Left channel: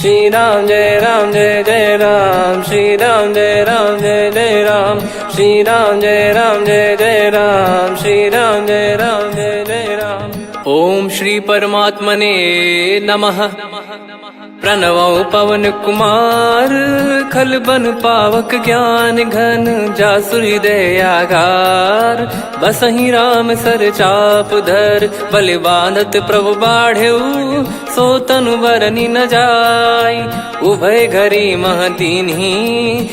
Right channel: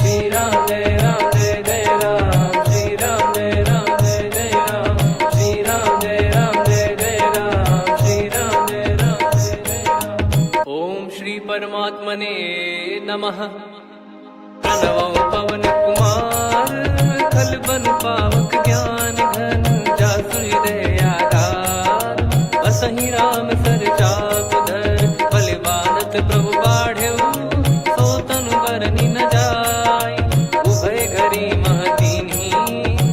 श्री राम जय जय राम, श्री राम जय जय राम, श्री राम जय जय राम, श्री राम जय जय राम। ओम श्री परमात्मने नमः। प्रणवो पवन कुमार, खल बन पावक ज्ञान घन, जासु हृदय आगार। बसहि राम सर चाप धर, बलि बांधत प्रभु बाढ़ेऊ, सो तनु बरनि न जाय। उभय घरी महतीन्ही,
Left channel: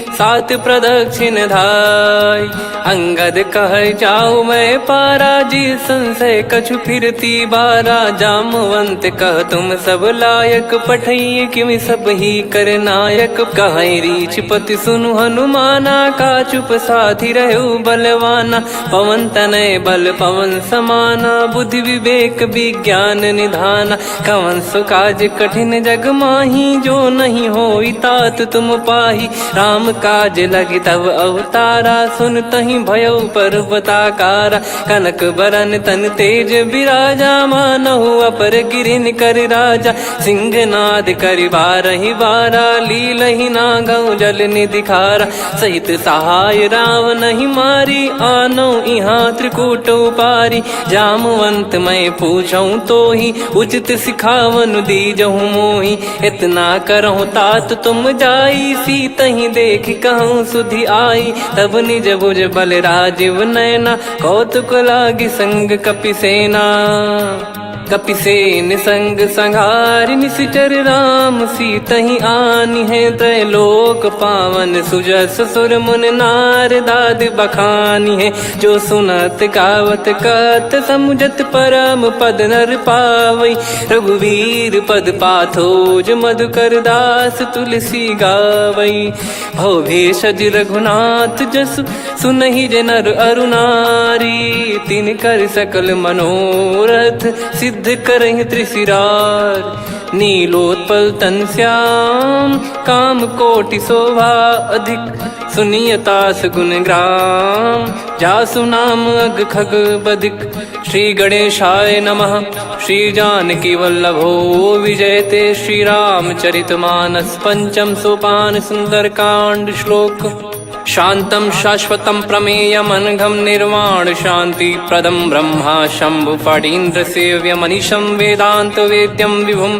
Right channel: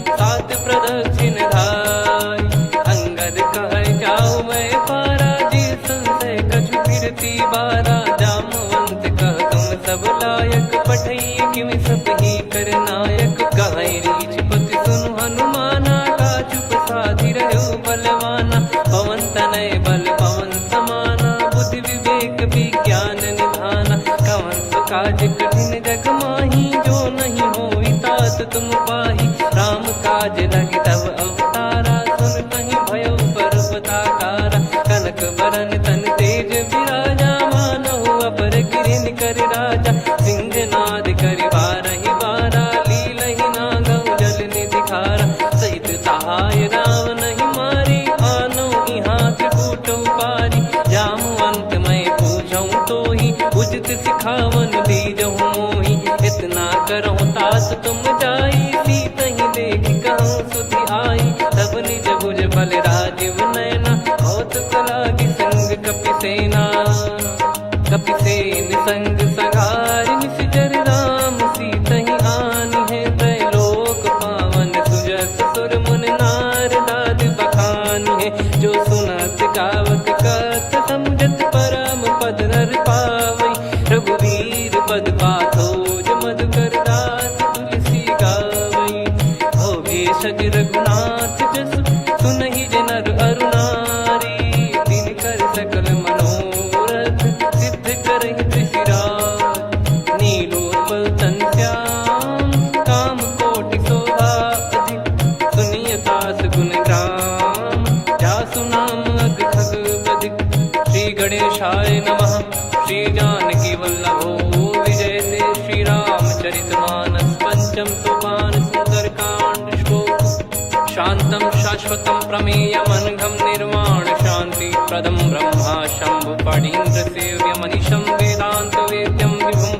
सात प्रदक्षिण धाय। अंगद कह जाऊ मैं पारा, जी संशय कछु फिरती बारा। जामवंत कह तुम सब लायक, पठई किमि सब ही कर नायक। कहीं रीछ पति सुनु हनुमाना, का चुप साधि रहु बलवाना। पवन तनय बल पवन समाना, बुद्धि विवेक विज्ञान निधाना। कवन सो काज कठिन जग माही, जो नहीं होई तात तुम पाही। राम काज लगी तब अवतारा, सुन तहि भयउ पर्वताकारा। कनक बरन तन तेज बिराजा, मानहु अपर गिरिन कर राजा। सिंहनाद करि बारहि बारा, लीलहि नागौ जल निधि खारा। सहित सहाय राम नहीं मारी, आनो इहाँ त्रिकूट उपारी। जामवंत मैं पूछऊँ तोहि, उचित सिखावन दीजहु मोहि। इतना करहु तात तुम जाई, सीतहि देख कहूँ सुधि आई। तब निज भुज बल राजीव नयना, कौतुक लागी संग कपिसेना। कपिसेन संग संघारि, निशिचर राम सीतहि आनी है। त्रैलोक पावन सुजस सुर मुन नार, दाद बखानी है। जो सुनत गावत कथ, समुझत परम पद नर पावई। रघुवीर पद पाथोज, मधुकर दास तुलसी गावई। भव भेषज रघुनाथ जसु, सुनहि जे नर अरु नारी। तिन कर सकल मनोरथ, सिद्ध करहि त्रिशिरार। नीलोत्पल तन श्याम, काम कोटि शोभा अधिक। सुनियतास गुण ग्राम, जासु नाम अग खग बदिक। श्री गणेशाय नमः। श्री जानकी वल्लभो विजयते, श्री रामचरित मानस। पंचम सोपान सुंदर कांड श्लोक। शांतं शाश्वतं प्रमेयमनघं, निर्वाण शांति प्रदं ब्रह्मा शंभु फणीन्द्र सेव्यमनिशं। वेदांत वेद्यं विभुं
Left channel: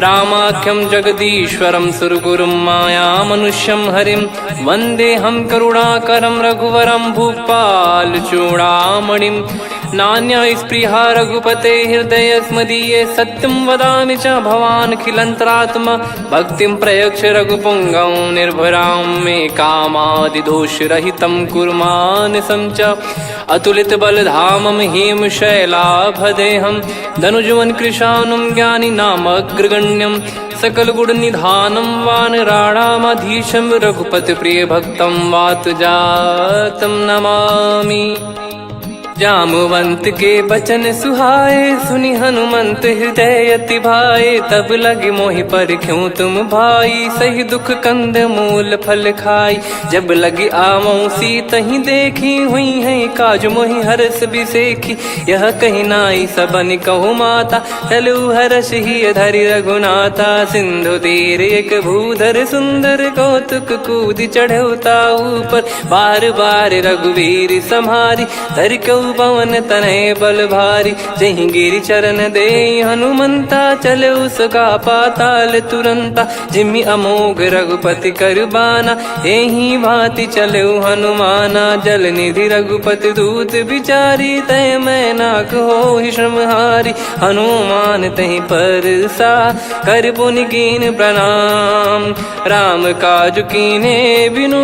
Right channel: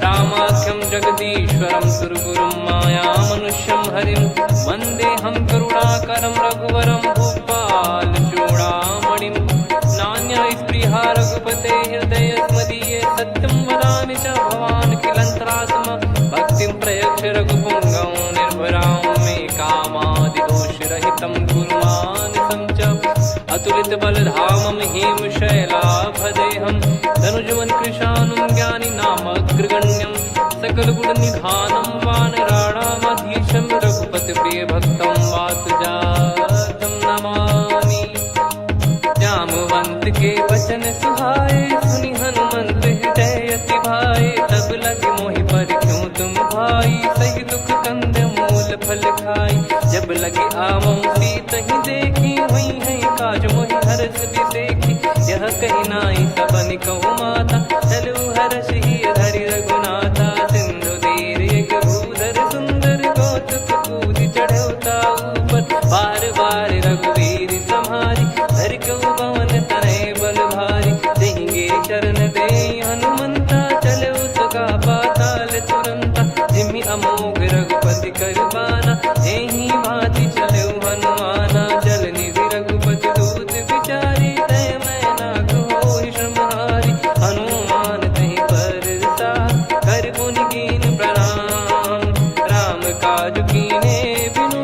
रामाख्यं जगदीश्वरं, सुरगुरुं माया मनुष्यं हरिं। वन्देऽहं करुणाकरं रघुवरं, भूपाल चूडामणिं। नान्या स्पृहा रघुपते हृदय स्मदीये, सत्यं वदामि च भवान् खिलन्तरात्मा। भक्तिं प्रयच्छ रघुपुङ्गं, निर्भरां मे कामादिदोषरहितं कुर्मानिसं च। अतुलित बलधामं हेमशैलाभदेहं, धनुजवन कृशानुं ज्ञानी नामग्रगण्यं। सकल गुण निधानं वानराणामधीशं, रघुपति प्रिय भक्तं वातजातं नमामि। जामवंत के बचन सुहाए, सुनि हनुमंत हृदय अति भाए। तब लगे मोहि पर क्यों तुम भाई, सही दुख कंद मूल फल खाई। जब लगे आवऊं सीतहि देखी, हुई है काज मोहि हरस बिसेखी। यह कही नाई सबन कहु माता, चलु हरष ही धरि रघुनाथा। सिंधु तीर एक भूधर सुंदर, कौतुक कूद चढ़ौता ऊपर। बार बार रघुवीर सम्हारी, धर कऊ पवन तनय बल भारी। जहि गिरि चरण दे हनुमंता, चले उसका पाताल तुरंता। जिमि अमोघ रघुपति कर बाना, एहि भांति चले हनुमाना। जल निधि रघुपति दूत बिचारी, तय मैं नाग होहि श्रमहारी। हनुमान तहि परसा, कर पुनि कीन प्रणाम। राम काज कीने बिनु,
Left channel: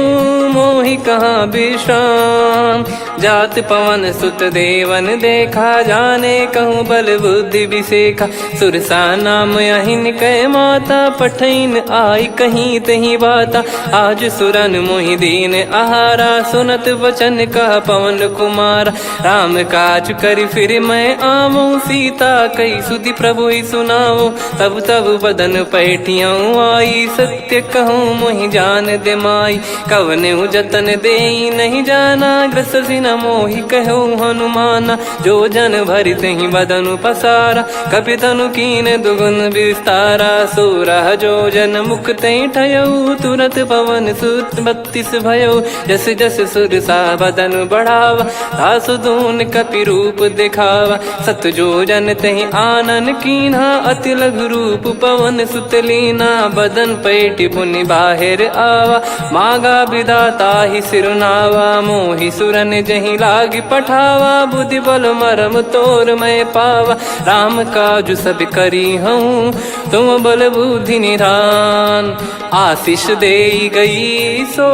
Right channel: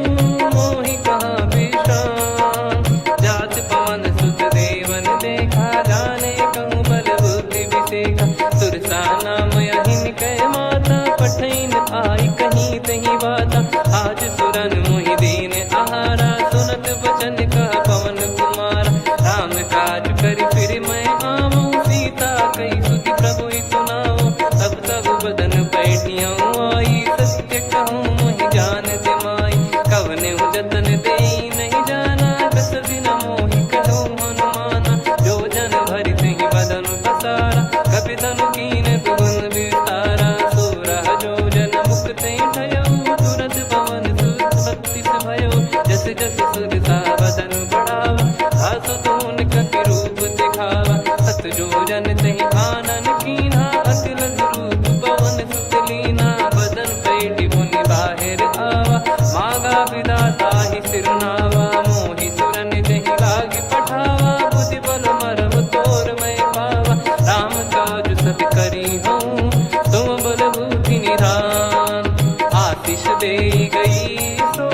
मोहि कहाँ विश्राम। जात पवन सुत देवन देखा, जाने कहूँ बल बुद्धि विसेखा। सुरसा नाम अहिन कै माता, पठैन आई कहीं तही बाता। आज सुरन मोहि दीन आहारा, सुनत वचन कह पवन कुमारा। राम काज करि फिर मैं आवऊं, सीता कई सुधि प्रभु ही सुनाओ। तब तब बदन पैठियाँ आई, सत्य कहूँ मोहि जान दे माई। कवने जतन दे नहीं जाना, ग्रसि न मोहि कहो हनुमाना। जो जन भरि तेहि बदनु पसारा, कपि तनु कीन दुगुन विस्तारा। सोरह जो जन मुख तेहि ठयऊ, तुरत पवन सुत 32 भयऊ। जस जस सुरसा बदन बढ़ावा, आसु दून कपि रूप दिखावा। सत जो जन तेहि आनन कीन्हा, अति लघु रूप पवन सुत लीना। बदन पैटि पुनि बाहिर आवा, मागा विधाता ही सिरुनावा। मोहि सुरन जहि लागी पठावा, बुद्धि बल मरम तोर मैं पावा। राम काजु सब करी हूँ, तुम बल बुद्धि निधान। आशीष देई गई सो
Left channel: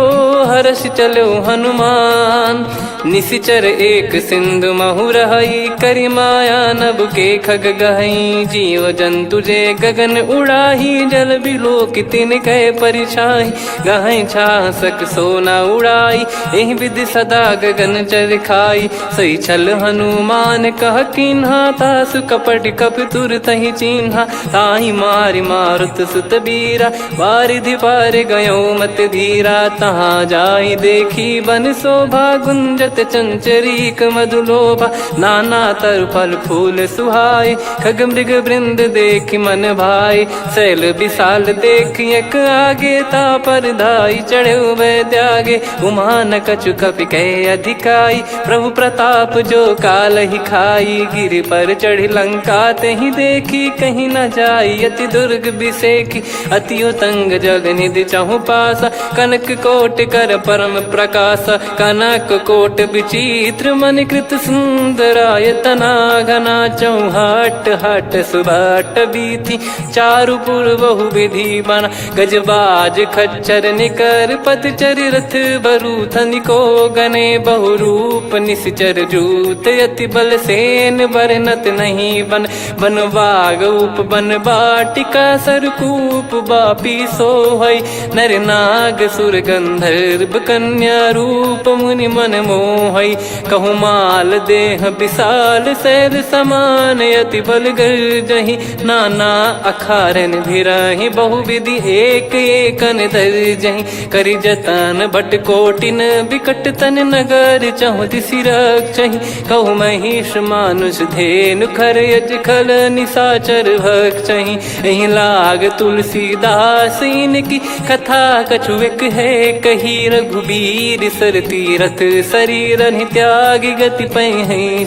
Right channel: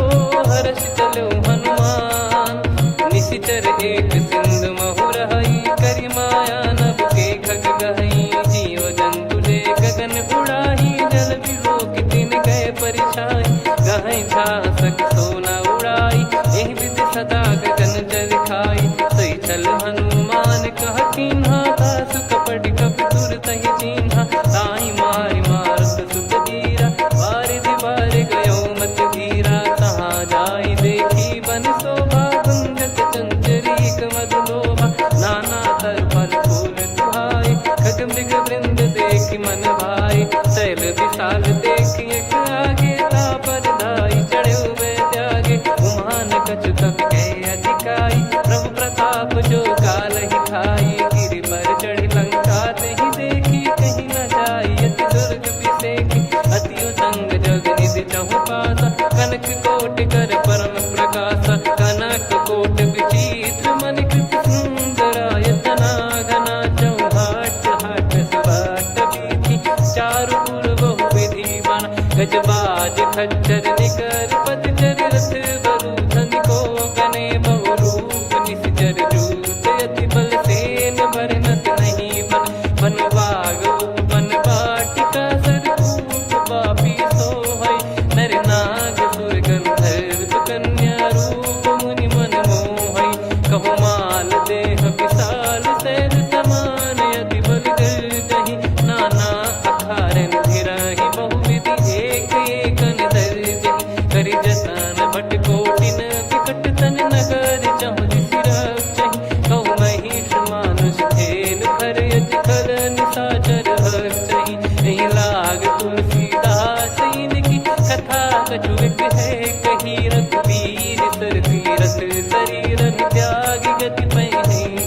हर्ष चलो हनुमान। निशिचर एक सिंधु महु रहई, करी माया नभ के खग गहई। जीव जंतु जे गगन उड़ाही, जल बिलोक तिन कह परिछाई। गहई छासक सोना उड़ाई, एहि विधि सदा गगन चर खाई। सही छल हनुमान कह कीन्हा, तासु कपट कप तुर तहि चिन्हा। ताहि मारि मारुत सुत बीरा, वारिधि पार गयो मत धीरा। तहाँ जाई देखी बन शोभा, गुंजत चंचरीक मधुलोभा। नाना तर फल फूल सुहाए, खग मृग वृंद देख मन भाई। शैल विशाल देख एक आगे, तापर धाई चढ़े वै त्यागे। उमान कछु कपि कह अधिकाई, प्रभु प्रताप जो काल ही खाई। गिर पर चढ़ी लंका तेहि देखी, कहीं न जाई अति दुर्ग बिसेकी। अति उतंग जग निधि चहु पासा, कनक कोट कर परम प्रकाश। कनक कोट विचित्र मन कृत सुंदरायतना। घना चौहाट हाट सुबाट बीती, चारु पुर बहु विधि बना। गजबाज खच्चर निकर पतचर, रथ बरु धनिको गने। बहु रूप निशिचर जूत, अति बल सेन बरनत नहीं बन। बन बाग उप बन बाटिका, सरकूप बापी सोहई। नर नाग सुर गंधर्व कन्या, रूप मुनि मन मोहई। कहु माल देह विशाल, शैल समान अति बल गर्जहि। नाना अखारन भिरहि, बहु विधि एक एकन दर्जहि। करि जतन बट कोटिन, बिकट तन नगर चहु दिसि रक्षहि। कहु महिष मानुष धेनु, खर यज खल निशाचर भक्षहि। एहि लाग तुलसीदास इनकी, कथा कछु एक है कही। रघुबीर सर तीरथ शरीर, त्यागी गति पै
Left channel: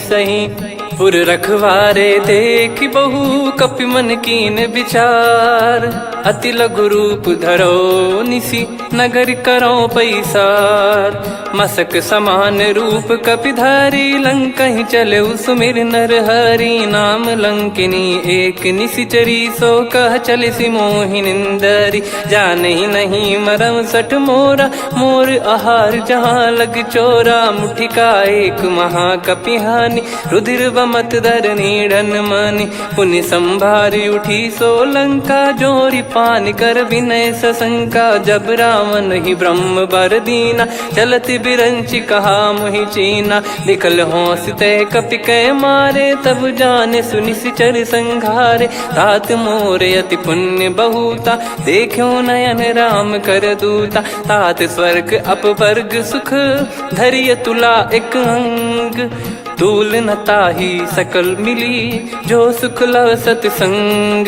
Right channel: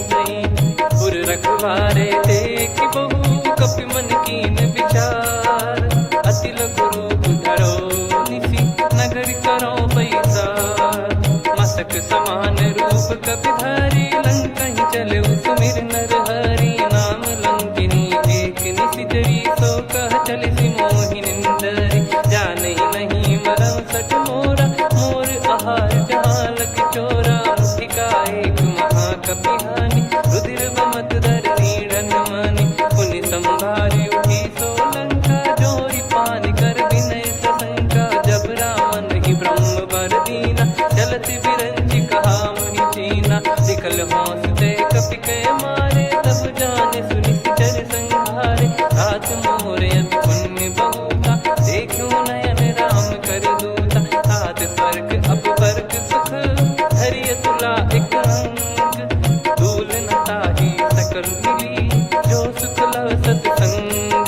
सही। पुर रखवारे देख बहु, कपि मन कीन विचार। अति लघु रूप धरो निसी, नगर करो पैसार। मसक समान रूप कपि धारी, लंकहि चले सुमिर नर हरि। नाम लंकिनी एक निशिचरी, सो कह चलिसि मोहि निंदरी। जानहि नहीं मरम सठ मोरा, मोर आहार जहाँ लग चोरा। मुठिका एक महाकपिहानि, रुधिर बमत धरनी ढन मानि। पुनि संभारी उठी सो लंका, जोरी पान कर विनय सशंका। जब रावण ही ब्रह्म बर दीना, चलत बिरंचि कहा मुहि चीना। लिखल होंस ते कपि कै मारे, तब जाने सुनि सिचर संघारे। तात मोरे अति पुण्य बहुता, देखो नयन राम कर दूता। तात स्वर्ग अपवर्ग सुख, धरिय तुला एक अंग। तूल न ताहि सकल मिली, जो सुख लव सतसंग।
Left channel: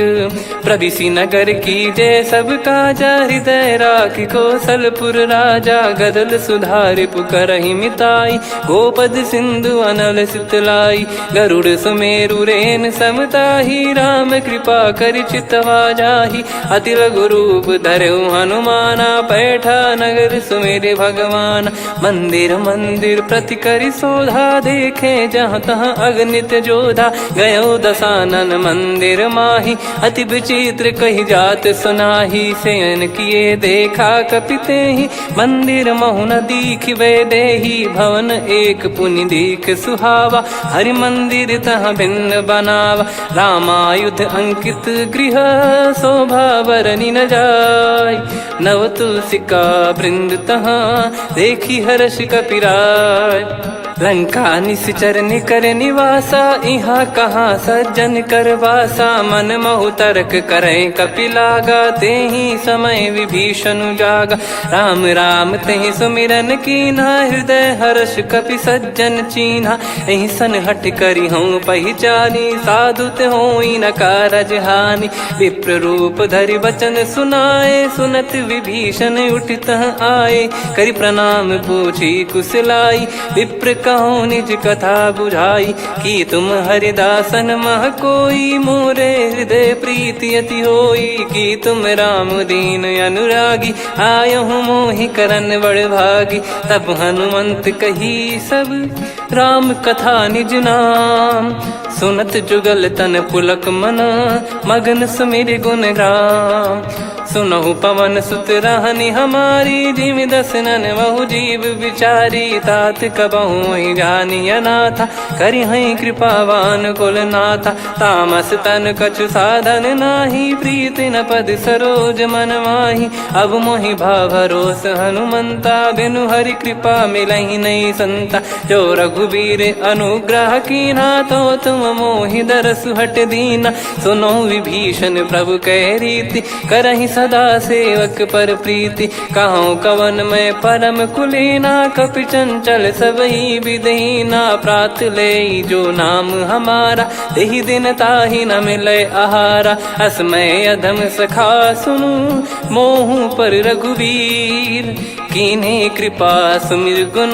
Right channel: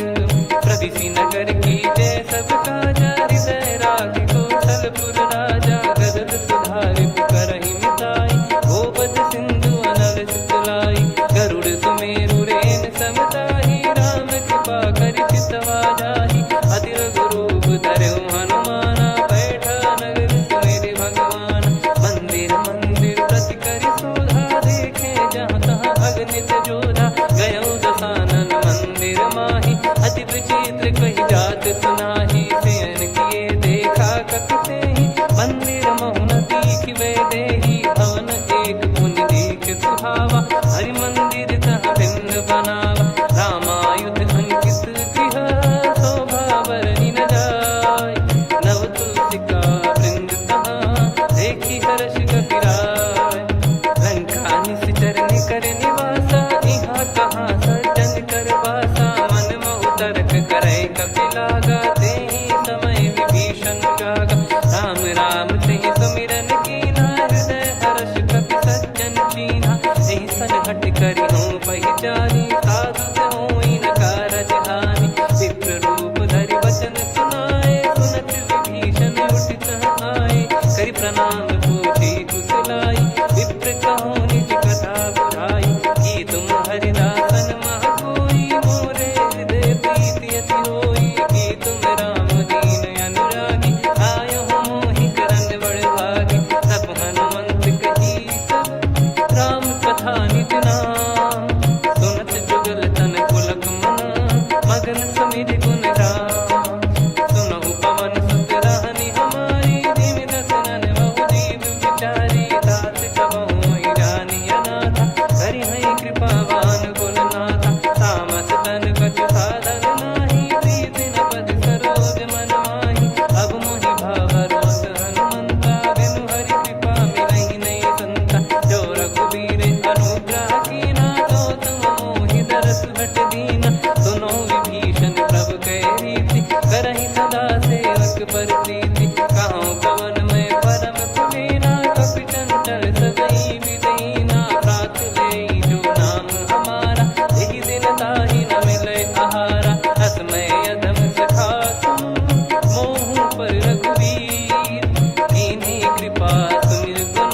प्रविशि नगर की जय सब काजा, हृदय राखि कौशलपुर राजा। गदल सुधारि पुकरहि मिताई, गोपद सिंधु अनल सितलाई। गरुड़ सुमेरु रेन समताहि, राम कृपा करि चितवा जाहि। अति लघु रूप धरऊ हनुमाना, पैठा नगर सुमेरे भगवान। मंदिर मंदिर प्रति करि शोधा, देखे जहाँ तहाँ अगणित जोधा। गयो दशानन मंदिर माही, अति विचित्र कही जात सुनाही। शयन किए देखा कपि तेहि, मंदिर महु न दीखिबे देहि। भवन एक पुनि दीख सुहावा, हरि मंदिर तहाँ भिन्न बनावा। रामायुध अंकित गृह, शोभा बरनि न जाय। नव तुलसी का वृंद तहाँ, देखी हर्ष कपिराय। लंका निश्चर निकर निवासा, इहाँ कहाँ सज्जन कर वासा। मन महु तर्क करे कपिलागा, तेहि समय विभीषण जागा। राम राम तेहि सुमिरन कीन्हा, हृदय हर्ष कपि सज्जन चीन्हा। एहि सन हट करि हूँ पहिचानी, साधु ते होई न कारज हानि। विप्र रूप धरि वचन सुनाए, सुनत विभीषण उठित आए। करि प्रणाम पूछी कुशलाई, विप्र कहो निज कथा बुझाई। कि तुम हरिदासन मह कोई, मोरे हृदय प्रीति अति होई। कि तुम राम दीन अनुरागी, आयहु मोहि करन बड़ भागी। तब हनुमंत कही सब राम कथा निज नाम, सुनत जुगल तन पुलक मना, मगन सुमिर गुण राम। सुनहु पवन सुत रहनी हमारी, जिमि दसनन महु जीव विचारी। तात कबहु ही जानी अनाथा, करि हई कृपावान कुल नाथा। तामस तन कछु साधन नाही, प्रीति न पद सरोज मन माही। अब मोहि भाव भरोस हनुमंता, बिनु हरि कृपा मिलहि नहीं संता। जो रघुबीर अनुग्रह कीन्हा, तो तुम मोहि दरसु हट दीना। सुनो विभीषण प्रभु कह रीति, करहि सदा सेवक पर प्रीति। कहूँ कवन में परम कुलीना, कपि चंचल सबही विदहीना। प्रात ले जो नाम हमारा, तेहि दिन ताहि न मिले आहारा। असमय अधम सखा सुनु, मोहु पर रघुवीर। कीन्ही कृपा सुमिर गुण,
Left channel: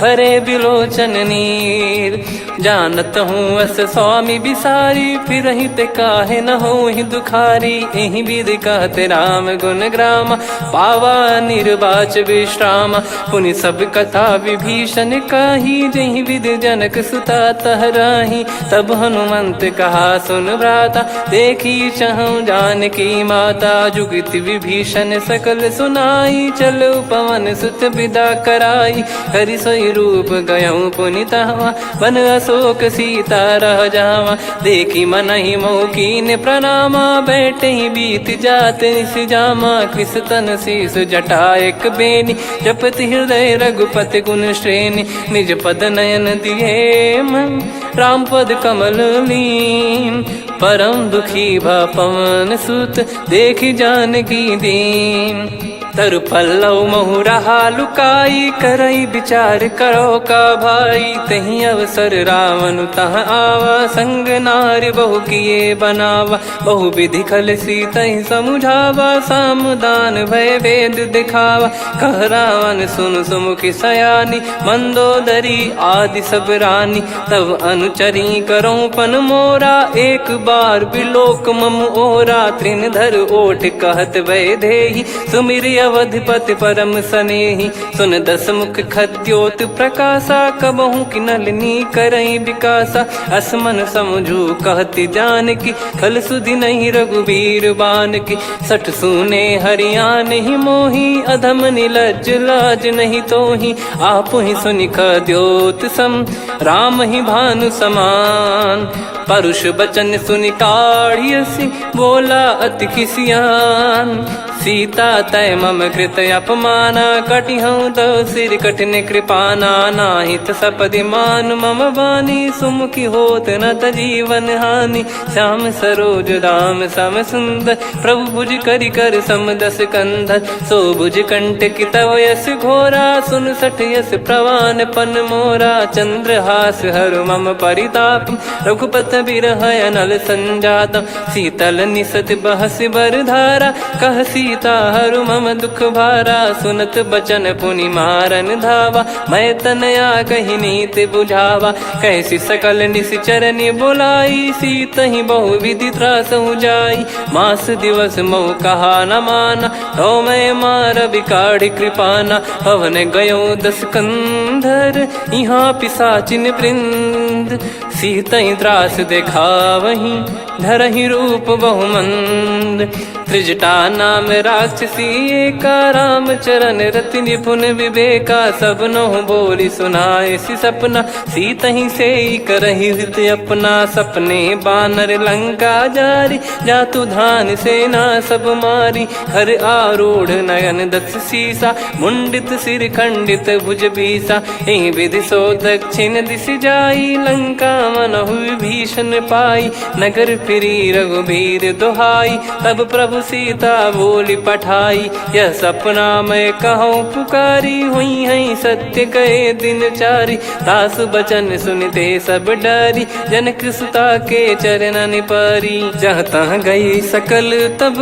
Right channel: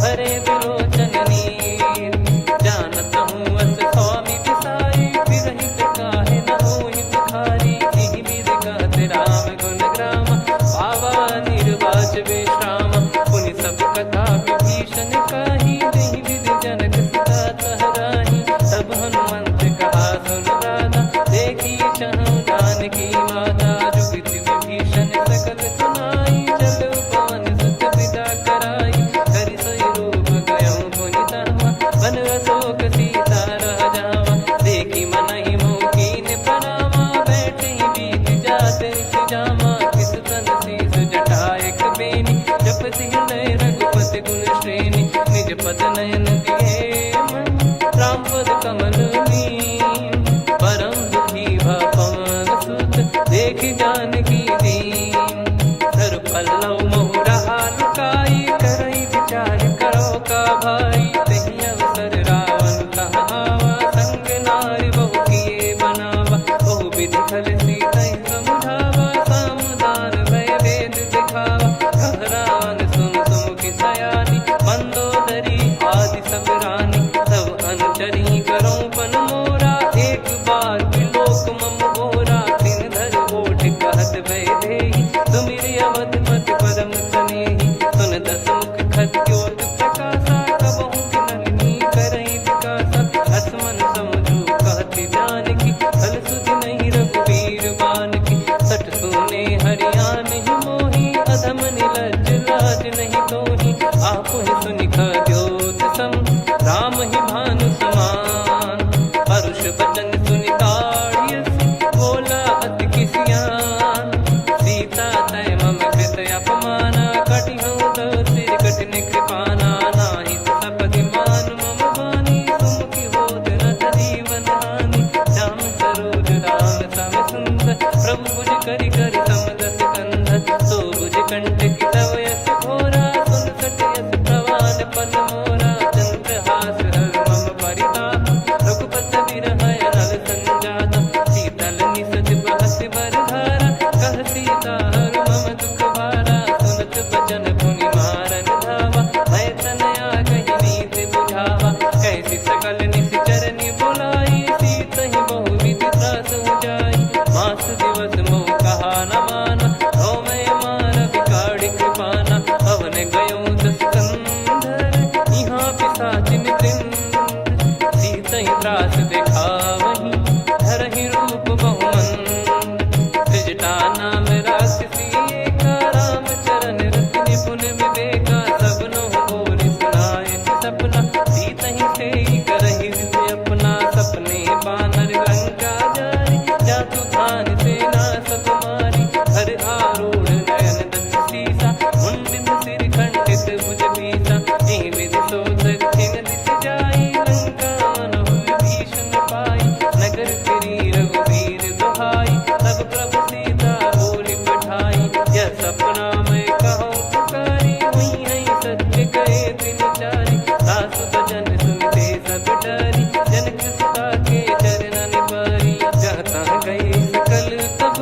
भरे बिलोचन नीर। जानत हूँ अस स्वामी बिसारी, फिरहि ते काहे न होहि दुखारी। एहि विधि कहते राम गुण ग्राम, पावा निर्वाच विश्राम। पुनि सब कथा विभीषण काही, जहि विधि जनक सुता तहराही। तब हनुमंत कहा सुन भ्राता, देखी चहु जानकी माता। जुगति विभीषण सकल सुनाई, चलो पवन सुत विदा कराई। करि सोई रूप गयऊँ पुनि तहवा, वन अशोक सीता रह जावा। देखी मनहि मोह कीन्ह प्रणामा, बैठे ही बीत जात निस जामा। कृस तन शीस जटा एक बेनी, जपति हृदय रघुपति गुण श्रेणी। निज पद नयन दिए मन, राम पद कमल लीन। परम दुखी भा पवन सुत, देखि जानकी दीन। तरु पल्लव महु रहा लुकाई, करई विचार करो का भाई। तहि अवसर रावण तह आवा, संग नारी बहु किए बनावा। बहु विधि खल सीतहि समुझावा, सामदान भय वेद दिखावा। कह रावण सुन सुमुखि सयानी, मंदोदरी आदि सब रानी। तब अनुचरी करो पन मोरा, एक बार बिलोक मम ओरा। तृण धर ओठ कहत भय देहि, सुमिर अवधिपति परम सनेहि। सुन दस मुख खद्योत प्रकाशा, कबहु कि नलिनी करई विकासा। असमन समझू कहति जानकी, खल सुधि नहीं रघुवीर बानकी। सठ सुने हरियाण ही मोही, अधम निलज्ज लाज नहीं तोही। आप ही सुनि खद्योत सम, राम ही भानु समान। परुष बचन सुनि काढ़ियसि, बोला अति किसियान। सीता तय मम कृत अपमाना, कटिहऊँ तव सिर कठिन कृपाना। नाहित सपदि मान मम बानी, सुमुखी होत न जीवन हानि। श्याम सरोज राम सम सुंदर, प्रभु भुज करि कर सम दस कंधर। सो भुज कंठ की तव यस घोरा, सुन सठ यस प्रवान पन मोरा। चंद्रहास हर मम परिताप, रघुपत बिरह अनल संजातम। शीतल निसत बहस बर धारा, कह सीता हरु मम दुख भारा। सुनत बचन पुनि मारन धावा, मैं तनया कहि नीति बुझावा। कैसी सकल निश्चरनि बुलाई, सीतहि बहु विधि त्रासहु जाई। मास दिवस मोह कहा न माना, तो मैं मार बिकाढ़ि कृपाना। पवन गयो दस कंधर, यहाँ पिशाचिन वृंद। मंद, सीतई त्रास देखावहीं धरहि रूप बहुमंद। त्रिजटा नाम राक्षसी एका, राम चरण रति निपुण विवेका। सबनो बोली सुनाए सि सपना, सीतहि से करहि हृद अपना। सपने बानर लंका जारी, जातु धान सेना सब मारी। हर आरूढ़ नयन दक्ष सीसा, मुंडित सिर खंडित भुज बीसा। एहि विधि सो दक्षिण दिश जाई, लंका मनहु विभीषण पाई। नगर फिरी रघुबीर दुहाई, तब प्रभु सीता बोली पठाई। यह सपना मैं कहूँ पुकारी, हुई है सत्य कहे दिन चारी। दास बचन सुनते सब डरी, जनक सुता के चरण परी। जहाँ तहाँ गई सकल तब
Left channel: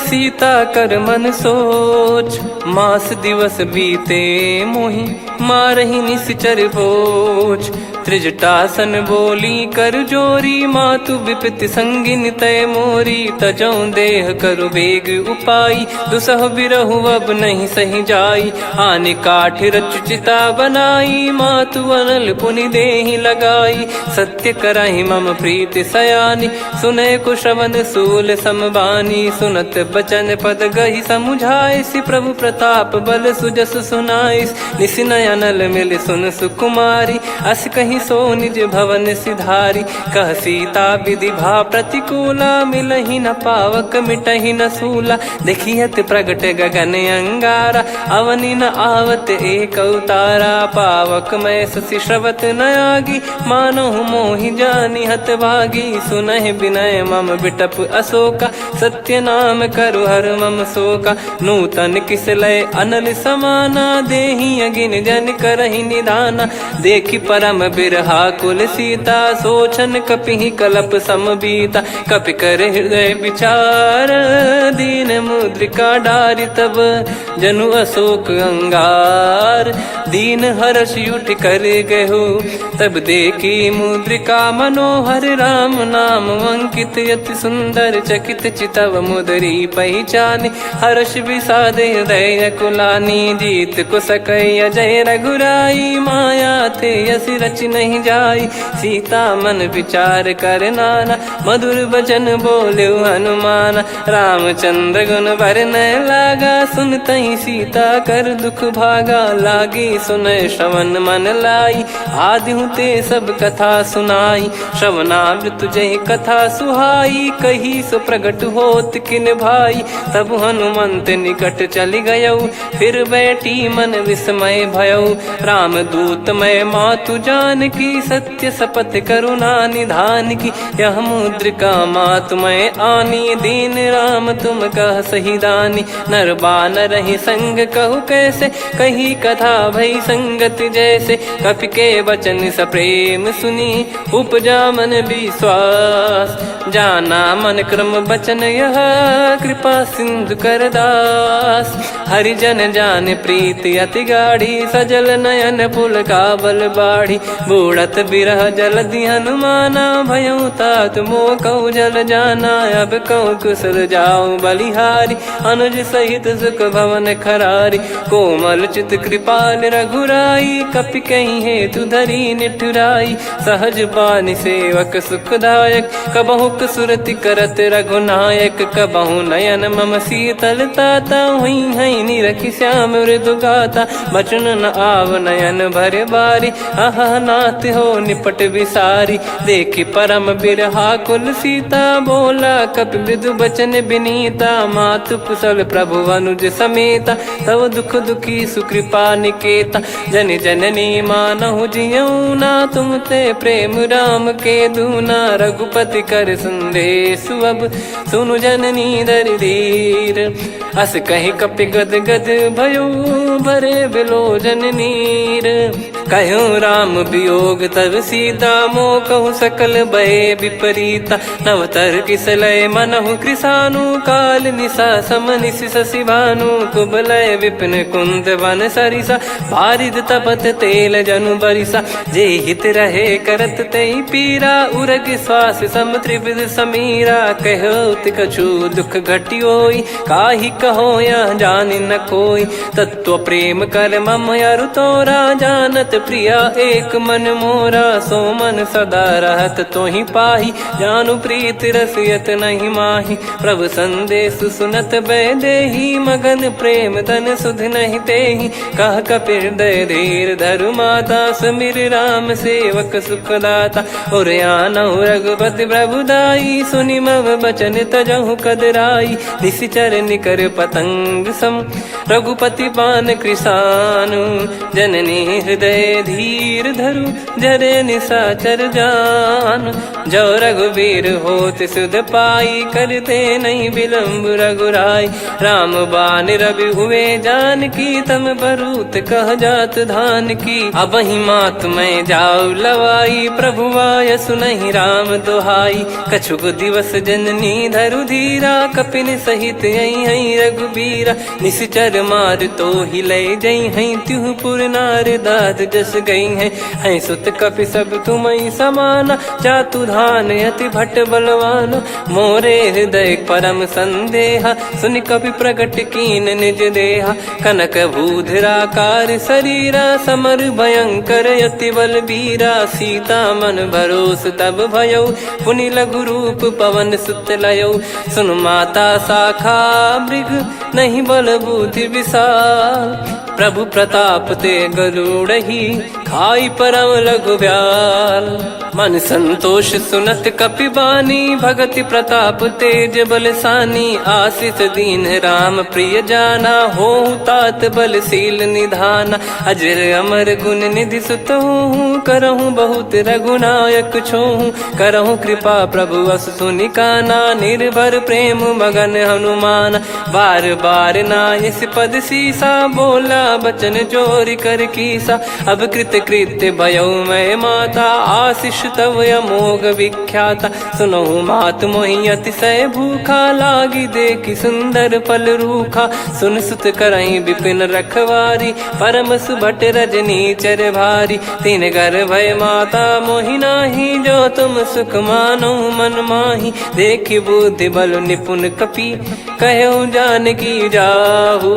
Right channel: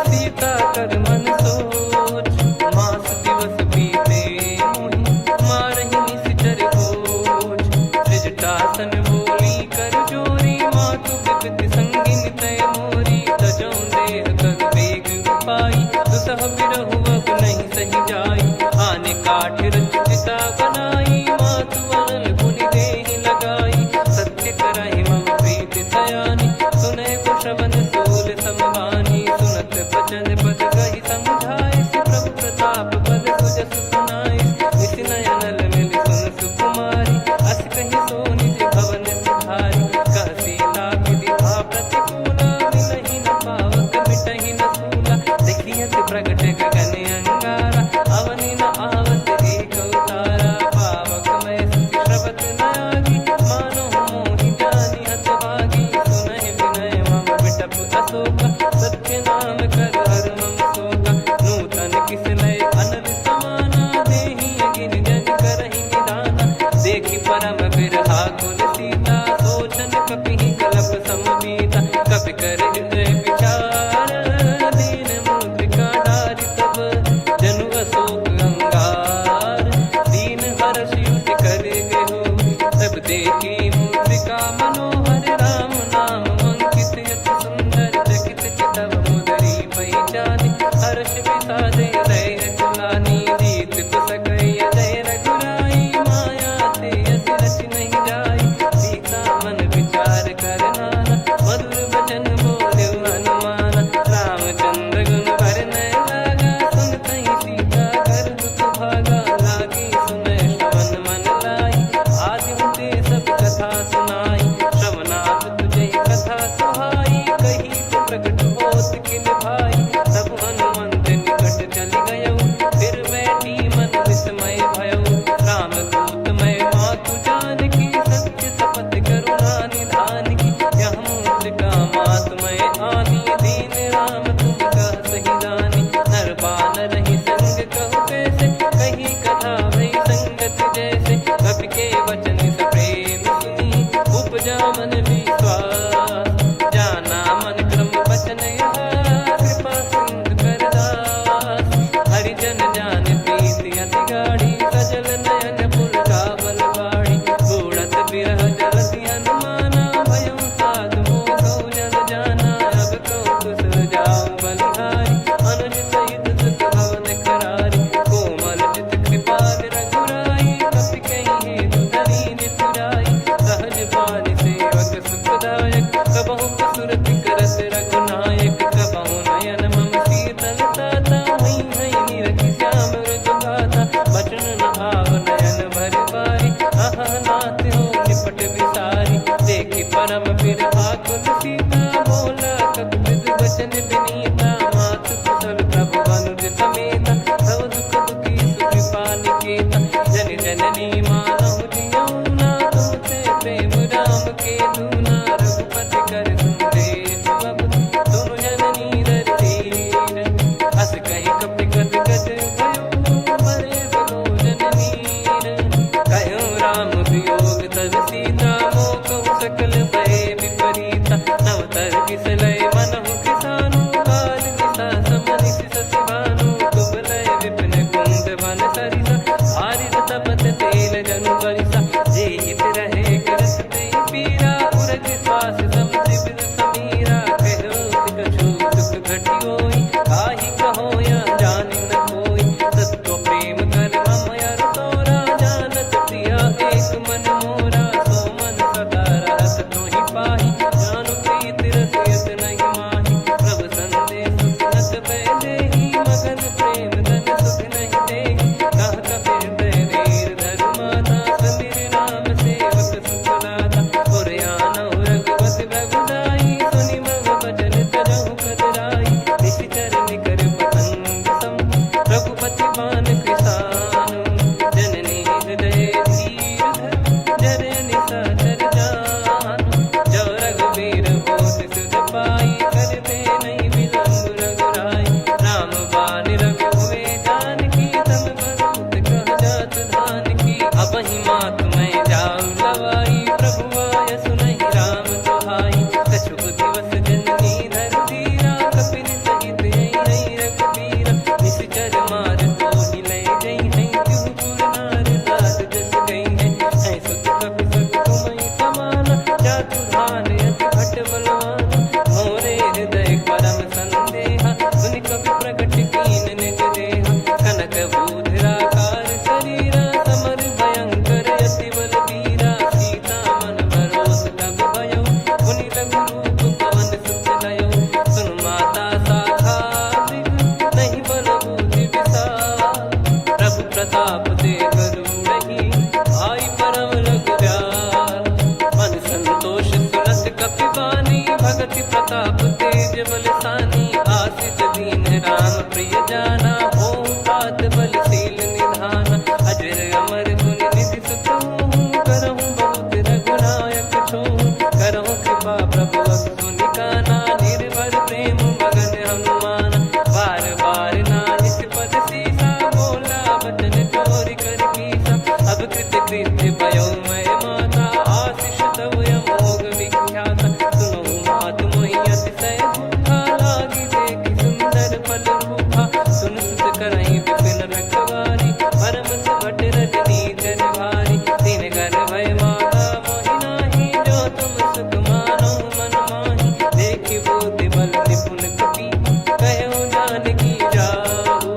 सीता कर मन सोच। मास दिवस बीते मोहि मारहि निश्चर बोझ। त्रिजटासन बोली कर जोरी, मातु विपत्ति संगिन तय मोरी। तजौ देह करु बेग उपाई, दुसह बिरहु अब नहीं सही जाई। आने काठ रचिता बनाई, मातु अनल पुनि देहि लगाई। सत्य करहि मम प्रीति सयानी, सुनय को श्रवण सूल समबानी। सुनत बचन पद गहि समुझाए, सि प्रभु प्रताप बल सुजस सुनाइस। निस नयनल मिल सुन सुकुमारी, अस कहि सो निज भवन सिधारी। कह सीता विधि भा प्रतिकूला, मिलहि न पावक मिटहि न सूला। देखियत प्रगट गगन अंगारा, अवनि न आवत एक अवतारा। पावक मैं शशि श्रवत न आगी, मानो मोहि जानि हत भागी। सुनहि विनय मम बिटप अशोका, सत्य नाम करु हर मम शोका। नूतन किस लय अनल समाना, देहि अगिन जन करहि निदाना। देखि परम बिरहा कुल सीता, सोचन कपिहि कलप समबीता। कपि कर हृदय विचार, दीन मुद्रिका डारि तब जनु अशोक अंगार। दीन हर्ष उठ कर गहु, तब देखी मुद्रिका मनोहर। राम नाम अंकित अति सुंदर, चकित चितव मुदरी पहचान। हर्ष विषाद हृदय कुलानी, जीत को सकय जय रघुराई। माया थे यस रच नहीं जाई, सीता मन विचार कर नाना। मधुर बचन बोले हनुमान, रामचंद्र गुण बरनै लागा। सुनतहि सीता कर दुख भागा, लागी सुनय श्रवण मन लाई। आदि ते सब कथा सुनाई, श्रवणामृत जय कथा सुहाई। कही सो प्रगट होत किन भाई, तब हनुमंत निकट चली गयौ। फिर बैठी मन विस्मय भयौ, राम दूत मैं मातु जानकी। सत्य शपथ करुणा निधान की, यह मुद्रिका मातु मैं आनी। दीन राम तुम कह सही दानी, नर बानर ही संग कहु कैसे। कही कथा भई संगति जैसे, कपि के वचन सप्रेम सुनी। उपजा मन विश्वास, जाना मन क्रम बचन यह। कृपा सिंधु कर दास, हरिजन जान प्रीति अति गाढ़ी। सजल नयन पुल का बल बाढ़ी, बूढ़त बिरह जल दी हनुमाना। भयउ तात मोह कहु जल जाना, अब कहु कुशल जाऊं बलिहारी। अनुज सहित सुख भवन खरारी, कोमल चित कृपाल रघुराई। कपि कहीं हेतु धरी निठुराई, सहज पानि सेवक सुखदायक। कबहु सुरति करत रघुनायक, कबहु नयन मम शीतल ताता। हुई है निरखि श्याम मृदु गाता, बचन न आव नयन भर बारी। आहा नाथ हो निपट विसारी, देखि परम बिरहा कुल सीता। बोला कपि मृदु बचन बिनीता, मातु कुशल प्रभु अनुज समेता। तव दुख दुखी सुकृपा निकेता, जन जननी मानहु जियऊ ना। तुम ते प्रेम राम के दूना, रघुपति कर संदेश अब सुनु जननी दर धीर। अस कहि कपि गद गद भयो, भरे बिलोचन नीर। कहो राम वियोग तब सीता, मोह कहु सकल भय विपरीता। नवतर किसलय मनहु कृसानु, काल निशा समनिशि शशि भानु। कुबलय विपिन कुंद वन सरिसा, पारिद तपत तेल जनु बरिसा। जे हित रहे करत तेहि पीरा, उरग श्वास सम त्रिविध समीरा। कहो कछु दुख घटियोई, काहि कहो या जान न कोई। तत्व प्रेम कर मम अरु तोरा, जानत प्रिया एक मन मोरा। सो मन सदा रहत तो ही पाही, जानु प्रीत रसियत नहीं माही। प्रभु संदेश सुनत बैदेही, मगन प्रेम धन सुध नहीं तेही। कह कपिर दय धीर धरु माता, समिर राम सेवक सुखदाता। और आनौ रघुपति प्रभुदाई, सुनि मव बचन तजहु कदराई। निशिचर निकर पतंग सम, रघुपति पान कृसानु। जननी हृदय धीर धरु, जरे निशाचर जान। जो रघुवीर होत सुध पाई, करते नहीं विलम्ब रघुराई। राम बान रवि हुए जानकी, तम बरूत कह जात धान की। अब ही मात मैं जाऊ लवाई, प्रभु आय सुनहि राम दोहाई। कछुक दिवस जननी धरु धीरा, कपिन सहित यही रघुबीरा। निशिचर मार तो ही ले जई हैं, त्युह पुर नार दाद जस गई हैं। सुत कपि सब तुमहि समाना, जातु धान अति भट बलवान। मोरे हृदय परम संदेहा, सुनि कपि प्रकट कीन निज देहा। कनक भूधराकार शरीरा, समर भयंकर अति बलबीरा। सीता मन भरोस तब भयउ, पुनि लघु रूप पवन सुत लयउ। सुन माता शाखा मृग, नहीं बल बुद्धि विशाल। प्रभु प्रताप ते गरुड़ही, खाई परम लघु ब्याल। मन संतोष सुनत कपि बानी, भगति प्रताप तेज बलसानी। आशीष दीन राम प्रिय जाना, होहु तात बलशील निधाना। अजर अमर गुण निधि सुतहु, करहु बहुत रघुनायक छोहु। करहु कृपा प्रभु अस सुनि काना, निर्भर प्रेम मगन हनुमान। बार बार नायस पद सीसा, बोला बचन चोरी कर कीसा। अब कृत कृत्य भयउ मैं माता, आशीष तव अमोघ विख्याता। सुनहु मात मोहि अतिशय भूखा, लागी देखि सुंदर फल रूखा। सुन सुत करहि विपिन रखवारी, परम सुभट रजनी चर भारी। तीन घर भय माता मोहि नाही, जो तुम सुख मानो मन माही। देखि बुद्धि बल निपुण कपि, कहु जानकी जाहु।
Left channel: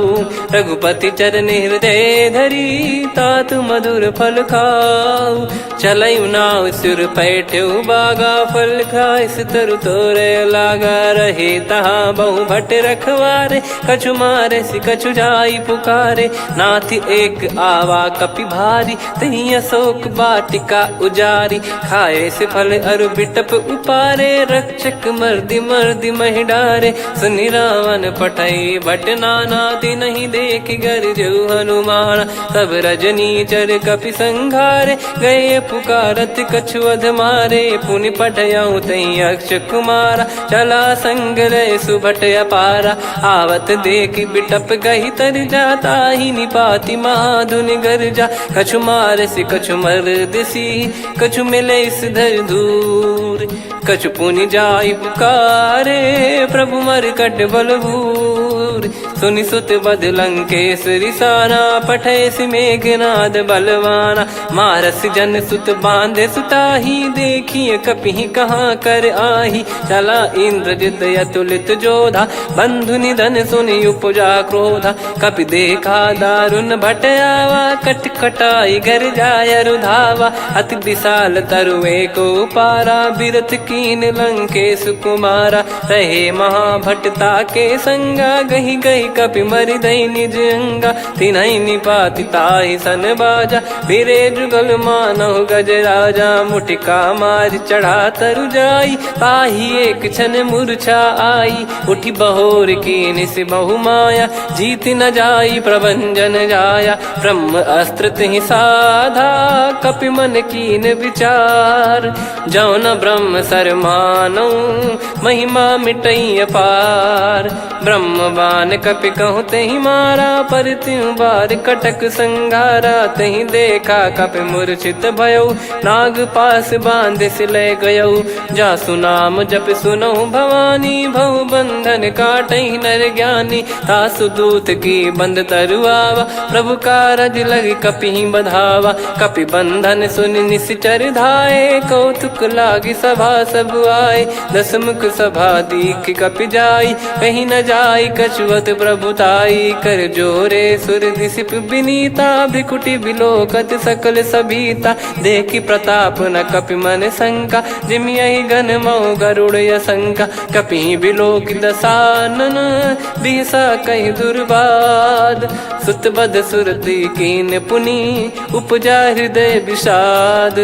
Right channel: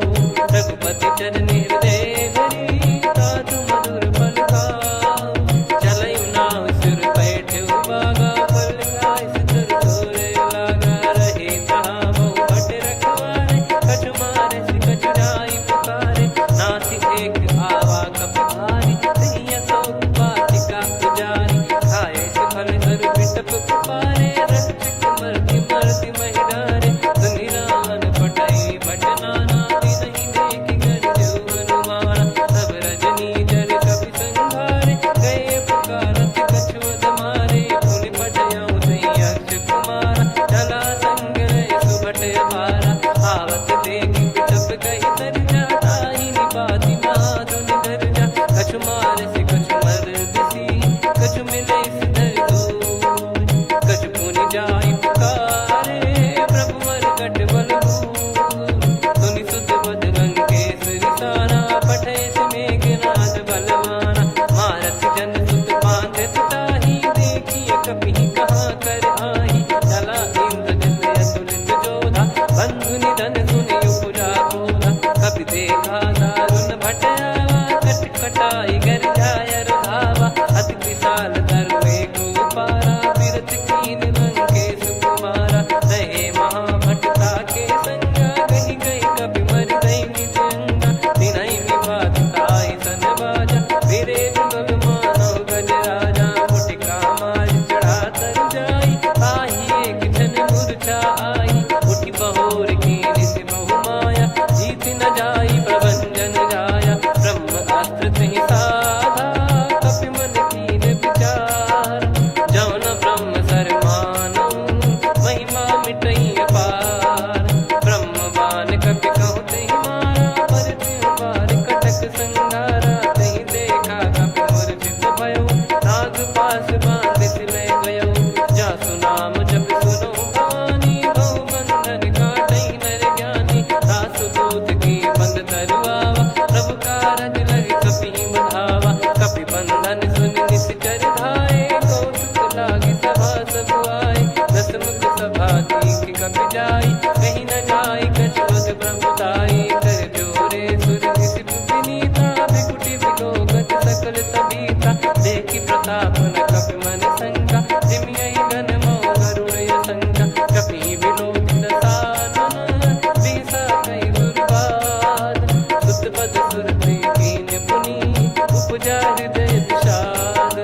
रघुपति चरण हृदय धरी, तात मधुर फल खाऊ। चलयु नाव सुर पैठ्यु बागा, फल खाइस तरु तोरे लागा। रहे तहाँ बहु भट रखवारे, कछु मारे सि कछु जाई पुकारे। नाथ एक आवा कपि भारी, तही अशोक वाटिका उजारी। खाए से फल अरु बिटप उपारे, रक्षक मर्दि मर्दि महि डारे। सुनि रावण पटई भट नाना, तिनहि देखि गरजउ हनुमान। तब रजनी चर कपि संघारे, गए पुकारत कछु अध मारे। पुनि पठयउ तई अक्ष कुमारा, चला संग रहे सुभट अपारा। आवत देखि बिटप गही तर जाता, ही निपाति महाधुनि गर्जा। कछु मार से कछु मर्दिसी, कछु मिले इस धर दूर। कछु पुनि जाई पुकारे, प्रभु मरकट बलभूर। सुनि सुत बद लंकेश्वरी साना, पठय मेघनाद बलवाना। मारस जन सुत बांधे सुताही, देखिए कपि कहाँ कर आही। चला इंद्रजित अतुलित जोधा, बंधु निधन सुनि उपजा क्रोधा। कपि देखा दारुण भट आवा, कट कटाई गर जाय रुधावा। अति विशाल तरुए को पारा, बिरत कीन लंकेश कुमारा। रहे महाभटता के संगा, गही गही कपि मरि दई निज अंगा। तिन्हि निपाति ताहि सन बाजा, फिरे जुगल मानव गज राजा। मुटिका मार चढ़ा तरु जाई, ताहि एक क्षण मूर्छा आई। उठि बहोर कीन से बहु माया, जीत न जाई प्रभंजन जाया। ब्रह्म अस्त्र तिहि साधा, कपि मन कीन विचार। जौ न ब्रह्म सर मानौ, महिमा मिटई अपार। ब्रह्म बान कपि कहु तहि मारा, पर त्यों बार कटक संगारा। तहि देखा कपि मूर्छित भयउ, नाग पास बांध सिले गयउ। जासु नाम जप सुनहु भवानी, भव बंधन काटहि नर ज्ञानी। तासु दूत की बंद तरुआवा, प्रभु कारज लग कपि बधावा। कपि बंधन सुनि निश्चर धाये, कौतुक लागी सभा सब आए। दस मुख सभा दीख कपि जाई, कहीं न जाई कछुवत प्रभुताई। कर जोरे सुर दिसिप विनीता, भ्रिकुटि बिलोकत सकल सबीता। देखि प्रताप न कपि मन शंका, जिमियहि गन मऊ गरुड़ असंका। कपि बिलोक दसानन, बिहसा कहि दुर्वाद। सुत बध सुरति कीन पुनि, उपजा हृदय विषाद।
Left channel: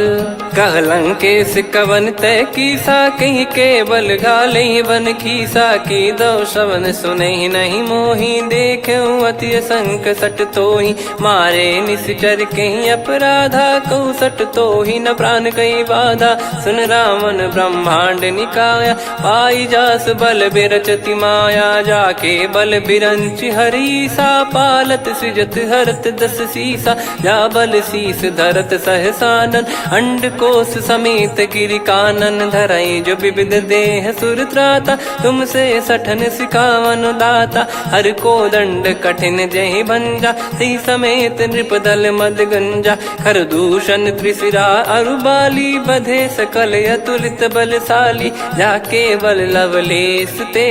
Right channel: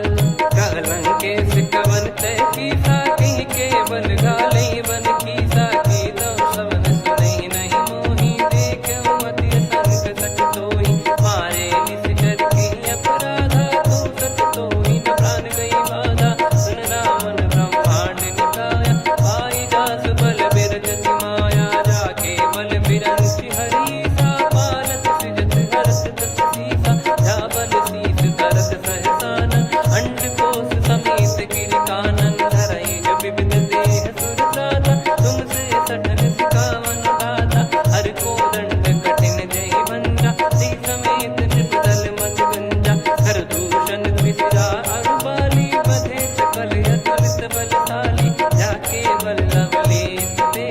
कहलंकेश कवन तय कीसा, कहीं केवल गाले बन खीसा। की दो श्रवण सुने नहीं मोही, देखे अति संक सट तोही। मारे निश्चर कहीं अपराधा, कहूँ सट तोही न प्राण कहीं बाधा। सुन रावण ब्रह्मांड निकाया, पाई जास बल बिरचति माया। जाके बल बिरंच हरीसा, पालत सृजत हरत दस सीसा। जा बल शीस धरत सहसानन, अंड कोश समेत गिरि कानन। धरई जो विविध देह सुर त्राता, तुमसे सठन सिखावन दाता। हर को दंड कठिन जहि भंजा, ती समेत नृप दल मद गंजा। खर दूषण त्रिशिरा अरुबाली, बधे सकल अतुलित बलशाली। जाके बल लवलेश ते,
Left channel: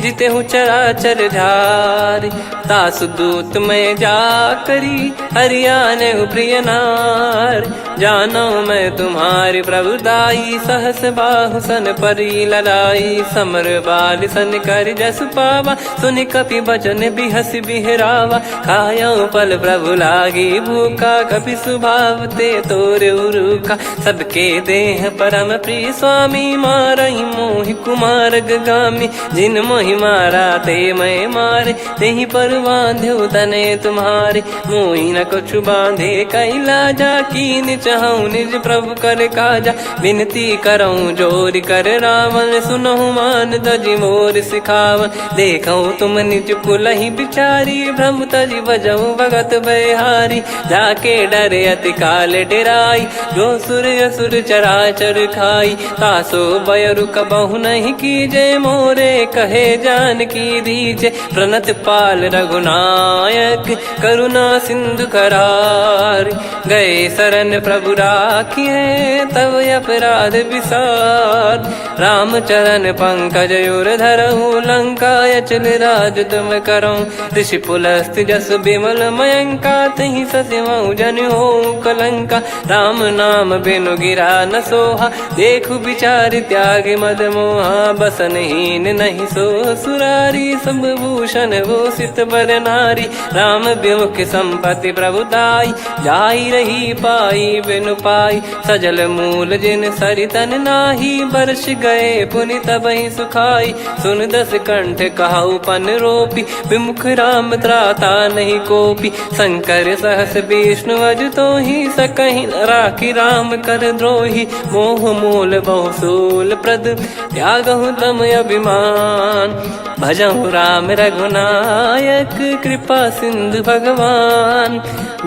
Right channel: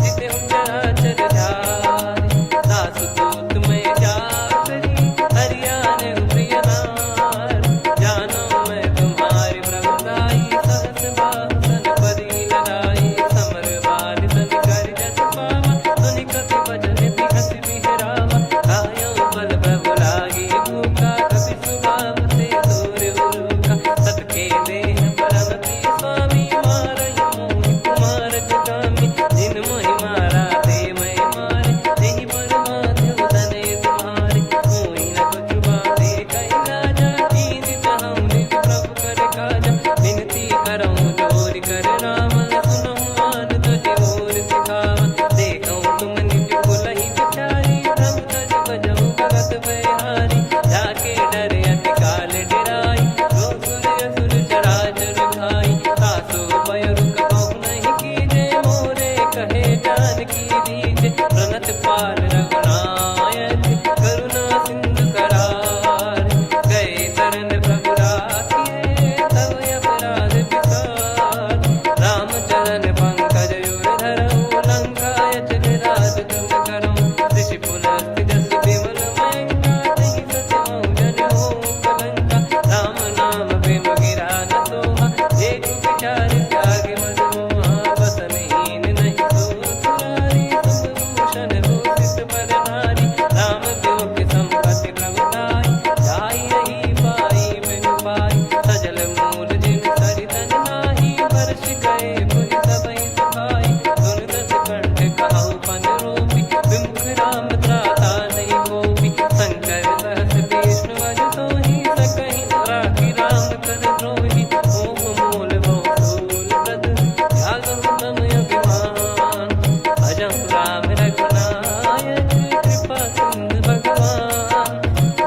जिते हूँ चराचर धारी। दास दूत में जा करी, हरियाने प्रिय नार। जानो मैं तुम्हारी प्रभुताई, सहस बाहु सन परी लड़ाई। समर बाल सन कर जस पावा, सुनि कपि भजन बिहस बिहरावा। खायो पल प्रभु लागी भूखा, कपि स्वभाव ते तोर उरुखा। सबके देह परम प्रिय स्वामी, मारई मोहि कुमार गगामी। जिन मोहि मारा ते मैं मारे, तेहि पर बांधो तने तुम्हारे। मोहि न कुछ बांधे कैलाजा, कीन चाहूँ निज प्रभु कर काजा। विनती करऊँ जोर कर रावण, सुनहु मान तजि मोर सिखावन। देखऊँ तुम निज पुलहि बिचारी, भ्रम तजि बजऊँ भगत बहारी। जाके डरे अति काल डेराई, जो सुर असुर चराचर खाई। तासो बयरु कबहु नहीं कीजे, मोरे कहे जान की दीजे। प्रणत पाल रघुनायक, करुणा सिंधु करार। गए शरण प्रभु राखिए, तब अपराध विसार। राम चरण पंकज उर धरऊँ, लंका अचल राज तुम करऊँ। ऋषि पुलस्त जस विमल मयंका, तहि सत्यमऊ जन हो कलंका। राम नाम बिनु गिरा न सोहा, देखु विचार त्याग मद मोहा। बसनहीन नहीं सो सुरारी, सब भूषण भूषित बर नारी। राम विमुख संपत्ति प्रभुताई, जाई रही पाई बिनु पाई। सजल मूल जिन सरितन नाही, वर्ष गए पुनि तबहि सुखाई। सुन दस कंठ कहाऊ पन रोपी, विमुख राम त्राता नहीं कोपी। शंकर सहस विष्णु अज तोहि, सकहि न राखी राम कर द्रोही। मोह मूल बहु सूल प्रद, त्यागहु तम अभिमान। भजहु राम रघुनायक, कृपा सिंधु भगवान।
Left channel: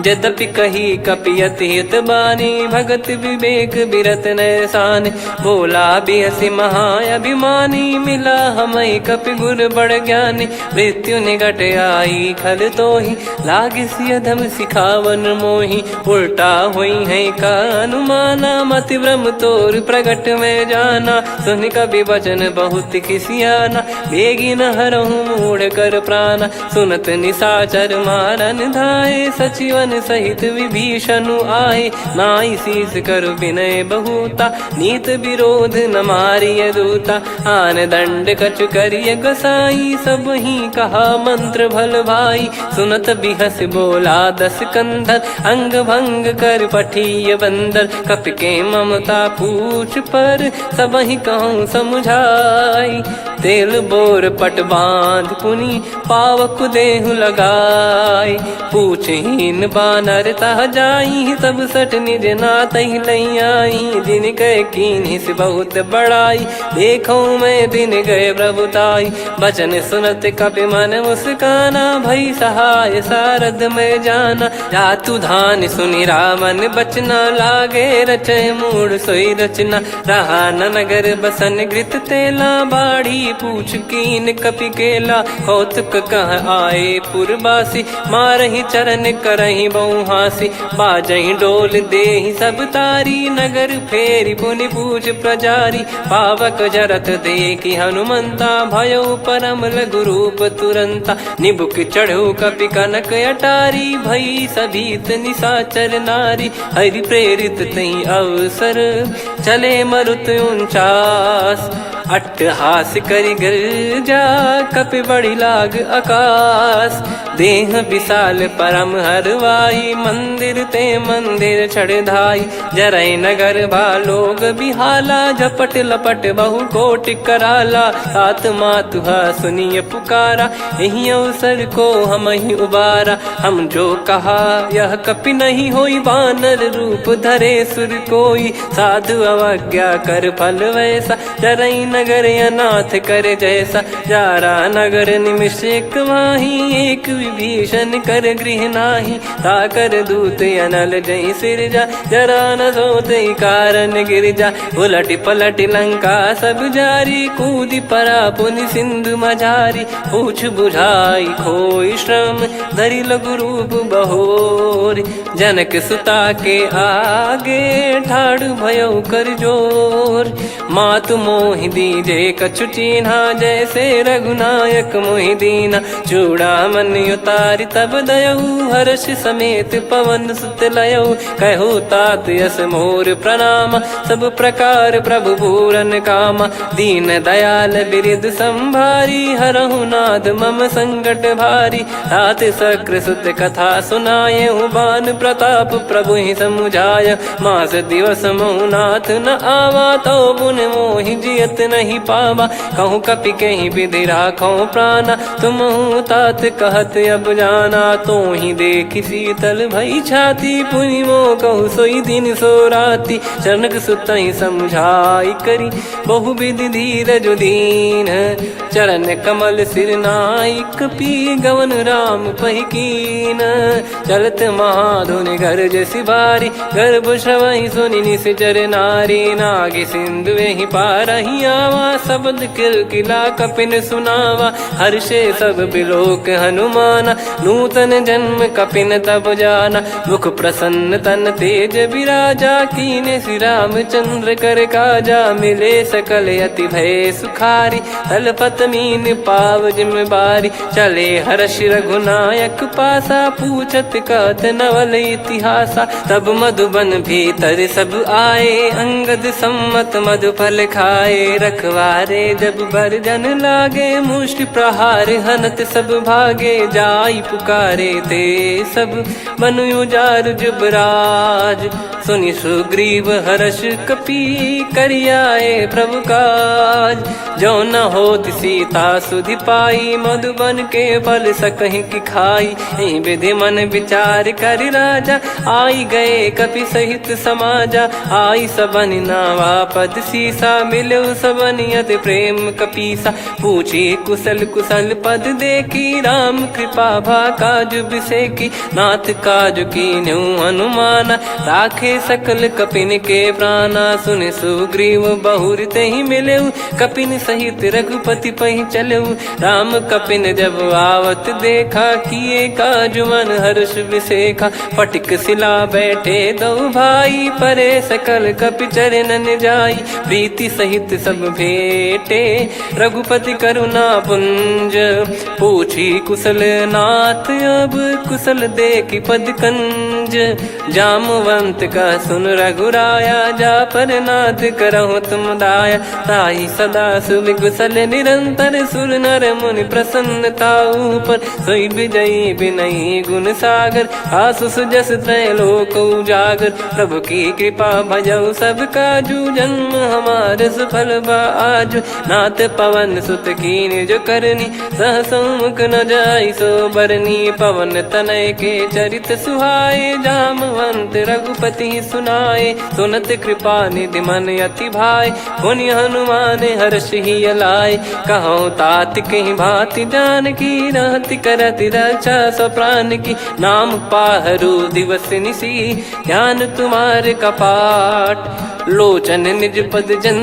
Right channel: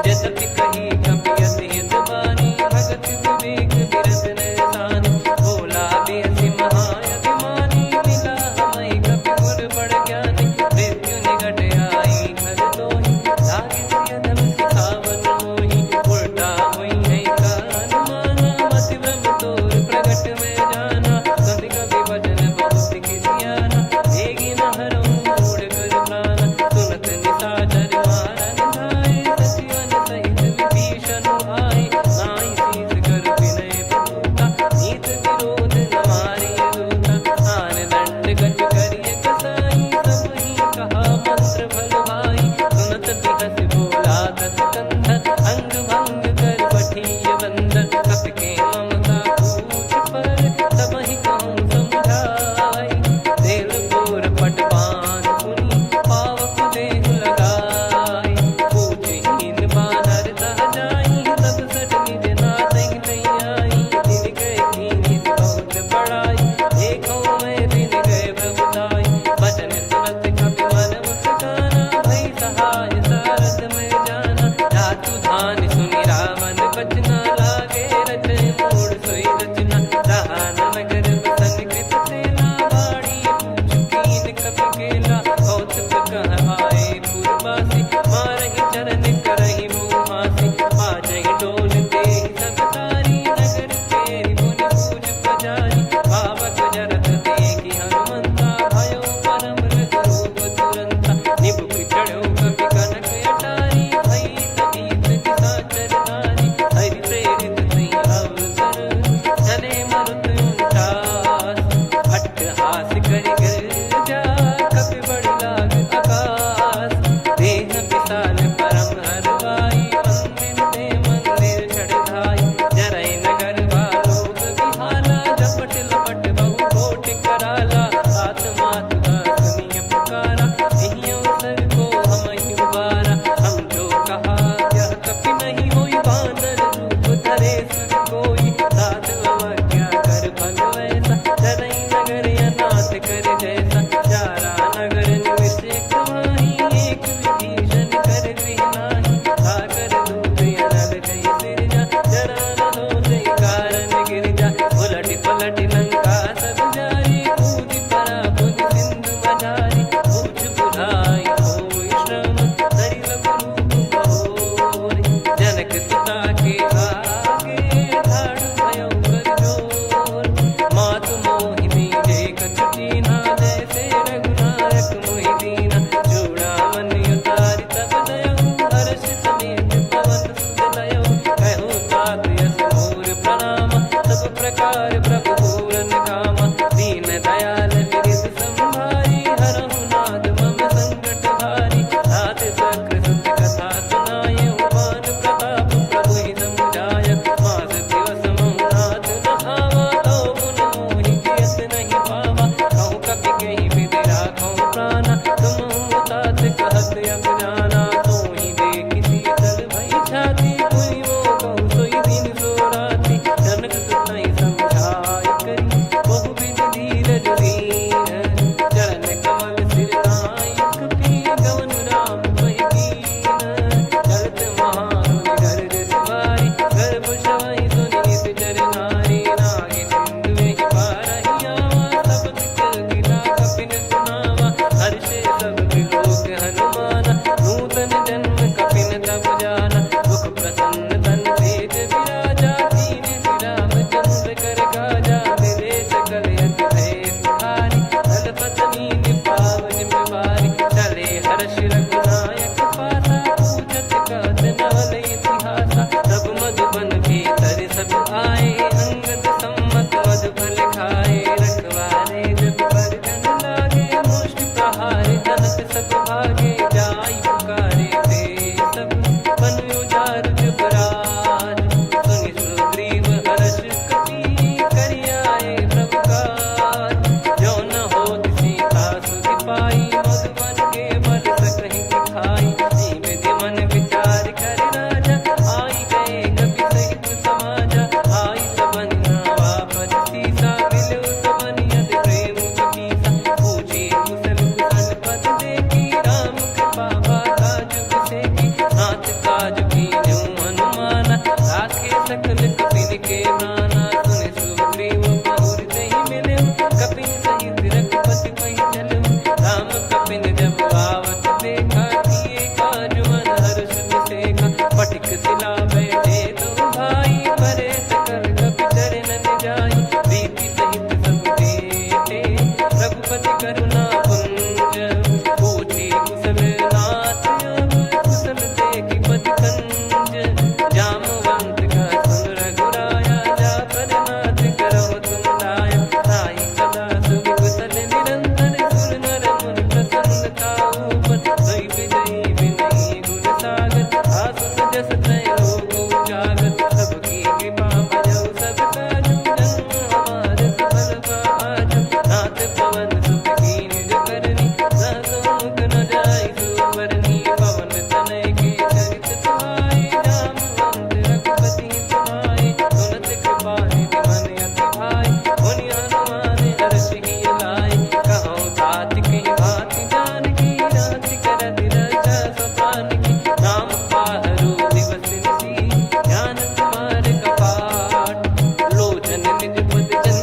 यद्यपि कही कपियति हित बानी, भगत विवेक बिरत नैसान। बोला बिहसि महाअभिमानी, मिला हमई कपि गुर बड़ ज्ञानी। मृत्यु निकट आई खल तोहि, लागिसि अधम सिखावन मोहि। उल्टा हुई है का अनुमाना, मति भ्रम तोर प्रगट में जाना। सुन कवि वचन बहुत खिसियाना, बेगी न हरहु मूढ़ कर प्राणा। सुनत निशाचर मारन धाये, सचिवन सहित विभीषणु आए। नाई शीस कर विनय बहुता, नीत विरोध न मारिय दूता। आन दंड कछु करिय गसाई, सब ही कहा मंत्र भल भाई। सुनत बिहस बोला दस कंधर, अंग भंग कर पठिय बंदर। कपि के ममता पूछ पर, सब ही कहूँ समुझाई। तेल बोर पट बांध पुनि, पावक देहु लगाई। पूछहीन बानर तह जाई, सब सट निज नातहि लई आई। दिन गए कीन्ही से बहुत बड़ाई, देखो मैं दिन गए प्रभुताई। बचन सुनत कपि मन मुस्काना, भई सहाय सारद में जाना। जातु धान सुनि रावण बचना, लागे रचय मूढ़ सोई रचना। रहा न नगर बसन घृत तेला, बाढ़ी पूछ कीन कपि केला कौतुक कह आए पुरबासी मारही चरण करही बहु हासी बाजही डोल देहि सब तारी नगर फेरी पुनि पूज प्रजारी पावक जरत देखी हनुमंता भयो परम लघु रूप तुरंता निबुक चढ़ू कपि कनक अटारी भई सभीत निशाचर नारी हरि प्रेरित तई अवसर चले मरुत 49 अट्टहास करि गिरजा कपि बड़ी लाग आकाश देह विशाल परम हरवाई मंदिर ते मंदिर चढ़ाई जरई नगर बालोग बिहाला झपट लपट बहु कोट कराला सात मातुहा सुनिय पुकारा यही अवसर को हम ही उबारा हम जो कहा यह कपि नहीं होई बानर रूप धरे सुर कोई साधु अवज्ञा कर फल वैसा जरई नगर अनाथ कर जैसा जारा नगर निमिष एक माही एक विभीषण कर गृह नाही ताकर दूत अनल जय सिरजा जरा न सोते कारण गिरजा उलट पलट लंका सब जारी कूदी परा पुनि सिंधु मझारी पूछ बुझाई खोई श्रम धरि लघु रूप बहोरी जनक सुता के आगे ठाड़ भयो कर जोर मातु मोहि दीजे कछु चीन्हा जैसे रघुनायक मोहि दीना चूड़ामन उतारि तब दयऊ हर्ष समेत पवन सुत लयऊ कहु तात यस मोर प्रणाम सब प्रकार प्रभु पूरन कामा दीन दयाल बिरिद संभारी हरहु नाद मम संकट भारी तात सक्र सुत कथा सुनाये बान प्रताप प्रभु ही समुझाय मास दिवस महु नाथ न आवा तो पुन मोहि जियत नहीं पावा कहूँ कपि कहीं विधि राखो प्राणा तुम तात कहत अब जाना तो ही देख शीतल भई छाती पुनि मो कहु सोई दिन सो राती जनक सुतई समझाई करी बहु विधि धीरज दीन चरण कमल सिर नाइक पी गवन राम पहिकीन चलत महाधुनि गर्ज सिबारी गर्भ श्रवहि सुनि निश्चर नारी नागे सिंधु ही पारही आवा शब्द किलकिला कपिन सुनावा हर्षे सब बिलोक हनुमाना नूतन जन्म कपिन तब जाना मुख प्रसन्न तन तेज विराजा कीने श्री रामचंद्र कर काजा मिले सकल अति भय सुखारी तलपत मीन पाव जिम्मेवारी चले हर्ष रघुनायक पासा पूछत कहत नवल इतिहासा तब मधुबन भीतर सब आए अंगद सम्मत मधुफल खाए रखवारे जब बरजन लागे मुष्टि प्रहार हनत सब भागे जाई पुकारे ते सब मनु उजार जुबराज सुनि सुग्रीव हर्ष कपि करियाए प्रभु काज जो न हो सीता सुधि पाई मधुबन के फल सकहि की खाई विधि मन विचार कर राजा आई गए कपि सहित समाजा आई सबन नावा पद सीसा मिलो सबनियत प्रेम कपीसा पूछी कुशल कुशल पद देखी राम कृपा भा काज बिसेकी नाथ काज की न्यू हनुमाना राखे सकल कपिन के प्राणा सुन सुग्रीव बहुर ते ही मिले कपिन सहित रघुपति पहि चले राम कपिन जब आवत देखा किए काज मन हर्ष विसेखा पटिक सिला बैठे दो भाई परे सकल कपि चरणन जाई प्रीति सहित सब भेटे रघुपति करुणा पुंज पूछी कुशल नाथ अब कुशल देखी पद कंज जामवंत का सुन रघुराया जा पर नाथ करहु तुम दाया ताई सदा सुभि कुशल निरंतर सुर नर मुनि प्रसन्नता ऊपर सोई विजयी विनयी गुण सागर आसु सुजस त्रैलोक उजागर प्रभु की कृपा भजऊ सब काजू जन्म हमार सफल बाजू नाथ पवन सुत कीन जो करनी सहसो मुख न जाई सो बरनी पवन तनय के चरित सुहाए जामवंत रघुपति सुनाए सुनत कृपा निधि मन अति भाई पुनि हनुमान हर्ष ही लाए कहो तात कहीं भांति जान की रहति करति रक्षा सो प्राण की नाम पाहरू दिवस निसी ध्यान तुम्हारे कपाट लोचन निज पद जन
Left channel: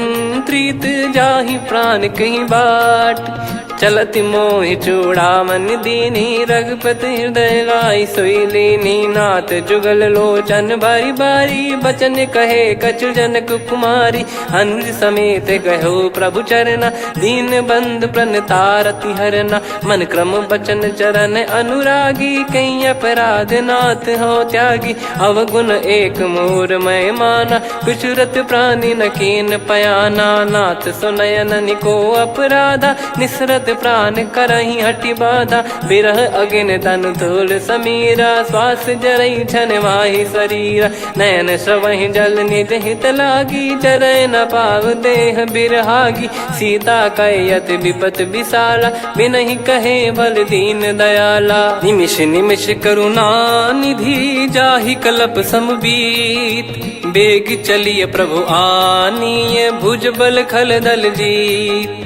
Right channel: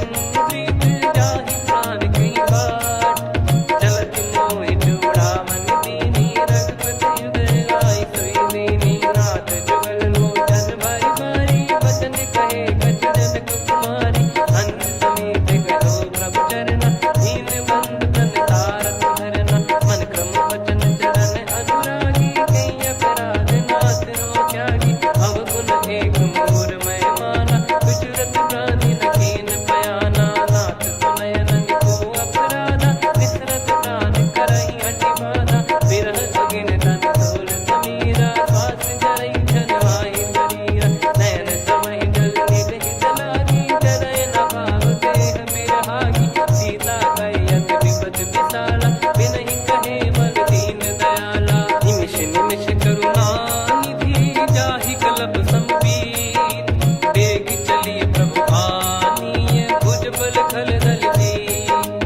प्रीत जाहि प्राण कहीं बाट। चलत मोहि चूड़ामन दीनी रघुपति हृदय लाई सोई लीनी। नाथ जुगल लोचन बारी बारी बचन कहे कछु जनक कुमारी। हंस समेत गहो प्रभु चरना दीन बंद प्रणतारति हरना। मन क्रम बचन चरण अनुरागी कहीं अपराध नाथ हो त्यागी। अवगुण एक मोर मैं माना विचुरत प्राणी न कीन पयाना। नाथ सुनयन निको अपराधा निसरत प्राण करही हटि बाधा। बिरह अगिन तन तोल समीरा श्वास जरई छन वाहि शरीरा। नयन सवहि जल निज हित लागी चरय न पाव देह बिरहागी। सीता कयत विपत विशाला बिनहि कहे बल दीन दयाला। निमिष निमिष करुणा निधि जाहि कलप समबीत। बेग चलिए प्रभु आनीय भुज बल खल दल जीत।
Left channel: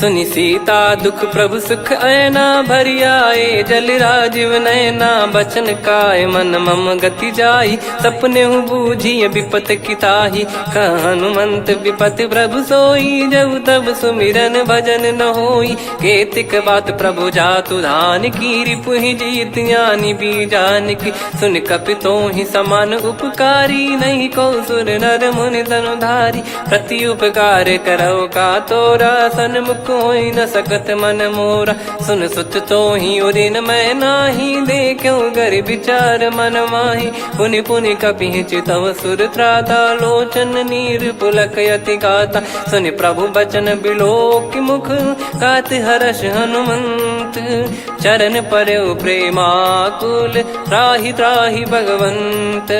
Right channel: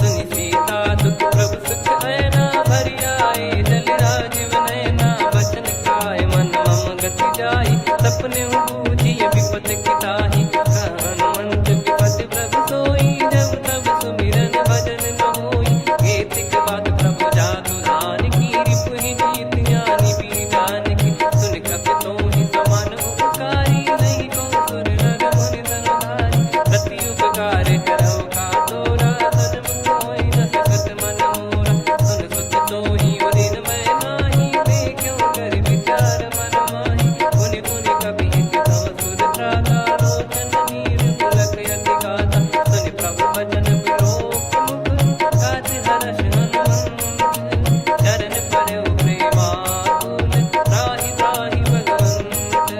सुनि सीता दुख प्रभु सुख ऐना भरि आए जल राजीव नैना। बचन काय मन मम गति जाई सपने बूझी विपत किताही। हनुमंत विपत प्रभु सोई जब तब सुमिरन भजन न होई। केतिक बात प्रभु जातु धान की रिपुहि जीत ज्ञानी बीजान की। सुन कपितो ही समान उपकारी नहीं को सुर नर मुनि तनुधारी। प्रति उपकार करो का तोरा सन्मुख कोई न सकत मन मोरा। सुन सुत तो ही उदिन मैं नाही देखो गर विचार मन माही। पुनि पुनि कपि चितव सुर त्राता लोचन नीर पुलक यति गाता। सुनि प्रभु बचन बिलोक मुख गात हर्ष हनुमंत। चरण परयो प्रेमाकुल त्राहि त्राहि भगवंत।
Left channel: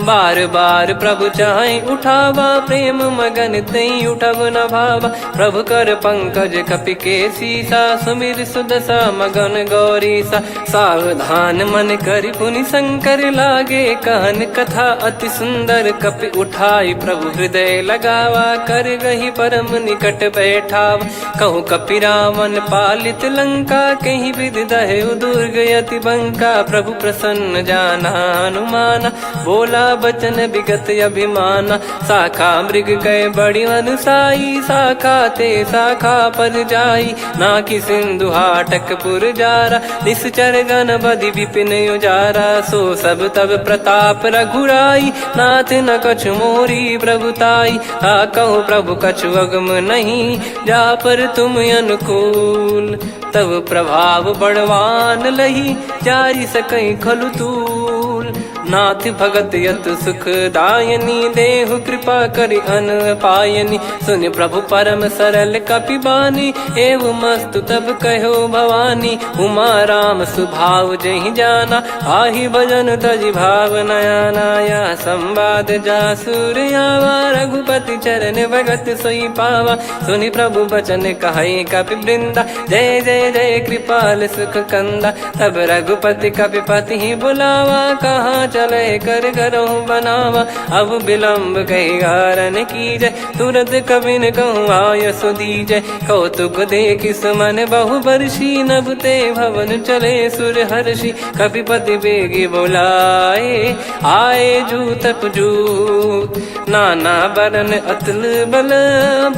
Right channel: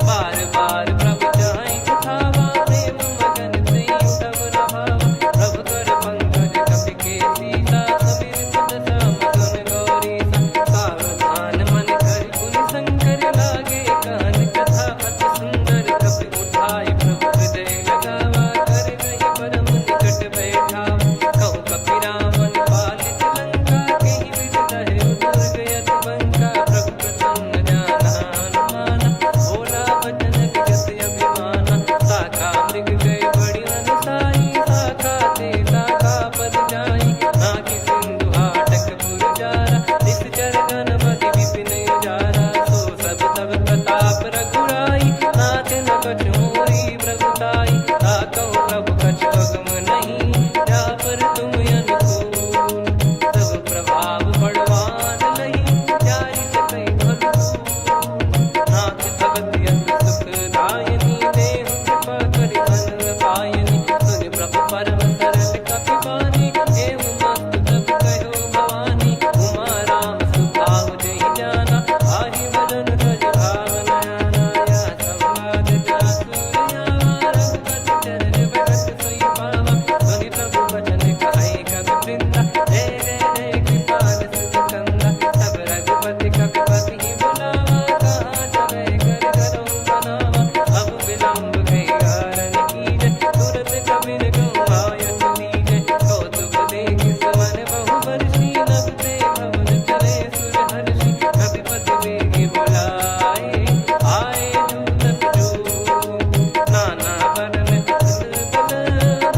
बार बार प्रभु चाहि उठावा प्रेम मगन तई उठब न भावा। प्रभु कर पंकज कपि के सीसा सुमिर सुदशा मगन गौरीसा। सावधान मन करि पुनि शंकर लागे कहन कथा अति सुंदर। कपि उठाई प्रभु हृदय लगावा कर गही परम निकट बैठावा। कहूँ कपि रावण पालित लंका कहीं विधि दहु दुर्ग यति बंका। प्रभु प्रसन्न जाना हनुमाना बोला बचन विगत अभिमाना। शाखा मृग गए बड़ी अनुसाई शाखा ते शाखा पर जाई। ना कि सिंधु हाटक पुर जारा निश्चर गण बदि विपिन उजारा। सो सब तब प्रताप रघुराई नाथ न कछु मोरी प्रभुताई। कहूँ प्रभु कछु अगम नहीं जा पर तुम अनुकूल। तब प्रभाव बड़वान लही जारी सकई खलु तूल। नाथ भगत यत सुख दायनी देहु कृपा करि अन पायनी। सुन प्रभु परम सरल कपि बानी एवं मस्तु तब कहो भवानी। उमा राम सुभाव जहि जाना आहि भजन तजि भाव नयाना। या संवाद जासुर आवा रघुपति चरण भगत सोई पावा। सुनि प्रभु बचन कहै कपि वृंदा जय जय जय कृपाल सुख कंदा। तब रघुपति कपि पति बुलावा कहाँ चले कर करहु बनावा। अब विलम्ब कही कारण कीजय तुरत कबिन कहूँ आयस दीजय। कौतुक देख सुमन बहु बरसी नभ ते भवन चले सुर हर्षि। कपिपति बेगी बोलाए आए जूतक जूत। नाना बरन अतुल बल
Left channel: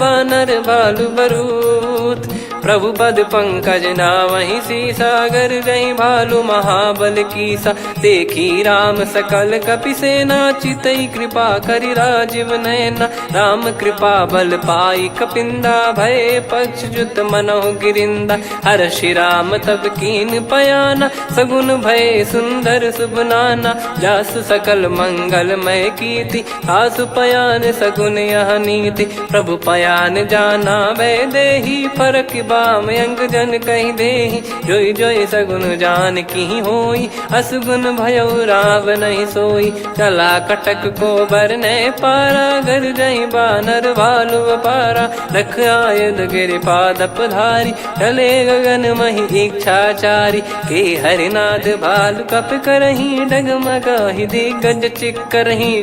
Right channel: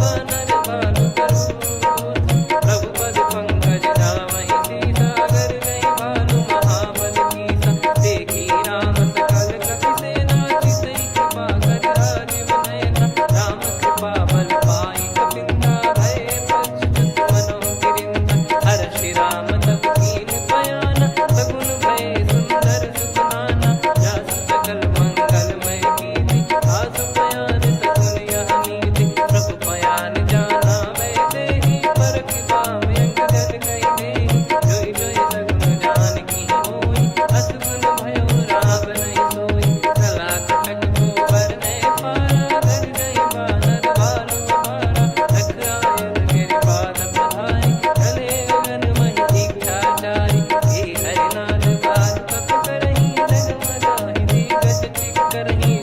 बानर बालु बरूत। प्रभु पद पंकज नावहि सीसागर गई भालु महाबल कीसा। देखी राम सकल कपि सेना चितई कृपा करि राजीव नयना। राम कृपा बल पाई कपिंदा भय पक्ष जुत मनो गिरिंदा। हर्षि राम तब कीन पयाना सगुन भय सुंदर शुभ नाना। जासु सकल मंगलमय कीर्ति आसु पयान सगुन यह नीति। प्रभु पयान जाना वै देहि फरक बाम अंग जन कहीं देहि। जोई जोई सगुन जान की होई असगुन भयो राव नहीं सोई। चला कटक को बरने पारा घर जई बानर भालु पारा। रख आयद गिरि पाद पधारी चले गगन मही इच्छाचारी। के हरिनाथ भालु कप करही डगमगाहि दिग्गज चिक्करही।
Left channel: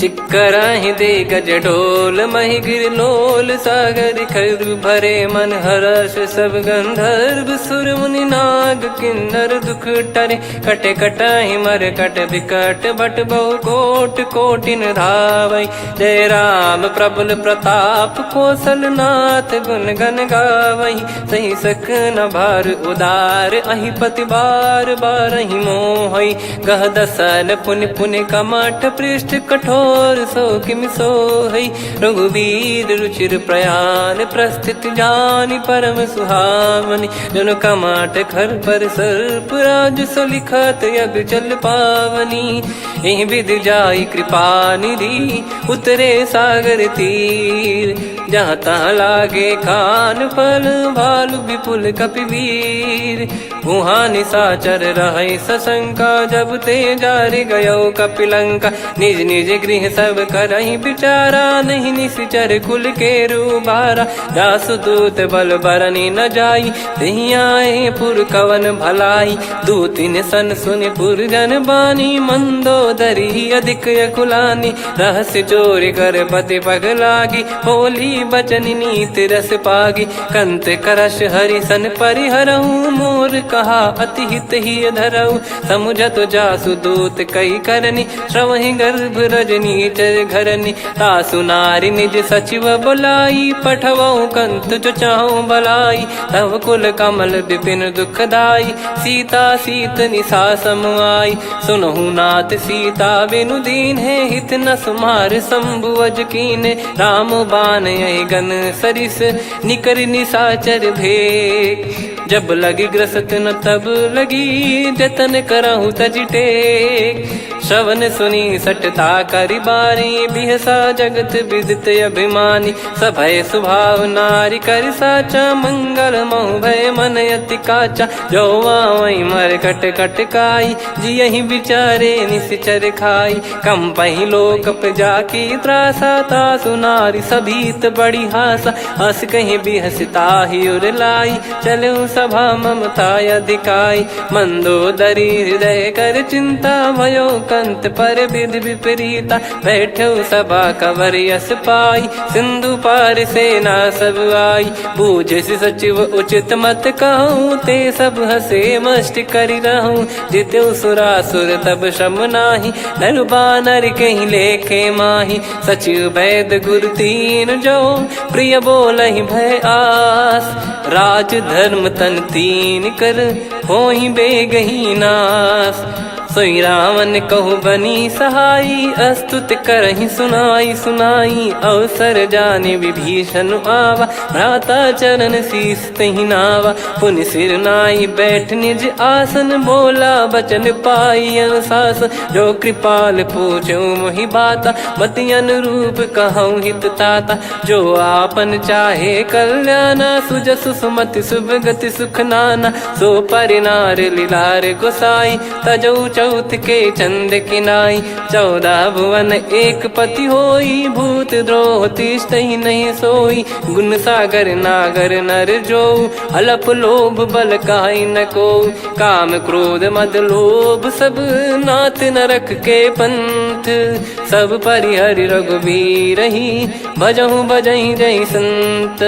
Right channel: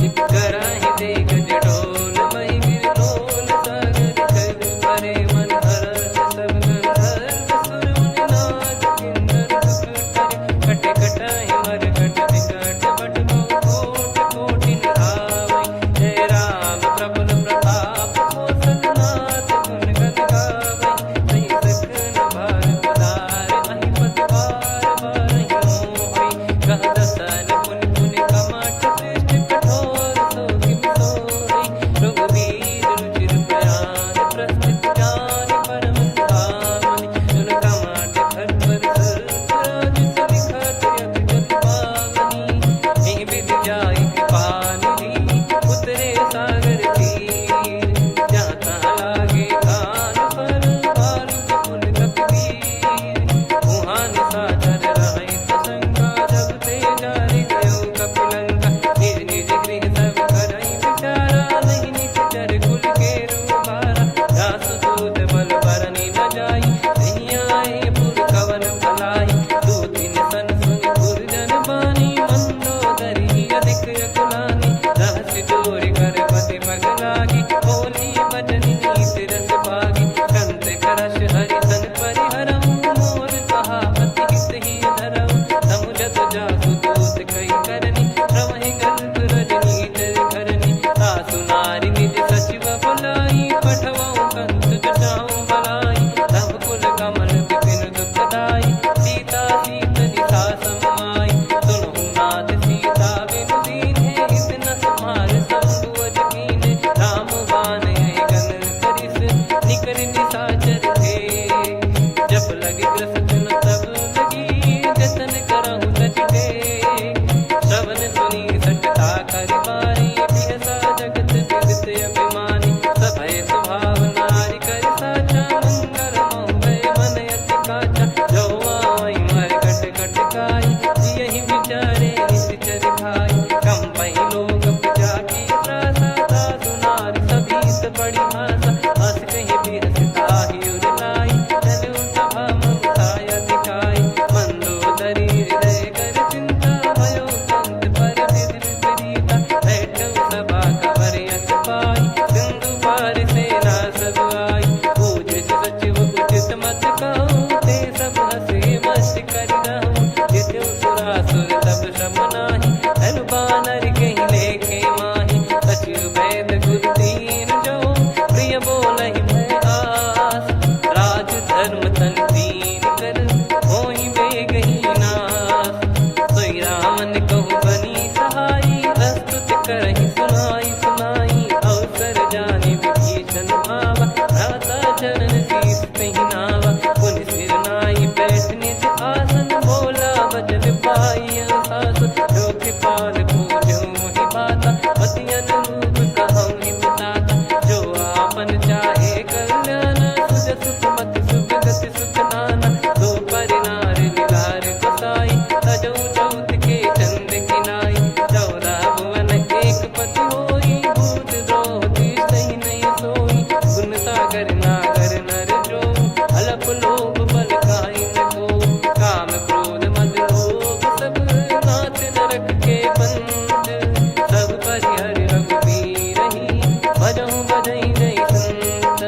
चिक्कराहि दे गज डोल महि गिर लोल सागर खर भरे मन हर्ष सब गंधर्व सुर मुनि नार नाग किन्नर दुख टरे, कटे कटहि मर कट विकट बट बहु कोट कोटिन धावै। जय राम प्रबल प्रताप कौशलनाथ गुण गण गावै। सही सकन भार उदार अहि पति बार बारहि मोहै। गह दसन पुन पुन कमठ पृष्ठ कठोर सो किमि सोहै। रघुवीर रुचिर प्रयाण प्रस्थित जानि परम सुहावनि। जन कमठ खर पर सर्प राज सलिखत यग जल पावनी। एहि विधि जाई कृपा निधि उतरे सागर तीर। जहाँ तहाँ लागे खान फल भालु विपुल कपिवीर। वहाँ निशाचर रहै सशंका जब ते जारि गयो कपिलंका। निज निज गृह सब करहि विचारा नहीं निश्चर कुल के रूबारा। जासु दूत बल बरनि न जाई तेहि आए पुर कवन भलाई। दूतिन सन सुनि पुर जन बानी मंदोदरी अधिक यकुलानी। रहस्य चोरी कर पति पगलागी होली बचन नीति रस पागी। कंत करश हरिसन परिहरहु मोर कहा अति हित ही धरऊ। समुझत जासु दूत कई करनी श्रवहि गर्भ रजनी चर घरनी। तासु नारी निज सचिव बुलाई पठवऊ कंत जो चाहूं बलाई। तव कुल कमल विपिन दुखदाई सीता सीत निशा समाई। सुनहु नाथ सीता बिनु दीन है हित न सुमार शंभु अज कीने। राम बाण गन सरिस निकर निशाचर भेग। जब लगी ग्रसत न तब लगी जतन करहु तज टेक। श्रवण सुनी सटता करि बारी बिहसा जगत विदित अभिमानी। सभय स्वभाव नारी कर साचा मंगल मऊ भय मन अति काचा। जो आवै मर कट कट काई जियहि विचारे निश्चर खाई। कम पहि लोक जाकी त्रासा तासु नारी सभीत बड़ी हासा। हस कहीं बिहसता ही उर लाई चलऊ सभा ममता अधिकाई। मंदोदरी हृदय कर चिंता भयो कंत पर विधि विपरीता। बैठो सभा कवर यस पाई सिंधु पार सेना सब आई। पूज्य सचिव उचित मत कहूँ ते सब हसे मष्ट करि रहूँ। जित्यु सुरासुर तब श्रम नाही नर बानर कहीं लेखे माही। सचिव वैद गुरु तीन जो प्रिय बोलहि भय आस। राज धर्म तन तीन कर होई बेगही नास। सोई रावण कहु बनी सहाई अस्तुत करहि सुनाई सुनाई। अवसर जाने विभीषण आवा भ्राता चरण शीस तहि नावा। पुनि सिर नाई बैठ निज आसन बोला बचन पाई अनुशासन। जो कृपाल पूछो मोहि बाता मति अनुरूप कहूँ हित ताता। जो आपन चाहे कल्याणा सुजसु सुमति सुभगति सुख नाना। सो परिनार लीलार गोसाई तजौ चौथ के चंद किनाई। 14 भुवन एक पति होई भूत द्रोह तिष्ठहि नहीं सोई। गुण सागर नागर नर जो अलप लोभ बल काई न को। काम क्रोध मद लोभ सब नाथ नरक के पंथ। सब परिहरि रघुबीर ही भजहु भजहि जय संत।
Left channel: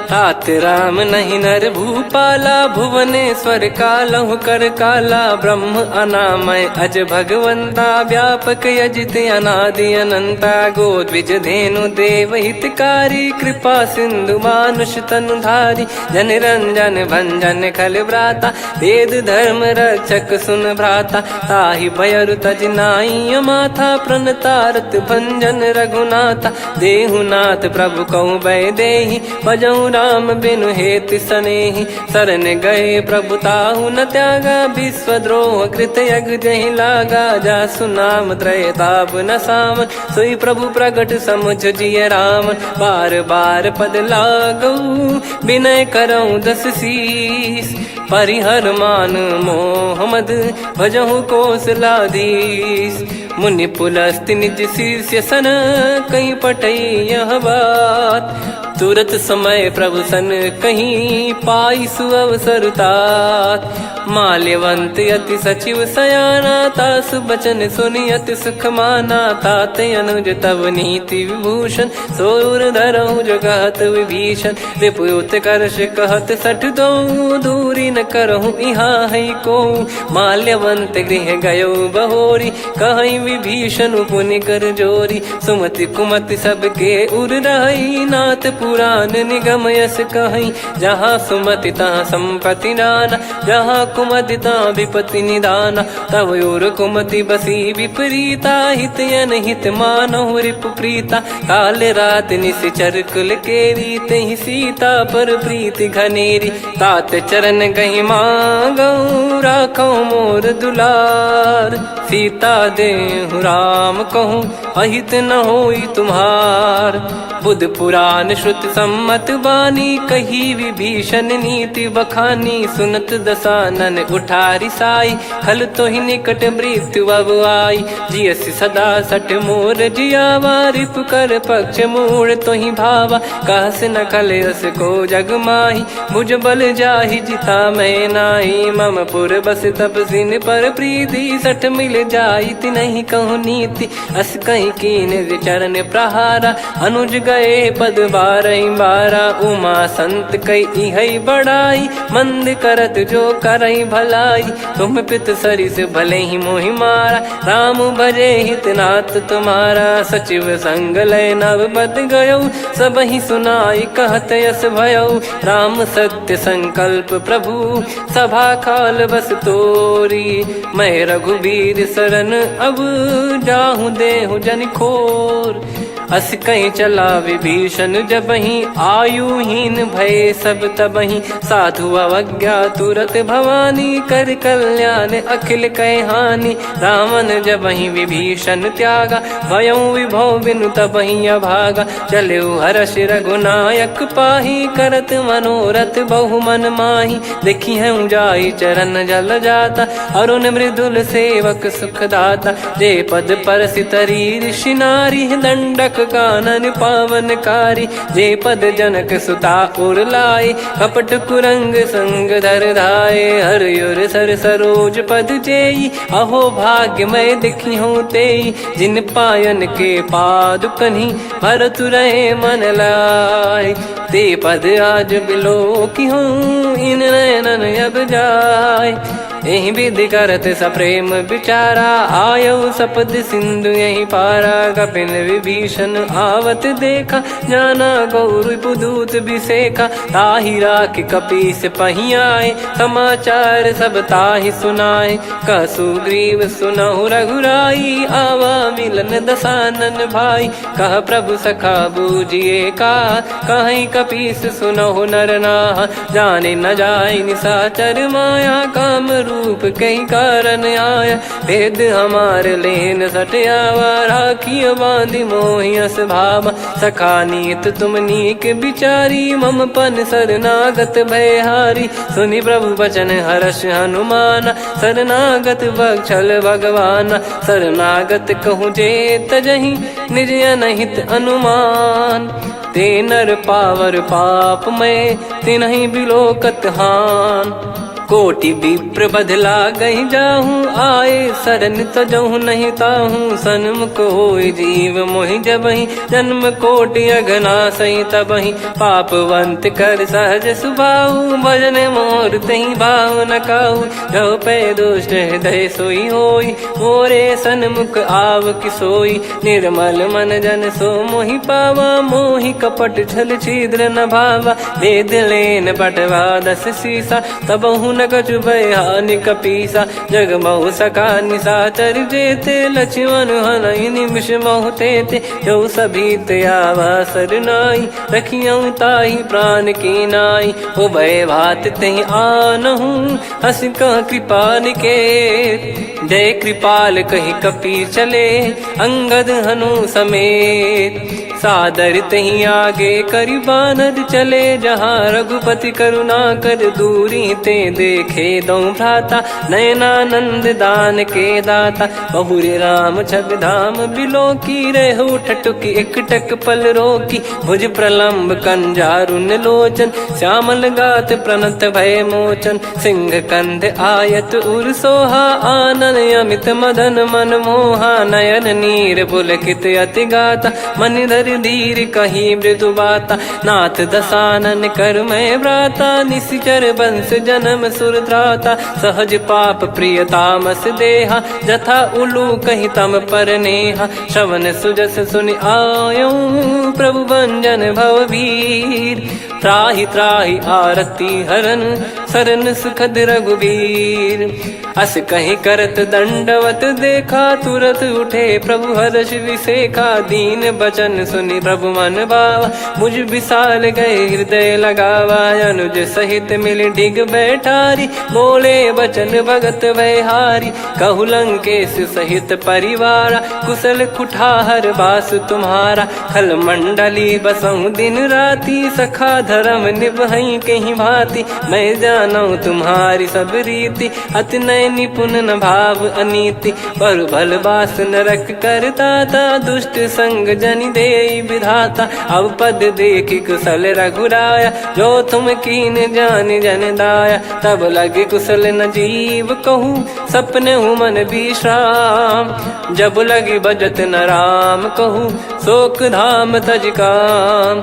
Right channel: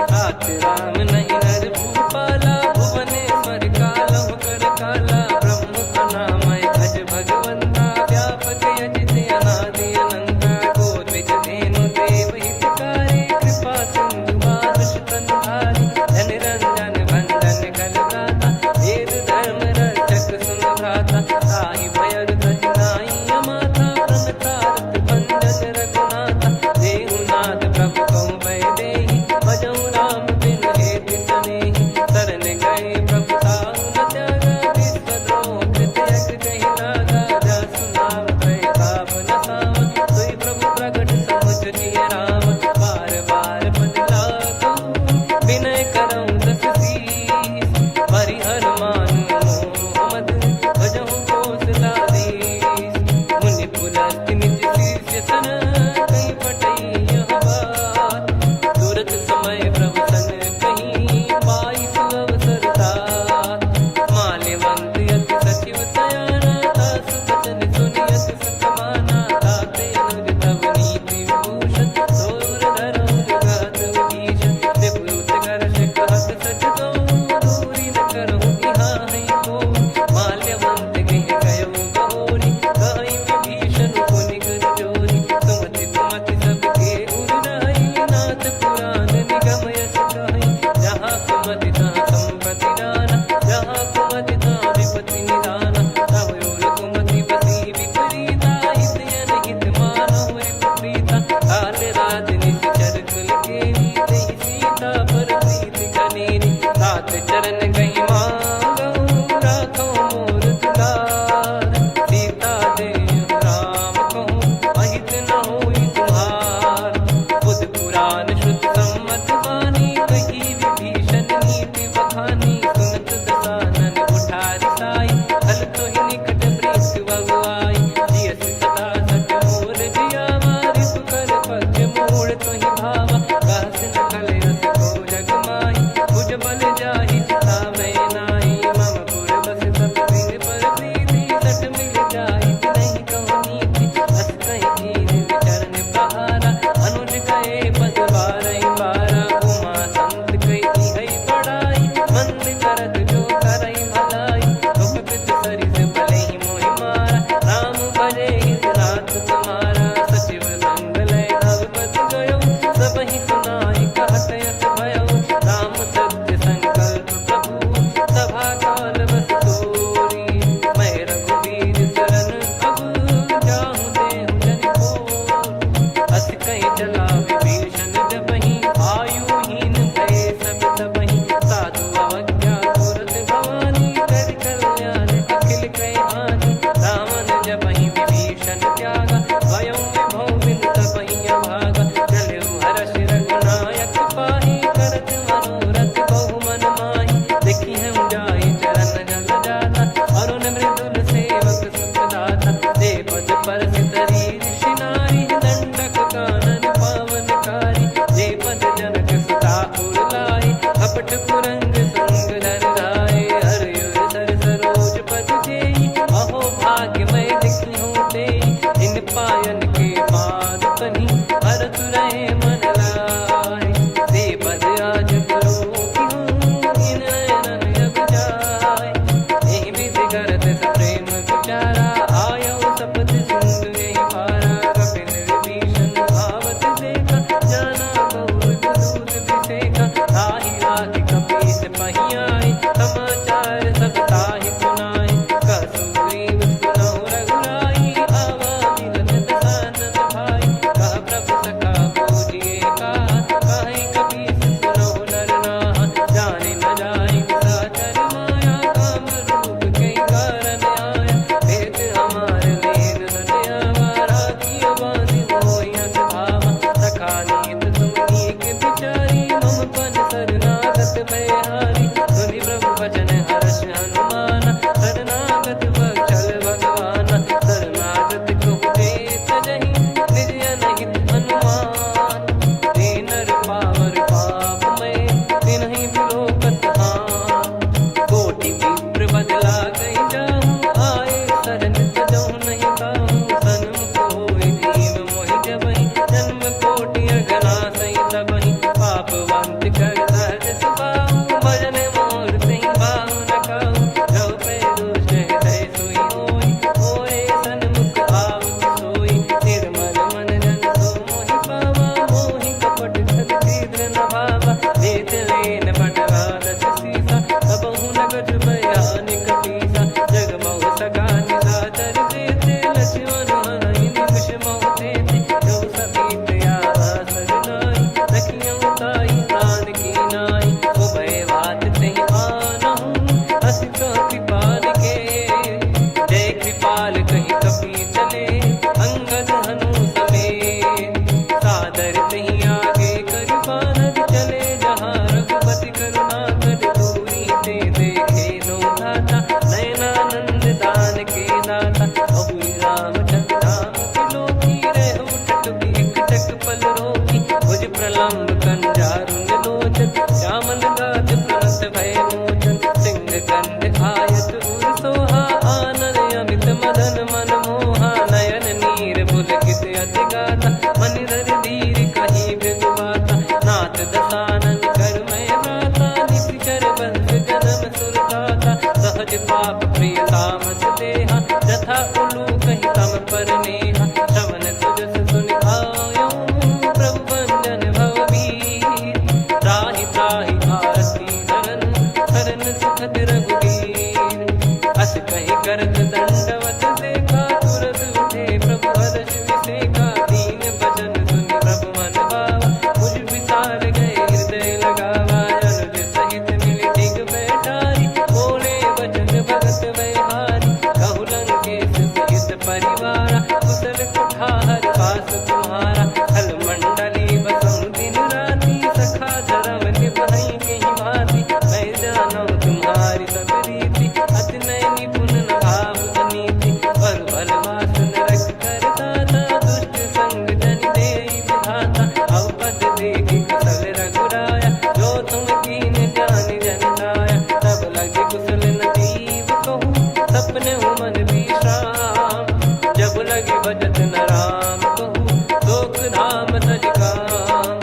तात राम नहीं नर भूपाला भुवनेश्वर कालहु कर काला। ब्रह्म अनामय अज भगवंता व्यापक यजित अनादि अनंता। गोद्विज धेनु देव हितकारी कृपा सिंधु मानुष तनुधारी। जन रंजन भंजन खल भ्राता वेद धर्म रक्षक सुन भ्राता। ताहि भयरु तज नाई माथा प्रणतारत भंजन रघुनाथा। देहुनाथ प्रभु कहु भय देहि भजहु राम बिनु हेतु सनेहि। शरण गए प्रभु ताहु न त्यागा विश्वद्रोह कृत यज्ञ जहि लागा। जासु नाम त्रय ताप न सावन सोई प्रभु प्रगट समुझ जिय राम। बार बार पद लागऊ विनय करऊँ 10 शीस। परिहर मान मोह मद भजहु कौशलाधीश। मुनि पुलस्त्य निज शिष्य सन कहीं पठई यह बात। तुरत समय प्रभु सन कहीं पाई सुअवसर तात। माल्यवंत अति सचिव सयाना तासु बचन सुनि अति सुख माना। ताते अनुज तव नीति विभूषण सोर धरऊ जगत विभीषण। विपुत करश कहत सठ दो दूरी न करहु यहाँ है को। माल्यवंत गृह गयो बहोरी, कहीं विभीषण पुनि कर जोरी। सुमति कुमति सबके उर रही, नाथ पुराण निगम यस कहीं। जहाँ सुमति तहाँ संपत्ति नाना, जहाँ कुमति तहाँ विपत्ति निदाना। तब और कुमति बसी विपरीता, हित अनहित मानहु रिपु प्रीता। काल रात निश्चर कुल केरी, तहि सीता पर प्रीति घनेरी। तात चरण गही मांगऊ, राखो मोर दुलार। सीता देहु राम कहूँ, अहित न होई तुम्हार। बुध पुराण श्रुत सम्मत बानी, कही विभीषण नीति बखानी। सुनत दसानन उठारी साई, खल तो ही निकट मृत्यु अब आई। जियसि सदा सठ मोर जियावा, रिप कर पक्ष मूड़ तो ही भावा। कहस न खल रस को जग माही, मुझ बल जाहि जिता मैं नाई। मम पुर बस तपसिन पर प्रीति, सठ मिल जाई नहीं कहूँ नीति। अस कहीं कीन चरण प्रहारा, अनुज गए पद बारई बारा। उमा संत कई है बड़ाई, मंद करत जो करई भलाई। तुम पित सरिस भले ही मोहि मारा, राम भजे हित नाथ तुम्हारा। सचिव संग लय नव बद गयो, सब ही सुनाई कहत यस भयो। राम सत्य संकल्प प्रभु, सभा काल बस तोरी। मैं रघुबीर शरण अब, जाहूँ देहु जन खोर। अस कहीं चला विभीषण जबहि, आयुहीन भय सब तबहि। साधु अवज्ञा तुरत भवानी, कर कल्याण अखिल कह हानि। रावण जबहि विभीषण त्यागा, भयउ विभव बिनु तबहि अभागा। चलऊ हर्ष रघुनायक पाही, करत मनोरथ बहु मन माही। देखी है जाई चरण जल जाता, अरुण मृदुल सेवक सुखदाता। जे पद पर सितरी ऋषि नारी, दंडक कानन पावनकारी। जे पद जनक सुता उर लाए, कपट कुरंग संग धर धाये। हरियुर सर सरोज पद जेई, अहो भाग्य मैं दिखी हूँ तेई। जिन पायन के पाद कन्ही, भरत रहे मन लाए। ते पद आज बिलो की हूँ, इन नयनन अब जाय। यही विधि करत सप्रेम विचारा, आयऊ सपद सिंधु यही पारा। कपिन विभीषण आवत देखा, जाना गौर बुदूत बिसेखा। ताहि राख कपीस पही आए, समाचार सब ताहि सुनाए। कह सुग्रीव सुनहु रघुराई, आवा मिलन दसानन भाई। कह प्रभु सखा बूझिए का, कहीं कपीस सुनहु नर नाहा। जाने न जाय निशाचर माया, काम रूप कई कारण आया। भेद हमार लेन सटयावा, राखियो बांधि मोहियस भावा। सखा नीत तुम नीक बिचारी, मम पन शरणागत भयहारी। सुनि प्रभु वचन हर्ष हनुमाना, शरणागत बक्षल भगवाना। शरणागत कहूँ जे तजहि, निज अनहित अनुमान। ते नर पावर पाप में, तिन्हि बिलोकत हान। कोटि विप्र बदला गई जाहूँ, आए शरण तजहु नहीं ताहूँ। सन्मुख होय जीव मोहि जबहि, जन्म कोटि अगना सही तबहि। पापवंत कर सहज सुभाऊ, भजन मोर तहि भाव न काहू। जो पै दुष्ट हृदय सोई होई, मोरे सन्मुख आव किसोई। निर्मल मन जन सो मोहि पावा, मोहि कपट छल छिद्र न भावा। वेद लेन बटवा दस सीसा, तबहु न कछु भयानि कपीसा। जग महु सखा निशाचर जेते, लक्ष्मण हनहि निमिष महु तेते। जो सभी त्यावा सरनाई, रखियऊ ताहि प्राण की नाई। उभय भात तहि आनहु, हस कह कृपाल के। जय कृपाल कहि कपी चले, अंगद हनु समेत। सादर तही आगे करि बानर चले, जहाँ रघुपति करुणा कर दूरी ते देखे दो भ्राता। नयनानंद दान के दाता, बहुरी राम छग धाम बिलो की। रेहु ठटुकी एकटक पल रोकी, भुज प्रलम्ब कंजारुन लोचन। श्यामल गात प्रणत भय मोचन, सिंह कंध आयत उर सोहा। आनन अमित मदन मन मोहा, नयन नीर पुलकित अति गाता। मनिधर कर धीर कहीं मृदु बाता, नाथ दसानन कर मैं व्राता, निशिचर बंस जन्म सुर त्राता, सहज पाप प्रिय तामस देहा, जथा उलू कही तम पर नेहा, श्रवण सुजस सुनि आयो प्रभु भंजन भववीर, त्राहि त्राहि आरती हरन सरन सुखद रघुवीर, अस कहीं करत दंडवत देखा, तुरत उठे प्रभु हर्ष विसेखा, दीन बचन सुनि प्रभु मन भावा, मुझ विशाल गए हृदय लगावा, अनुज सहित मिल डिग बैठारी, बोले बचन भगत वैहारी, कहु लंकेश सहित परिवारा, कुशल कुठार बास तुम्हारा, खल मंडली बसऊं दिन राती, सखा धर्म निभई कहीं भांति, मैं जानू तुम्हारी सब रीति, अति नय निपुण न भाव अनीति, पर भल बास नरक करता था, दुष्ट संग जन दे विधाता, अब पद देखी कुशल रघुराया, जो तुम कीन जान जन दाया, तब लगे कुशल न जीव कहूँ, सपने हूँ मन विश्राम, जब लगी बजत न राम कहूँ, शोक धाम तज काम,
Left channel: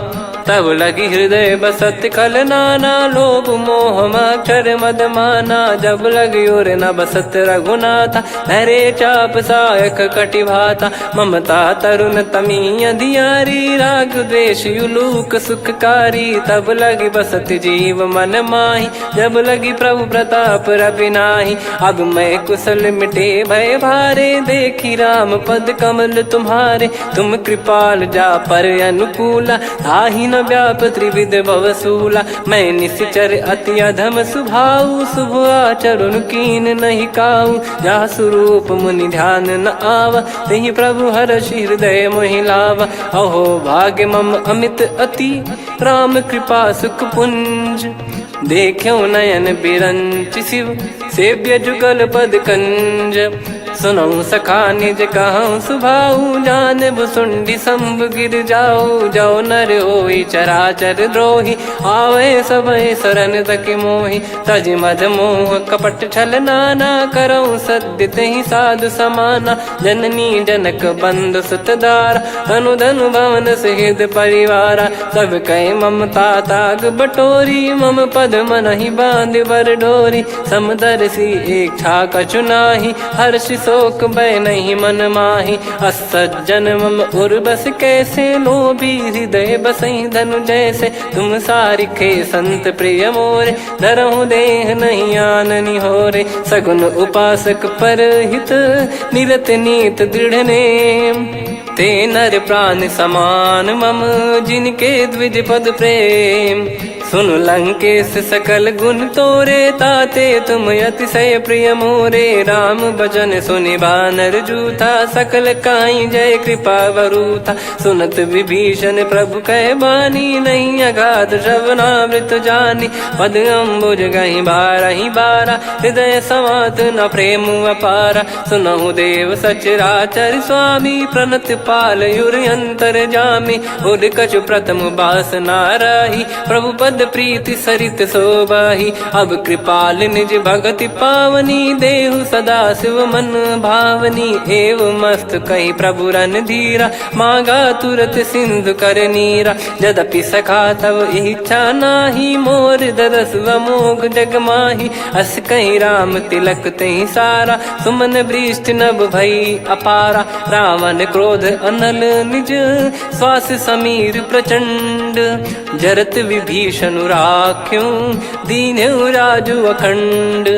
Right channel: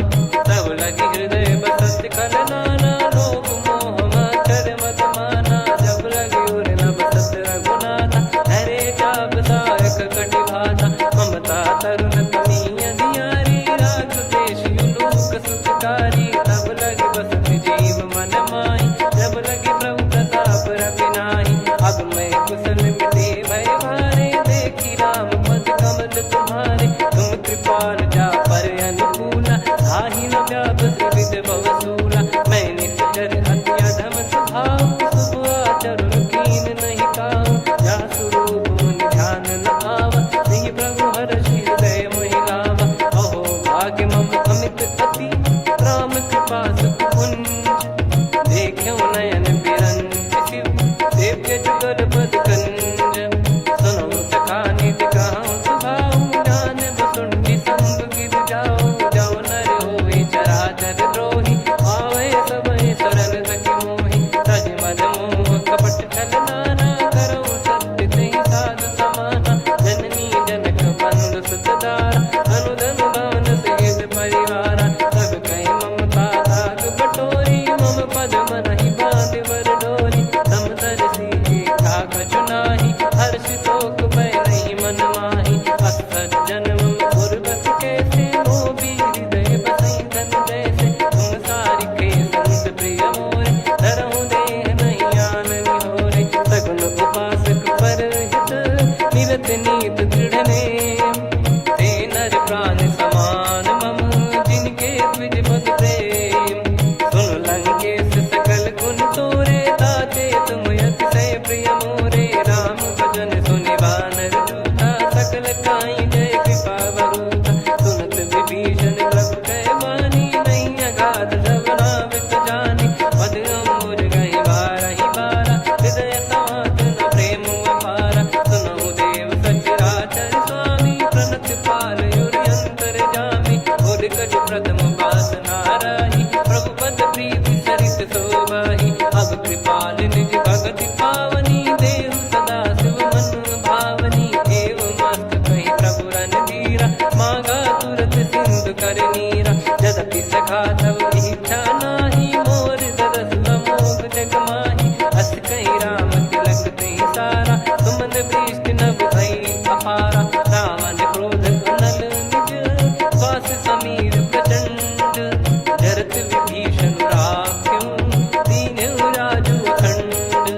तब लगी हृदय बसत खल नाना, लोभ मोह मक्षर मद माना, जब लगी और न बसत रघुनाथा, धरे चाप सायक कटि भाता, ममता तरुण तमी अधियारी, राग द्वेष युलूक सुखकारी, तब लगी बसत जीव मन माही, जब लगी प्रभु प्रताप रवि नाही, अब मैं कुशल मिटे भय भारे, देखी राम पद कमल तुम्हारे, तुम कृपाल जा पर अनुकूला, ताहि न व्याप त्रिविध भवसूला, मैं निश्चर अति अधम सुभाऊ, शुभ आचरण कीन नहीं काऊ, जा स्वरूप मुनि ध्यान न आवा, तेहि प्रभु हर्ष हृदय मोहि लावा, अहो भाग्य मम अमित अति, राम कृपा सुख पुंज, देखो नयन बिरंच शिव, सेव्य जुगल पद कंज, सुनऊ सखा निज कहूँ सुभाऊ, जान भुसुंडी संभ गिर जाओ, जाओ नर होई चराचर द्रोही, आवे सबय शरण तक मोहि, तज मद मोह कपट छल नाना, करऊँ सत्य तेहि साधु समाना, जननी जनक बंधु सुतदारा, अनु धनु भवन सहित परिवारा, सब कहे ममता ताग बटोरी, मम पद मनहि बांध बर डोरी, समदर्शी इच्छा कछु नाही, हर्ष शोक भय नहीं मन माही, असज्जन मम उर्वश कैसे, लोभी हृदय बसई धनु जैसे, तुम सारिखे संत प्रिय मोरे, धरहु देह नहीं आननि होरे, सगुन उपासक पर हित, निरत नीत दृढ़ नेम, ते नर प्राण समान मम, जिनके द्विज पद प्रेम, सुन लंकेश सकल गुण तोरे, ताते तुम अतिशय प्रिय मोरे, राम भजन सुनि बानर जूथा, सकल काई जय कृपा वरूथा, सुनत विभीषण प्रभु कह बानी, नहीं अगाध श्रवणामृत जानी, पद अम्बुज गहि बारहि बारा, हृदय समात न प्रेम अपारा, सुनहु देव सचराचर स्वामी, प्रणत पाल युर अंतर जामी, उद कछु प्रथम बास नाराही, प्रभु पद प्रीति सरित शोभाही, अब कृपाल निज भगति पावनी, देहु सदा शिव मन भावनी, एव मस्त कही प्रभु रन धीरा, मांगा तुरत सिंधु कर नीरा, यद्यपि सखा तब इच्छा नाही, मोर दरस अमोघ जग माही, अस कहीं राम तिलक तहि सारा, सुमन वृष्ट नभ भई अपारा, रावण क्रोध अनल निज, श्वास समीर प्रचंड, जरत विभीषण राख्यों, दीन्हु राजु अखंड,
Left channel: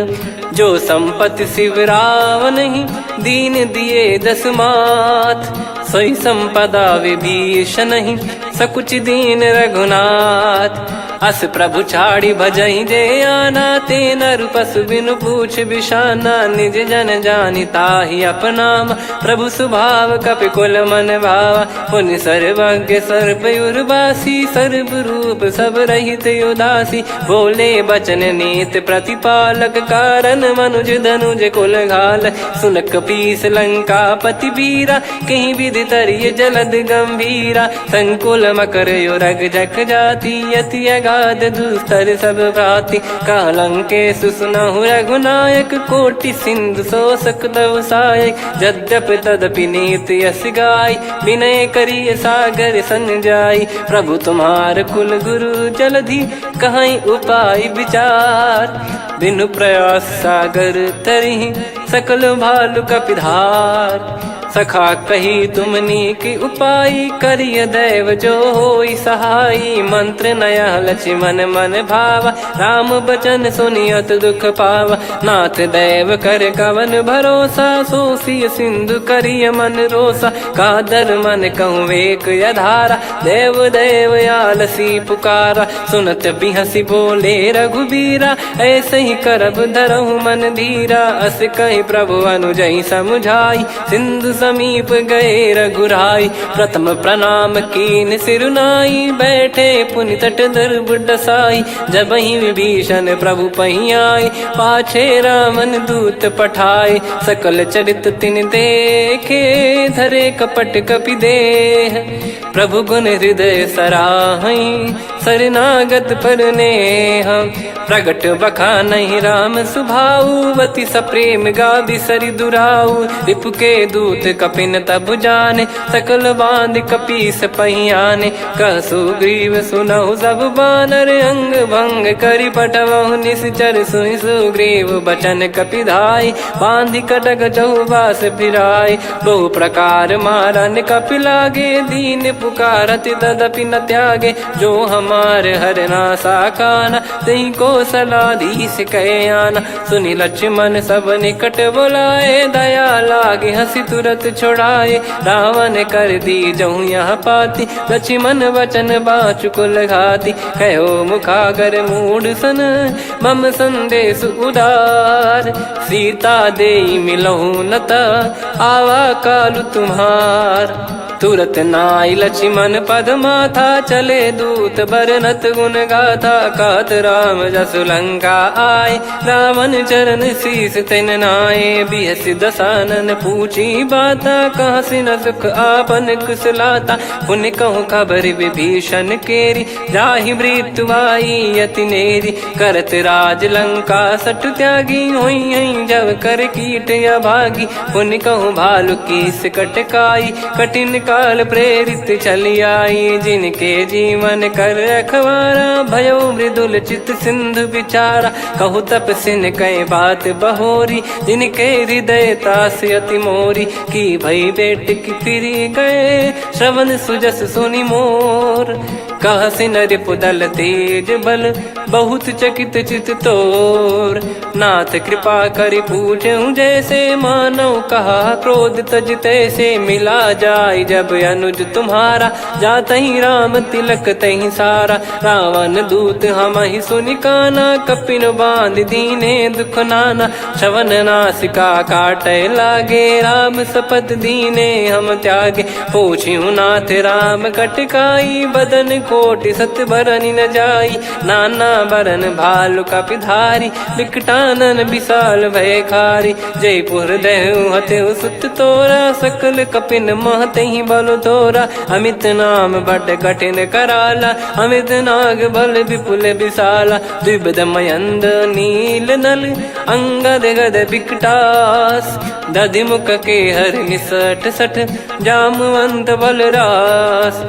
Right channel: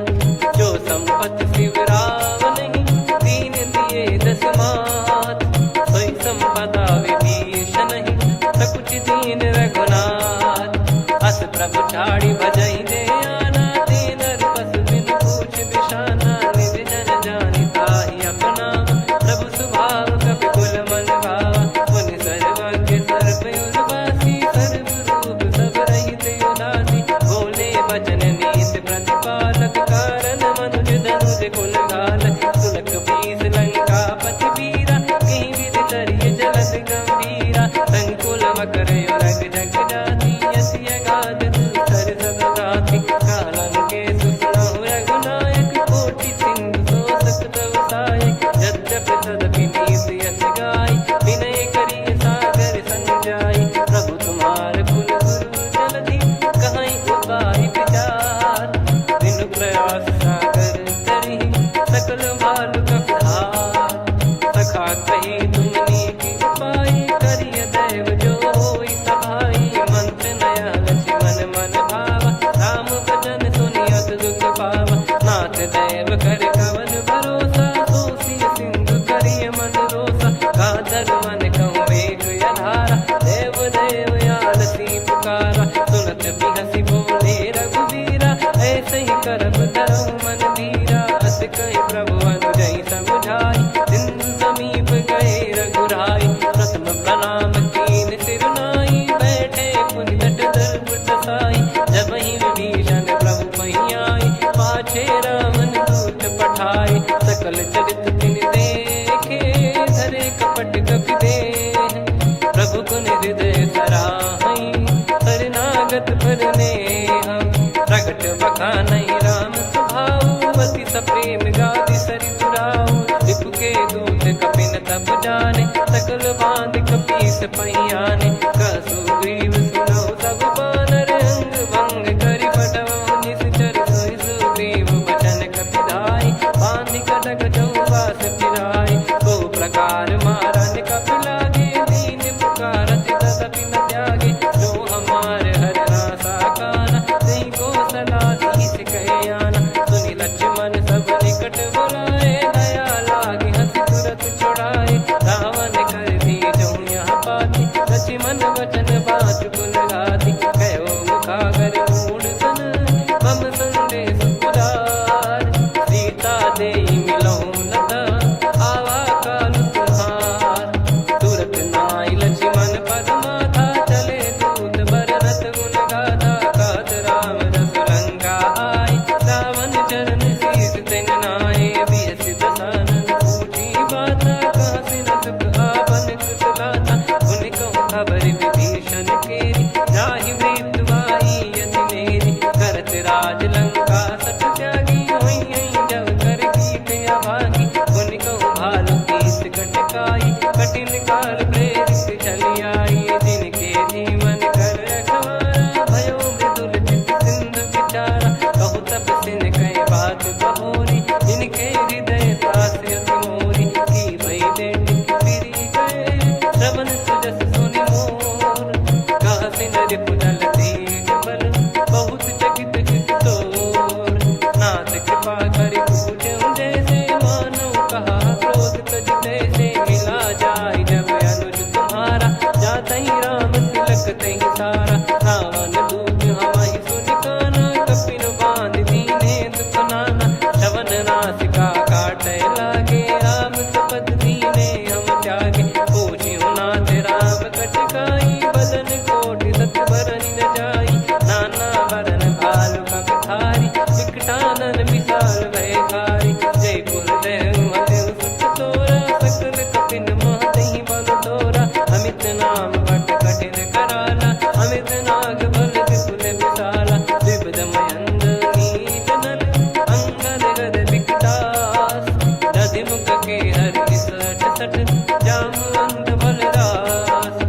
जो संपत्ति शिव रावण ही, दीन दिए दस मात, सोई संपदा विभीषण ही, सकुच दीन रघुनाथ, अस प्रभु छाड़ी भजई जे आना, ते नर पशु बिनु पूछ बिशाना, निज जन जानि ताहि अपनाम, प्रभु स्वभाव कपि कुल मन भावा, मुनि सर्वज्ञ सर्वयुर्वासी, सर्व रूप सब रहित उदासी, बोले बचन नीत प्रतिपालक, कारण मनुज धनुज कुल घाल, सुन कपीस लंका पति वीरा, कहीं विधि तरिय जलद गंभीरा, संकुल मकर युरग जख जाति, यति गाद दुस्तर सब भांति कालंके सुसुनाहु रघुनायक कोटि सिंधु शोषक तव सहायक यद्यपि तदपि नीत यस गाय विनय करिय सागर सन जाई प्रभु तुम्हार कुल गुरु जलधि कहीं उपाय विचार बिनु प्रयास सागर तरिहि सकल भालु कपिधार सखा कही तुमनी की उपाय करिय दैव जो होई सहाई मंत्र नया लक्ष्मण मन भावा राम बचन सुनियत दुख पावा नाथ दैव कर कवन भरोसा सोसिय सिंधु करिय मन रोसा कादर मन कहूँ वेक यधारा देव देव आलसी पुकारा सुनत बिहसी बोले रघुबीरा ऐसे ही करब धरहु मन धीरा अस कही प्रभु अनुजई समुझाई सिंधु समीप गए रघुराई प्रथम प्रणाम कीन सिरुनाई बैठे पुनि तट दर्भ डसाई जब ही विभीषण प्रभु पही आए पाछे रामन दूत पठाए सकल चरित तिन देखे धरे कपट कपि देह प्रभु गुण हृदय सराहई शरणागत पर नेह प्रगट बखानहि राम सुभाऊ वति सप्रेम गादि सरि दुराऊ रिपु के दूत कपिन तब जाने सकल बांध कपीस पहियाने कह सुग्रीव सुनहु सब बानर अंग भंग करि पटवहु निश्चर सुनि सुग्रीव बचन कपिधाई बांधि कटक चहुबास फिराई बहु प्रकार मारन कपि लागे दीन पुकारति तदपि न त्यागे जो हमार हरना साकाना तई को सलाधीश कहे आना सुनि लक्ष्मण सब निकट बुलाए दया लागे हंसी तुरत छोड़ाए रावण कर दी जहूँ यहाँ पाती लक्ष्मण वचन बाचु कुल घाती कहो मुखागर मूड सन मम संदेश उदार सीता देई मिलहु नता आवा कालु तुम्हार तुरत नाई लक्ष्मण पद माथा चले दूत बरनत गुण गाथा कात राम जसु लंका आए रावण चरण शीस तिन नाये बिहसि दसानन पूछी बाता कहाँ से न सुख आपन कुशलाता पुन कहूँ खबर विभीषण केरी जाहि मृत्यु आई यति नेरी करत राज लंका सठ त्यागी होई जब कर कीट अभागी पुन कहूँ भालु कीस कटकाई कठिन काल प्रेरित चली आई जिनके जीवन कर रखवारा भयो मृदुल चित सिंधु विचारा कहु तप सिन कई बात बहोरी जिनके हृदय तास अति मोरी की भई बेट की फिरी गए श्रवण सुजस सुनि मोर कह सिन रिपुदल तेज बल बहुत चकित चित तोर नाथ कृपा करि पूछूं जैसे मानव कहा क्रोध तज तैसे मिला जाय जब अनुज तुम्हारा जात ही राम तिलक तही सारा रावण दूत हम ही सुनि काना कपिन बांध दीने दुख नाना श्रवण नासिका काटे लागे राम सपत दीने हम त्यागे पूछ्यू नाथ राम कटकाई बदन कोटि सत बरनि न जाई नाना बरन भालु कपिधारी विकटानन विशाल भय खारी जयपुर देहु हतेउ सुत तोरा सकल कपिन महतहि बल तोरा अमित नाम बट कठिन कराला अमित नाग बल विपुल विशाला द्विपद मयंद नील नल अंगद गद विकटास दधि मुख के हर निसठ सठ जामवंत बलरास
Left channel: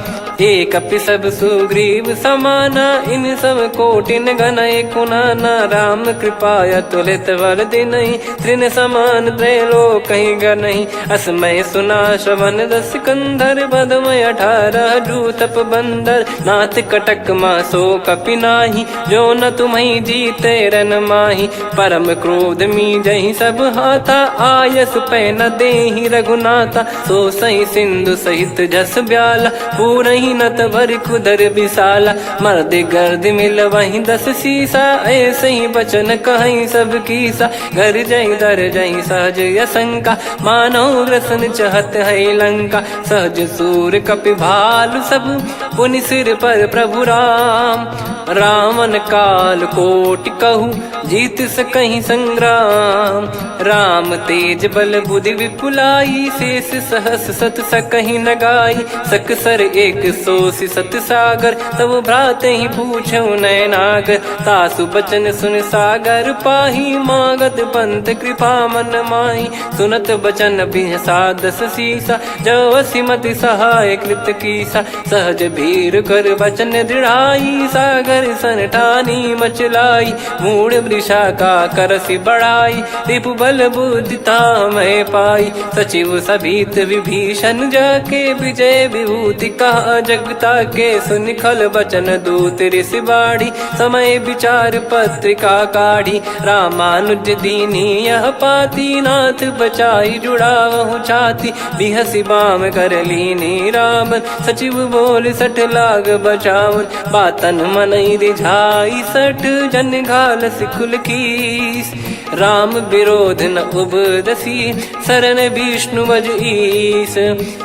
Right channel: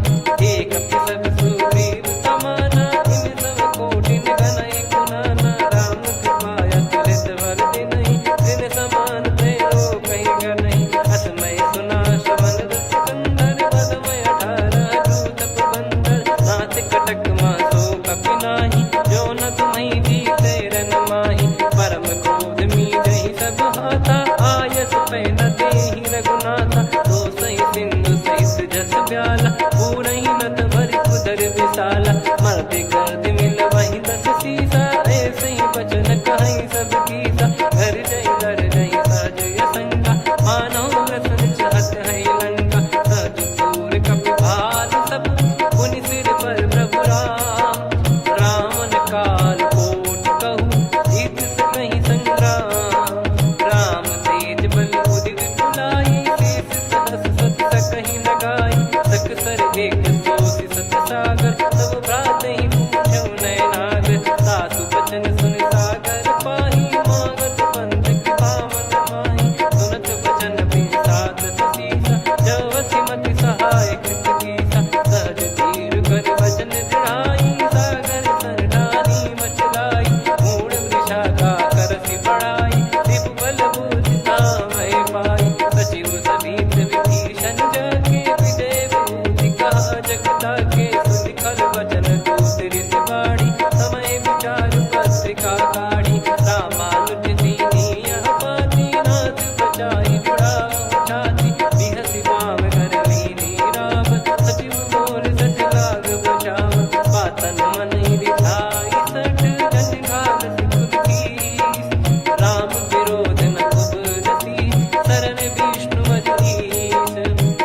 एक अपि सब सुग्रीव समाना इन सब कोटिन गनय कुनाना राम कृपा अतुलित बल दिनहि त्रिन समान त्रैलोक कहीं गनहि असमय सुना श्रवण दस कंधर बदमय 18 जूतप बंदर नाथ कटक मासो कपि नाही जो न तुम्हि जीते रन माही परम क्रोध मी जहि सब हाथा आयस पै न देहि रघुनाथा सो सही सिंधु सहित जस ब्याला पूरहि नत भरि कुदर विशाला मर्द गर्द मिल वहीं 10 सीसा ऐसे ही बचन कहीं सब कीसा घर जहि दर जहि सहज यसंका मानव रसन चहत है लंका सहज सूर कपि भालु सब पुनि सिर पर प्रभु राम रावण काल कोटि कहु जीत सकहीं संग्राम। राम तेज बल बुद्धि विपुलाई, शेष सहस सत सकहीं न गाई। सकसर एक सोसी सत सागर, तब भ्रात ही पूछो नयनागर। तासु बचन सुन सागर पाही, मागत पंथ कृपा मन माही। सुनत बचन बिहसादस सीसा, जव सिमति सहाय कृत कीसा। सहज भीर कर बचन दृढ़ाई, सागर सन ठानी मचलाई। मूढ़ वृषा का करसि बढ़ाई, रिपु बल बुद्धि तामय पाई। सचिव सभीत विभीषण जाके, विजय विभूति कहा जगता के। सुनि खल बचन दूत ऋषि बाड़ी, समय विचार पत्रिका काढ़ी। रामानुज दीनी यह पाती, नाथ बचाई जुड़ावहु छाती। बिहसि बाम कर लीनी रावण, सचिव बोल सठ लाग बचावन। बातन मनई रिझाई सठ, जन घाल सिकुल कीस। राम विरोध न उपदसी, शरण विष्णु बज ईस।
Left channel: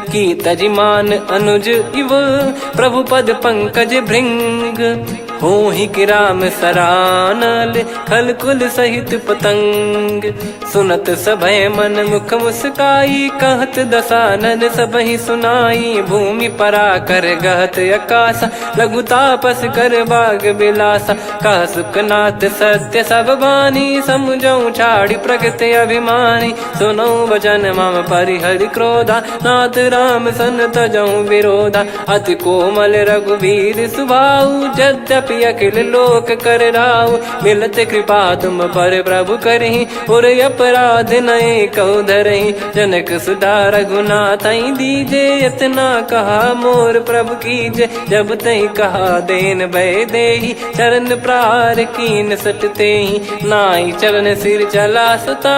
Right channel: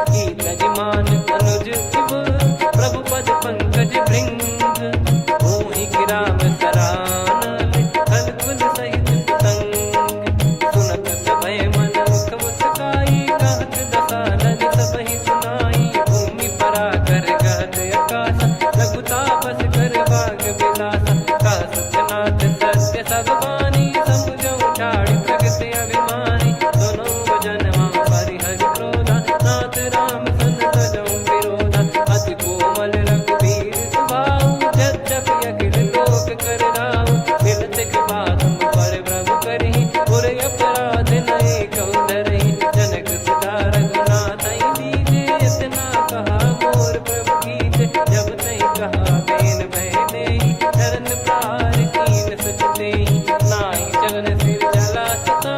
की तजिमान अनुज इव, प्रभु पद पंकज भृंग। होहि कि राम सरानल, खल कुल सहित पतंग। सुनत सभय मन मुख मुस्काई, कहत दसानन सबहि सुनाई। भूमि परा कर गहत आकाशा, लघु तापस कर बाग बिलासा। कह सुखनाथ सत्य सब बानी, समुझौ छाड़ी प्रगति अभिमानी। सुनो भजन मम परिहरि क्रोधा, नाथ राम सन तजौ विरोधा। अति कोमल रघुवीर सुभाऊ, यद्यपि अखिल लोक कर राऊ। मिलत कृपा तुम पर प्रभु करहि, पुर अपराध नए कौ धरहि। जनक सुधा रघुनाथ दीजे, इतना कहा मोर प्रभु कीजे। जब तई कहा देन भय देहि, चरण प्रार कीन सट तेहि। नाई चरण सिर चला सता,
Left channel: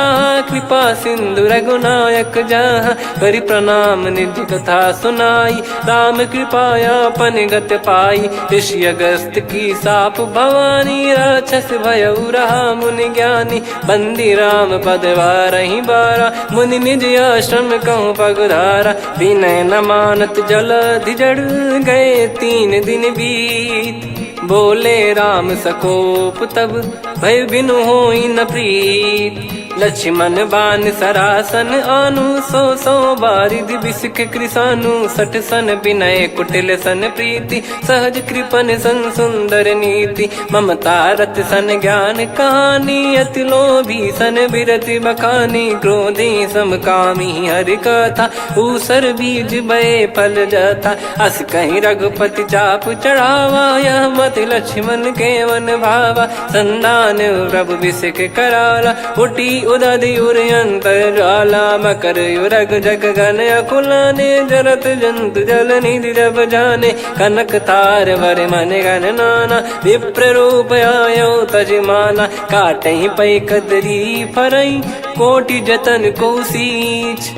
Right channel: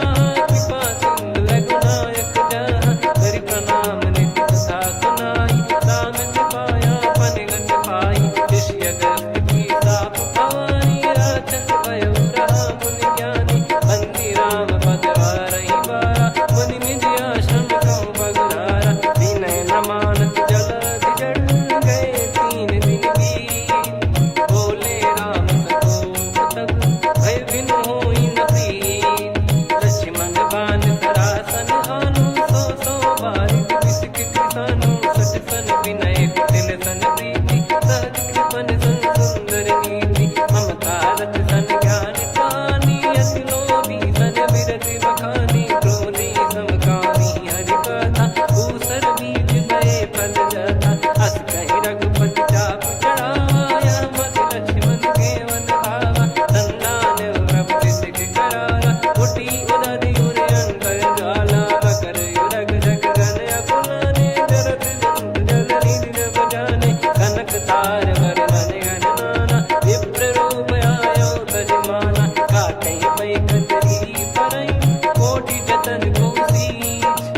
कृपा सिंधु रघुनायक जहाँ। करि प्रणाम निधि कथा सुनाई, राम कृपाया पन गत पाई। ऋषि अगस्त की साप भवानी, राक्षस भयउ रहा मुनि ज्ञानी। बंदी राम पद वारहि बारा, मुनि निज आश्रम कहूँ पगुधारा। विनय न मानत जलधि जड़, गए 3 दिन बीत। बोले राम सकोप तब, भय बिनु होई न प्रीत। लक्ष्मण बान सरासन आनु, 100 बारिधि बिसक कृसानु। 60 सन विनय कुटिल सन प्रीति, सहज कृपन सन सुंदर नीति। ममता रत सन ज्ञान कहानी, अति लोभी सन बिरति बखानी। क्रोधी समकामी हरि कथा, ऊसर बीज बये फल जथा। अस कहीं रघुपति चाप चढ़ावा, यह मत लक्ष्मण के वन भावा। संदान प्रभु बिसक कराला, उठी उदधि उर अंतर ज्वाला। मकर युरग जग गण अकुलाने, जरत जंतु जल निधि जब जाने। कनक तार वर मन गण नाना, विप्र रूप आयो तजमाना। काटहि पै कदरी फरई, कोटि जतन को सींच।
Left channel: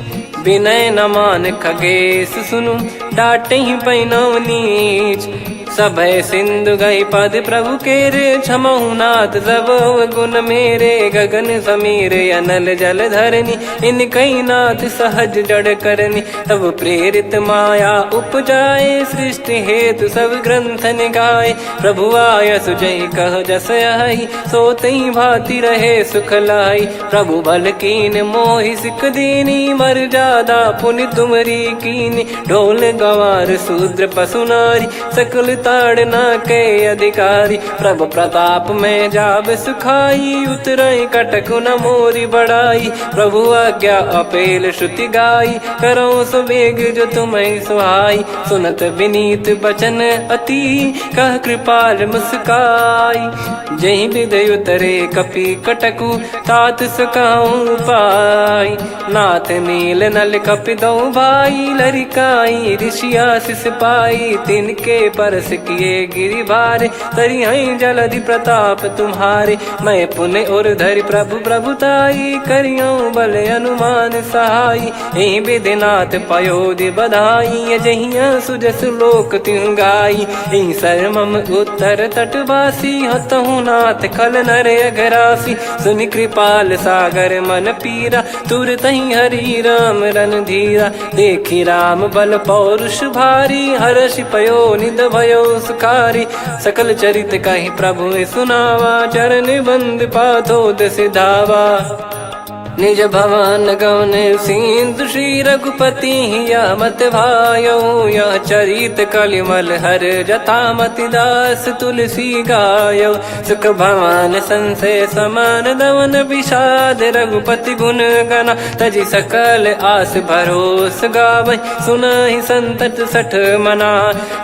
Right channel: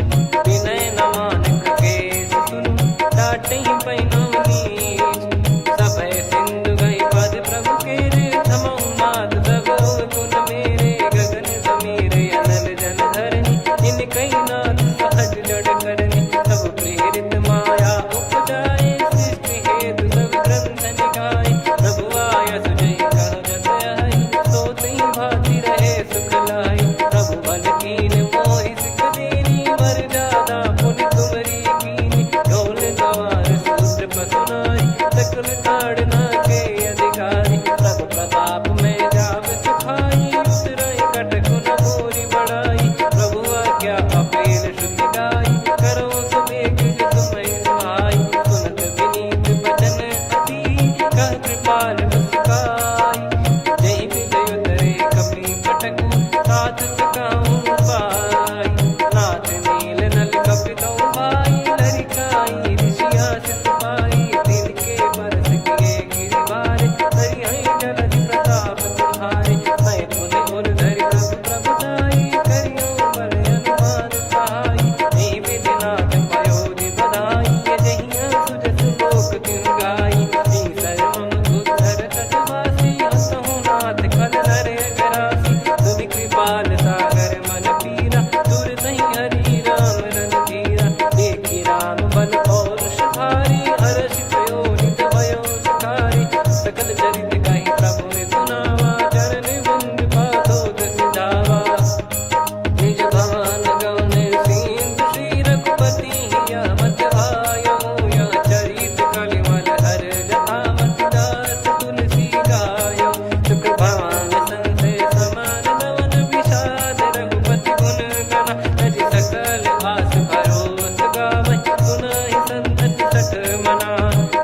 विनय न मान खगेश सुनु, डांटहि पै नव नीच। सभय सिंधु गई पद प्रभु केरे, क्षमहु नाथ सब गुण मेरे। गगन समीरे अनल जल धरनी, इन कई नाथ सहज जड़ करनी। तब प्रेरित माया उपजाए, सृष्टि हेतु सब ग्रंथ निगाए। प्रभु आय सुजई कह जस आई, सोतई भांति रहे सुख लाई। प्रभु बल कीन मोहि सिख दीनी, मर्यादा पुनि तुमरी कीनी। ढोल गवार शूद्र पशु नारी, सकल ताड़ना के अधिकारी। प्रभु प्रताप में जाब सुखाई, उतरई कटक न मोरी बढ़ाई। प्रभु आज्ञा अपेल श्रुति गाई, करो सुबेग जो तुम्हें सुहाई। सुनत विनीत बचन अति, कह कृपाल मुस्काई। जहि हृदय उतरे कपि कटकु, तात सकाऊं पाई। नाथ नील नल कपि दो भाई, लरिकाई ऋषि आशीष पाई। तिनके परस किए गिरि भारे, तरिहै जलधि प्रताप तुम्हारे। मैं पुन और धरि प्रभु प्रभुताई, करियौ बल अनुमान सहाई। एहि विधिनाथ पयोधि बधाई, जहिया सुजस लोक तिहुँ गाई। एहि सरमम उत्तर तटवासी, हतहु रघुनाथ खल नर अघरासी, सुनि कृपाल सागर मन पीरा, तुरतहि हरि राम रणधीरा। देखि राम बल पौरुष भारी, हर्षि पयो निध भयो सुखारी। सकल चरित कहि प्रभु सुनावा, चरण बंद पादोद सिधावा। निज भवन गौन सिंधु श्री रघुपति हिया मत भायो, यह चरित कलिमल हर जथा मति दास तुलसी गायो। सुख भवन संशय समान दवन विषाद, रघुपति गुण गना तजि सकल आस भरोस गावै। सुनहि संतत सठ मना,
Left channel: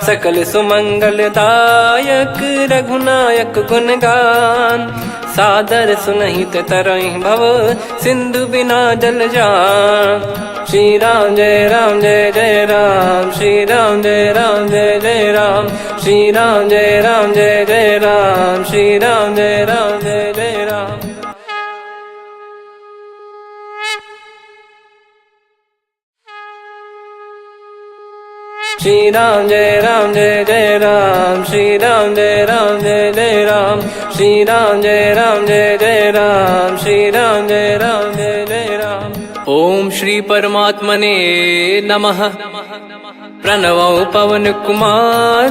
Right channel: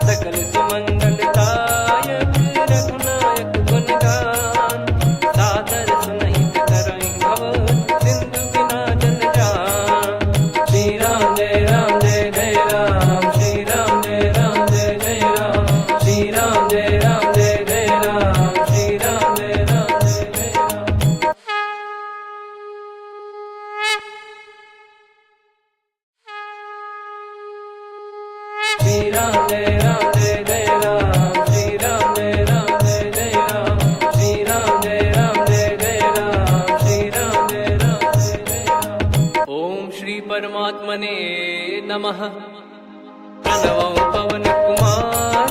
सकल सुमंगल दायक रघुनायक गुण गान। सादर सुनहित तरहि भव, सिंधु बिना जल जान। श्री राम जय जय राम, श्री राम जय जय राम, श्री राम जय जय राम, श्री राम जय जय राम। श्री राम जय जय राम, श्री राम जय जय राम, श्री राम जय जय राम, श्री राम जय जय राम। ओम श्री परमात्मने नमः। प्रणवो पवन कुमार,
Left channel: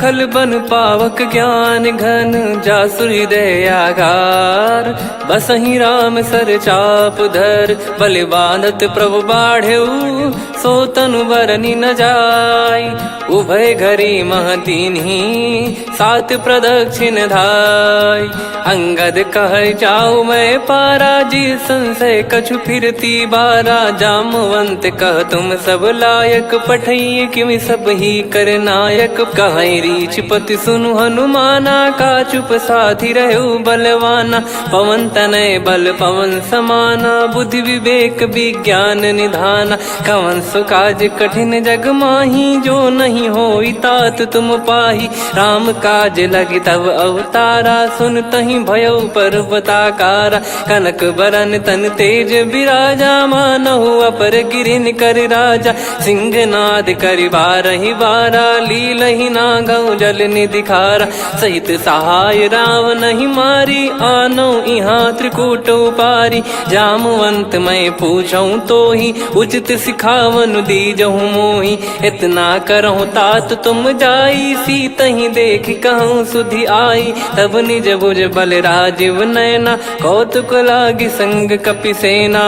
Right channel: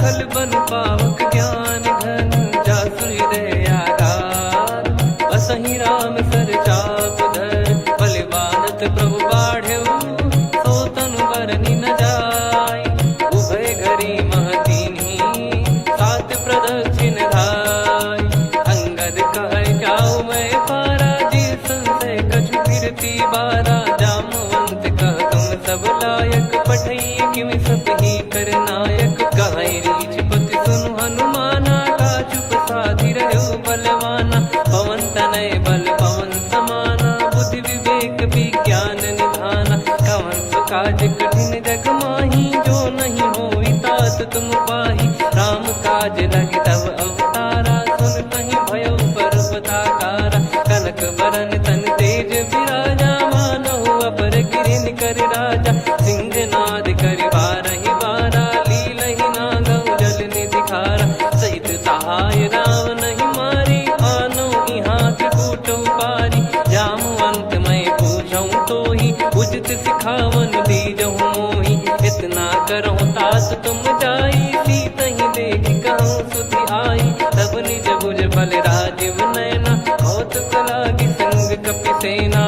खल बन पावक ज्ञान घन, जासु हृदय आगार। बसहि राम सर चाप धर, बलि बांधत प्रभु बाढ़ऊ, सो तनु बरनि न जाय। उभय घरी महतीन्ही, सात प्रदक्षिण धाय। अंगद कह जाऊ मैं पारा, जी संशय कछु फिरती बारा। जामवंत कह तुम सब लायक, पठई किमि सब ही कर नायक। कहै रीछ पति सुनु हनुमाना, का चुप साधि रहु बलवाना। पवन तनय बल पवन समाना, बुद्धि विवेक विज्ञान निधाना। कवन सो काज कठिन जग माही, जो नहीं होई तात तुम पाही। राम काज लगी तब अवतारा, सुन तहि भयउ पर्वताकारा। कनक बरन तन तेज बिराजा, मानहु अपर गिरिन कर राजा। सिंहनाद करि बारहि बारा, लीलहि नागौ जल निधि खारा। सहित सहाय राम नहीं मारी, आनो इहाँ त्रिकूट उपारी। जामवंत मैं पूछऊँ तोहि, उचित सिखावन दीजहु मोहि। इतना करहु तात तुम जाई, सीतहि देख कहूँ सुधि आई। तब निज भुज बल राजीव नयना, कौतुक लागी संग कपिसेना।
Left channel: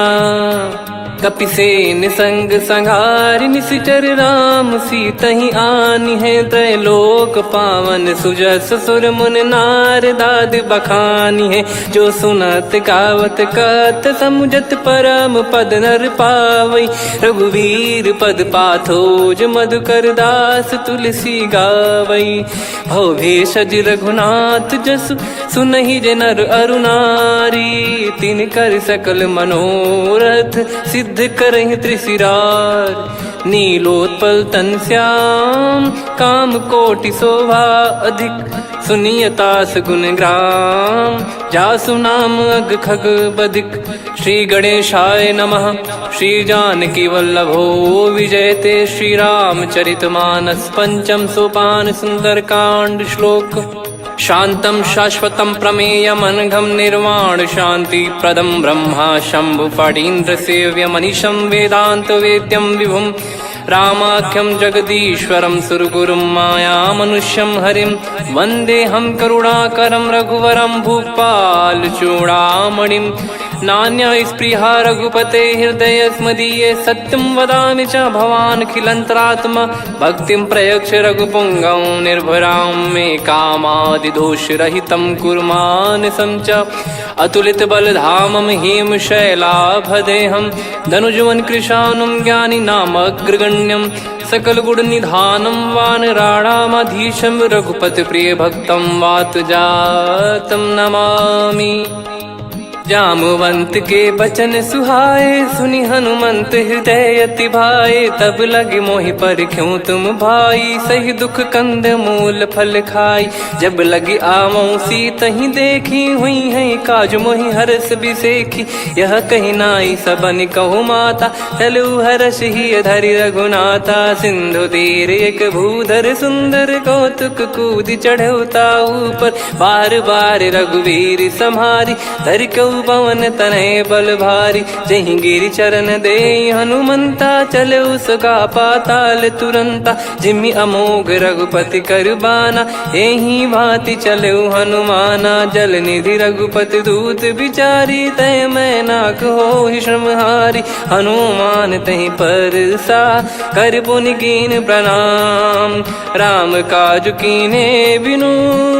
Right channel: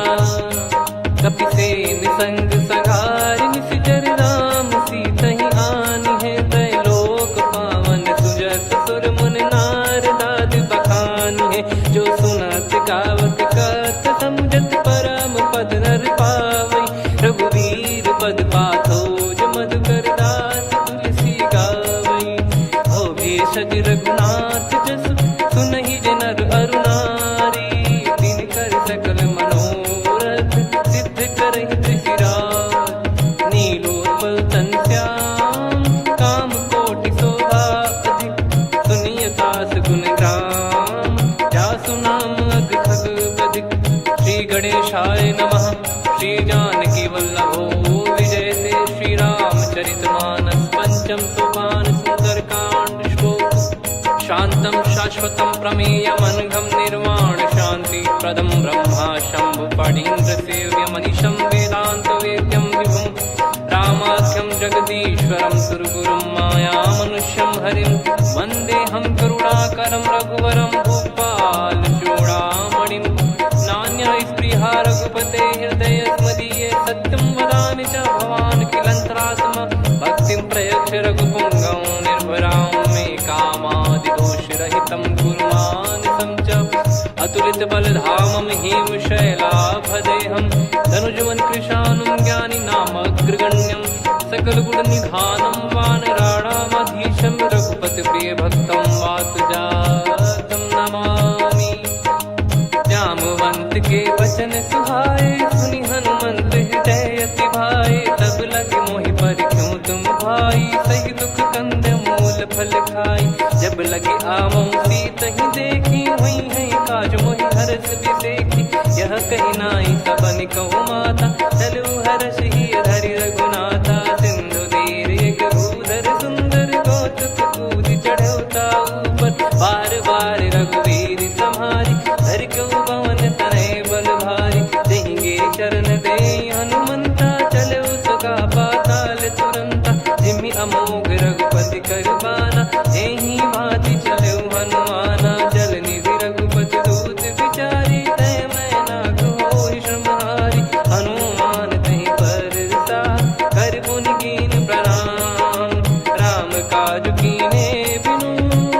कपिसेन संग संघारि निशिचर राम, सीतहि आनि है त्रैलोक पावन। सुजस सुर मुन नार दाद बखानी है, जो सुनत गावत कथ समुझत परम पद नर पावै। रघुवीर पद पाथोज मधुकर दास तुलसी गावै। भव भेषज रघुनाथ जसु, सुनहि जे नर अरु नारी। तिन कर सकल मनोरथ, सिद्ध करहि त्रिशिरार। नीलोत्पल तन श्याम, काम कोटि शोभा अधिक। सुनियतास गुण ग्राम, जासु नाम अग खग बधिक। श्री गणेशाय नमः। श्री जानकी वल्लभो विजयते, श्री रामचरित मानस पंचम सोपान सुंदरकांड श्लोक। शांतं शाश्वतं प्रमेयमनघं निर्वाण शांति प्रदं ब्रह्मा शंभु फणीन्द्र सेव्य मनीषं वेदांत वेद्यं विभुं। रामाख्यं जगदीश्वरं सुरगुरुं माया मनुष्यं हरिं। वन्देऽहं करुणाकरं रघुवरं भूपाल चूडामणिं। नान्या स्पृहा रघुपते हृदय स्मदीये, सत्यं वदामि च भवान् खिलन्तरात्मा। भक्तिं प्रयच्छ रघुपुङ्गं निर्भरां मे कामादिदोषरहितं कुर्मानसं च। अतुलित बलधामं हेमशैलाभदेहं, धनुजवन कृशानुं ज्ञानिनामग्रगण्यं। सकल गुण निधानं वानराणामधीशं, रघुपति प्रिय भक्तं वातजातं नमामि। जामवंत के बचन सुहाए, सुनि हनुमंत हृदय अति भाए। तब लगे मोहि पर क्यों तुम भाई, सही दुख कंद मूल फल खाई। जब लगी आवऊं सीत ही देखी, हुई है काज मोहि हरस बिसेखी। यह कही नाई सबन कहु माता, चलू हरष ही धरि रघुनाथा। सिंधु तीर एक भूधर सुंदर, कौतुक कूद चढ़ौता ऊपर। बार बार रघुवीर सम्हारी, धरि कहु पवन तनय बल भारी। जहि गिरि चरण दे हनुमंता, चलो सगा पाताल तुरंता। जिमि अमोघ रघुपति कर बाना, एहि भांति चलो हनुमाना। जल निधि रघुपति दूत बिचारी, तय मैं नाग होहि श्रमहारी। हनुमान तहि परसा, कर पुनि कीन प्रणाम। राम काज कीने बिनु,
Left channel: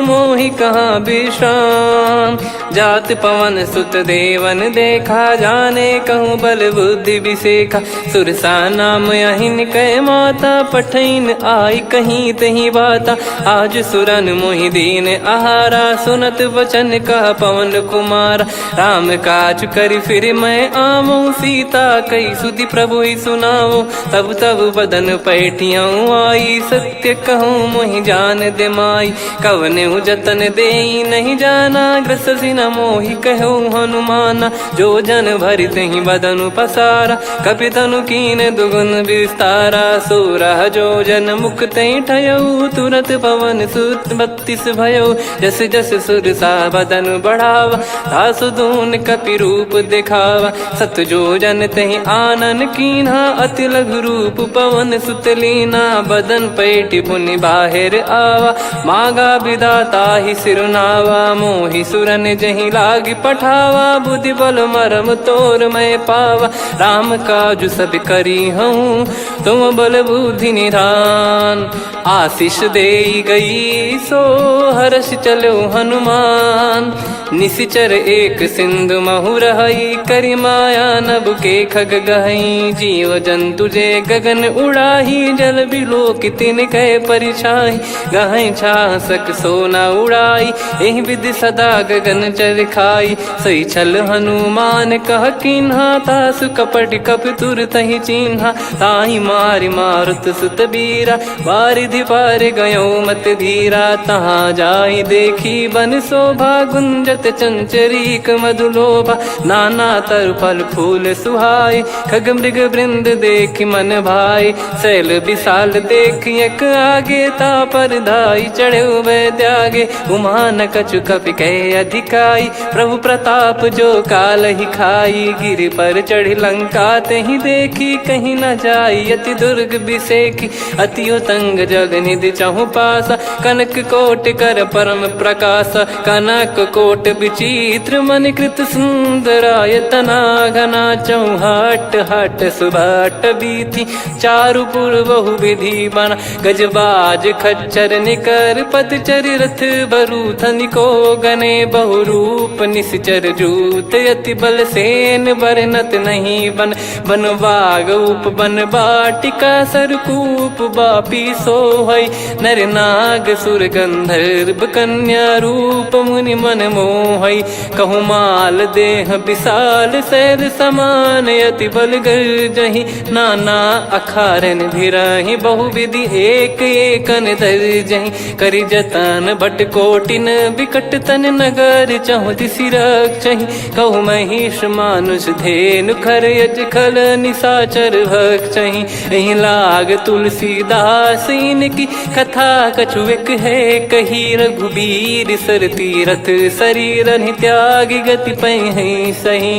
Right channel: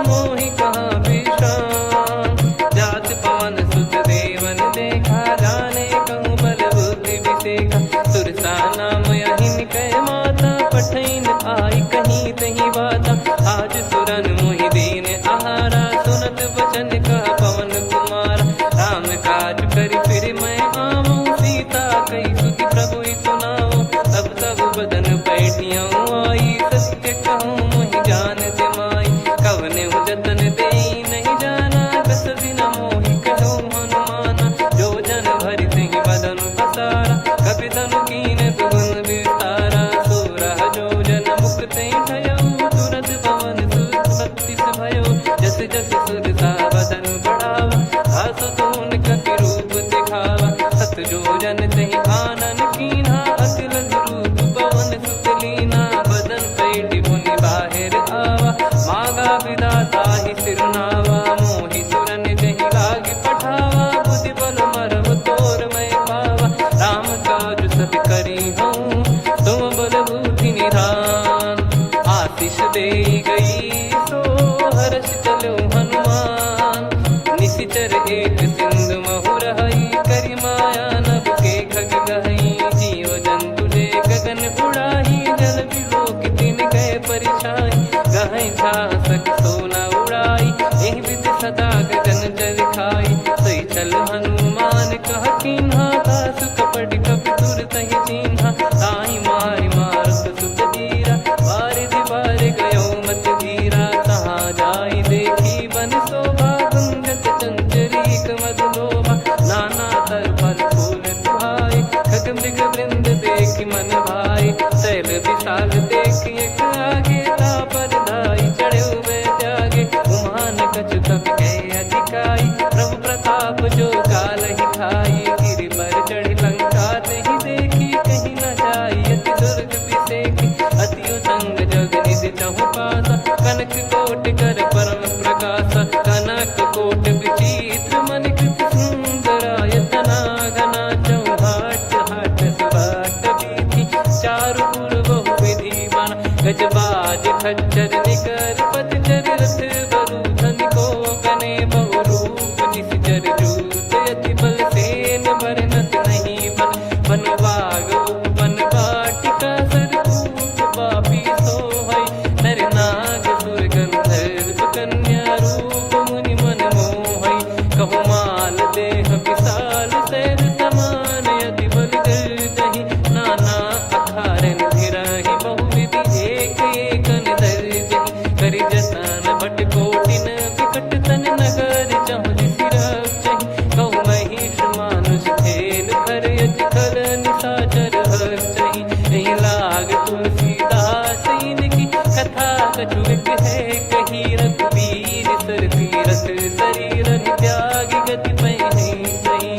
मोहि कहाँ विश्राम। जात पवन सुत देवन देखा, जाने कहूँ बल बुद्धि विसेखा। सुरसा नाम अहिन कै माता, पठैन आई कहीं तहीं बाता। आज सुरन मोहि दीन आहारा, सुनत वचन कह पवन कुमारा। राम काज करि फिर मैं आवऊं, सीता कई सुधि प्रभु ही सुनाओ। तब तब बदन पैठियाँ आई, सत्य कहूँ मोहि जान दे माई। कवने जतन देई नहीं जाना, ग्रसि न मोहि कहूँ हनुमाना। जो जन भरि तहि बदनु पसारा, कपि तनु कीन दुगुन विस्तारा। सोरह जो जन मुख तहि ठयऊ, तुरत पवन सुत 32 भयऊ। जस जस सुरसा बदन बढ़ावा, आसु दून कपि रूप दिखावा। सत जो जन तहि आनन कीन्हा, अति लघु रूप पवन सुत लीना। बदन पैठि पुनि बाहिर आवा, मांगा विधाता ही सिरुनावा। मोहि सुरन जहि लागी पठावा, बुद्धि बल मरम तोर मैं पावा। राम काज सब करी हूँ, तुम बल बुद्धि निधान। आशीष देई गई सो, हर्ष चलो हनुमान। निशिचर एक सिंधु महु रहई, करि माया नभ के खग गहई। जीव जंतु जे गगन उड़ाही, जल बिलोक तिन कह परिछाई। गहई छासक सोना उड़ाई, एहि विधि सदा गगन चर खाई। सही छल हनुमान कह कीन्हा, तासु कपट कपि तुर तहि चिन्हा। ताहि मारि मारुत सुत बीरा, बारिधि पार गयो मत धीरा। तहाँ जाई देखी बन शोभा, गुंजत चंचरीक मधुलोभा। नाना तरु फल फूल सुहाए, खग मृग वृंद देख मन भाई। शैल विशाल देख एक आगे, तापर धाई चढ़े वै त्यागे। उमान कछु कपि कह अधिकाई, प्रभु प्रताप जो काल ही खाई। गिर पर चढ़ी लंका तहि देखी, कहीं न जाई अति दुर्ग बिसेखी। अति उतंग जग निधि चहु पासा, कनक कोट कर परम प्रकाशा। कनक कोट विचित्र मन कृत सुंदरायतना। घना चौहाट हाट सुबाट बीथी, चारु पुर बहु विधि बना। गजबाज खच्चर निकर पतचर, रथ बरु धनिको गने। बहु रूप निश्चर जूत, अति बल सेन बरनत नहीं बन। बन बाग उप बन बाटिका, सरकूप बापी सोहई। नर नाग सुर गंधर्व कन्या, रूप मुनि मन मोहई। कहु माल देह विशाल, शैल समान अति बल गर्जहि। नाना अखारन भिराहि, बहु विधि एक एकन दर्जहि। करि जतन भट कोटिन, विकट तन नगर चहु दिसि रक्षहि। कहु महिष मानुष धेनु, खर यज खल निशाचर भक्षहि। एहि लाग तुलसीदास इनकी, कथा कछु एक है कही। रघुबीर सर तीरथ शरीर, त्यागी गति पै सही।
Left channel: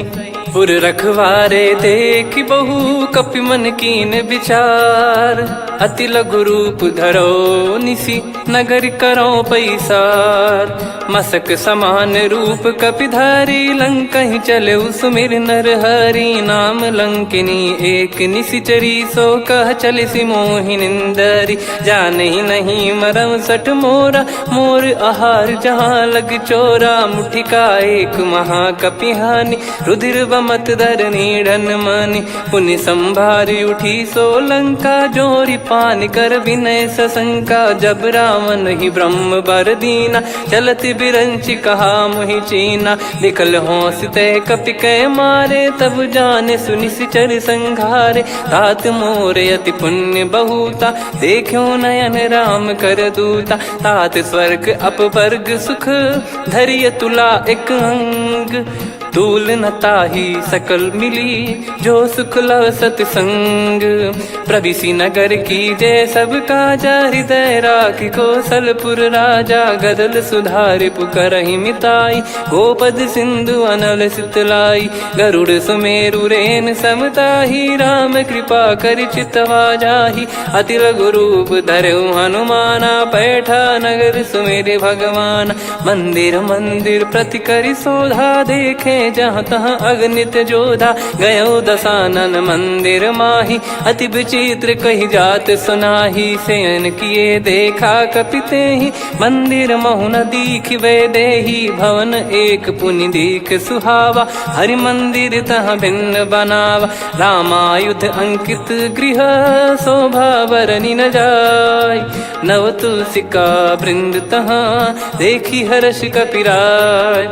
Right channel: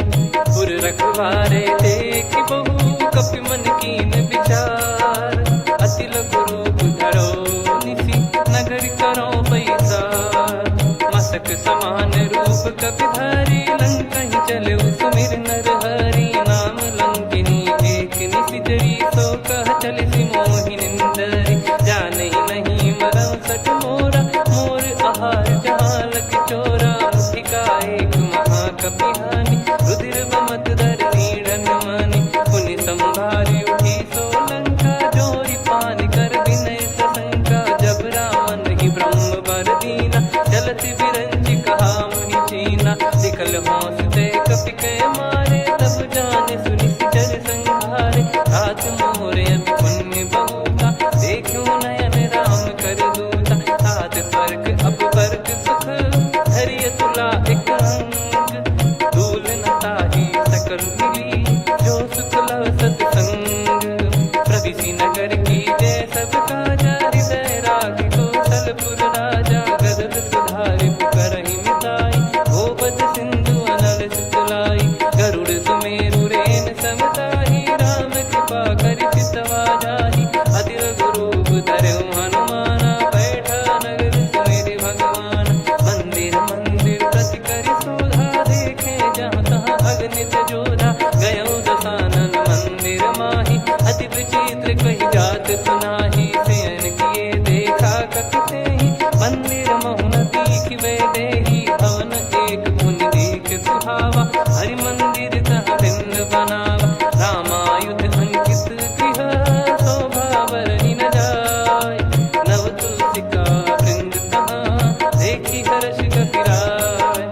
पुर रखवारे देख बहु, कपि मन कीन विचार। अति लघु रूप धरो निसी, नगर करो पैसार। मसक समान रूप कपि धारी, लंकहि चले सुमिर नर हरि। नाम लंकिनी एक निशिचरी, सो कह चलिसि मोहि निंदरी। जानहि नहीं मरम सठ मोरा, मोर आहार जहाँ लग चोरा। मुठिका एक महाकपि हानि, रुधिर बमत धरनी ढन मनि पुनि संभारी उठी सोलंका जोरी पानी कर विनय सशंका जब रावण ही ब्रह्म बर दीना चलत बिरंची कहा मुहि चीना निकल होंस ते कपि कै मारे तब जाने सुनि सिचर संघारे तात मोरे अति पुण्य बहुता देखो नयन राम कर दूता तात स्वर्ग अपवर्ग सुख धरिय तुला एक अंग तूल न ताही सकल मिली जो सुख लव सतसंग प्रविसी नगर की जय सब काजा हृदय राखी कौशलपुर राजा गदल सुधारि पुकरहि मिताई गोपद सिंधु अनल सितलाई गरुड़ सुमेरु रेन समताही राम कृपा कर चितवा जाही अति लघु रूप धरऊ हनुमाना बैठा नगर सुमेरे भगवान मंदिर मंदिर प्रति करि शोधा देखे जहाँ तहाँ अगणित जोधा गयो दशानन मंदिर माही अति विचित्र कही जात सुनाही सेन किए देखा कपिते ही मंदिर महु न दीख वे देही भवन एक पुनि दीख सुहावा हरि मंदिर तहाँ भिन्न बनावा रामायुध अंकित गृह शोभा बरनी न जाय नव तुलसी का वृंद तहाँ देखी हर्ष कपिराय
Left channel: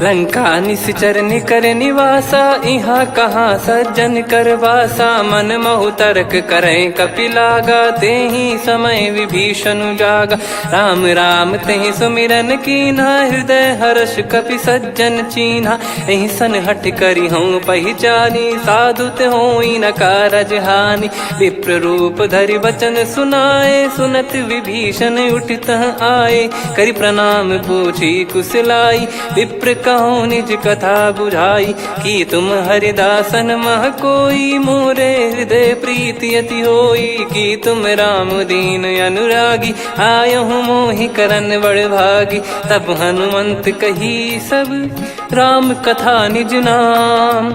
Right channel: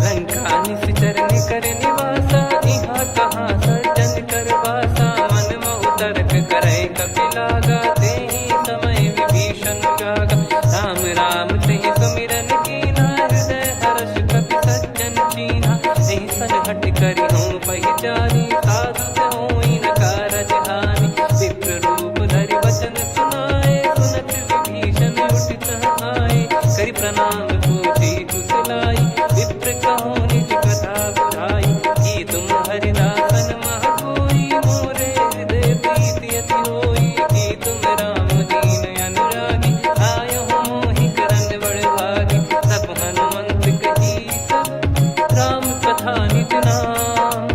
लंका निश्चर निकर निवासा यहाँ कहाँ सज्जन कर वासा मन महु तर्क करे कपिलागा ते ही समय विभीषण जागा राम राम ते सुमिरन कीना हृदय हर्ष कपि सज्जन चीन्हा यही सन हट करी हूँ पहचानी साधु ते होई न कारज हानि विप्र रूप धरि वचन सुनाए सुनत विभीषण उठित आए करि प्रणाम पूछी कुशलाई विप्र कहो निज कथा बुझाई कि तुम हरिदासन मह कोई मोरे हृदय प्रीति अति होई कि तुम राम दीन अनुरागी आयहु मोहि करन बड़ भागी तब हनुमंत कही सब राम कथा निज नाम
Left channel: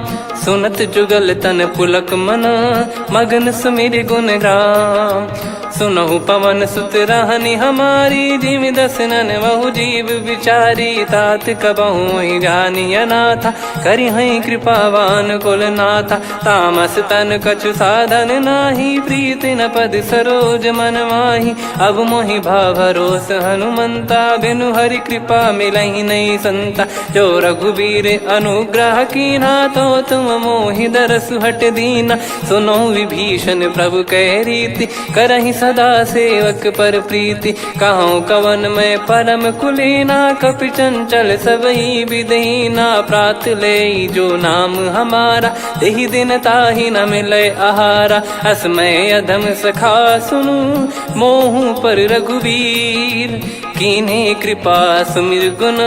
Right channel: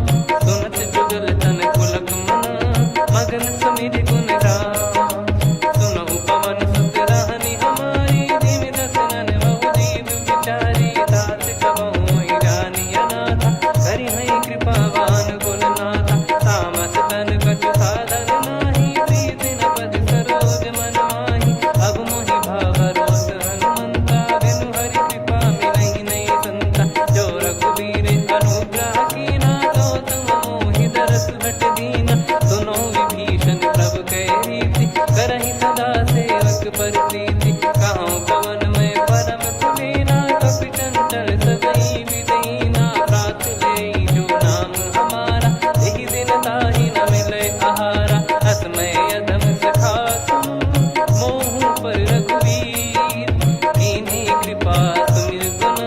सुनत जुगल तन पुलक मन मगन सुमिर गुण राम सुनहु पवन सुत रहनी हमारी जिमि दसनन बहु जीव विचारी तात कबहु ही जानी अनाथा करि हई कृपावान कुल नाथा तामस तन कछु साधन नाही प्रीति न पद सरोज मन माही अब मोहि भाव भरोस हनुमंता बिनु हरि कृपा मिलहि नहीं संता जो रघुबीर अनुग्रह कीना तो तुम मोहि दरस हट दीना सुनो विभीषण प्रभु कह रीति करहि सदा सेवक पर प्रीति कहूँ कवन में परम कुलीना कपि चंचल सबही विदहीना प्रात ले जो नाम हमारा तेहि दिन ताहि न मिले आहारा असमय अधम सखा सुनु मोहु पर रघुवीर कीन्हे कृपा सुमिर गुण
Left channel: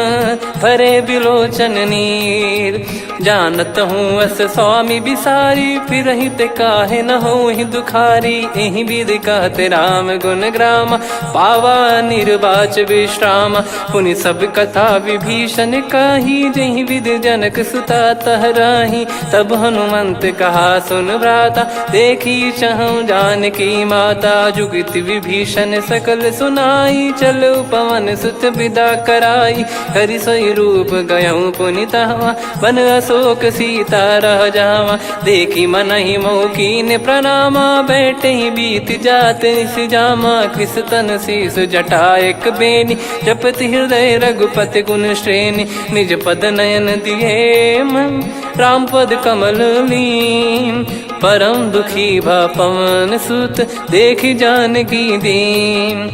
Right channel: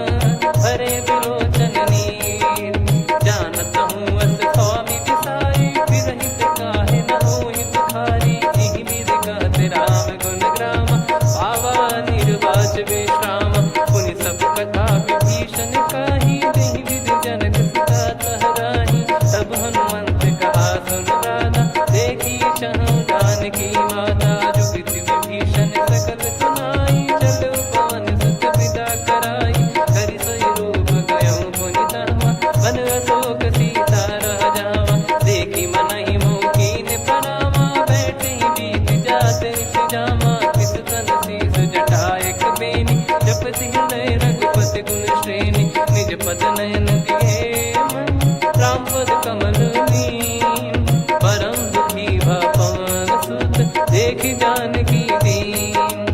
भरे बिलोचन नीर जानत हूँ अस स्वामी बिसारी फिर हित काहे न हो ही दुखारी एहि विध कहते राम गुण ग्राम पावा निर्वाच विश्राम पुनि सब कथा विभीषण काही जहि विध जनक सुता तहराही तब हनुमंत कहा सुन भ्राता देखी चहु जानकी माता जुगित विभीषण सकल सुनाई चलो पवन सुत विदा कराई करि सोई रूप गयऊँ पुनि तहवा बन अशोक सीता रह जावा देखी मन ही मौकीन प्रणामा बैठे ही बीत जाते जामा कृष तन शीस जटा एक बेनी जपति हृदय रघुपति गुण श्रेणी निज पद नयन दिए मन राम पद कमल लीन परम दुखी भा पवन सुत देखी जानकी दीन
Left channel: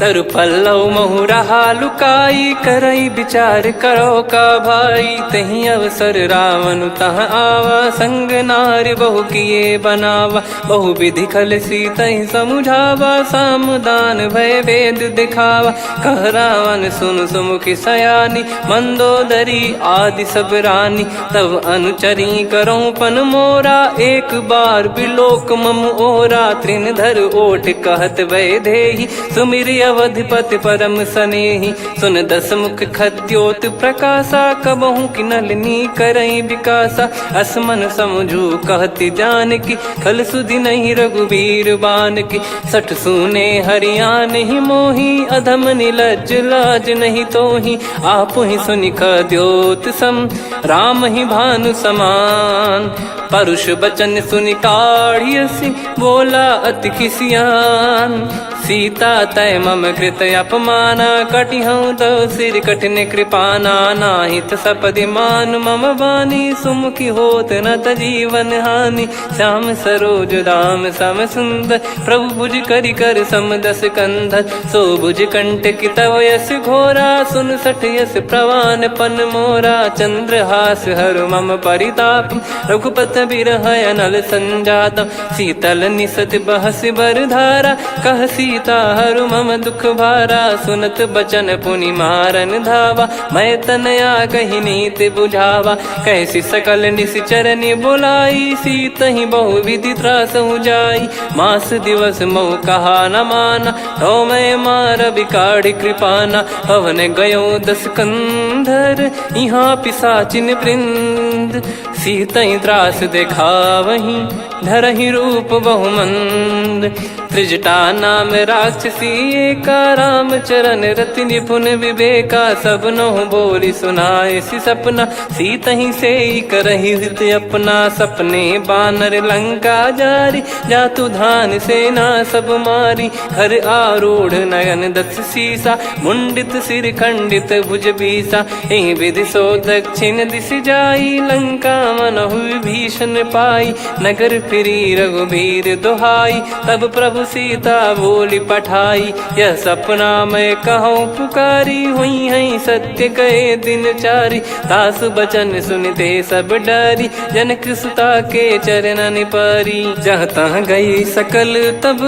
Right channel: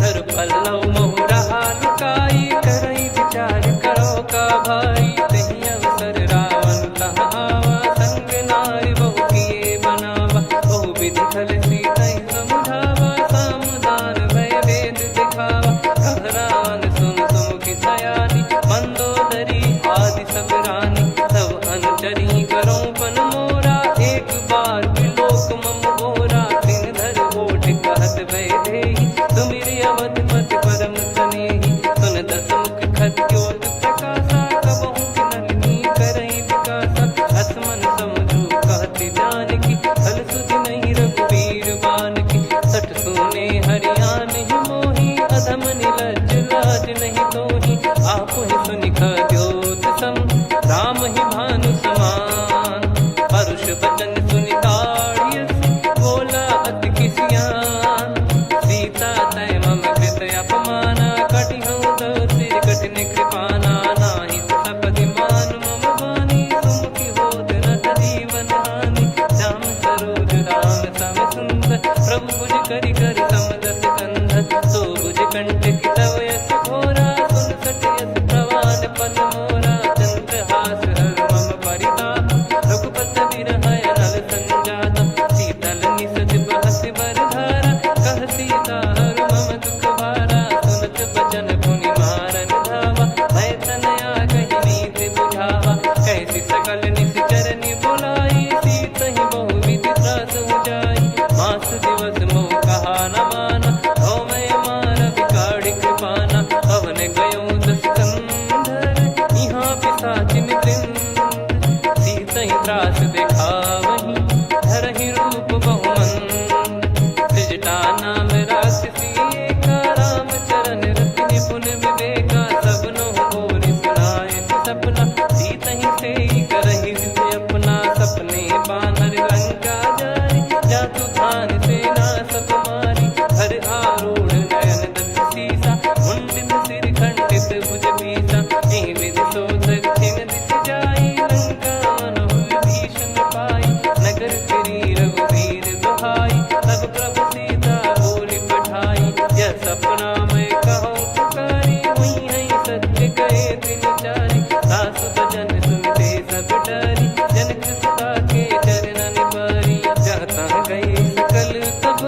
तरु पल्लव महु रहा लुकाई करई विचार करो का भाई तही अवसर रावण तह आवा संग नारी बहु किए बनावा बहु विधि खल सीतहि समुझावा सामदान भय वेद दिखावा कह रावण सुन सुमुखी सयानी मंदोदरी आदि सब रानी तब अनुचरी करो पन मोरा एक बार बिलोक मम ओरा तृण धर ओट कहत वै देहि सुमिर अवधिपति परम सनेही। सुन दस मुख खद्योत प्रकाशा, कबहू की नलिनी करई विकासा। असमन समझू कहती जान की, फल सुधि नहीं रघुबीर बान की। सठ सुने हरियाण ही मोही, अधम निलज लाज नहीं तोही। आप ही सुनि खद्योत सम, राम ही भानु समान। परुष बचन सुनि काढ़ियसि, बोला अति किसियान। सीता तय मम कृत अपमाना, कटिहऊँ तो सिर कठिन कृपाना। नाहित सपदि मान मम बानी, सुमुखी होत न जीवन हानि। श्याम सरोज राम सम सुंदर, प्रभु भुज करि कर सम दस कंधर। सो भुज कंठ की तव यस घोरा, सुन सठ यस प्रवान पन मोरा। चंद्रहास हर मम परिताप, रघुपत बिरह अनल संजात। शीतल निसत बहस बर धारा, कह सीता हरु मम दुख भारा। सुनत बचन पुनि मारन धावा, मैं तनया कही नीति बुझावा। कैसी सकल निश्चरनि बुलाई, सीत ही बहु विधि त्रास जाई। मास दिवस मोह कहा न माना, तो मैं मार बिकाढ़ी कृपाना। पवन गयो दस कंधर, यहाँ पिशाचिन वृंद। सीतहि त्रास देखावहीं, धरहि रूप बहुमंद। त्रिजटा नाम राक्षसी एका, राम चरण रति निपुण विवेका। सबनो बोली सुनाए सि सपना, सीतहि सेई करहि हृद अपना। सपने बानर लंका जारी, जातु धान सेना सब मारी। हर आरूढ़ नयन दस सीसा, मुंडित सिर खंडित भुज बीसा। एहि विधि सो दक्षिण दिश जाई, लंका मनहु भीषण पाई। नगर फिरी रघुबीर दुहाई, तब प्रभु सीता बोली पठाई। यह सपना मैं कहूँ पुकारी, हुई है सत्य कहे दिन चारी। सासु बचन सुनते सब डरी, जनक सुता के चरण परी। जहाँ तहाँ गई सकल तब,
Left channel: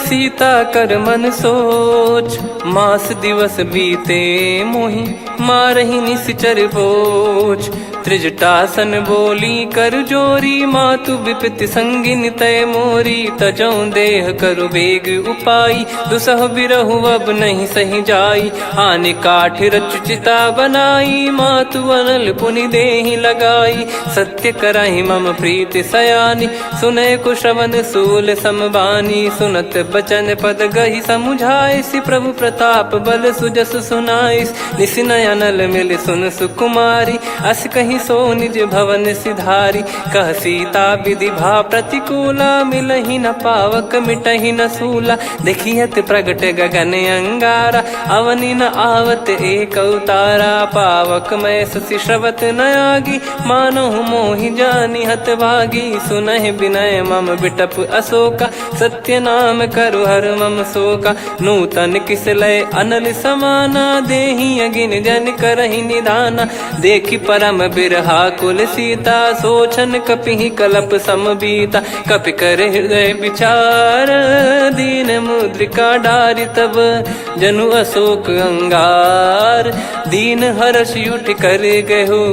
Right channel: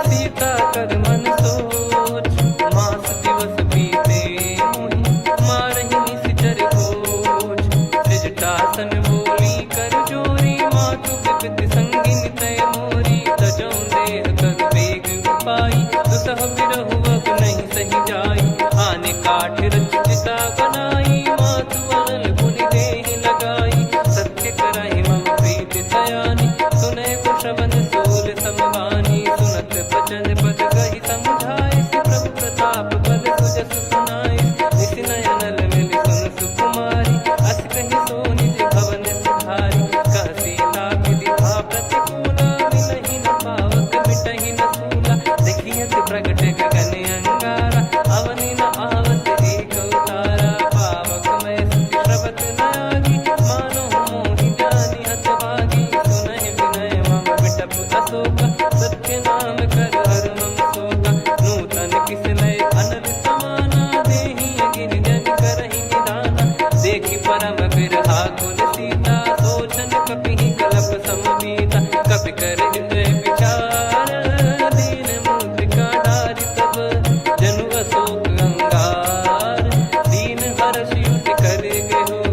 सीता कर मन सोच। मास दिवस बीते मोहि, मारहि निश्चर बोझ। त्रिजटासन बोली कर जोरी, मातु विपति संगिन तय मोरी। तजौ देह करु बेग उपाई, दुसह बिरहु अब नहीं सही जाई। आने काठ रचु चिता बनाई, मातु अनल पुनि देहि लगाई। सत्य करहि मम प्रीति सयानी, सुनय को श्रवण सूल समबानी। सुनत बचन पद गहि समुझाइसि, प्रभु प्रताप बल सुजस सुनाइस। निसिनय अनल मिल सुन सुकुमारी, अस कहि सो निज भवन सिधारी। कह सीता विधि भा प्रतिकूला, मिलहि न पावक मिटहि न सूला। देखियत प्रगट गगन अंगारा, अवनि न आवत एक अवतारा। पावक मैं ससि श्रवत न आगी, मानो मोहि जानि हत भागी। सुनहि विनय मम बिटप अशोका, सत्य नाम करु हर मम शोका। नूतन किस लय अनल समाना, देहि अगिन जन करहि निधाना। देखि परम बिरहा कुल सीता, सोचन कपिहि कलप समबीता। कपि कर हृदय विचार, दीन मुद्रिका डारि तब। जनु अशोक अंगार, दीन हर्ष उठ कर गहो।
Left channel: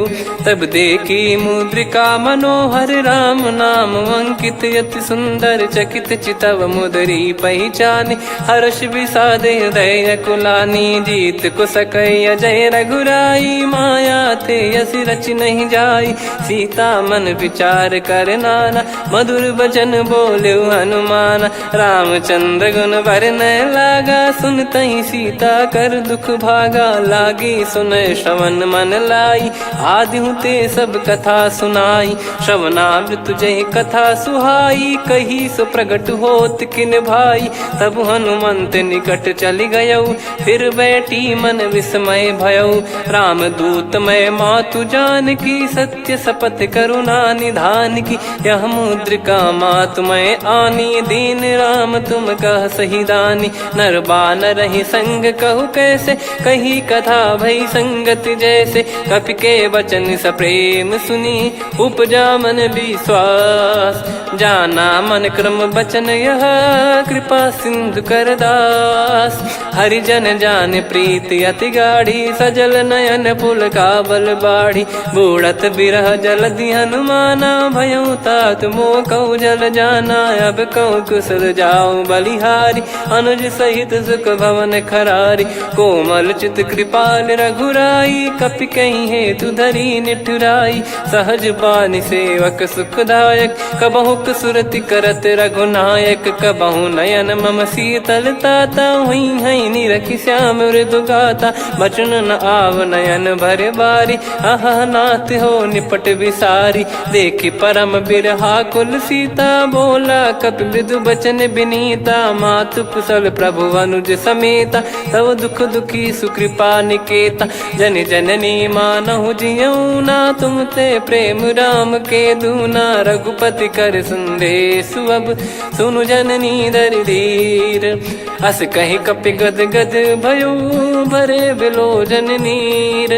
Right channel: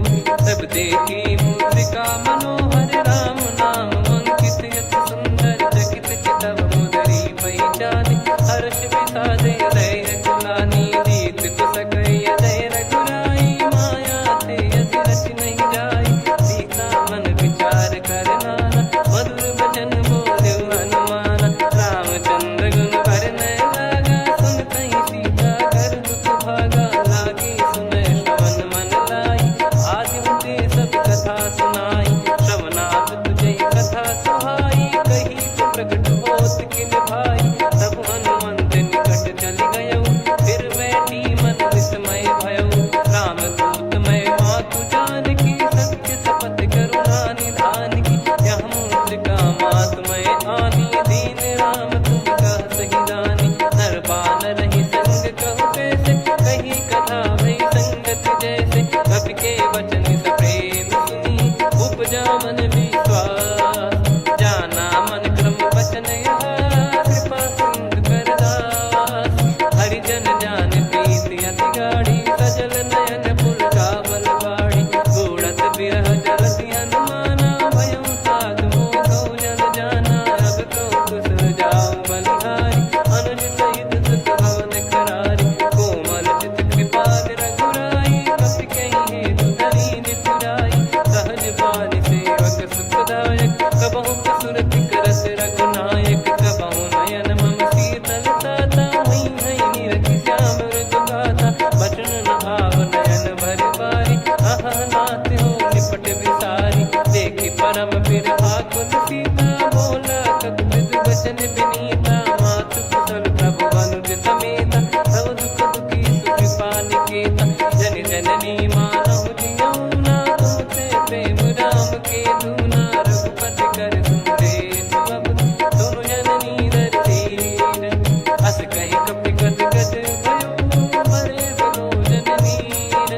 तब देखी मुद्रिका मनोहर, राम नाम अंकित अति सुंदर। चकित चितव मुदरी पहचानी, हर्ष विषाद हृदय कुलानी। जीत को सकय जय रघुराई, माया थे यस रच नहीं जाई। सीता मन विचार कर नाना, मधुर बचन बोले हनुमान। रामचंद्र गुण बरनय लागा, सुनतहि सीता कर दुख भागा। लागी सुनय श्रवण मन लाई, आदिहु ते सब कथा सुनाई। श्रवणाब तुझे कथा सुहाई, कही सो प्रगट होत किन भाई। तब हनुमंत निकट चली गयऊ, फिर बैठी मन विस्मय भयऊ। राम दूत मैं मातु जान की, सत्य शपथ करुणा निधान की। यह मुद्रिका मातु मैं आनी, दीन राम तुम कह सही दानी। नर बानर ही संग कहु कैसे, कही कथा भई संगति जैसे। कपि के वचन सप्रेम सुनी, उपजा मन विश्वास। जाना मन क्रम बचन यह, कृपा सिंधु कर दास। हरिजन जान प्रीति अति गाढ़ी, सजल नयन पुल काबल बाढ़ी। बूढ़त बिरह जलधि हनुमाना, भयउ तात मोह कहु जल जाना। अब कहु कुशल जाऊं बलिहारी, अनुज सहित सुख भवन खरारी। कोमल चित कृपाल रघुराई, कपि कहीं हेतु धरी निठुराई। सहज पानि सेवक सुखदायक, कबहु सुरति करत रघुनायक। कबहु नयन मम शीतलता, हुई हई निरखि श्याम मृदु गाता। बचन न आव नयन भर बारी, आहा नाथ हो निपट विसारी। देखि परम बिरहा कुल सीता, बोला कपि मृदु बचन बिनीता। मातु कुशल प्रभु अनुज समेता, तव दुख दुखी सुकृपा निकेता। जन जननी मानहु जियऊ ना, तुम ते प्रेम राम के दूना। रघुपति कर संदेशु अब, सुनु जननी दर धीर। अस कहि कपि गद गद भयो, भरे बिलोचन नीर।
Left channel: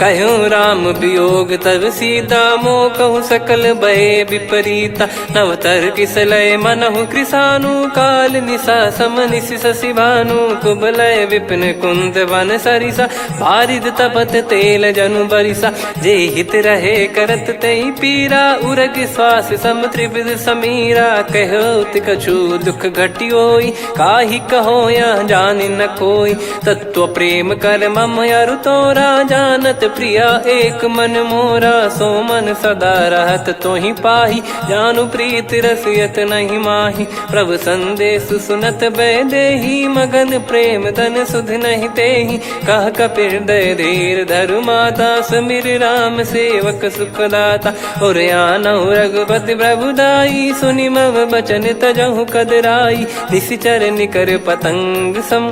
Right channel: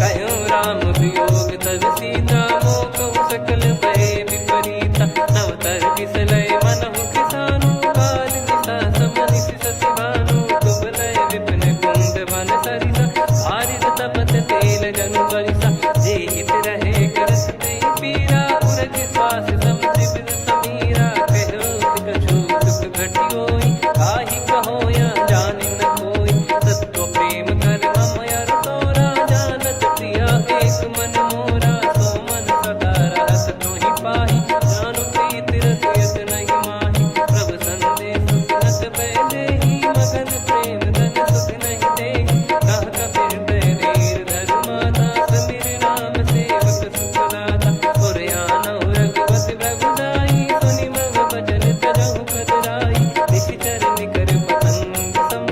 कहूँ राम वियोग तब सीता, मोह कहूँ सकल भय विपरीता। नवतर किसलय मनहु कृसानु, काल निशा समनिशि शशि भानु। कुबलय विपिन कुंद वन सरिसा, पारिद तपत तेल जनु बरिसा। जे हित रहे करत तेहि पीरा, उरग श्वास सम त्रिविध समीरा। कहत कछु दुख घटियोई, काहि कहो या जानि न कोई। तत्व प्रेम कर मम अरु तोरा, जानत प्रिया एक मन मोरा। सो मन सदा रहत तोहि पाही, जानु प्रीत रसियत नहीं माही। प्रभु संदेश सुनत बैदेही, मगन प्रेम धन सुध नहीं तेहि। कह कपिर दय धीर धरु माता, सुमिर राम सेवक सुखदाता। और आनहु रघुपति प्रभु दाई, सुनि मव बचन तजहु कदराई। निशिचर निकर पतंग सम,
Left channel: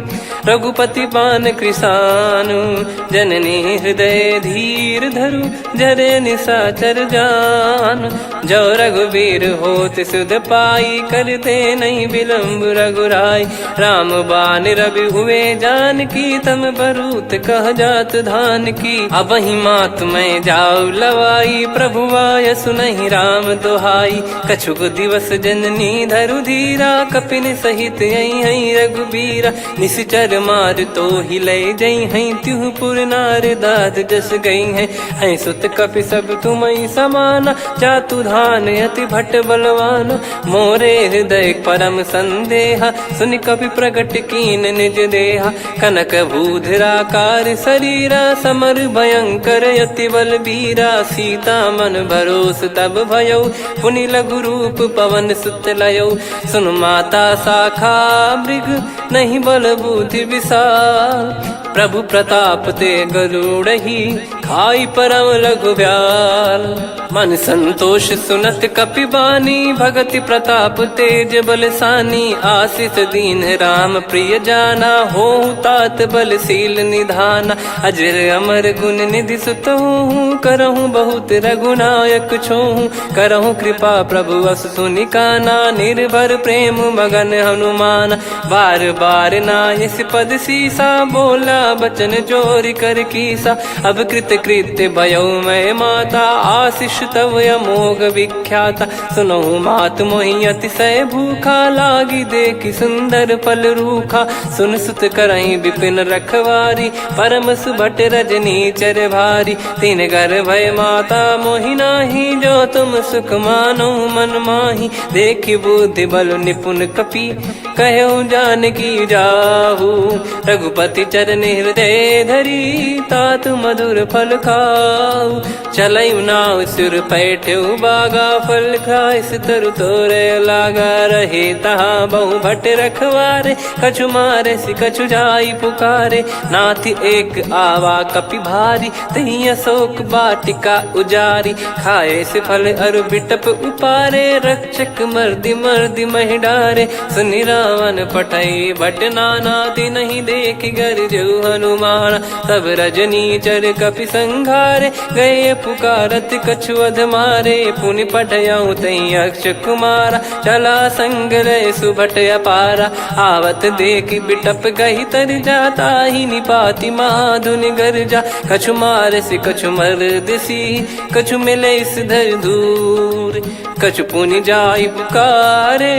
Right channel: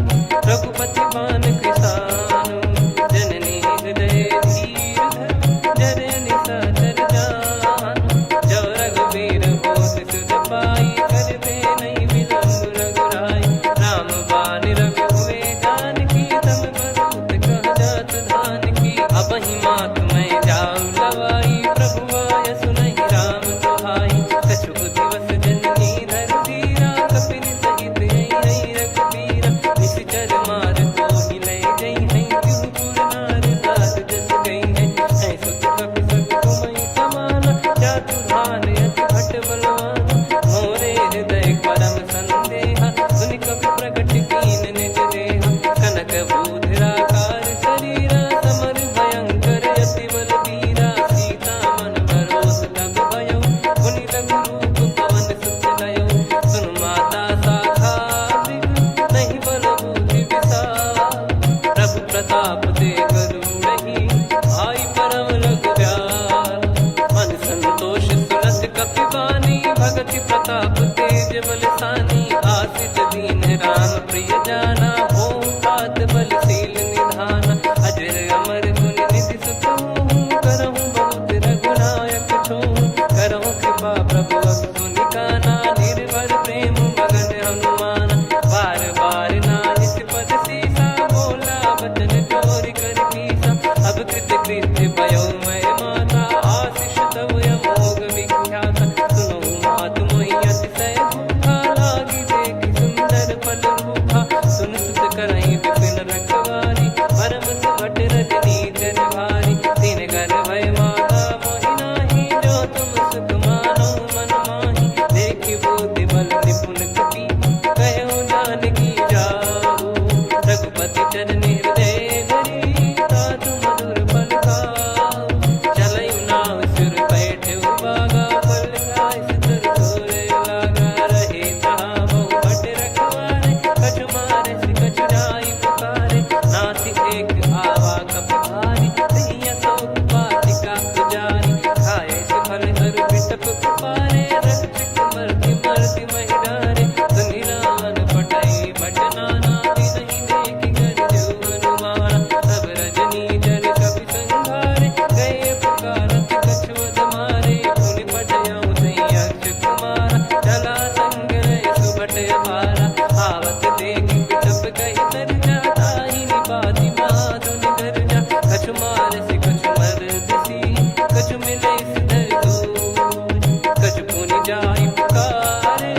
रघुपति पान कृसानु। जननी हृदय धीर धरु, जरे निशाचर जान। जो रघुवीर होत सुध पाई, कर दे नहीं विलम्ब रघुराई। राम बान रवि हुए जानकी, तम बरूत कह जात धान की। अब ही मात मैं जाऊ लवाई, प्रभु आय सुनहि राम दोहाई। कछुक दिवस जननी धरु धीरा, कपिन सहित यही रघुबीरा। निशिचर मार तो ही ले जई हैं, त्यों पुर नार दाद जस गई हैं। सुत कपि सब तुमहि समाना, चातुधान अति भट्ट बलवान। मोरे हृदय परम संदेहा, सुन कपि प्रकट कीन निज देहा। कनक भूधराकार शरीरा, समर भयंकर अति बलबीरा। सीता मन भरोस तब भयउ, पुनि लघु रूप पवन सुत लयउ। सुन माता शाखा मृग, नहीं बल बुद्धि विशाल। प्रभु प्रताप ते गरुड़हि, खाई परम लघु ब्याल। मन संतोष सुनत कपि बानी, भगति प्रताप तेज बलसानी। आशीष दीन राम प्रिय जाना, होहु तात बलशील निधाना। अजर अमर गुण निधि सुतहु, करहु बहुत रघुनायक छोहु। करहु कृपा प्रभु अस सुनि काना, निर्भर प्रेम मगन हनुमान। बार बार नायस पद सीसा, बोला बचन चोरी कर कीसा। अब कृत कृत्य भयो मैं माता, आशीष तव अमोघ विख्याता। सुनहु मात मोहि अतिशय भूखा, लागी देखि सुंदर फल रूखा। सुन सुत करहि विपिन रखवारी, परम सुभट रजनी चर भारी। तीन घर भय माता मोहि नाही, जो तुम सुख मानो मन माही। देखि बुद्धि बल निपुण कपि, कहु जानकी जाहु। रघुपति चरण हृदय धरी, तात मधुर फल खाऊ। चलऊ नाव सुर पैठऊ बागा, फल खाइस तरु तोरे लागा। रहे तहाँ बहु भट रखवारे, कछु मारे सि कछु जाई पुकारे। नाथ एक आवा कपि भारी, तही अशोक वाटिका उजारी। खाए से फल अरु बिटप उपारे, रक्षक मर्दि मर्दि महि डारे। सुनि रावण पटई भट नाना, तिनहि देखि गरजऊ हनुमान। तब रजनी चर कपि संघारे, गए पुकारत कछु अध मारे। पुनि पटयऊ तई अक्ष कुमारा, चला संग रहे सुभट अपारा। आवत देखि बिटप गही तर जाता, ही निपाति माधुन गर्जा। कछु मार से कछु मर्द सी, कछु मिले इस धर दूर। कछु पुनि जाई पुकारे,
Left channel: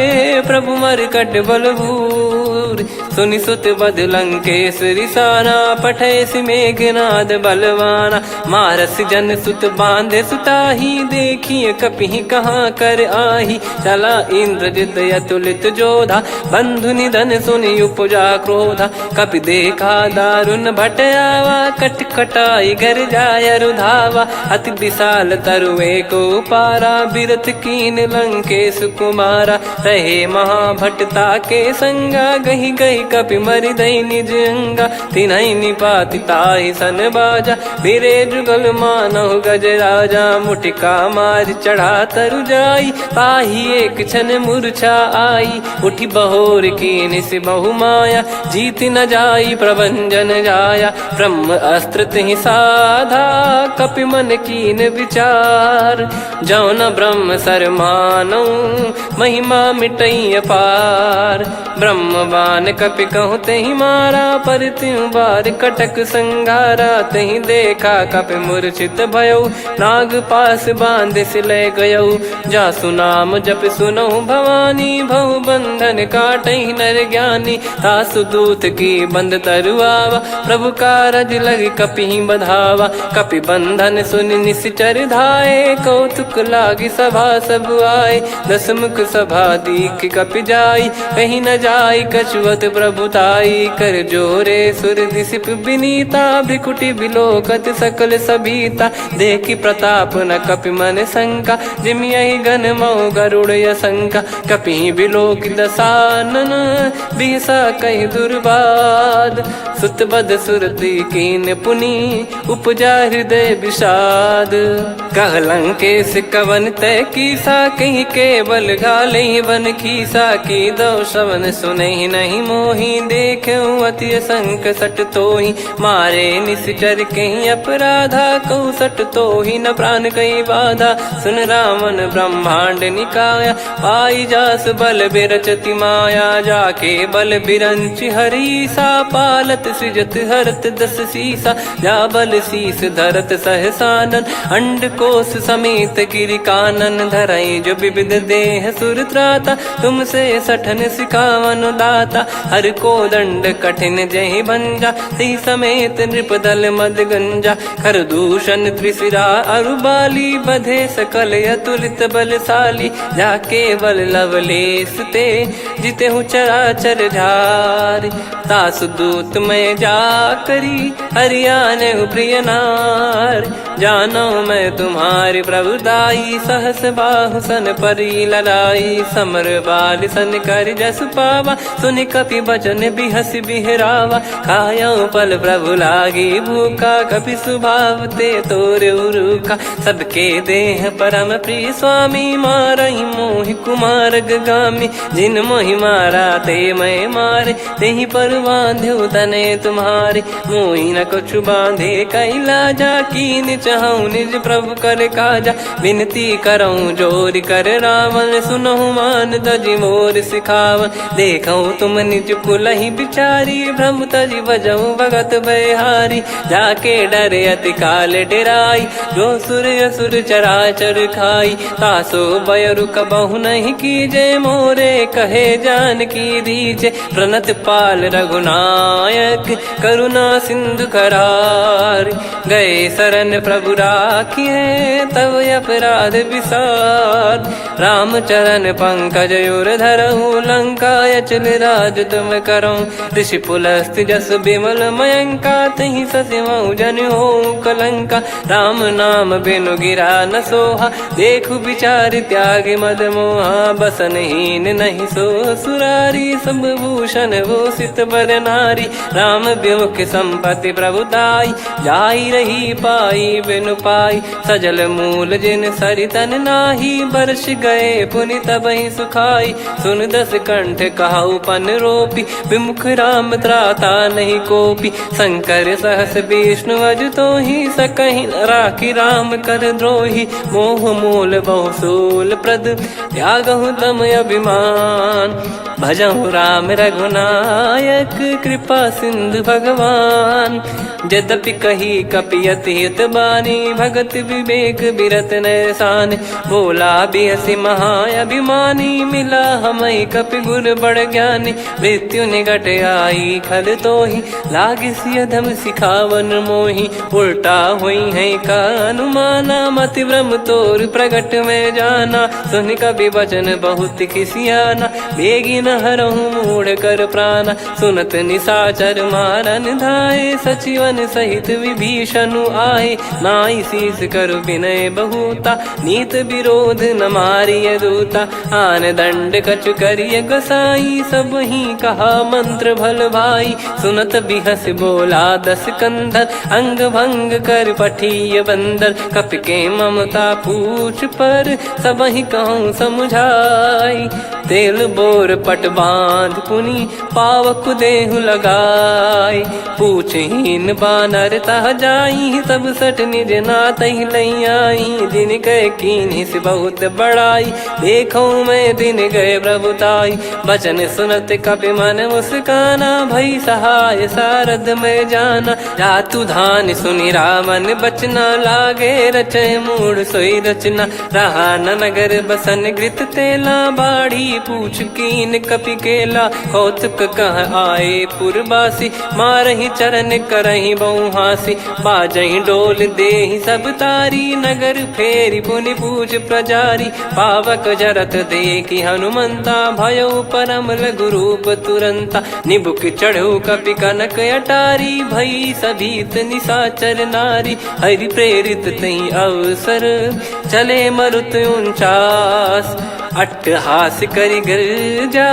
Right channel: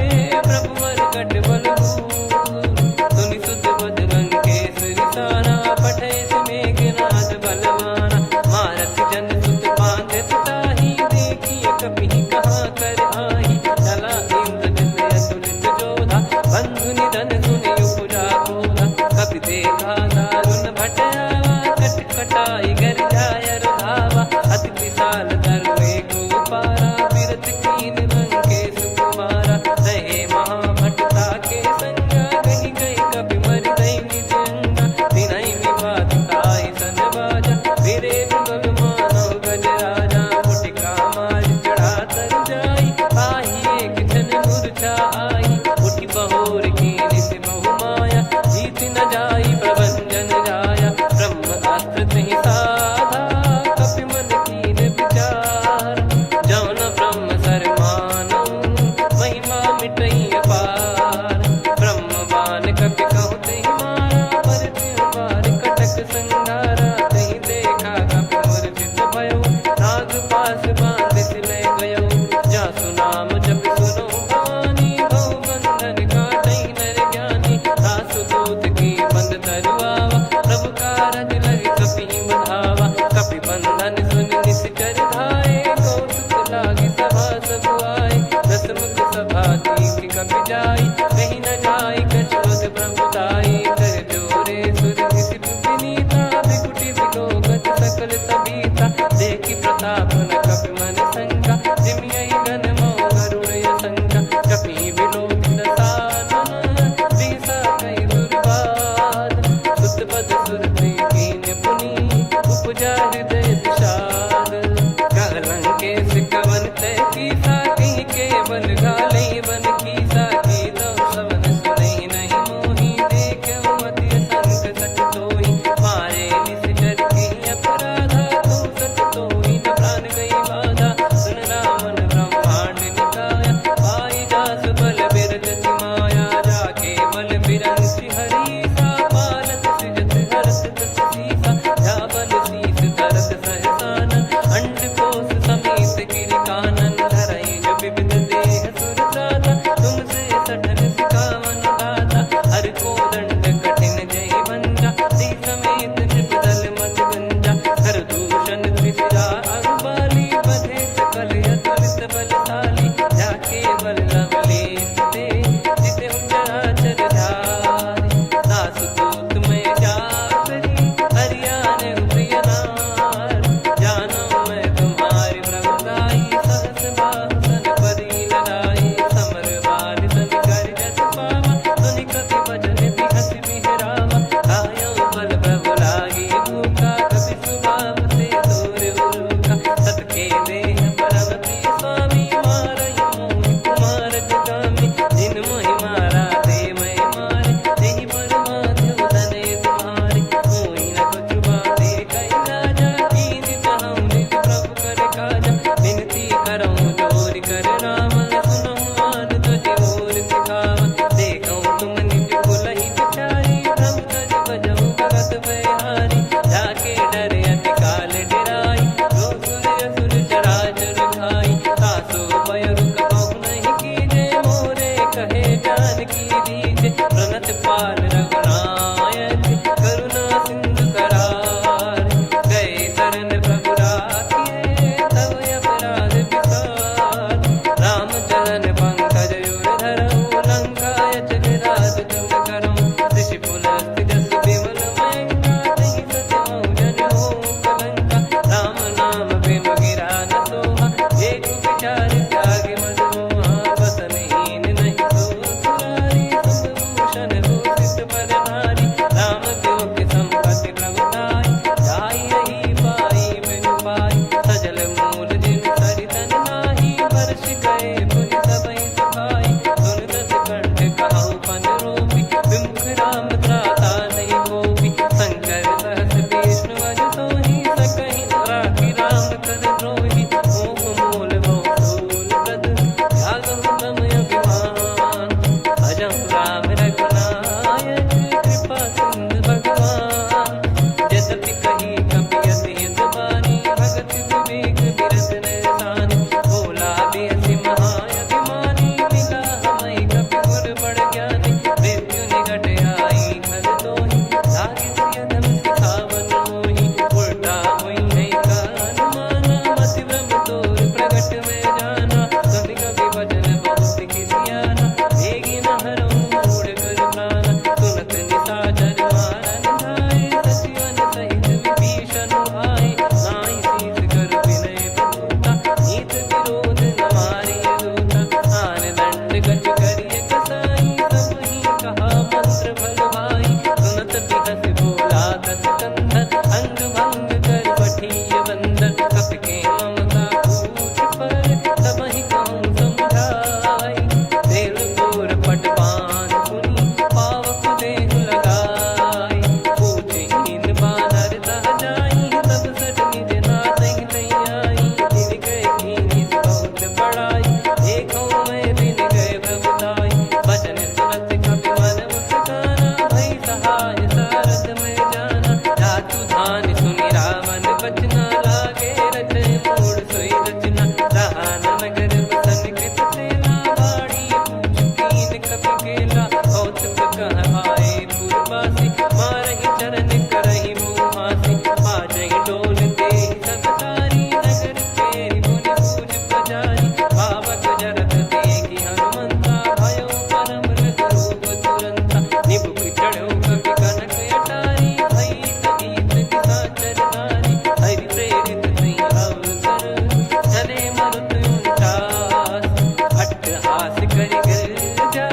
प्रभु मर कट बलभूर। सुनि सुत बद लंकेश्वरी साना, पठैसि मेघनाद बलवाना। मारस जन सुत बांधे सुताही, देखिए कपिहि कहाँ कर आही। चला इंद्रजित अतुलित जोधा, बंधु निधन सुनि उपजा क्रोधा। कपि देखा दारुण भट आवा, कट कटाई घर जाय रुधावा। अति विशाल तरुए को पारा, बिरत कीन लंकेश कुमारा। रहे महाभटता के संगा, गही गही कपि मरि दई निज अंगा। तिन्है निपाति ताहि सन बाजा, बिरे जुगल मानव गज राजा। मुटिका मार चढ़ा तरु जाई, पाही एक क्षण मूर्छा आई। उठी बहोर कीन से बहु माया, जीत न जाई प्रभंजन जाया। ब्रह्म अस्त्र तिहि साधा, कपि मन कीन विचार। जौ न ब्रह्म सर मानौ, महिमा मिटई अपार। ब्रह्म बान कपि कहु तेहि मारा, पर त्यों बार कटक संगारा। तेहि देखा कपि मूर्छित भयौ, नाग पास बांध सिले गयौ। जासु नाम जप सुनौ भवानी, भव बंधन काटहि नर ज्ञानी। तासु दूत की बंद तरुआवा, प्रभु कारज लग कपि बधावा। कपि बंधन सुनि निश्चर धाये, कौतुक लागी सभा सब आए। दसमुख सभा दीख कपि जाई, कहीं न जाई कछुवत प्रभुताई। कर जोरे सुर दिसिप विनीता, भ्रिकुटि बिलोकत सकल सबीता। देखि प्रताप न कपि मन शंका, जिमियहि घन मऊ गरुड़ असंका। कपि बिलोक दसानन, बिहसा कहि दुर्बाद। सुत बद सुरति कीन पुनि, उपजा हृदय विषाद। कह लंकेश कवन तय कीसा, कहीं केवल घाले बन खीसा। की दो श्रवण सुनहि नहीं मोही, देखऊं अति संक सट तोहि। मारे निश्चर कहीं अपराधा, कहूँ सट तोहि न प्राण कहीं बाधा। सुन रावण ब्रह्मांड निकाया, पाई जास बल बिरचति माया। जाके बल बिरंच हरीसा, पालत सृजत हरत दस सीसा। जा बल शीस धरत सहसानन, अंड कोश समेत गिरि कानन। धरई जो विविध देह सुर त्राता, तुमसे सठन सिखावन दाता। हर को दंड कठिन जहि भंजा, ती समेत नृप दल मद गंजा। कर दूषण त्रिशिरा अरुबाली, बधे सकल अतुलित बलशाली। जाके बल लवलेस ते, जिते हूँ चराचर झारी। दास दूत में जा करी, हरियाने प्रिय नार। जानो मैं तुम्हारी प्रभुताई, सहस बाहु सन परी लड़ाई। समर बाल सन कर जस पावा, सुनि कपि बचन बिहस बिहरावा। खायो पल प्रभु लागी भूखा, कपि स्वभाव ते तोर उरुखा। सबके देह परम प्रिय स्वामी, मारहि मोहि कुमार गगामी। जिन मोहि मारा ते मैं मारे, तेहि पर बांधो तने तुम्हारे। मोहि न कछु बांधे कैलाजा, कीन चाहूं निज प्रभु कर काजा। विनती करऊं जोरि कर रावण, सुनहु मान तजि मोर सिखावन। देखऊं तुम निज कुलहि बिचारी, भ्रम तजि बजऊं भगत बयहारी। जाके डरे अति काल डेराई, जो सुर असुर चराचर खाई। तासो बयरु कबहु नहीं कीजे, मोरे कहे जान की दीजे। प्रणत पाल रघुनायक, करुणा सिंधु करार। गए शरण प्रभु राखिए, तब अपराध विसार। राम चरण पंकज उर धरऊं, लंका अचल राज तुम करऊं। ऋषि पुलस्त्य जस विमल मयंका, तहि ससिमऊ जन होऊं कलंका। राम नाम बिनु गिरा न सोहा, देखु विचार त्याग मद मोहा। बसनहीन नहीं सो सुरारी, सब भूषण भूषित बर नारी। राम विमुख संपत्ति प्रभुताई, जाई रही पाई बिनु पाई। सजल मूल जिन सरितन नाही, बरस गए पुनि तबहि सुखाई। सुन दस कंठ कहाऊ पन रोपी, विमुख राम त्राता नहीं कोपी। शंकर सहस विष्णु अज तोहि, सकहि न राखी राम कर द्रोही। मोह मूल बहु सूल प्रद, त्यागहु तम अभिमान। भजहु राम रघुनायक, कृपा सिंधु भगवान। यद्यपि कही कपियत हित बानी भगत विवेक बिरत नैसान बोला बियसि महाअभिमानी मिला हमई कपि गुर बड़ ज्ञानी मृत्यु निकट आई खल तो ही लागिस अधम सिखावन मोही उल्टा हुई है का अनुमाना मति भ्रम तोर प्रगट में जाना सुन कवि वचन बहुत खिसियाना बेगी न हरहु मूढ़ कर प्राण सुनत निशाचर मारन धाये सचिवन सहित विभीषण आए नाई शीस कर विनय बहुता नीत विरोध न मारिय दूता आन दंड कछु करिय गोसाई सब ही कहा मंत्र भल भाई सुनत बिहस बोला दस कंधर अंग भंग कर पठिय बंदर कपि के ममता पूछ पर सब ही कहूँ समझाई तेल बोर पट बांध पुनी पावक देहु लगाई पूछहीन बानर तह जाई तब सट निज नाथ लई आई दिन गए कीनी से बहुत बड़ाई देखो मैं दिन गए प्रभुताई बचन सुनत कपि मन मुस्काना भई सहाय सारद में जाना जातु धान सुनि रामन बचना लागे रचय मूड सोई रचना रहा न नगर बसन कृत तेला बाड़ी पूछ कीन कपि केला कौतुक कह आए पुरबासी मारहि चरण करहि बहुहासी बाजहि डोल देहि सब तारी नगर फेरी पुनि पूज प्रजारी पावक जरत देखि हनुमंता भयो परम लघु रूप तुरंता निबुक चढ़ऊ कपि कनक अटारी भई सभीत निशाचर नारी हरि प्रेरित तई अवसर चले मरुत 49 अट्टहास करि गिरजा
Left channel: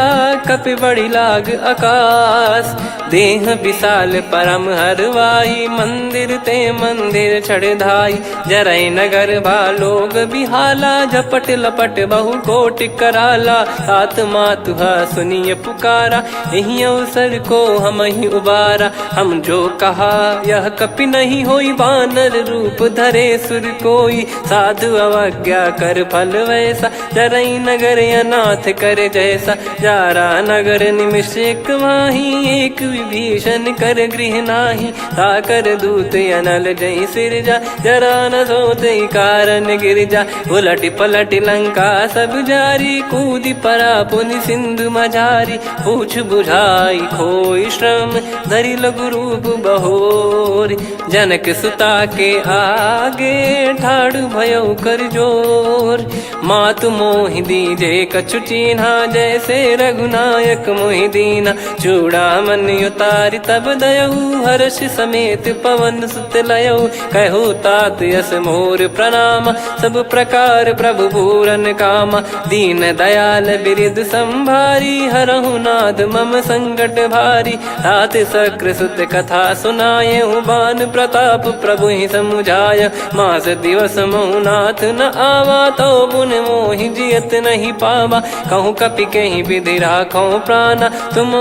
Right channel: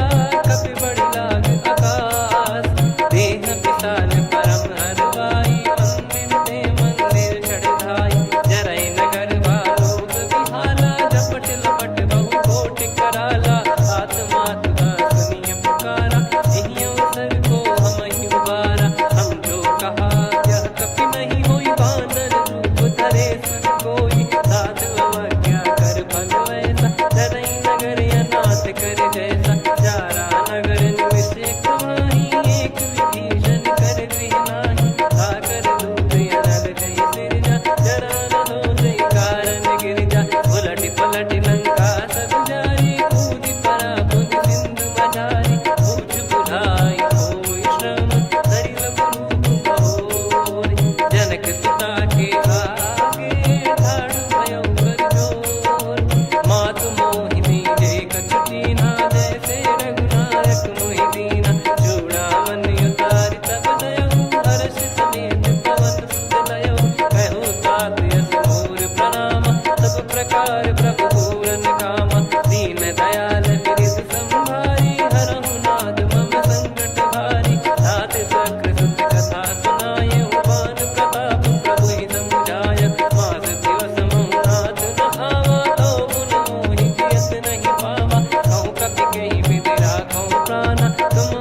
कपि बड़ी लाग आकाश देह विशाल परम हरवाई मंदिर ते मंदिर चढ़ाई जरई नगर लोग बिहाला झपट लपट बहु कोट कराला सात मातुहा सुनिय पुकारा यही अवसर को हम ही उबारा हम जो कहा यह कपि नहीं होई बानर रूप धरे सुर कोई साधु अवज्ञा कर फल वैसा जरई नगर अनाथ कर जैसा जारा नगर निमिष एक माही एक विभीषण कर गृह नाही ताकर दूत अनल जय सिरजा जरा न सोते कारण गिरजा उलट पलट लंका सब जारी कूदी परा पुनि सिंधु मझारी पूछ बुझाई खोई श्रम धरि लघु रूप बहोरी जनक सुता के आगे ठाड़ भयो कर जोर मातु मोहि दीजे कछु चिन्हा जैसे रघुनायक मोहि दीना चूड़ामन उतारि तब दयऊ हर्ष समेत पवन सुत लयऊ कहु तात यस मोर प्रणाम सब प्रकार प्रभु पूरन कामा दीन दयाल बिरिद संभारी हरहु नाद मम संकट भारी तात सक्र सुत कथा सुनाये बान प्रताप प्रभु ही समुझाय मास दिवस मौनाथ न आवा तो पुन मोहि जियत नहीं पावा कहूँ कपि कहीं विधि राखो प्राणा तुम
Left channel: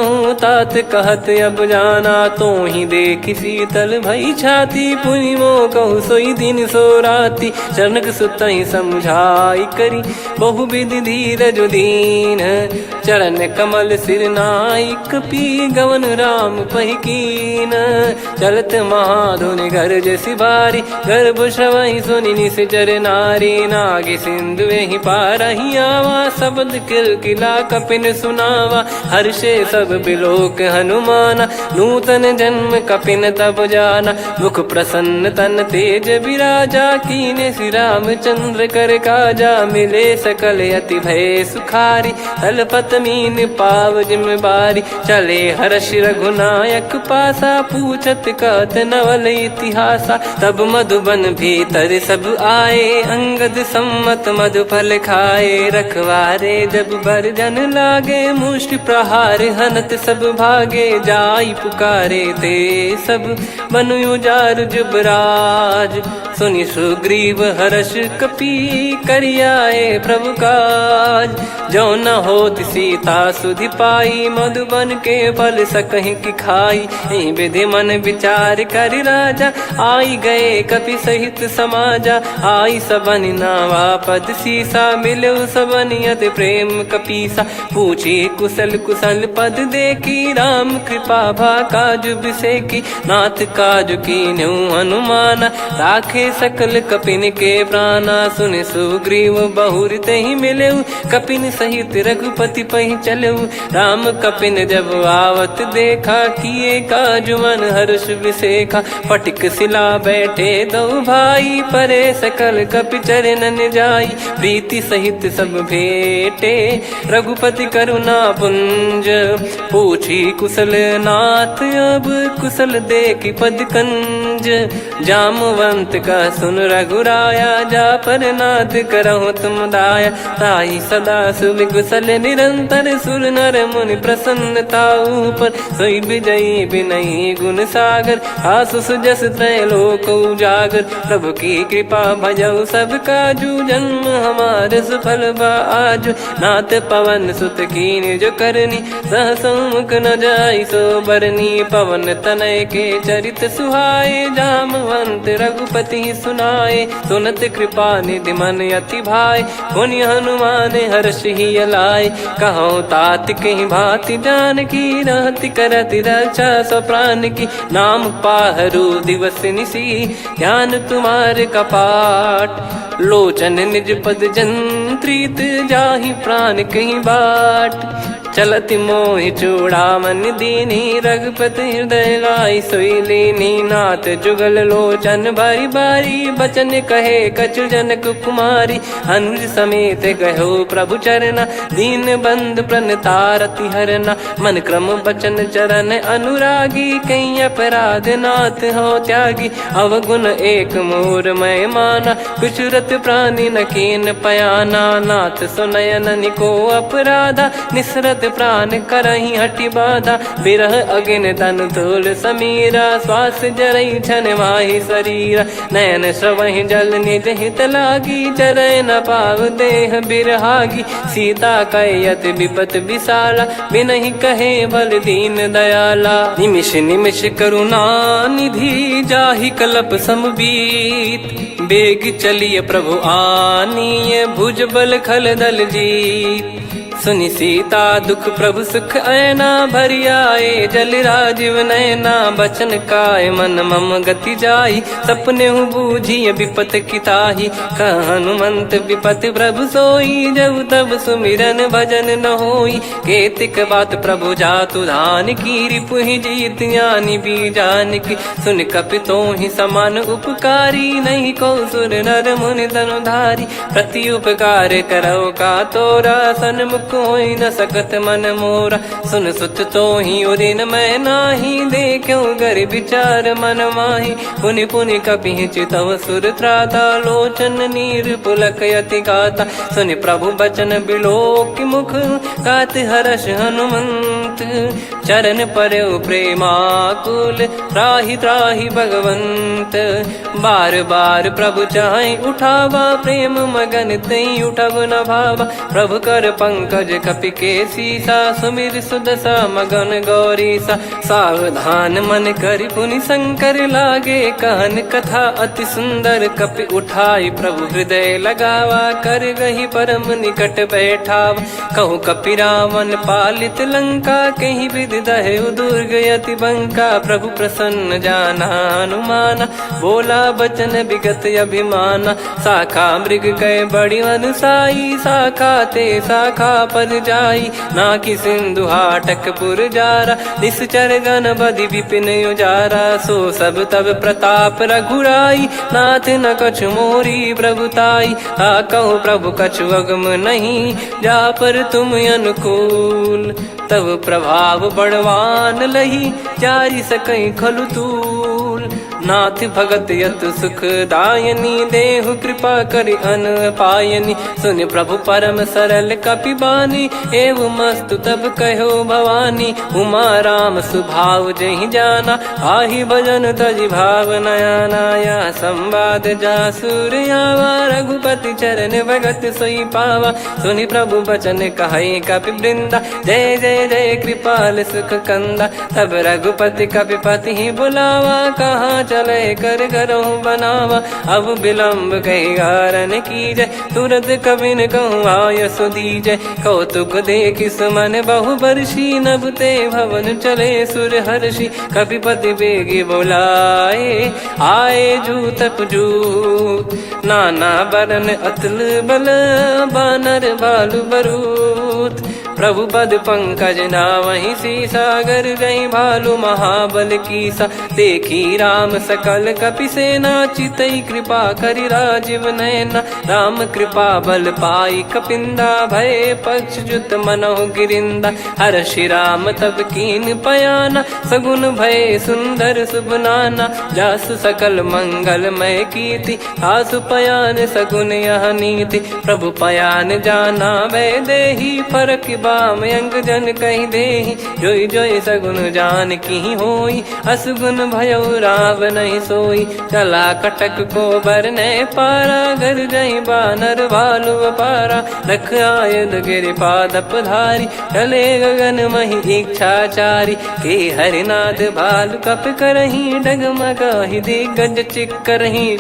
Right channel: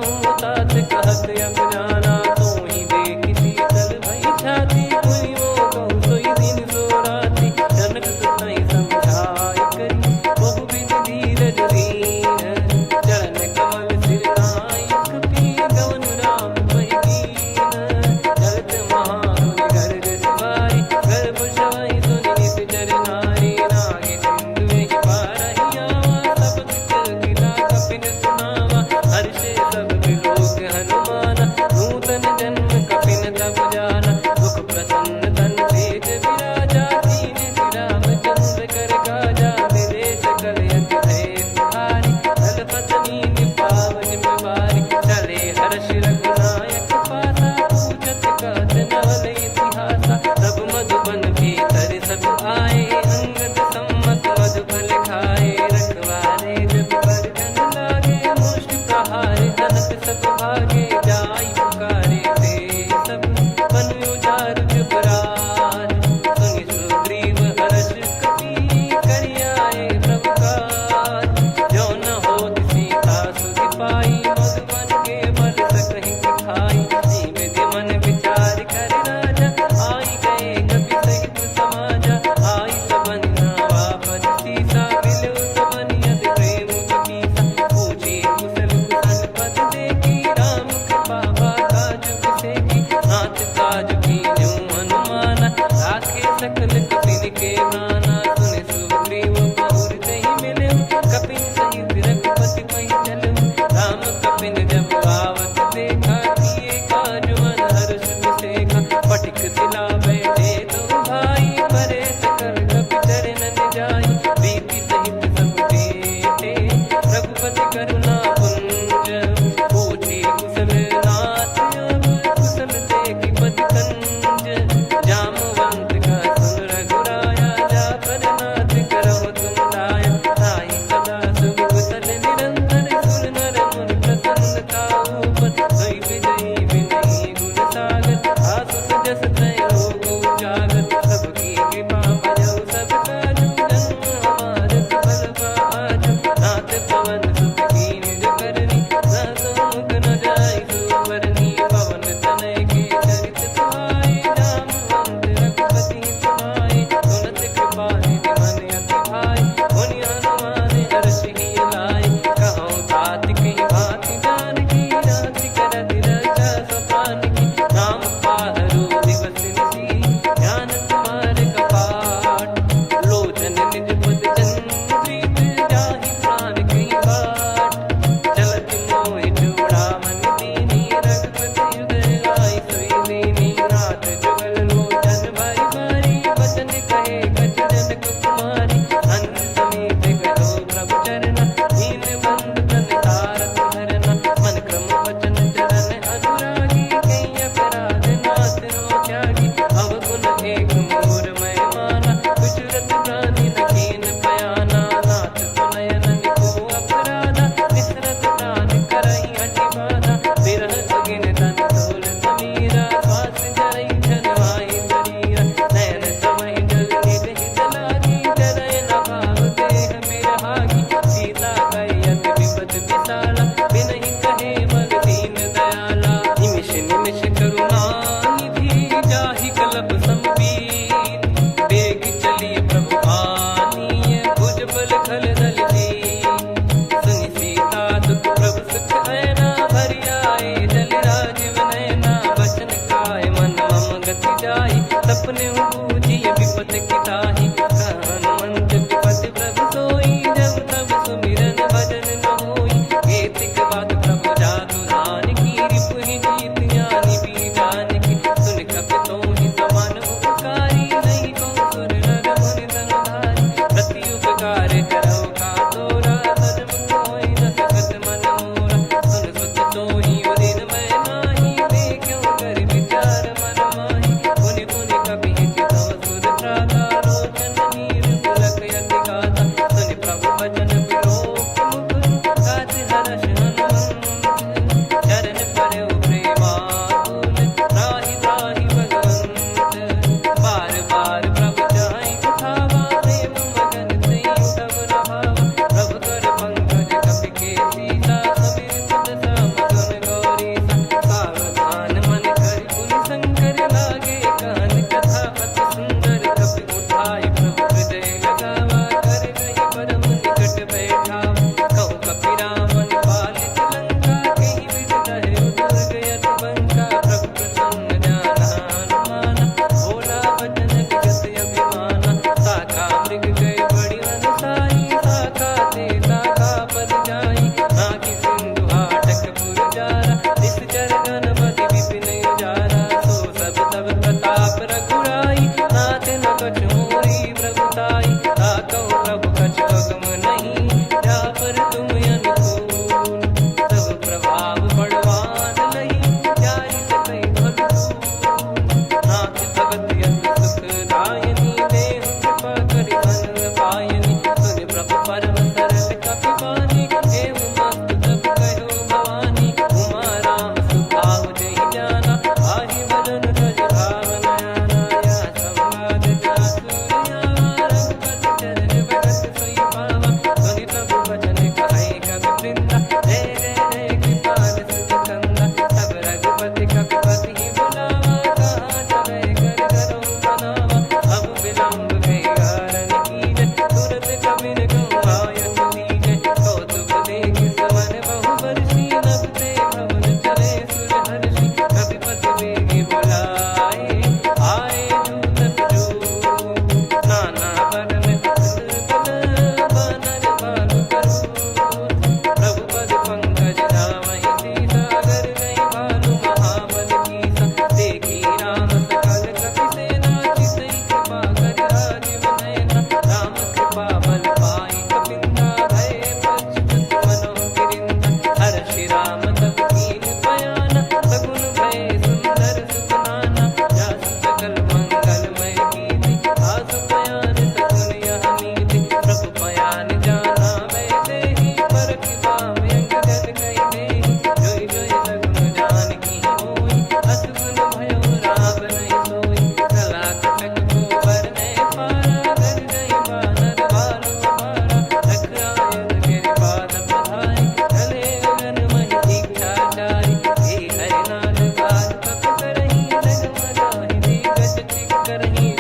तात कहत अब जाना तो ही देख शीतल भई छाती पुनि मो कहु सोई दिन सो राती जनक सुतई समझाई करी बहु विधि धीरज दीन चरण कमल सिर नाइक पी गवन राम पहिकीन चलत महाधुनि गर्ज सिबारी गर्भ श्रवई सुनि निश्चर नारी नागे सिंधु ही पारही आवा शब्द किलकिला कपिन सुनावा हर्षे सब बिलोक हनुमाना नूतन जन्म कपिन तब जाना मुख प्रसन्न तन तेज विराजा कीने श्री रामचंद्र कर काजा मिले सकल अति भय सुखारी तलपत मीन पाव जिम्मेवारी चले हर्ष रघुनायक पासा पूछत कहत नवल इतिहासा तब मधुबन भीतर सब आए अंगद सम्मत मधुफल खाए रखवारे जब बरजन लागे मुष्टि प्रहार हनत सब भागे जाई पुकारे ते सब बनु उजार जुबराज सुनि सुग्रीव हर्ष कपि करियाए प्रभु काज जो न होत सीता सुधि पाई मधुबन के फल सकहि की खाई विधि मन विचार कर राजा आई गए कपि सहित समाजा आई सबन नावा पद सीसा मिलो सबन करत प्रेम कपीसा। पूछी कुशल कुशल पद देखी राम कृपा भा काज बिसेकी। नाथ काज कीन्हु हनुमाना राखे सकल कपिन के प्राणा। सुन सुग्रीव बहुर तेहि मिलेउ कपिन सहित रघुपति पहि चलेउ। राम कपिन जब आवत देखा किए काज मन हर्ष विसेखा। फटिक सिला बैठे दो भाई परे सकल कपि चरणन जाई। प्रीति सहित सब भेटे रघुपति करुणा पुंज। पूछी कुशल नाथ अब कुशल देखी पद कंज। जामवंत का सुन रघुराया जा पर नाथ करहु तुम दाया। ताई सदा सुविकुशल निरंतर सुर नर मुनि प्रसन्नता ऊपर। सोई विजयी विनयी गुण सागर आसु सुजस त्रैलोक उजागर। प्रभु की कृपा भजऊ सब काजू जन्म हमारे सफल बा आजु। नाथ पवन सुत कीन्ह जो करनी सहसो मुख न जाई सो बरनी। पवन तनय के चरित सुहाए जामवंत रघुपति सुनाए। सुनत कृपा निधि मन अति भाई पुनि हनुमान हर्ष ही लाए। कहो तात कहीं भांति जान की रहति करति रक्षा सो प्राण की। नाम पाहरु दिवस निसी ध्यान तुम्हारे कपाट। लोचन निज पद जंत्रित जाहि प्राण कहीं बाट। चलति मोहि चूड़ामन दीनी रघुपति हृदय लाई सोई लीनी। नाथ जुगल लोचन बारी बारी बचन कहे कछु जनक कुमारी। अनुज समेत गहो प्रभु चरना दीन बंद प्रणतारति हरना। मन क्रम बचन चरण अनुरागी कहीं अपराध नाथ हो त्यागी। अवगुण एक मोर मैं माना कुछुरत प्राणी न कीन पयाना। नाथ सुनयन निको अपराधा निसरत प्राण करही हटि बाधा। बिरह अगिन तन तोल समीरा श्वास जरई छन वाहि शरीरा। नयन श्रवहि जल निज हित लागी चरय न पाव देह बिरहागी। सीता कयत विपत विशाला बिनहि कहे बल दीन दयाला। निमिष निमिष करुणा निधि जाहि कलप समबीत। बेग चलिए प्रभु आनीय भुज बल खल दल जीत। सुनि सीता दुख प्रभु सुख ऐना भरि आए। जल राजीव नयना बचन काय मन मम गति जाई। सपने हूँ बूझिए विपत किताही हनुमंत विपत प्रभु सोई। जब तब सुमिरन भजन न होई केतिक बात प्रभु जातु धान की। रिपु ही जीत ज्ञानी बीजान की सुन कपि तो ही समान उपकारी। नहीं को सुर नर मुनि धनुधारी प्रति उपकार करो का तोरा। सन्मुख कोई न सकत मन मोरा सुन सुत तो ही उदिन मैं नाही। देखो गर विचार मन माही पुनि पुनि कपि चितव सुर त्राता। लोचन नीर पुलक यति गाता सुनि प्रभु बचन बिलोक मुख। गात हर्ष हनुमंत चरण परउ प्रेमाकुल। त्राहि त्राहि भगवंत बार बार प्रभु चाहि उठावा। प्रेम मगन तई उठब न भावा। प्रभु कर पंकज कपि के सीसा सुमिर सुदशा मगन गौरीसा। सावधान मन करि पुनि शंकर लागे कहन कथा अति सुंदर। कपि उठाई प्रभु हृदय लगावा कर गही परम निकट बैठावा। कहु कपि रावण पालित लंका कहीं विधि दहु दुर्ग यति बंका। प्रभु प्रसन्न जाना हनुमाना बोला बचन विगत अभिमाना। शाखा मृग कय बड़ी अनुसाई शाखा ते शाखा पर जाई। नाकि सिंधु हाटक पुर जारा निश्चर गण बदि विपिन उजारा। सो सब तब प्रताप रघुराई नाथ न कछु मोरी प्रभुताई। कहो प्रभु कछु अगम नहीं जा पर तुम अनुकूल। तब प्रभाव बड़वान लही जारी सकई खलु तूल। नाथ भगत यतु सुख दायनी देहु कृपा करि अन पायनी। सुन प्रभु परम सरल कपि बानी एवं मस्तु तब कहो भवानी। उमा राम सुभाव जहि जाना आहि भजन तजि भाव नयाना। या संवाद जासुर आवा रघुपति चरण भगत सोई पावा। सुनि प्रभु बचन कहै कपि वृंदा जय जय जय कृपाल सुख कंदा। तब रघुपति कपिपति बुलावा कहाँ चले कर करहु बनावा। अब विलम्ब कही कारण कीजय, तुरत कबिन कहूँ आयस दीजय। कौतुक देखिस मन बहु बरसी, नभ ते भवन चले सुर हर्षि। कपिपति बेगी बोलाए, आए जूतक जूत। नाना बरन अतुल बल, बानर भालु बरूत। प्रभु पद पंकज नावहि सीसा, गर गई भालु महाबल कीसा। देखी राम सकल कपि सेना, चितई कृपा करि राजीव नयना। राम कृपा बल पाई कपिंदा, भय पक्ष जुत मनोह गिरिंदा। हर्षि राम तब कीन पयाना, सगुन भय सुंदर शुभ नाना। जासु सकल मंगलमय कीर्ति, आसु पयान सगुन यह नीति। प्रभु पयान जाना वै देहि, फरक बाम अंग जन कहि देहि। जोई जोई सगुन जान की होई, असगुन भयो राव नहीं सोई। चला कटक को बरने पारा, घर जई बानर भालु अपारा। रख आयद गिरिपाद पधारी, चले गगन महि इच्छाचारी। के हरिनाथ भालु कप करही, डगमगाहि दिग्गज चिक्करही।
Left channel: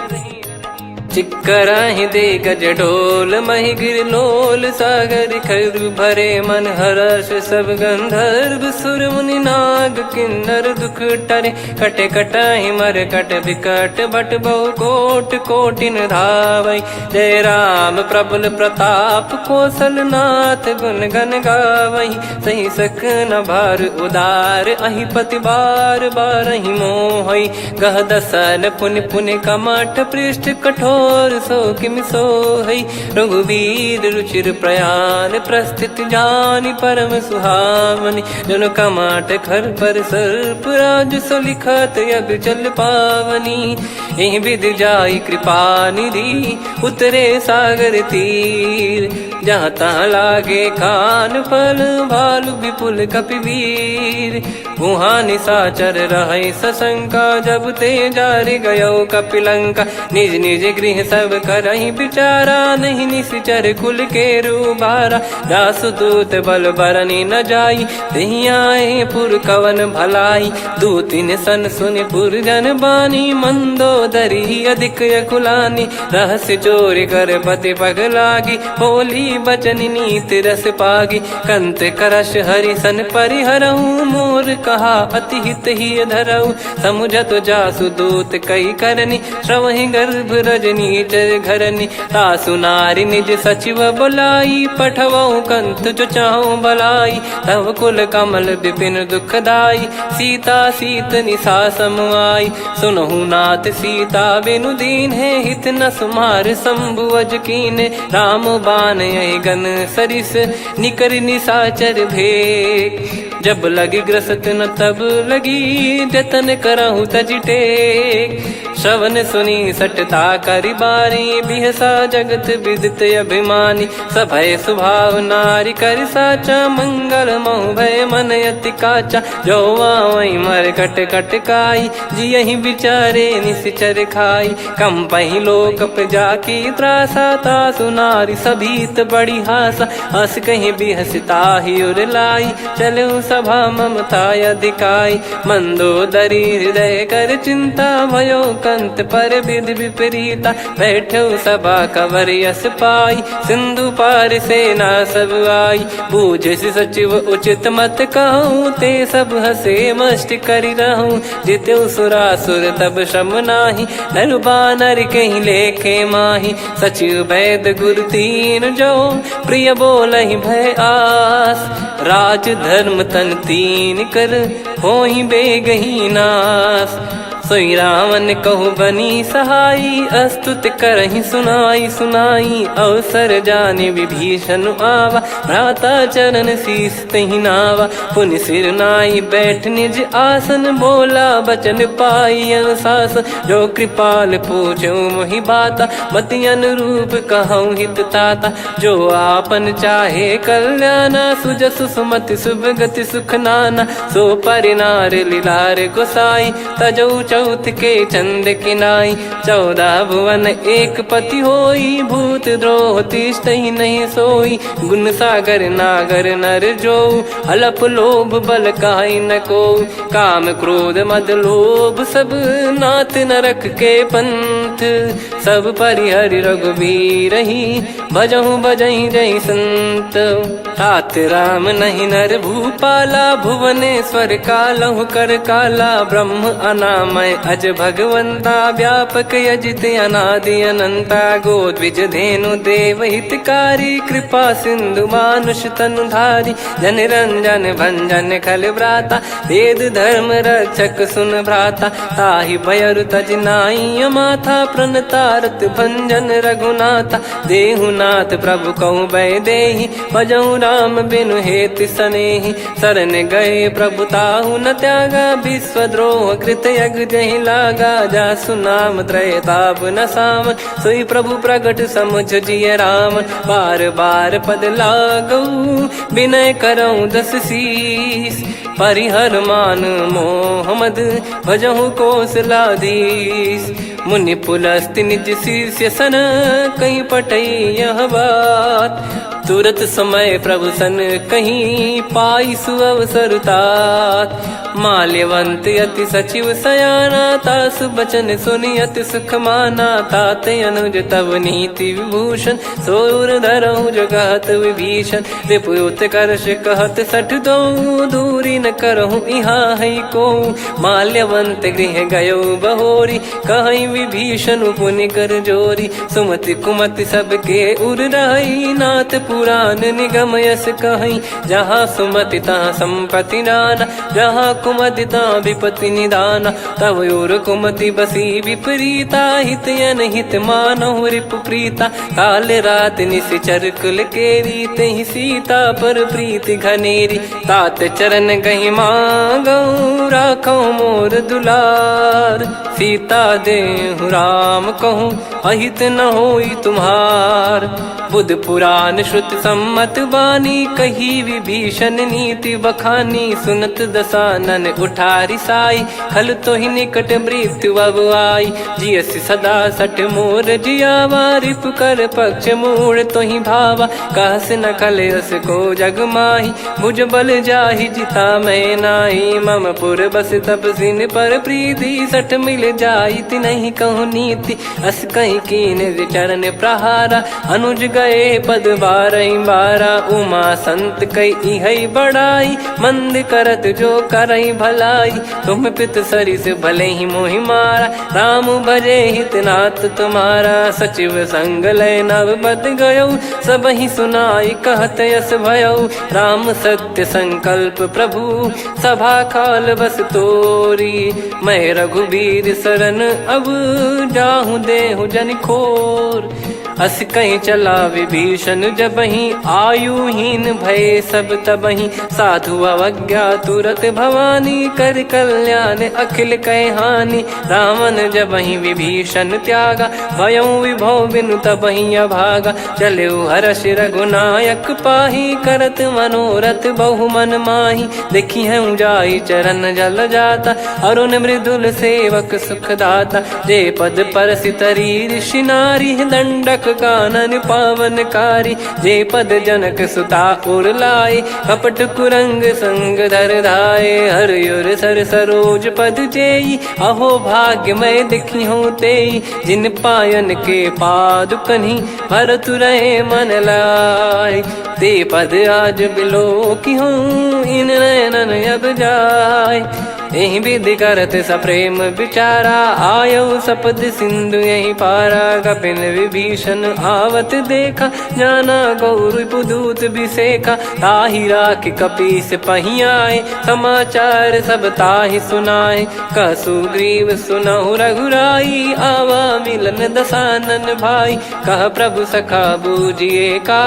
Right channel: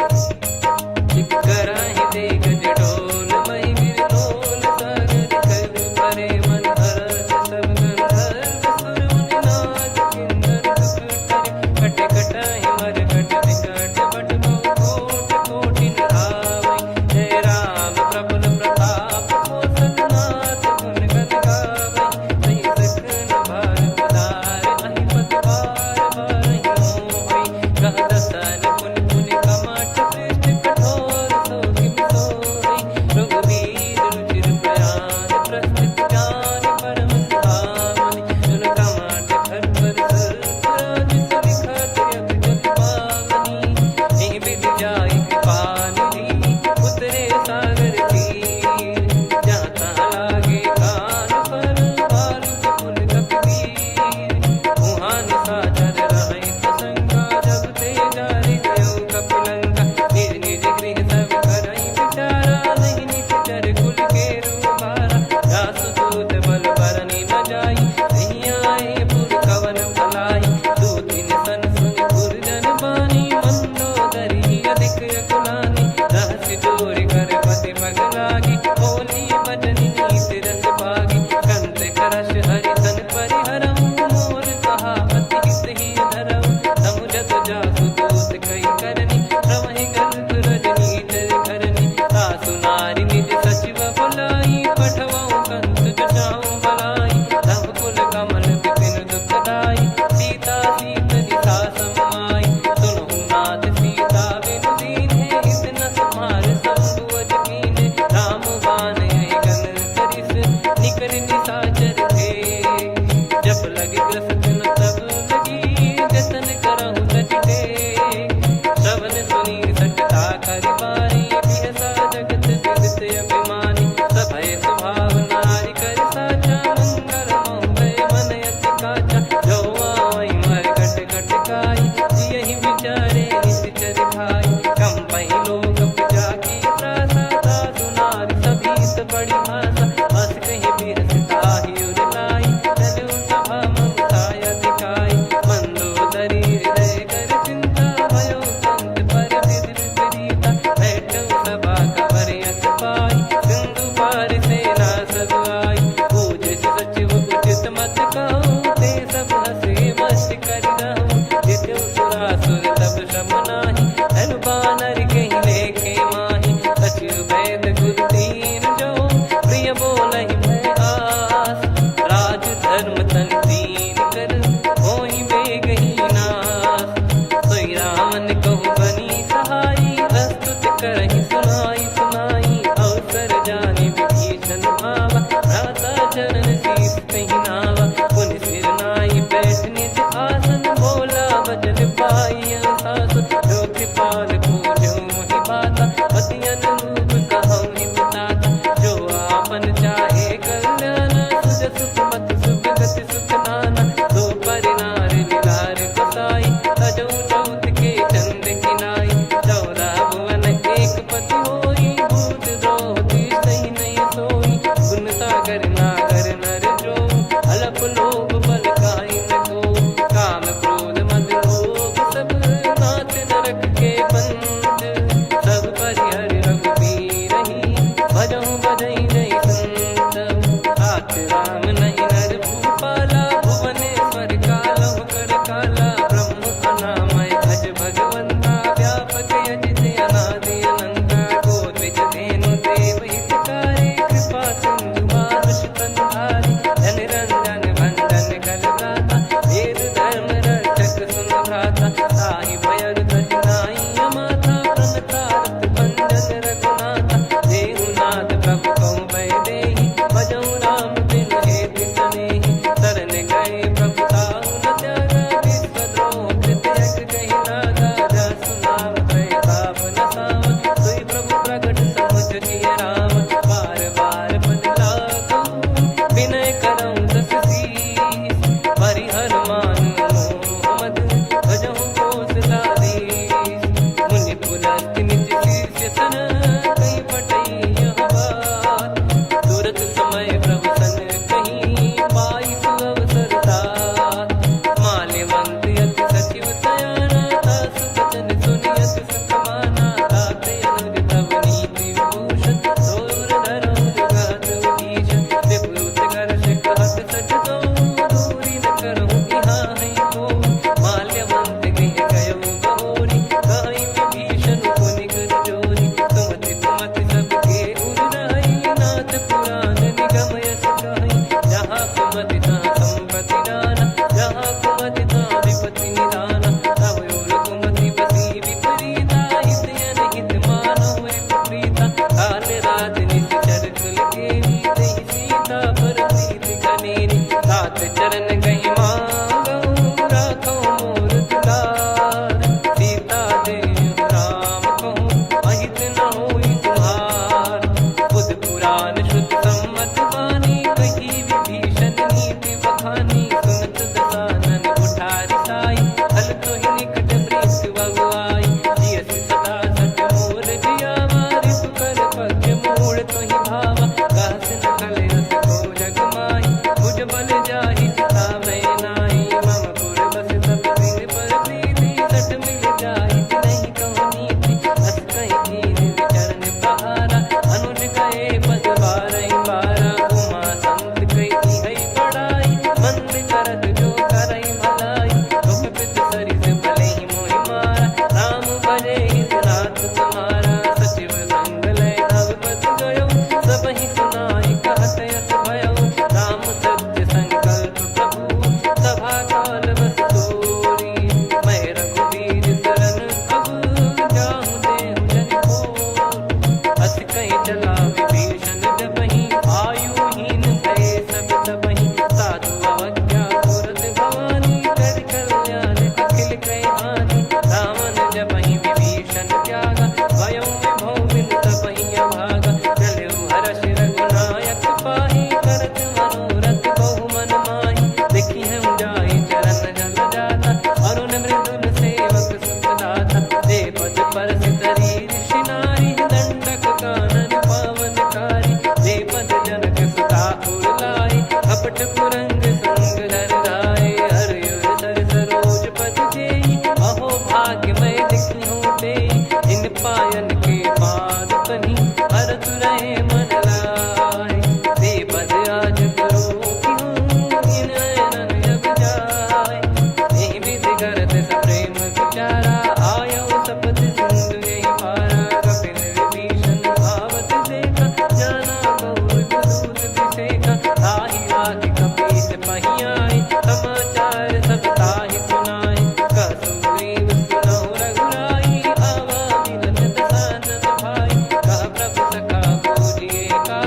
चिक्कराहि दे गज ढोल, महि गिर लोल। सागर खर भरे मन हर्ष, सब गंधर्व सुर मुनि नाग किन्नर दुख टरे। कटे कटाहि मर कट विकट, बट बहु कोट कोटिन धावै। जय राम प्रबल प्रताप, कौशल नाथ गुण गन गावै। सही सकन भार उदार, अहि पति बार बारहि मोहै। गह दसन पुन पुन कमठ, पृष्ठ कठोर सो किमि सोहै। रघुवीर रुचिर प्रयाण, प्रस्थित जानि परम सुहावनि। जन कमाट खर पर सर्प, राज सलिखत यग जल पावनी। एहि विधि जाई कृपा निधि, उतरे सागर तीर। जहाँ तहाँ लागे खान फल, भालु विपुल कपिवीर। गुहा निशाचर रहै सशंका, जब ते जारि गयो कपिलंका। निज निज गृह सब करहि विचारा, नहीं निश्चर कुल के रूबारा। जासुदूत बल बरनि न जाई, तेहि आए पुर कवन भलाई। दूतिन सन सुनि पुर जन बानी, मंदोदरी अधिक यकुलानी। रहस्य चोरी कर पति पग लागी, होली बचन नीत रस पागी। कंत करश हरिसन परिहरहु, मोर कहा अति हित ही धरऊ। समुझत जासुदूत कई करनी, श्रवहि गर्भ रजनी चर घरनी। तासु नारी निज सचिव बोलाई, पठवऊ कंत जो चाहूं बलाई। तव कुल कमल विपिन दुखदाई, सीता सीत निशा समाई। सुनहु नाथ सीता बिनु दीन है, हित न सुमार शंभु अज कीने। राम बान गन सरिस, निकर निशाचर भेग। जब लगी ग्रसत न तब लगी, जतन करहु तज टेक। श्रवण सुनी सटता करि बारी, बिहसा जगत विदित अभिमानी। सभय स्वभाव नारी कर साचा, मंगल महु भय मन अति काचा। जो आवै मर कट कट काई, जियहि विचारे निश्चर खाई। कम पहि लोक जाकी त्रासा, तासु नारी सभीत बड़ी हासा। हस कहीं बिहसता ही उर लाई, चलऊ सभा ममता अधिकाई। मंदोदरी हृदय कर चिंता, भयो कंत पर विधि विपरीता। बैठो सभा कवर यस पाई, सिंधु पार सेना सब आई। पूज्य सचिव उचित मत कहूँ, ते सब हसे मस्त करि रहूं। जित्यु सुरासुर तब श्रम नाही, नर बानर कहीं लेखे माही। सचिव वैद गुरु तीन जो, प्रिय बोलहि भय आस। राज धर्म तन तीन कर, होहि बेगहि नास। सोई रावण कहु बनी सहाई, अस्तुत करहि सुनाई सुनाई। अवसर जाने विभीषण आवा, भ्राता चरण शीस तहि नावा। पुनि सिर नाई बैठ निज आसन, बोला बचन पाई अनुशासन। जो कृपाल पूछो मोहि बाता, मति अनुरूप कहूँ हित ताता। जो आपन चाहे कल्याणा, सुजसु सुमति शुभ गति सुख नाना। सो परिनार लीलार गोसाई, तजौ चौथ के चंद किनाई 14 भुवन एक पति होई भूत द्रोह तिष्ठ ही नहीं सोई गुण सागर नागर नर जो अलप लोभ बल काई न को काम क्रोध मद लोभ सब नाथ नरक के पंथ सब परिहरि रघुबीर ही भजहु भजहि जय संत तात राम नहीं नर भूपाला भुवनेश्वर कालहु कर काला ब्रह्म अनामय अज भगवंता व्यापक यजित अनादि अनंता गोद्विज धेनु देव हितकारी कृपा सिंधु मानुष तनुधारी जन रंजन भंजन खल भ्राता वेद धर्म रक्षक सुन भ्राता ताहि भयर तज नाई माथा प्रणतारत भंजन रघुनाथा देहुनाथ प्रभु कहु बै देहि भजहु राम बिनु हेत सनेहि शरण गए प्रभु ताहु न त्यागा विश्वद्रोह कृत यज्ञ जहि लागा जासु नाम त्रय ताप न साम सोई प्रभु प्रगट समुझ जिय राम बार बार पद लागऊ विनय करऊँ दस शीस परिहर मान मोह मद भजहु कौशलाधीश मुनि पुलस्ति निज शीर्ष सन कहीं पटई यह बात तुरत समय प्रभु सन कहीं पाई सुअवसर तात माल्यवंत अति सचिव सयाना तासु बचन सुनि अति सुख माना ताते अनुज तव नीति विभूषण सोर धरहु जगत विभीषण रिपुत करश कहत सठ दो दूरी न करहु इहाँ है को माल्यवंत गृह गयो बहोरी कहीं विभीषण पुनि कर जोरी सुमति कुमति सबके उर रही नाथ पुराण निगम यस कहीं जहाँ सुमति तहाँ संपत्ति नाना जहाँ कुमति तहाँ विपत्ति निदाना तव और कुमति बसी विपरीता हित अनहित मानहु रिप प्रीता काल रात निशिचर कुल केरी तेहि सीता पर प्रीति घनेरी तात चरण गहि मांगऊ राखो मोर दुलार सीता देहु राम कहूँ अहित न होई तुम्हार बुध पुराण श्रुत सम्मत वाणी कही विभीषण नीति बखानी सुनत दसानन उठारी साई खल तो ही निकट मृत्यु अब आई जियसि सदा सट मोर जियावा रिप कर पक्ष मूड़ तो ही भावा कहस न खल रस को जग माही मुझ बल जाहि जिता मैं नाही मम पुर बस तपसिन पर प्रीति सठ मिल जाई नहीं कहूँ नीति अस कहीं कीन चरण प्रहारा अनुज गए पद बारा उमा संत कई है बड़ाई मंद करत जो करई भलाई तुम पित सरिस भले ही मोहि मारा राम भजे हितनाथ तुम्हारा सचिव संग लय नवपत गयो सब ही सुनाई कहत यस भयो राम सत्य संकल्प प्रभु सभा काल बस तोरी मैं रघुबीर शरण अब जाहूँ देहु जन खोर अस कहीं चला विभीषण जबहि आयुहीन भय सब तबहि साधु अवज्ञा तुरत भवानी कर कल्याण अखिल कह हानि रावण जबहि विभीषण त्यागा भयउ विभव बिनु तबहि अभागा चलऊ हर्ष रघुनायक पाही करत मनोरथ बहु मन माही देखी है जाई चरण जल जाता अरुण मृदुल सेवक सुख दाता जे पद पर सितरी ऋषि नारी दंडक कानन पावनकारी जे पद जनक सुता उर लाई कपट कुरंग संग धर धाये हरियुर सर सरोज पद जेई अहो भाग्य मैं दिखी हूँ तेई जिन पायन के पाद कन्ही भरत रहे मन लाय ते पद आज बिलो की हूँ इन नयनन अब जाय यही विधि करत सप्रेम विचारा आयो सपद सिंधु यही पारा कपिन विभीषण आवत देखा जाना गौर बुदूत बिसेखा ताहि राख कपीस पहियाए समाचार सब ताहि सुनाए कसु ग्रीव सुनहु रघुराई आवा मिलन दसानन भाई कह प्रभु सखा बूझिए का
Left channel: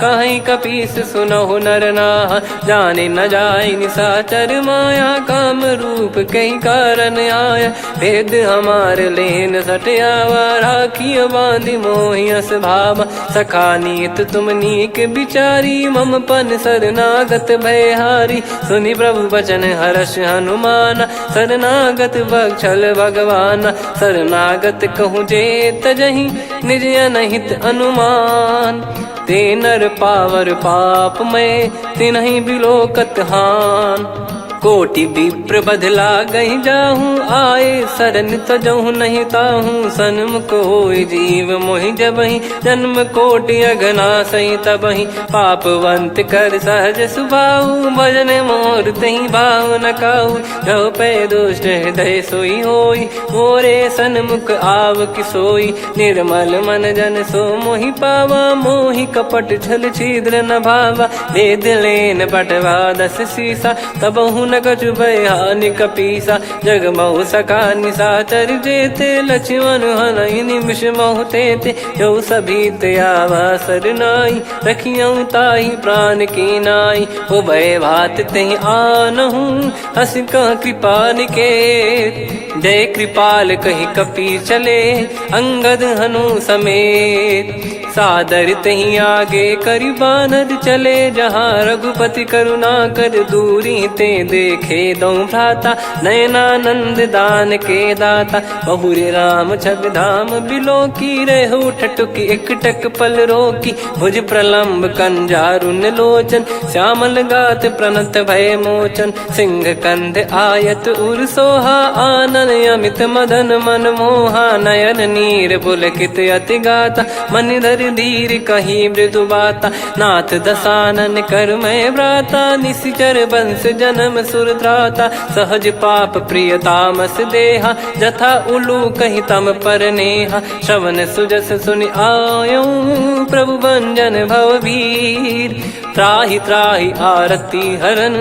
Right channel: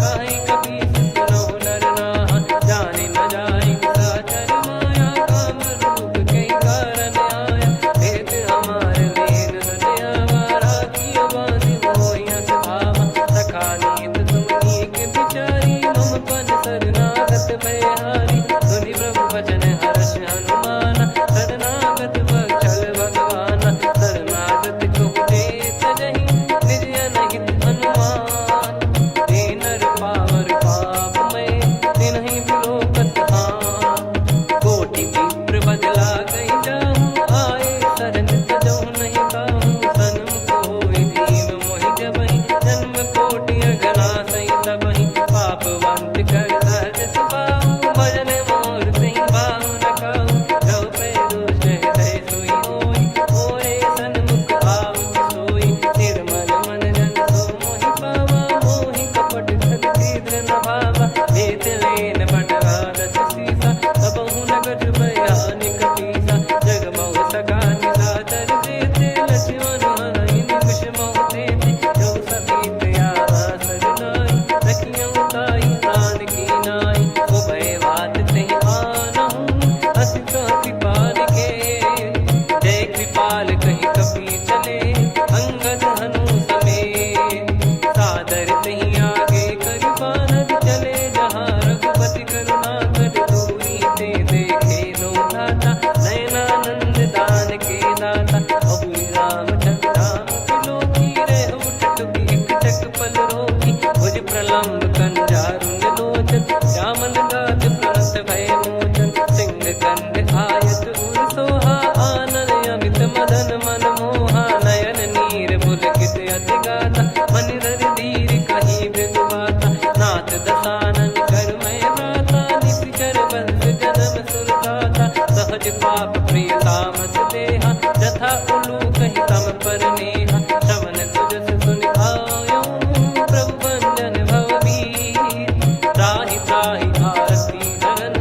कहीं कपीस सुनहु नर नाह जाने न जाय निशाचर माया काम रूप कई कारण आया, भेद हमारे लेन सटयावा, राखिया बांधी मोहियस भावा, सखा नीत तुम नीक बिचारी, मम पन शरणागत भयहारी, सुनि प्रभु वचन हर्ष हनुमाना, शरणागत बक्षल भगवाना, शरणागत कहूँ जे तजहि निज अनहित अनुमान, ते नर पावर पाप में तिन्हि बिलोकत हान, कोटि विप्र बदला गई जाहूँ, आए शरण तजहु नहीं ताहूँ, सन्मुख होय जीव मोहि जबहि, जन्म कोटि अगना सही तबहि, पापवंत कर सहज सुभाऊ, भजन मोर तहि भाव न काहू, जो पै दुष्ट हृदय सोई होई, मोरे सन्मुख आव किसोई, निर्मल मन जन सो मोहि पावा, मोहि कपट छल छिद्र न भावा, वेद लेन बटवा दस सीसा, तबहु न कछु बयान कपीसा, जग महु सका निशाचर जेते, लक्ष्मण हनहि निमिष महु तेते, जो सभी त्यावा सरनाई, रखियऊ ताहि प्राण की नाई, उभय भात तेहि आनहु, हस कह कृपाल के, जय कृपाल कहि कपि चले, अंगद हनु समेत, सादर तही आगे करि बानर चले, जहाँ रघुपति करुणा कर दूरी ते देखे दो भ्राता, नयनानंद दान के दाता, बहुरी राम छवि धाम बिलो की, रेहु ठटुकी एकटक पल रोकी, भुज प्रलम्ब कंजारुन लोचन, श्यामल गात प्रणत भय मोचन, सिंह कंद आयत उर सोहा, आनन अमित मदन मन मोहा, नयन नीर पुलकित अति गाता, मन धर धीर कहीं मृदु बाता, नाथ दसानन कर मैं भ्राता, निशिचर वंश जन्म सुर त्राता, सहज पाप प्रिय तामस देहा, जथा उलू कहि तम पर नेहा, श्रवण सुजस सुनि आयो, प्रभु भंजन भवभीर, त्राहि त्राहि आरती हरन,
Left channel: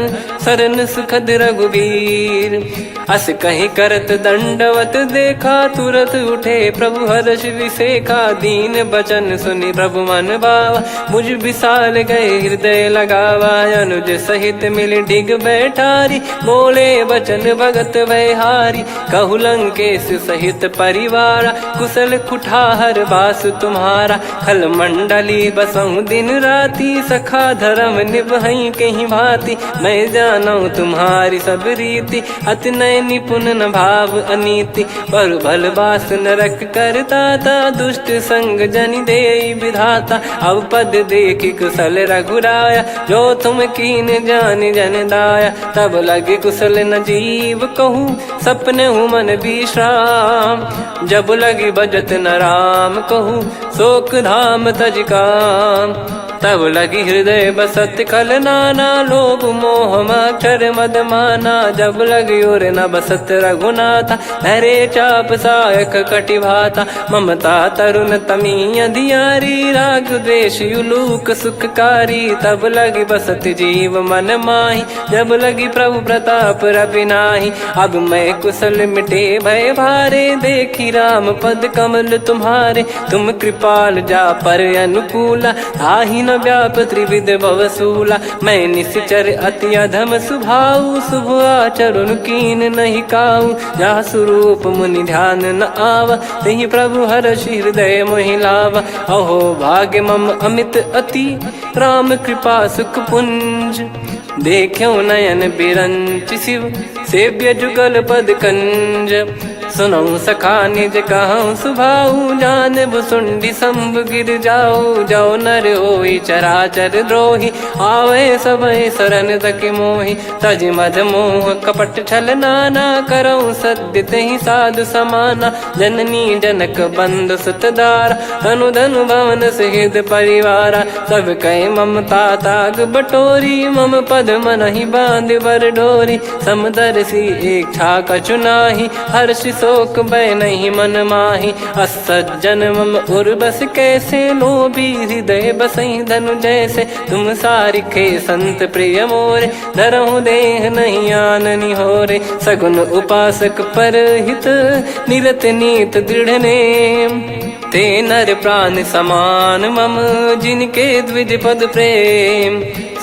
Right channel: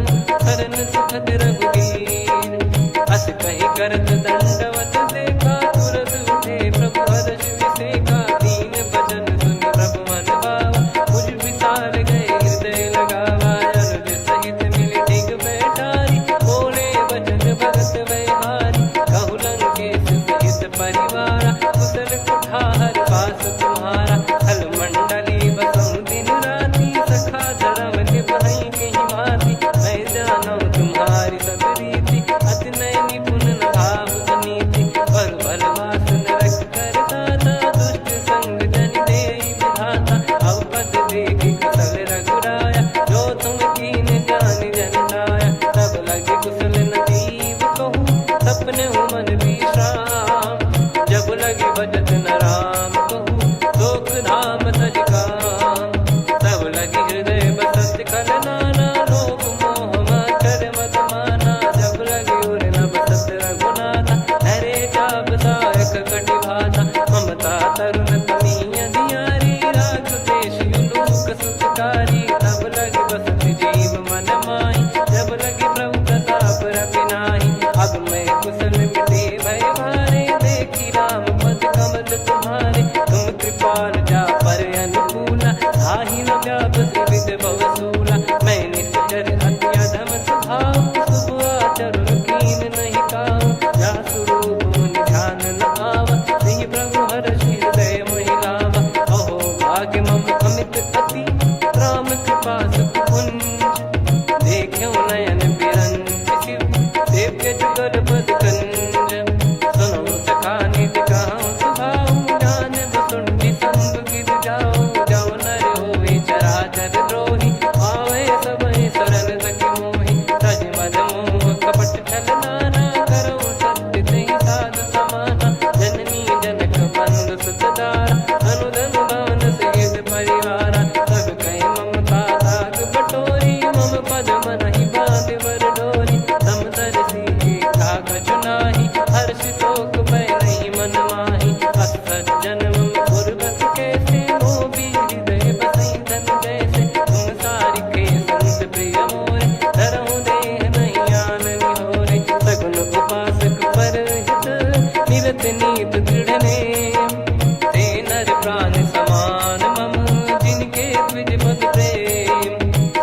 शरण सुखद रघुबीर, अस कहीं करत दंडवत देखा, तुरत उठे प्रभु हर्ष विसेखा, दीन बचन सुनि प्रभु मन भावा, मुझ विशाल गए हृदय लगावा, अनुज सहित मिल डिग बैठारी, बोले बचन भगत वैहारी, कहु लंकेश सहित परिवारा, कुशल कुठार बास तुम्हारा, खल मंडली बसऊं दिन राती, सखा धर्म निभई कहीं भांति, मैं जानू तुम्हारी सब रीति, अति नय निपुण न भाव अनीति, पर भल बास नरक करता था, दुष्ट संग जन दे विधाता, अब पद देखी कुशल रघुराया, जो तुम कीन जान जन दाया, तब लगे कुशल न जीव कहूँ, सपने हूँ मन विश्राम, जब लगी बजत न राम कहूँ, शोक धाम तज काम, तब लगी हृदय बसत खल नाना, लोभ मोह मक्षर मद माना, जब लगी उर न बसत रघुनाथा, हरे चाप सायक कटि भाता, ममता तरुण तमी अधियारी, राग द्वेष युलूक सुखकारी, तब लगी बसत जीव मन माही, जब लगी प्रभु प्रताप रवि नाही, अब मैं कुशल मिटे भय भारे, देखी राम पद कमल तुम्हारे, तुम कृपाल जा पर अनुकूला, आही न व्याप त्रिविध भवसूला, मैं निश्चर अति अधम सुभाऊ, शुभ आचरण कीन नहीं काऊ, जहाँ स्वरूप मुनि ध्यान न आवा, तहि प्रभु हर्ष हृदय मोहि लावा, अहो भाग्य मम अमित अति, राम कृपा सुख पुंज, देखो नयन बिरंच शिव, सेव्य जुगल पद कंज, सुनऊ सखा निज कहूँ सुभाऊ, जान भुसुंडी शंभ गिर जाओ, जाओ नर होई चराचर द्रोही, आवे सबय शरण तक मोहि, तज मद मोह कपट छल नाना, करऊँ सत्य तहि साधु समाना, जननी जनक बंधु सुतदारा, धनु धनु भवन सहित परिवारा, सब कहे ममता ताग बटोरी, मम पद मनहि बांध बर डोरी, समदर्शी इच्छा कछु नाही, हर्ष शोक भय नहीं मन माही, असज्जन मम उर्वश कैसे, लोभी हृदय बसई धनु जैसे, तुम सारिखे संत प्रिय मोरे, धरहु देह नहीं आननि होरे, सगुन उपासक पर हित, निरत नीत दृढ़ नेम, ते नर प्राण समान मम, जिनके द्विज पद प्रेम,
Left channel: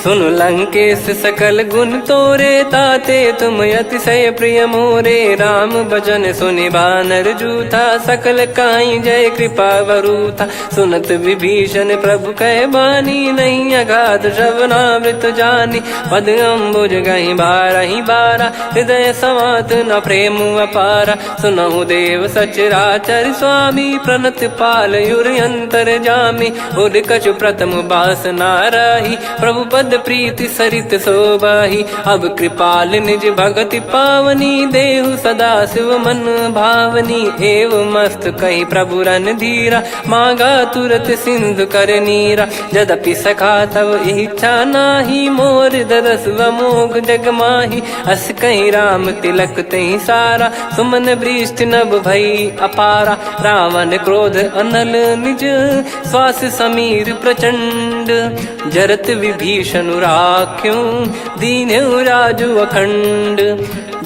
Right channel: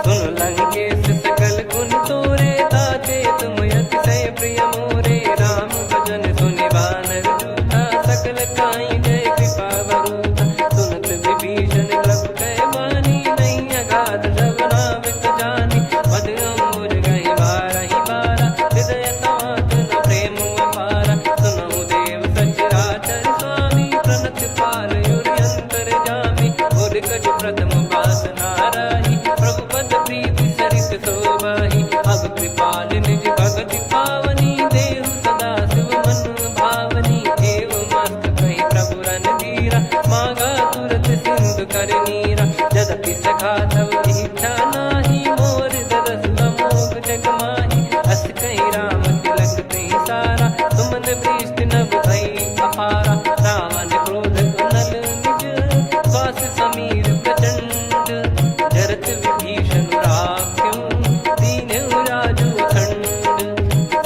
सुन लंकेश सकल गुण तोरे, ताते तुम अतिशय प्रिय मोरे। राम भजन सुनि बानर जूथा, सकल काई जय कृपा वरूथा। सुनत विभीषण प्रभु कह बानी, नहीं अगाध श्रवणामृत जानी। पद अम्बुज गहि बारहि बारा, हृदय समात न प्रेम अपारा। सुनहु देव सचराचर स्वामी, प्रणत पाल युर अंतर जामी। उर कछु प्रथम बास नाराही, प्रभु पद प्रीति सरित शोभाही। अब कृपाल निज भगति पावनी, देहु सदा शिव मन भावनी। एव मस्त कही प्रभु रन धीरा, मांगा तुरत सिंधु कर नीरा। यद्यपि सखा तब इच्छा नाही, मोर दरस मोग जग माही। अस कहीं राम तिलक तही सारा, सुमन वृष्टि नभ भई अपारा। रावण क्रोध अनल निज, श्वास समीर प्रचंड। जरत विभीषण राख्यों, दीन्हु राजु अखंड।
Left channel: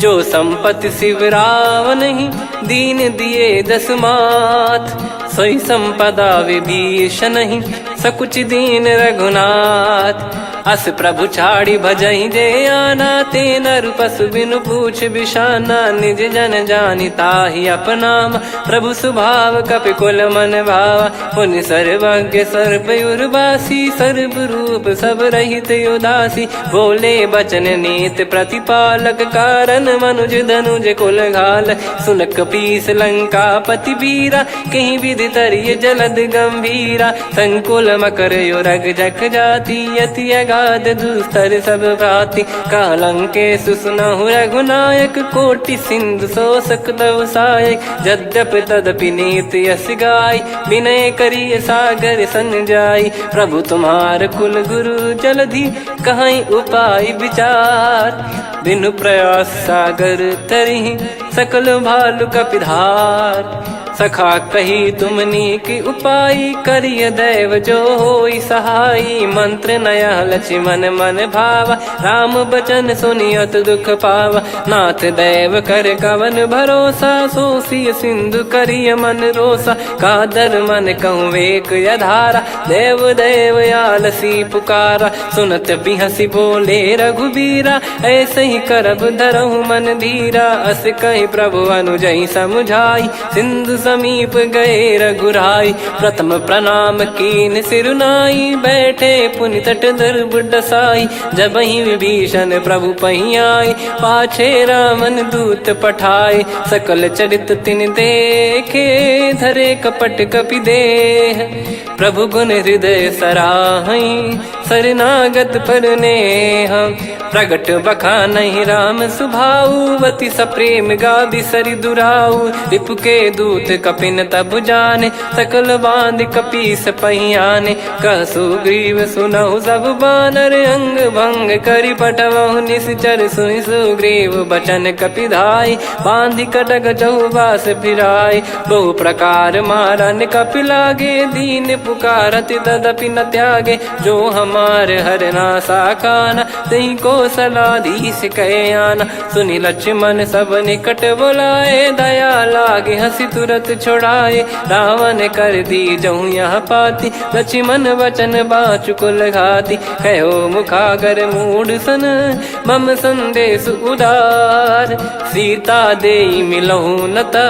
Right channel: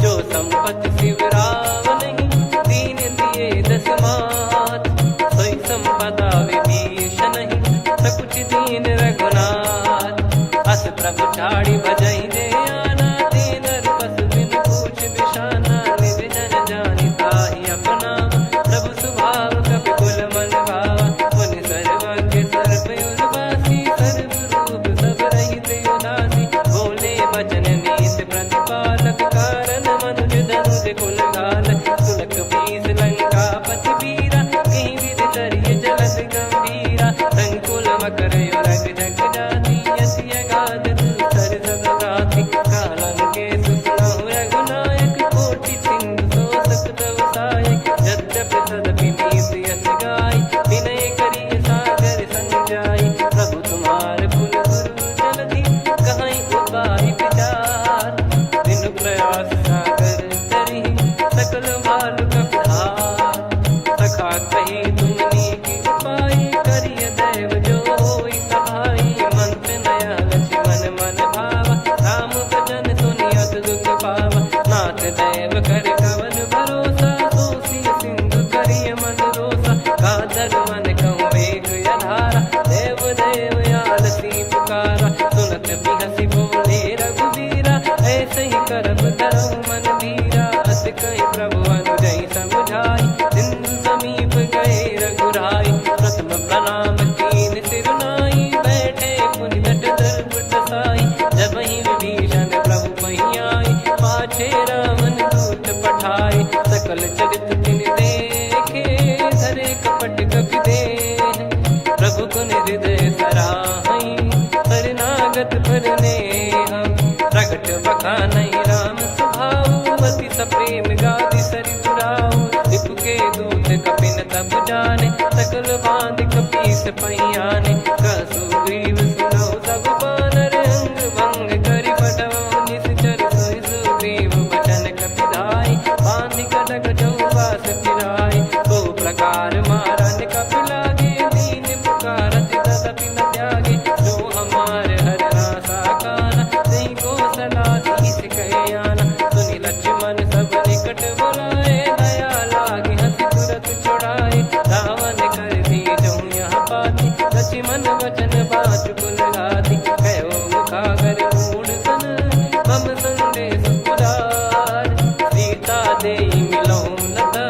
जो संपत्ति शिव रावण ही, दीन दिए दस मात। सोई संपदा विभीषण ही, सकुच दीन रघुनाथ। अस प्रभु छाड़ी भजई जे आना, ते नर पशु बिनु पूछ बिशाना। निज जन जानि ताहि अपनाम, प्रभु स्वभाव कपि कुल मन भावा। मुनि सर्वज्ञ सर्वयुर्वासी, सर्व रूप सब रहित उदासी। बोले बचन नीत प्रतिपालक, कारण मनुज धनुज कुल घाल। सुन कपीस लंका पति वीरा, कहीं विधि तरिय जलद गंभीरा। संकुल मकर युरग जख जाति, यति अगाध दुस्तर सब भाति। कालंकेश सुनहु रघुनायक, कोटि सिंधु शोषक तव सहायक। यद्यपि तदपि नीति यस गाय, विनय करिय सागर सन जाई। प्रभु तुम्हार कुल गुरु जलधि, कहीं उपाय विचार। बिनु प्रयास सागर तरिहि, सकल भालु कपिधार। सखा कही तुमनी की उपाय, करिय दैव जो होई सहाई। मंत्र नया लक्ष्मण मन भावा, राम बचन सुनियत दुख पावा। नाथ दैव कर कवन भरोसा, सोसिय सिंधु करिय मन रोसा। कादर मन कहूँ वेक यधारा, देव देव आलसी पुकारा। सुनत बिहसी बोले रघुबीरा, ऐसे ही करब धरहु मन धीरा। अस कही प्रभु अनुजई समुझाई, सिंधु समीप गए रघुराई। प्रथम प्रणाम कीन सिरुनाई, बैठे पुनि तट दर्भ डसाई। जब ही विभीषण प्रभु पही आई, पाछे रावण दूत पठाए। सकल चरित तिन देखे, धरे कपट कपि देह। प्रभु गुण हृदय सराहई, शरणागत पर नेह। प्रगट बखानहि राम सुभाऊ, अति सप्रेम गादि सरि दुराऊ। रिपु के दूत कपिन तब जाने, सकल बांध कपीस पहियाने। कह सुग्रीव सुनहु सब बानर, अंग भंग करि पठवहु निश्चर। सुनि सुग्रीव बचन कपिधाई, बांधि कटक चहुबास फिराई। बहु प्रकार मारन कपि लागे, दीन पुकारत तदपि न त्यागे। जो हमार हरना साकाना, तई को सलाधीश कहे आना। सुनि लक्ष्मण सब निकट बुलाए, दया लागे हंसी तुरत छुड़ाए। रावण कर दी जऊँ यहाँ पाती, लक्ष्मण वचन बाचु कुल घाती। कहो मुखागर मूढ़ सन, मम संदेश उदार। सीता देई मिलहु नता,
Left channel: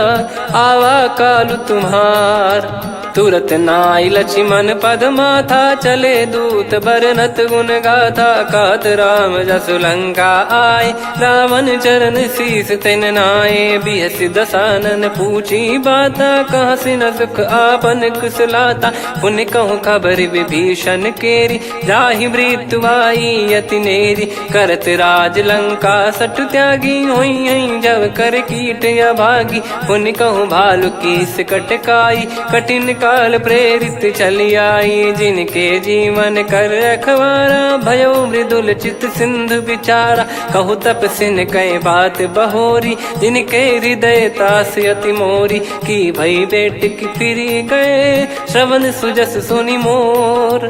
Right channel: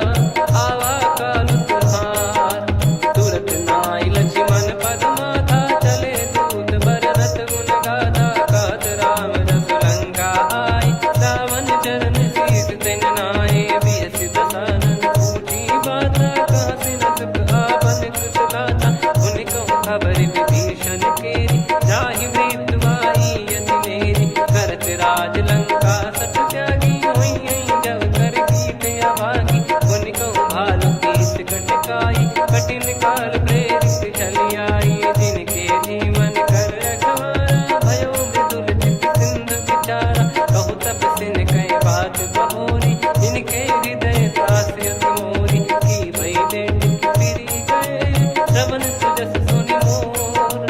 आवा कालु तुम्हार। तुरत नाई लक्ष्मण पद माथा, चले दूत बरनत गुण गाथा। कात राम जसु लंका आए, रावण चरण शीस तिन नाये। बिहसि दसानन पूछी बाता, कहाँ से न सुख आपन कुशलाता। पुन कहूँ खबर विभीषण केरी, जाहि मृत्यु आई अति नेरी। करत राज लंका सठ त्यागी, होई जब कर कीट अभागी। पुन कहूँ भालु कीस कटकाई, कठिन काल प्रेरित चली आई। जिनके जीवन कर रखवारा, भयो मृदुल चित सिंधु विचारा। कहु तपसिन कई बात बहोरी, जिनके हृदय तास अति मोरी। की भई बेट की फिरी गए, श्रवण सुजस सुनि मोर।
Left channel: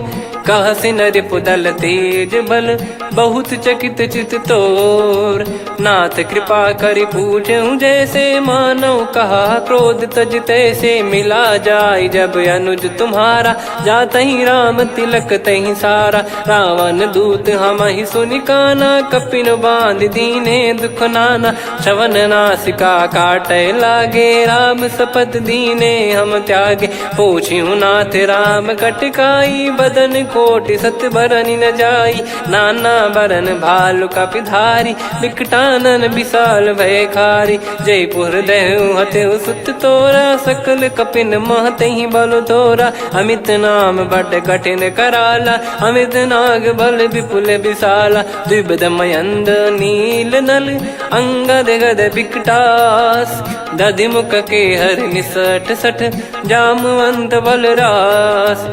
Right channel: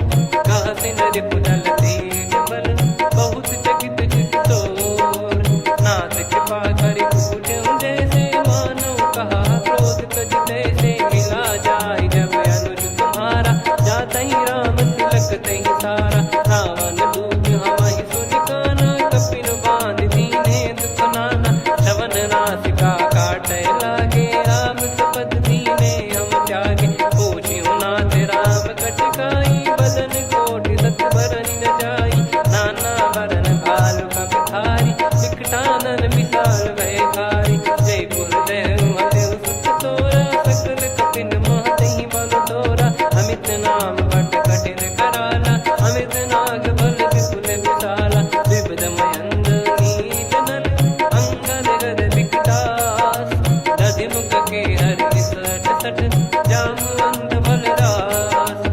कह से नर पुदल तेज बल बहुत चकित चित तोर। नाथ कृपा कर पूछूं जैसे मानव कहा क्रोध तज तैसे मिला जाय जब अनुज तुम्हारा जात ही राम तिलक तही सारा। रावण दूत हम ही सुनि काना कपिन बांध दीने दुख नाना। श्रवण नासिका काटे लागे राम शपथ दीने हम त्यागे। पूछ्यू नाथ राम कटकाई बदन कोटि सत बरनि न जाई। नाना बरन भालु कपिधारी विकटानन विशाल भयखारी। जयपुर देहु हतेउ सुत तोरा सकल कपिन महतहि बल तोरा। अमित नाम बट कठिन कराला अमित नाग बल विपुल विशाला। द्विबद मयंद नील नल अंगद गद विकटास। दधि मुख के हर निसठ सठ जामवंत बलरास।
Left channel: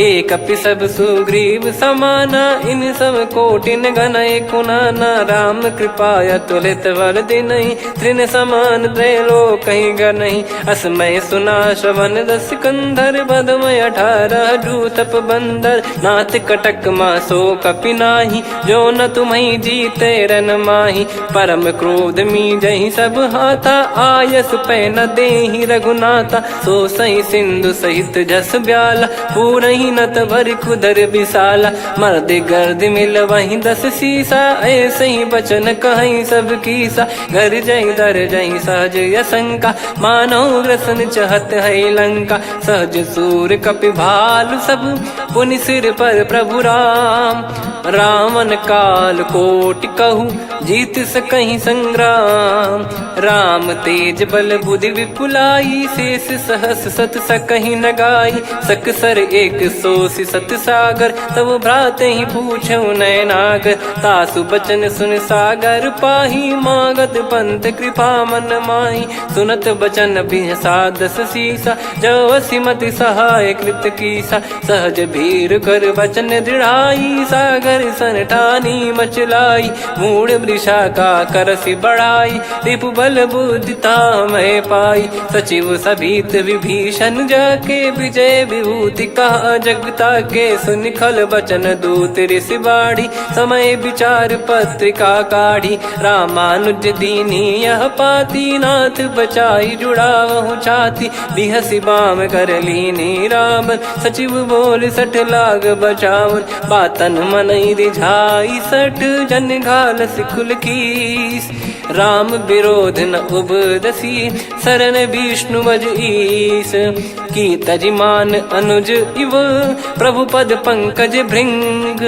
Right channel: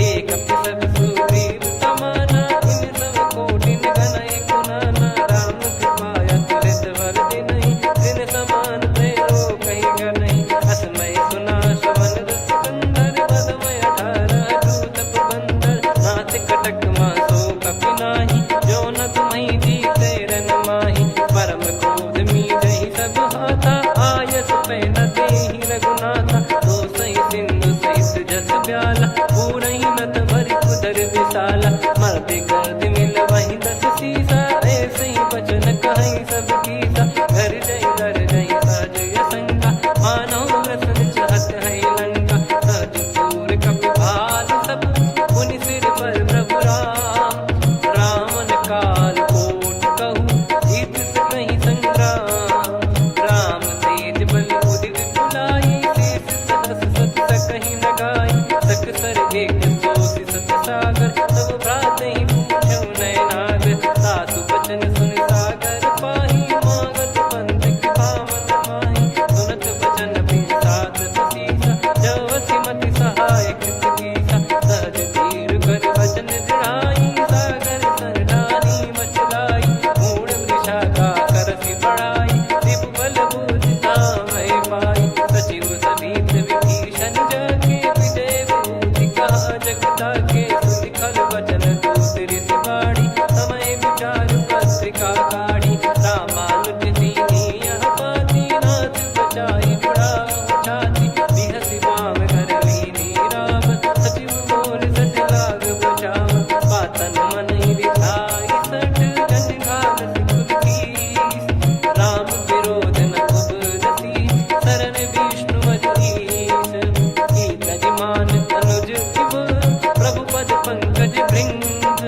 एक कपि सब सुग्रीव समाना इन सब कोटिन गनय कुनाना। राम कृपा अतुलित बल दिनहि तृण समान त्रैलोक गनहि। असमय सुना श्रवण दस कंधर बदमय 18 जूतप बंदर। नाथ कटक मासो कपि नाही जो न तुम्हि जीते रन माही। परम क्रोध मी जहि सब हाथा आयस पै न देहि रघुनाथा। सो सही सिंधु सहित जस ब्याला पूरहि नत भर कुदर विशाला। मर्द गर्द मिल वहीं 10 सीसा ऐसे ही बचन कहीं सब कीसा। घर जय दर जय सहज यसंका मानव ग्रसन चहत है लंका। सहज सूर कपि भालु सब पुनि सिर पर प्रभु राम। रामन काल कोटि कहु जीत सकहि संग्राम। राम तेज बल बुद्धि विपुलाई शेष सहस सत सकहि न गाई। सकसर एक सोसि सत सागर तब भ्रात ही पूछौ नयनागर। तासु बचन सुन सागर पाही मागत पंथ कृपा मन माही। सुनत बचन बिहसा 10 सीसा जवसि मति सहाय कृत कीसा। सहज भीर कर बचन दृढ़ाई सागर सन ठानी मचलाई। मूढ़ वृषा का करसि बढ़ाई रिपु बल बुद्धि तामय पाई। सचिव सभीत विभीषण जाके विजय विभूति कहा जगता के। सुनि खल बचन दूत ऋषि बाड़ी समय विचार पत्रिका काढ़ी। रामानुज दीनी यह पाती नाथ बचाई जुड़ावहु छाती। बिहसि बाम कर लीनी राम सचिव बोल 60 लाग बचावन। बातन मन रिझाई 60 जन घाल सिकुल कीस। राम विरोध न उपदसी शरण विष्णु बज ईस। की तजिमान अनुज इव प्रभु पद पंकज भृंग।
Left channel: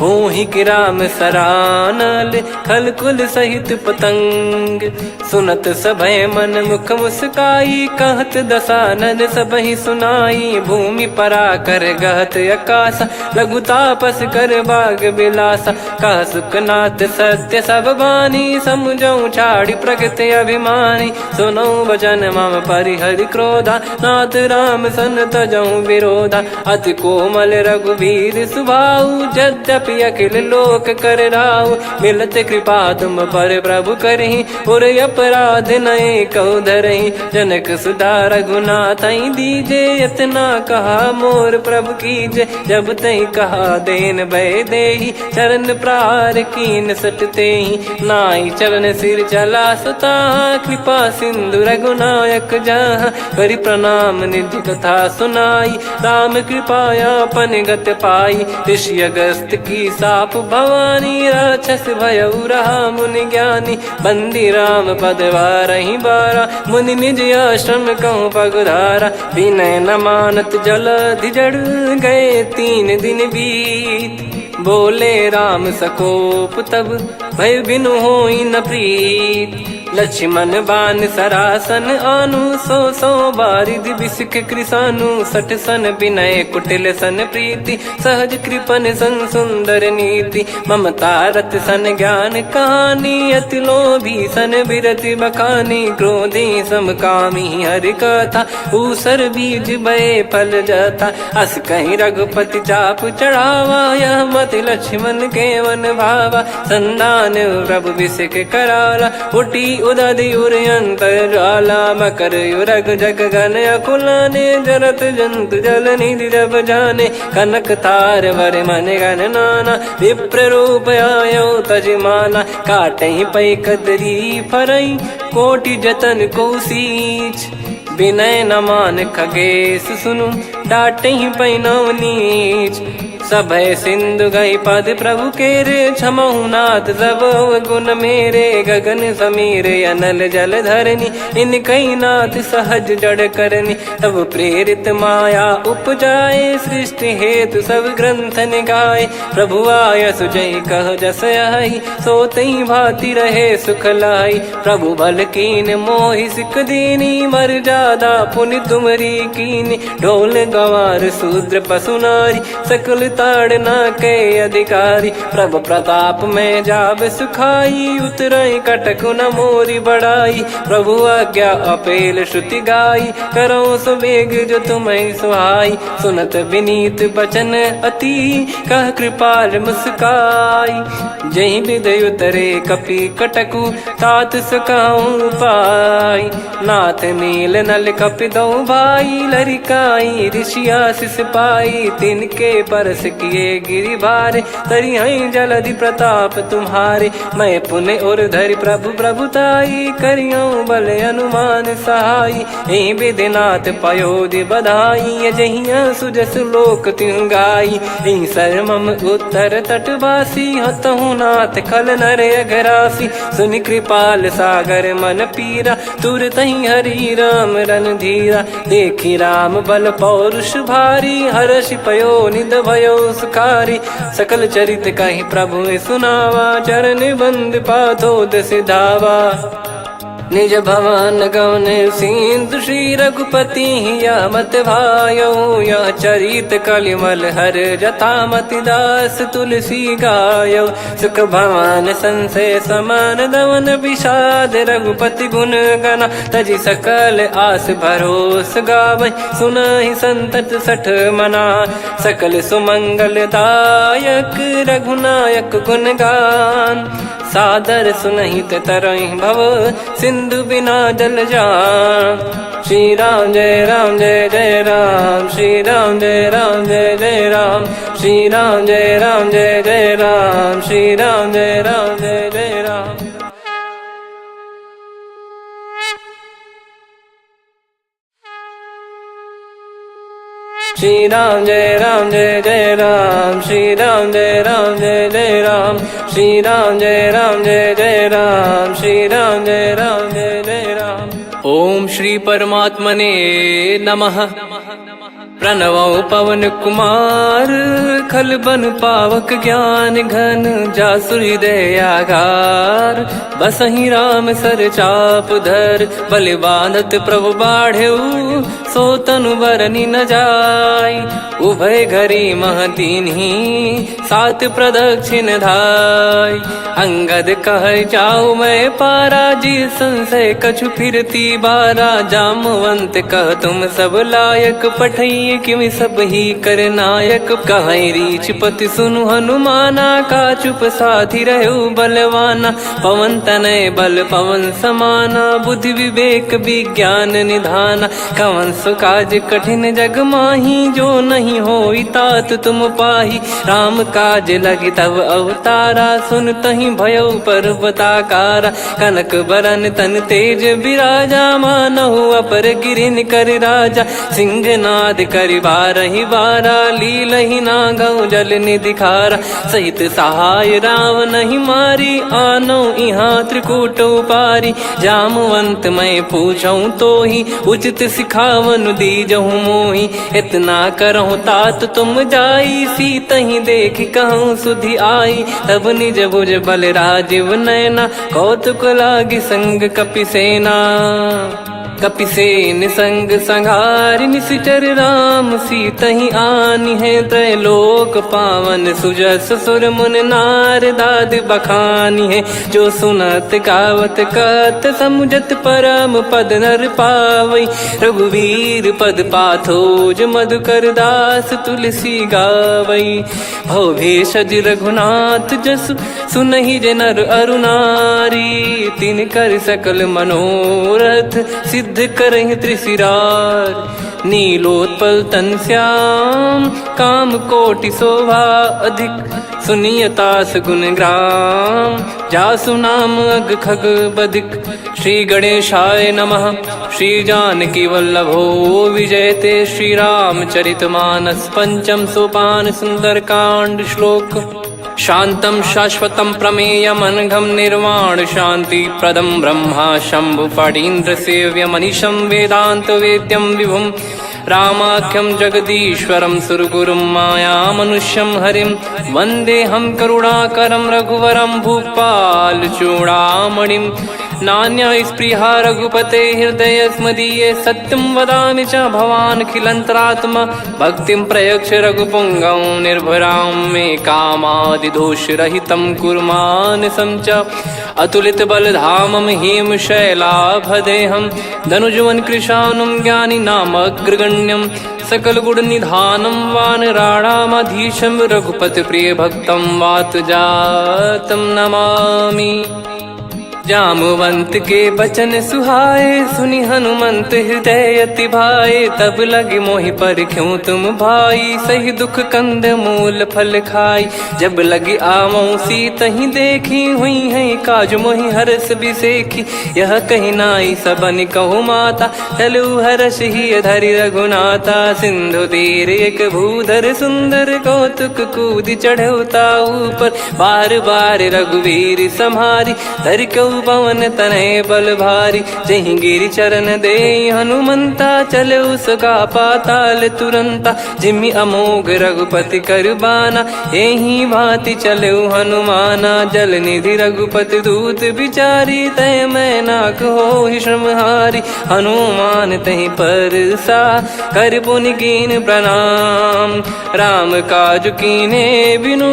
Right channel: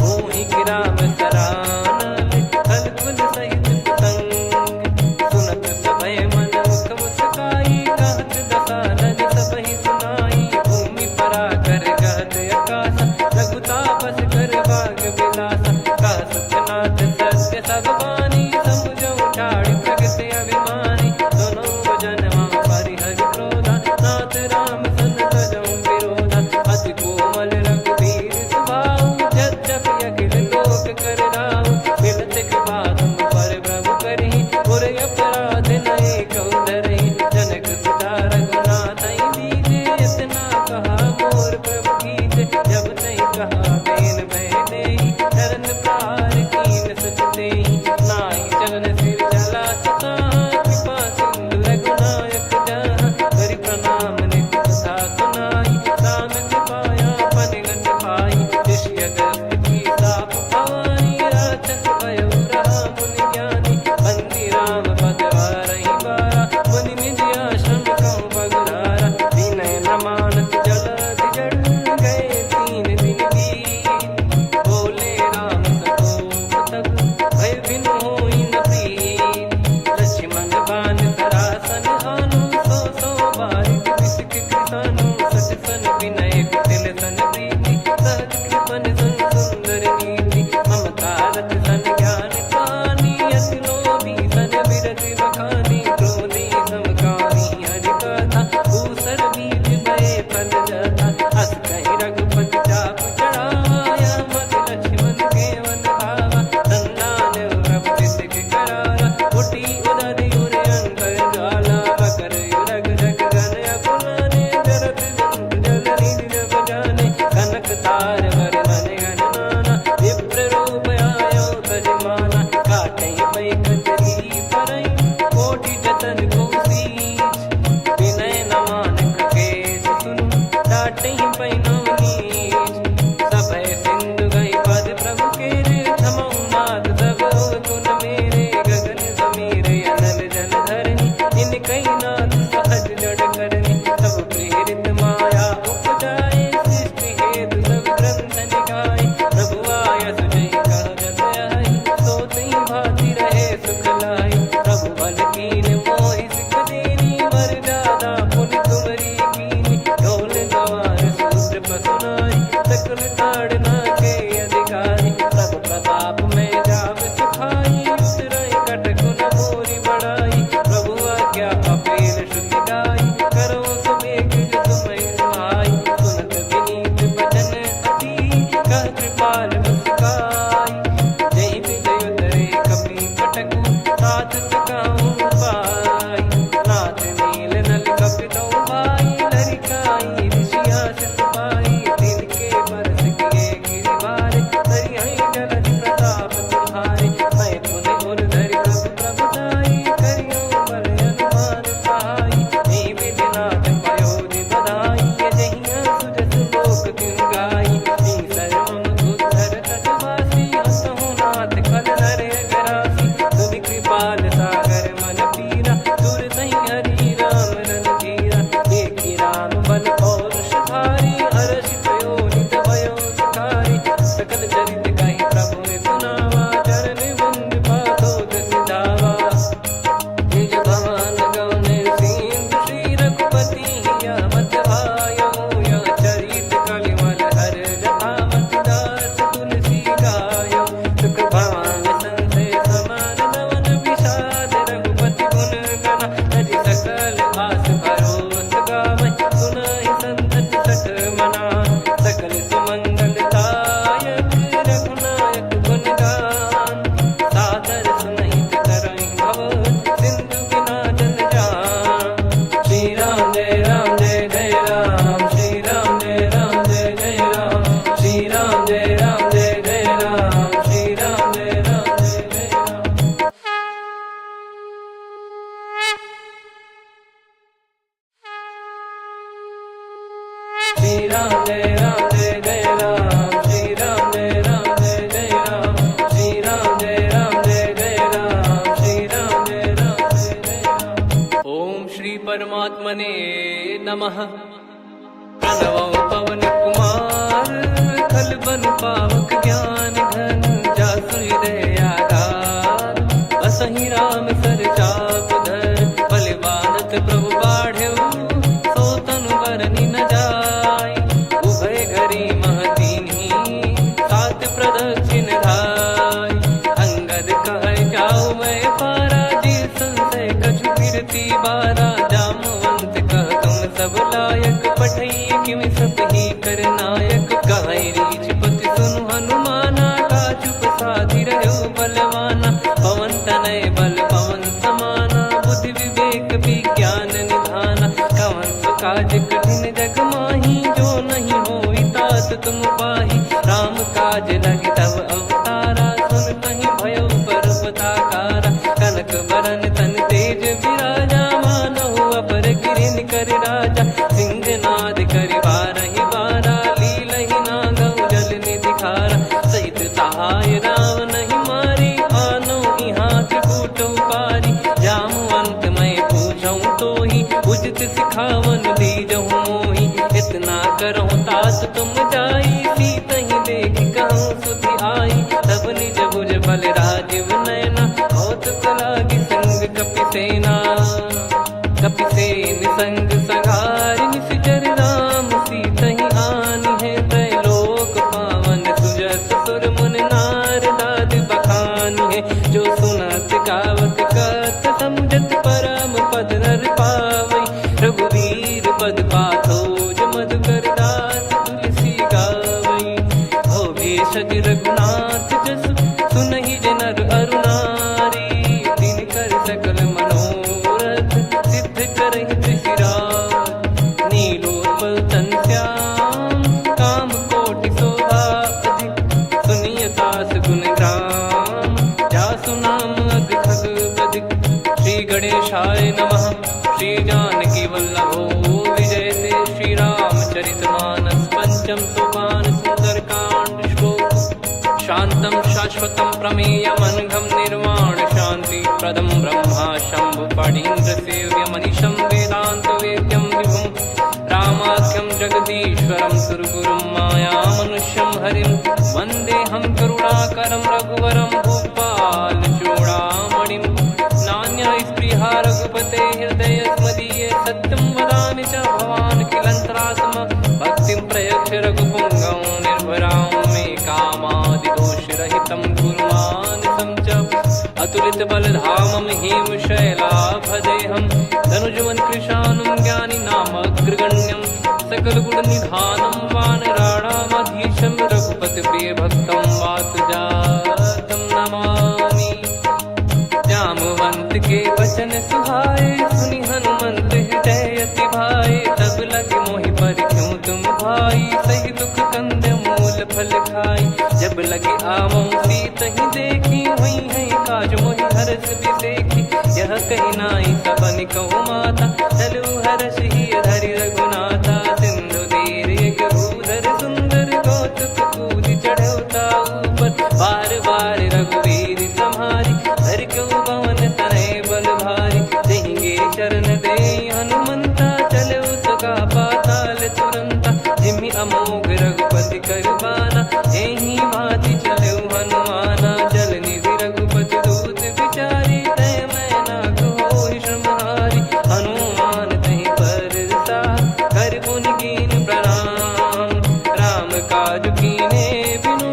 होहि कि राम सरानल खल कुल सहित पतंग। सुनत सभय मन मुख मुस्काई कहत दसानन सबहि सुनाई। भूमि परा कर गहत आकाशा लघु तापस कर बाग बिलासा। कह सुखनाथ सत्य सब बानी समुझौ छाड़ी प्रकृति अभिमानी। सुनो भजन मम परिहरि क्रोधा नाथ राम सन तजौ विरोधा। अति कोमल रघुवीर सुभाऊ यद्यपि अखिल लोक कर राऊ। मिलत कृपा तुम पर प्रभु करहि पुर अपराध नए कहु धरहि। जनक सुधा रघुनाथ दीजे इतना कहा मोर प्रभु कीजे। जब तई कहा देन भय देहि चरण प्रार कीन सटतेहि। नाई चरण सिर चला सता कृपा सिंधु रघुनायक जहाँ। करि प्रणाम नित्य कथा सुनाई राम कृपाया पन गत पाई। ऋषि अगस्त की साप भवानी राक्षस भयउ रहा मुनि ज्ञानी। बंदी राम पद वारहि बारा मुनि निज आश्रम कहूँ पगुधारा। विनय न मानत जल जड़ गए 3 दिन बीत। बोले राम सकोप तब भय बिनु होई न प्रीत। लक्ष्मण बान सरासन आनु 100 बारिधि बिसिख कृसानु। 60 सन विनय कुटिल सन प्रीति सहज कृपन सन सुंदर नीति। ममता रत सन ज्ञान कहानी अति लोभी सन बिरति बखानी। क्रोधी समकामी हरि कथा ऊसर बीज भय फल जाता। अस कहीं रघुपति चाप चढ़ावा यह मत लक्ष्मण के वन भावा। संदान प्रभु बिसिख कराला उठी उदधियुर अंतर्ज्वाला मकर युरग जग गण अकुलाने जरत जंत जल निधि जब जाने कनक तार वर मन गण नाना विप्र रूप आयो तजमाना काटहि पै कदरी फरई कोटि जतन को सींच विनय न मान खगेश सुनु डाटहि पै नव नीच सभय सिंधु गई पद प्रभु केरे क्षमहु नाथ सब गुण मेरे गगन समीरे अनल जल धरनी इन कई नाथ सहज जड़ करनी तब प्रेरित माया उपजाए सृष्टि हेतु सब ग्रंथ निगाए प्रभु आय सुजय कह जस आई सो तई भांति रहे सुख लाई प्रभु बल कीन मोहि सिख दीनी मर जादा पुनि तुमरी कीनी ढोल गवार शूद्र पशु नारी सकल ताड़ना के अधिकारी प्रभु प्रताप में जाब सुखाई उतरई कटक न मोरी बढ़ाई प्रभु आज्ञा अपेल श्रुति गाई करो सुबेग जो तुम्हें सुहाई सुनत विनीत बचन अति कह कृपाल मुस्काई जही विदय उतरे कपि कटकु तात सकाऊं पाई नाथ नील नल कपि दो भाई लरिकाई ऋषिया शिष पाई तिनके परस किए गिरि भारे तरियाई जलधि प्रताप तुम्हारे मैं पुण्य और धरि प्रभु प्रभुताई करियो बल अनुमान सहाई यही विधिनाथ पयोधि बधाई जहिया सुजस लोक तिहु गाई यही सरमम उत्तर तटवासी हतहु नाथ खल नर अघरासी सुनि कृपाल सागर मन पीरा तुरत ही हरि राम रणधीरा देखी राम बल पौरुष भारी हर्षि पयो निध भयो सुखारी सकल चरित कहीं प्रभु सुनावा चरण बंद पाथोद सिधावा निज भवन गौन सिंधु श्री रघुपति या मत भायो या चरित कलिमल हर जता मति दास तुलसी गायो सुख भवन संशय समान दवन विषाद रघुपति गुण गना तजि सकल आस भरोस गावै सुनहि संतत सठ मना सकल सुमंगल दायक रघुनायक गुण गान सादर सुनहित तरहि भव सिंधु बिना जल जान श्री राम जय जय राम श्री राम जय जय राम श्री राम जय जय राम श्री राम जय जय राम श्री राम जय जय राम श्री राम जय जय राम श्री राम जय जय राम श्री राम जय जय राम। ओम श्री परमात्मने नमः। प्रणवो पवन कुमार खल बन पावक ज्ञान घन जासु हृदय आगार बसहि राम सर चाप धर बलि बांधत प्रभु बाढ़ेऊ सो तनु बरनि न जाय उभय घरी महतीन्ही सात प्रदक्षिण धाय अंगद कह जाऊ मैं पारा जी संशय कछु फिरती बारा जामवंत कह तुम सब लायक पठई किमि सब ही कर नायक कहीं रीछ पति सुनु हनुमाना का चुप साधि रहो बलवाना पवन तनय बल पवन समाना बुद्धि विवेक विज्ञान निधाना कवन सो काज कठिन जग माही जो नहीं होई तात तुम पाही राम काज लगी तब अवतारा सुन तहि भयो पर्वताकारा कनक बरन तन तेज विराजा मानहु अपर गिरिन कर राजा सिंहनाद कर बारहि बारा लीलहि नागौ जल निधि खारा सहित सहाय राम नहीं मारी आनो इहाँ त्रिकूट पारी जामवंत मैं पूछऊं तो ही उचित सिखावन दीजहु मोही इतना करहु तात तुम जाई सीत ही देख कहूँ सुधि आई तब निज भुज बल राजीव नैना कौतुक लागी संग कपिसेना कपिसेन संग संहारि निशिचर राम सीतहि आनि है त्रैलोक पावन सुजस सुर मुन नार दाद बखानी है जो सुनत गावत कत समुझत परम पद नर पावई रघुवीर पद पाथोज मधुकर दास तुलसी गावई हो भेषज रघुनाथ जसु सुनहि जे नर अरु नारी। तिन कर सकल मनोरथ सिद्ध करहि त्रिशिरार। नीलोत्पल तन श्याम काम कोटि शोभा अधिक। सुनियतास गुण ग्राम जासु नाम अग खग बधिक। श्री गणेशाय नमः। श्री जानकी वल्लभो विजयते। श्री रामचरितमानस पंचम सोपान सुंदरकांड श्लोक। शांतं शाश्वतं प्रमेयम् अनघं निर्वाण शांति प्रदं ब्रह्मा शंभु फणीन्द्र सेव्य मनीषं वेदांत वेद्यं विभुं। रामाख्यं जगदीश्वरं सुरगुरुं माया मनुष्यं हरिं। वन्देऽहं करुणाकरं रघुवरं भूपाल चूडामणिं। नान्या स्पृहा रघुपते हृदय स्मदीये। सत्यं वदामि च भवान् खिलन्तरात्मा। भक्तिं प्रयच्छ रघुपुङ्गं निर्भरां मे कामादिदोषरहितं कुर्मानसं च। अतुलित बलधामं हेमशैलाभदेहं। धनुजवन कृशानुं ज्ञानी नामग्रगण्यं। सकल गुण निधानं वानराणामधीशं। रघुपति प्रिय भक्तं वात जातं नमामि। जामवंत के बचन सुहाए सुनि हनुमंत हृदय अति भाए। तब लगे मोहि पर क्यों तुम भाई सही दुख कंद मूल फल खाई। जब लगी आवों सीत ही देखी हुई है काज मोहि हरस बिसेखी। यह कही नाई सबन कहु माता चलु हरष ही धरि रघुनाथा। सिंधु तीर एक भूधर सुंदर कौतुक कूद चढ़ौता ऊपर। बार बार रघुवीर सम्हारी धरि कऊ पवन तनय बल भारी। जहि गिरि चरण दे हनुमंता चले उसका पाताल तुरंता। जिमि अमोघ रघुपति कर बाना एहि भांति चले हनुमाना। जल निधि रघुपति दूत बिचारी तय मैं नाक होहि श्रमहारी। हनुमान तहि परसा कर पुनि कीन प्रणाम। राम काज कीने बिनु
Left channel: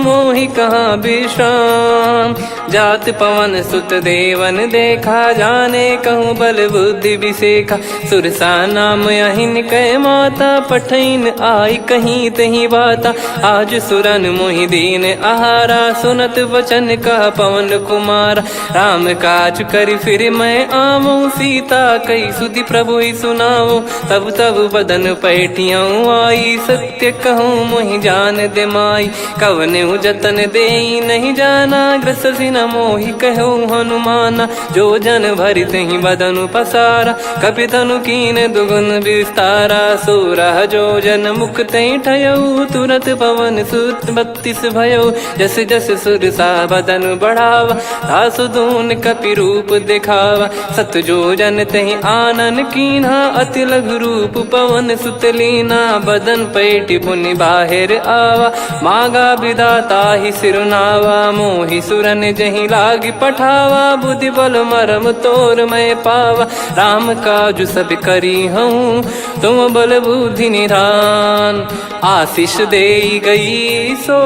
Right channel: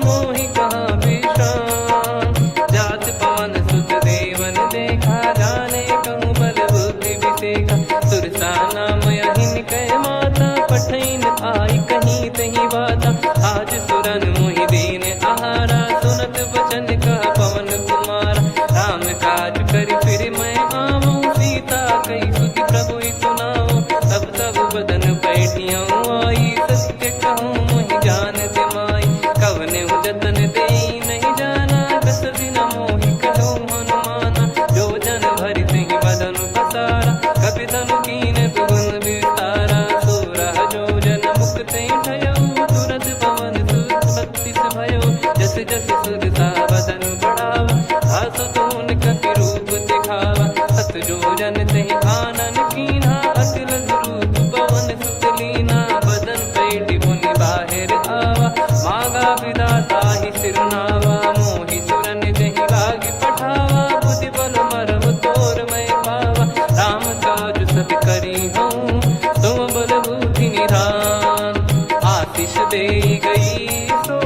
मोहि कहाँ विश्राम। जात पवन सुत देवन देखा जाने कहूँ बल बुद्धि विसेखा। सुरसा नाम यहिन कै माता पठैन आई कहीं तही बाता। आज सुरन मोहि दीन आहारा सुनत वचन कह पवन कुमारा। राम काज करि फिर मैं आवूं सीता कई सुधि प्रभु ही सुनाऊं। तब तब बदन पैठियाँ आई सत्य कहूँ मोहि जान दे माई। कवने जतन दे नहीं जाना ग्रसिन मोहि कहूँ हनुमाना। जो जन भरि तहि बदनु पसारा कपि तनु कीन दुगुन विस्तारा। सोरह जो जन मुख तहि ठयऊ तुरत पवन सुत 32 भयऊ। जस जस सुरसा बदनु बढ़ावा आसु दून कपि रूप दिखावा। सत जो जन तहि आनन कीन्हा अति लघु रूप पवन सुत लीना। बदन पैठि पुनि बाहिर आवा मांगा विधाता ही सिरुनावा। मोहि सुरन जहि लागी पठावा बुद्धि बल मरम तोर मैं पावा। राम काज सब करी हूँ तुम बल बुद्धि निधान। आशीष दे गई सो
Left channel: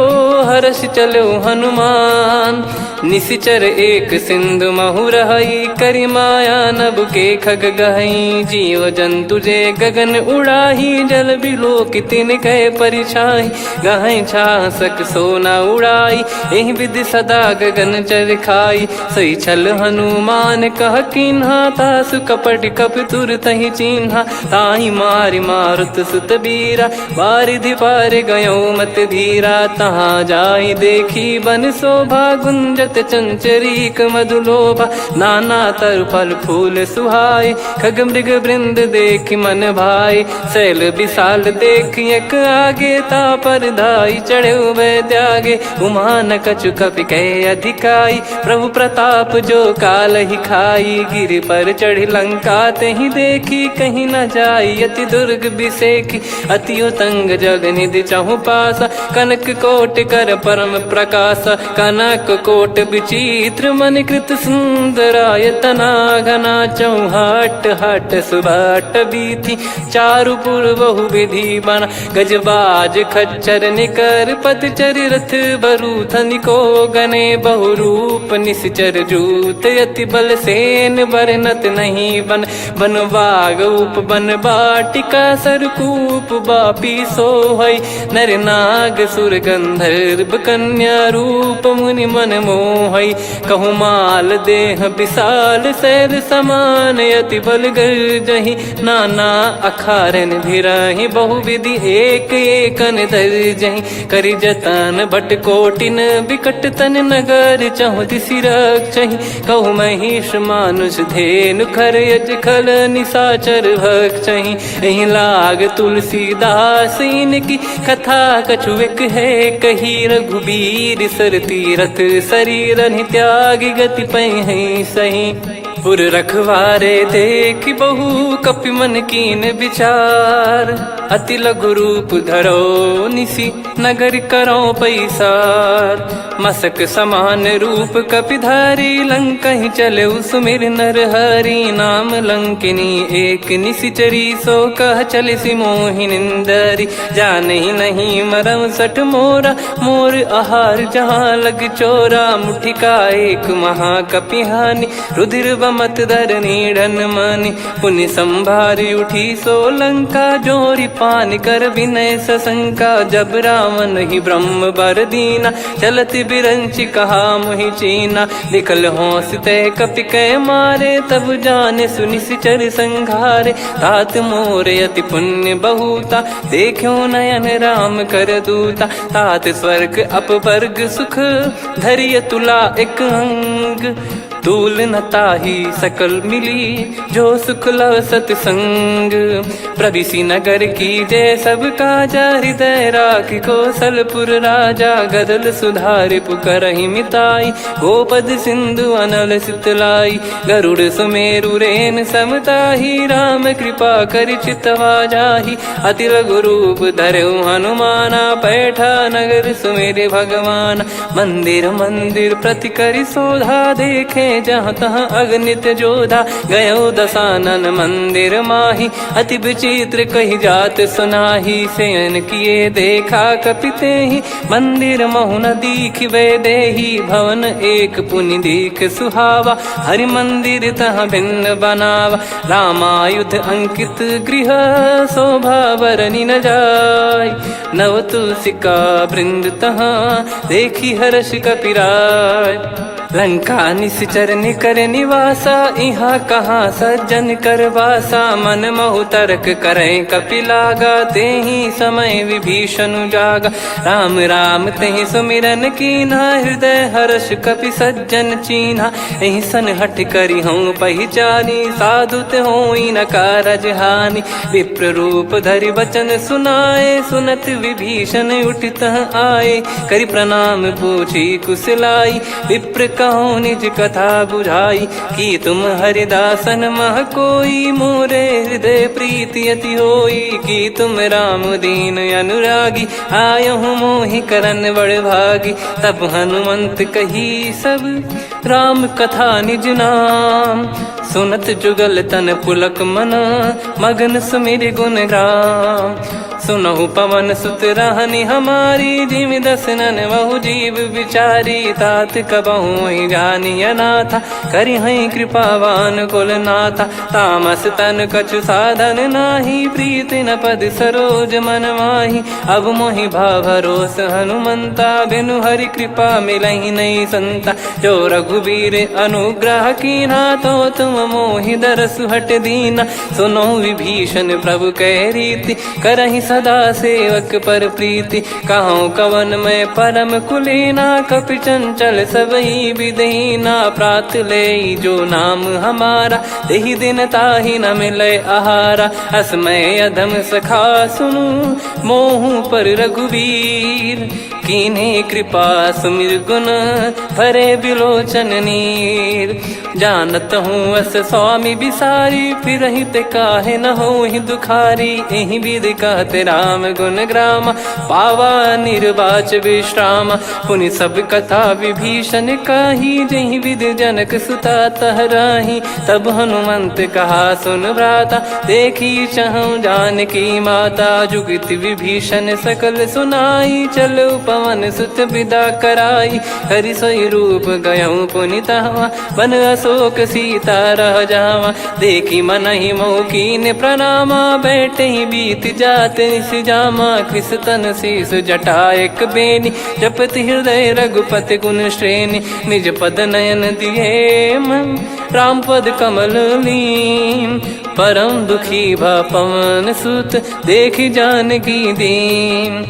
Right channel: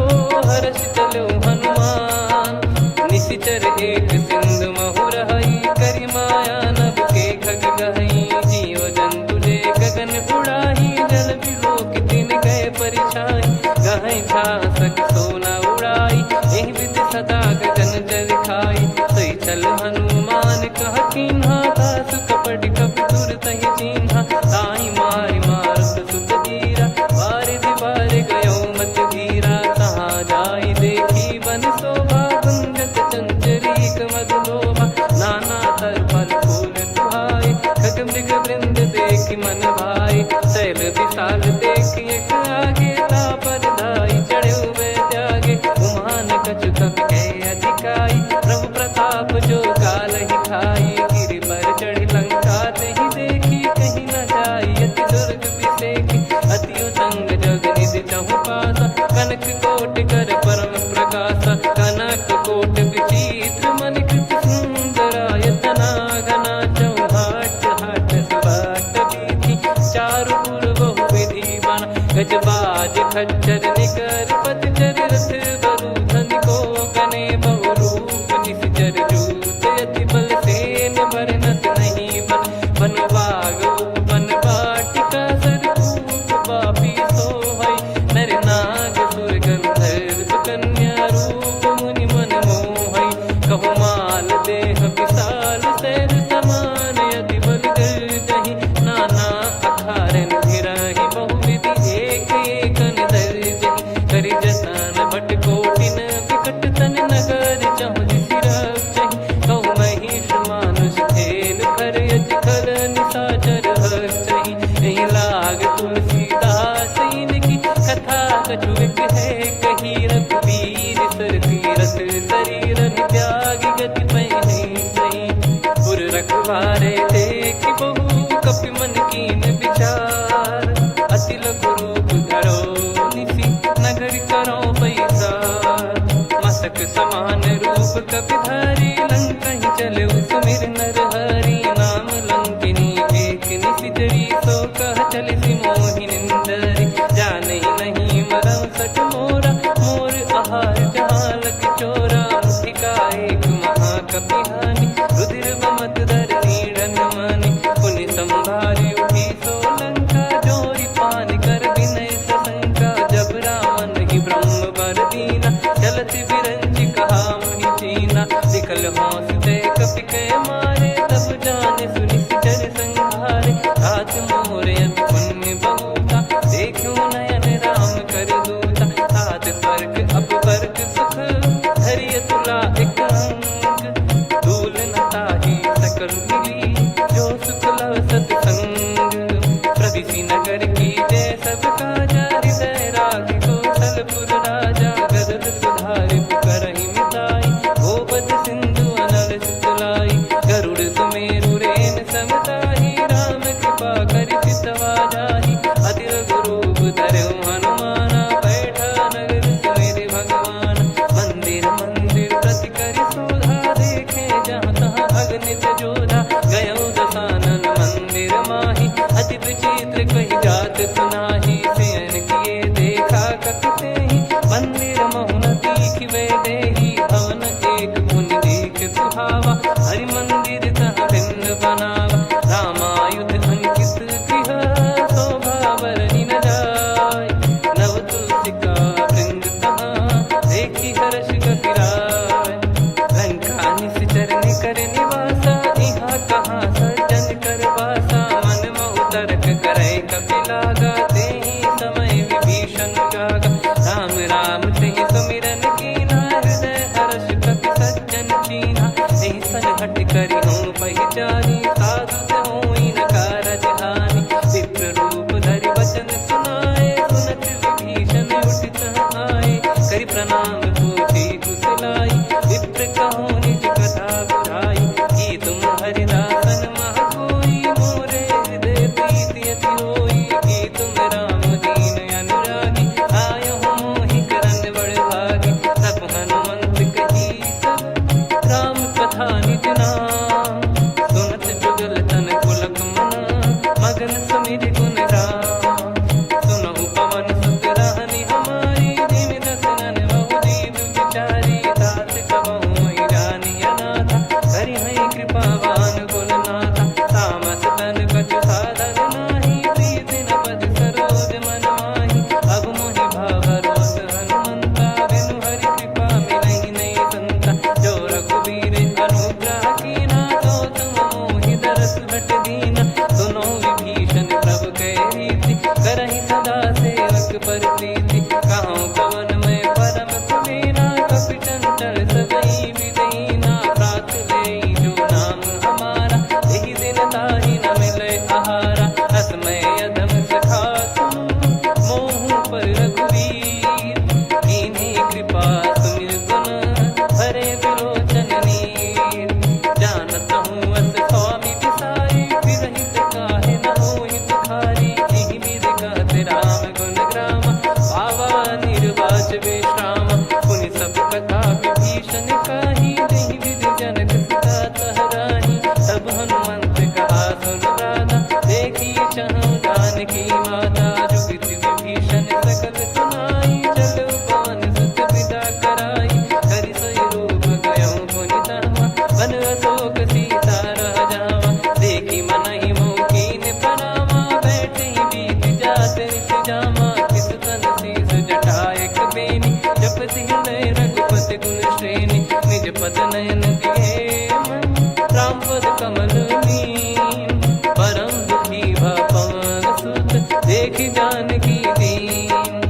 हर्ष चलो हनुमान। निशिचर एक सिंधु महु रहई करी माया नभ के खग गहई। जीव जंतु जे गगन उड़ाही जल बिलो कितिन गए परिछाई। गहई छासक सोना उड़ाई एहि विधि सदा गगन चर खाई। सही छल हनुमान कह कीन्हा तासु कपट कप तुर तहि चिन्हा। ताहि मारि मारुत सुत बीरा बारिधि पार गयो मत धीरा। तहाँ जाई देखी बन शोभा गुंजत चंचरीक मधुलोभा। नाना तरु फल फूल सुहाई खग मृग वृंद देख मन भाई। शैल विशाल देख एक आगे तापर धाई चढ़े वै त्यागे। उमा न कछु कपि कह अधिकाई प्रभु प्रताप जो काल ही खाई। गिर पर चढ़ी लंका तहि देखी कहीं न जाई अति दुर्ग बिसेखी। अति उतंग जग निधि चहु पासा कनक कोट कर परम प्रकाशा। कनक कोट विचित्र मन कृत सुंदरायतना घना चौहाट हाट सुबाट बीथी चारु पुर बहु विधि बना गजबाज खच्चर निकर पतचर रथ बरु धनिको गने बहु रूप निश्चर जूत अति बल सेन बरनत नहीं बन बन बाग उप बन बाटिका सरकूप बापी सोहई नर नाग सुर गंधर्व कन्या रूप मुनि मन मोहई कहु माल देह विशाल शैल समान अति बल गर्जहि नाना अखारन भिराहि बहुविधि एक एकन दर्जहि करि जतन बट कोटिन विकट तन नगर चहु दिसि रक्षहि कहु महिष मानुष धेनु खर यज खल निशाचर भक्षहि एहि लाग तुलसीदास इनकी कथा कछुक है कही रघुबीर सर तीरथ शरीर त्यागी गति पै सही पुर रखवारे देख बहु कपि मन कीन विचार अति लघु रूप धरो निसी नगर करो पैसार मसक समान रूप कपिधारी लंकहि चले सुमिर नर हरि नाम लंकिनी एक निशिचरी सो कह चले सि मोहि निंदरी जानहि नहीं मरम सठ मोरा मोर आहार जहाँ लग चोरा मुठिका एक महाकपिहानि रुधिर बमत धरनी ढन मानि पुनि संभारी उठी सो लंका जोरी पान कर विनय सशंका जब रावण ही ब्रह्म बर दीना चलति बिरंचि कहा मुहि चीना निकल हौसते कपि कै मारे तब जाने सुनि सिचर संघारे तात मोरे अति पुण्य बहुता देखो नयन राम कर दूता तात स्वर्ग अपवर्ग सुख धरिय तुला एक अंग तूल न ताही सकल मिली जो सुख लव सतसंग प्रदिशि नगर की जय सब काजा हृदय राख कौशलपुर राजा गदल सुधारि पुकरहि मिताई गोपद सिंधु अनल सितलाई गरुड़ सुमेरु रेन समताही राम कृपा कर चितवा जाहि अति लघु रूप धरऊ हनुमाना बैठा नगर सुमेरे भगवान मंदिर मंदिर प्रति करि शोधा देखे जहाँ तहाँ अगणित जोधा गयो दशानन मंदिर माही अति विचित्र कही जात सुनाही सेन किए देखा कपिते ही मंदिर महु न दीख वे देही भवन एक पुनि दीख सुहावा हरि मंदिर तहाँ भिन्न बनावा रामायुध अंकित गृह शोभा बरनी न जाय नव तुलसिका वृंद तहाँ देखी हर्ष कपिराय लंका निश्चर निकर निवासा इहाँ कहाँ सज्जन कर वासा मन महु तर्क करे कपिलागा तेहि समय विभीषण जागा राम राम तेहि सुमिरन कीना हृदय हर्ष कपि सज्जन चीन्हा एहि सन हट करी हूँ पहचानी साधु ते होई न कारज हानि विप्र रूप धरि वचन सुनाए सुनत विभीषण उठित आए करि प्रणाम पूछी कुशलाई विप्र कहो निज कथा बुझाई कि तुम हरिदासन मह कोई मोरे हृदय प्रीति अति होई कि तुम राम दीन अनुरागी आयहु मोहि करन बड़ भागी तब हनुमंत कही सब राम कथा निज नाम सुनत जुगल तन पुलक मन मगन सुमिर गुण राम सुनहु पवन सुत रहनी हमारी जिमि दसनन बहु जीव विचारी तात कबहु जानी अनाथा करि हई कृपावान कुल नाथा तामस तन कछु साधन नाही प्रीति न पद सरोज मन माही अब मोहि भाव भरोस हनुमंता बिनु हरि कृपा मिलहि नहीं संता जो रघुबीर अनुग्रह कीना तो तुम मोहि दरसु हट दीना सुनो विभीषण प्रभु कह रीति करहि सदा सेवक पर प्रीति कहूँ कवन में परम कुलीना कपि चंचल सबई विदहीना प्रात ले जो नाम हमारा तेहि दिन ताहि न मिले आहारा असमय अधम सखा सुनु मोहु पर रघुवीर कीन्हे कृपा सुमिर गुण भरे बिलोचन नीर जानत हूँ अस स्वामी बिसारी, फिर ही ते काहे न हो ही दुखारी। यही विधि कहते राम गुण ग्राम, पावा निर्वाच विश्राम। पुनि सब कथा विभीषण काही, जही विधि जनक सुता तहराही। तब हनुमंत कहा सुन भ्राता, देखी चहु जानकी माता। जुगित विभीषण सकल सुनाई, चलो पवन सुत विदा कराई। हरि सोई रूप गयऊँ पुनि तहवा, बन अशोक सीता रह जावा। देखी मनहि मौकीन प्रणामा, बैठे ही बीत जात निस जामा। कृस तन शीस जटा एक बेनी, जपति हृदय रघुपति गुण श्रेणी। निज पद नयन दिए मन, राम पद कमल लीन। परम दुखी भा पवन सुत, देखी जानकी दीन।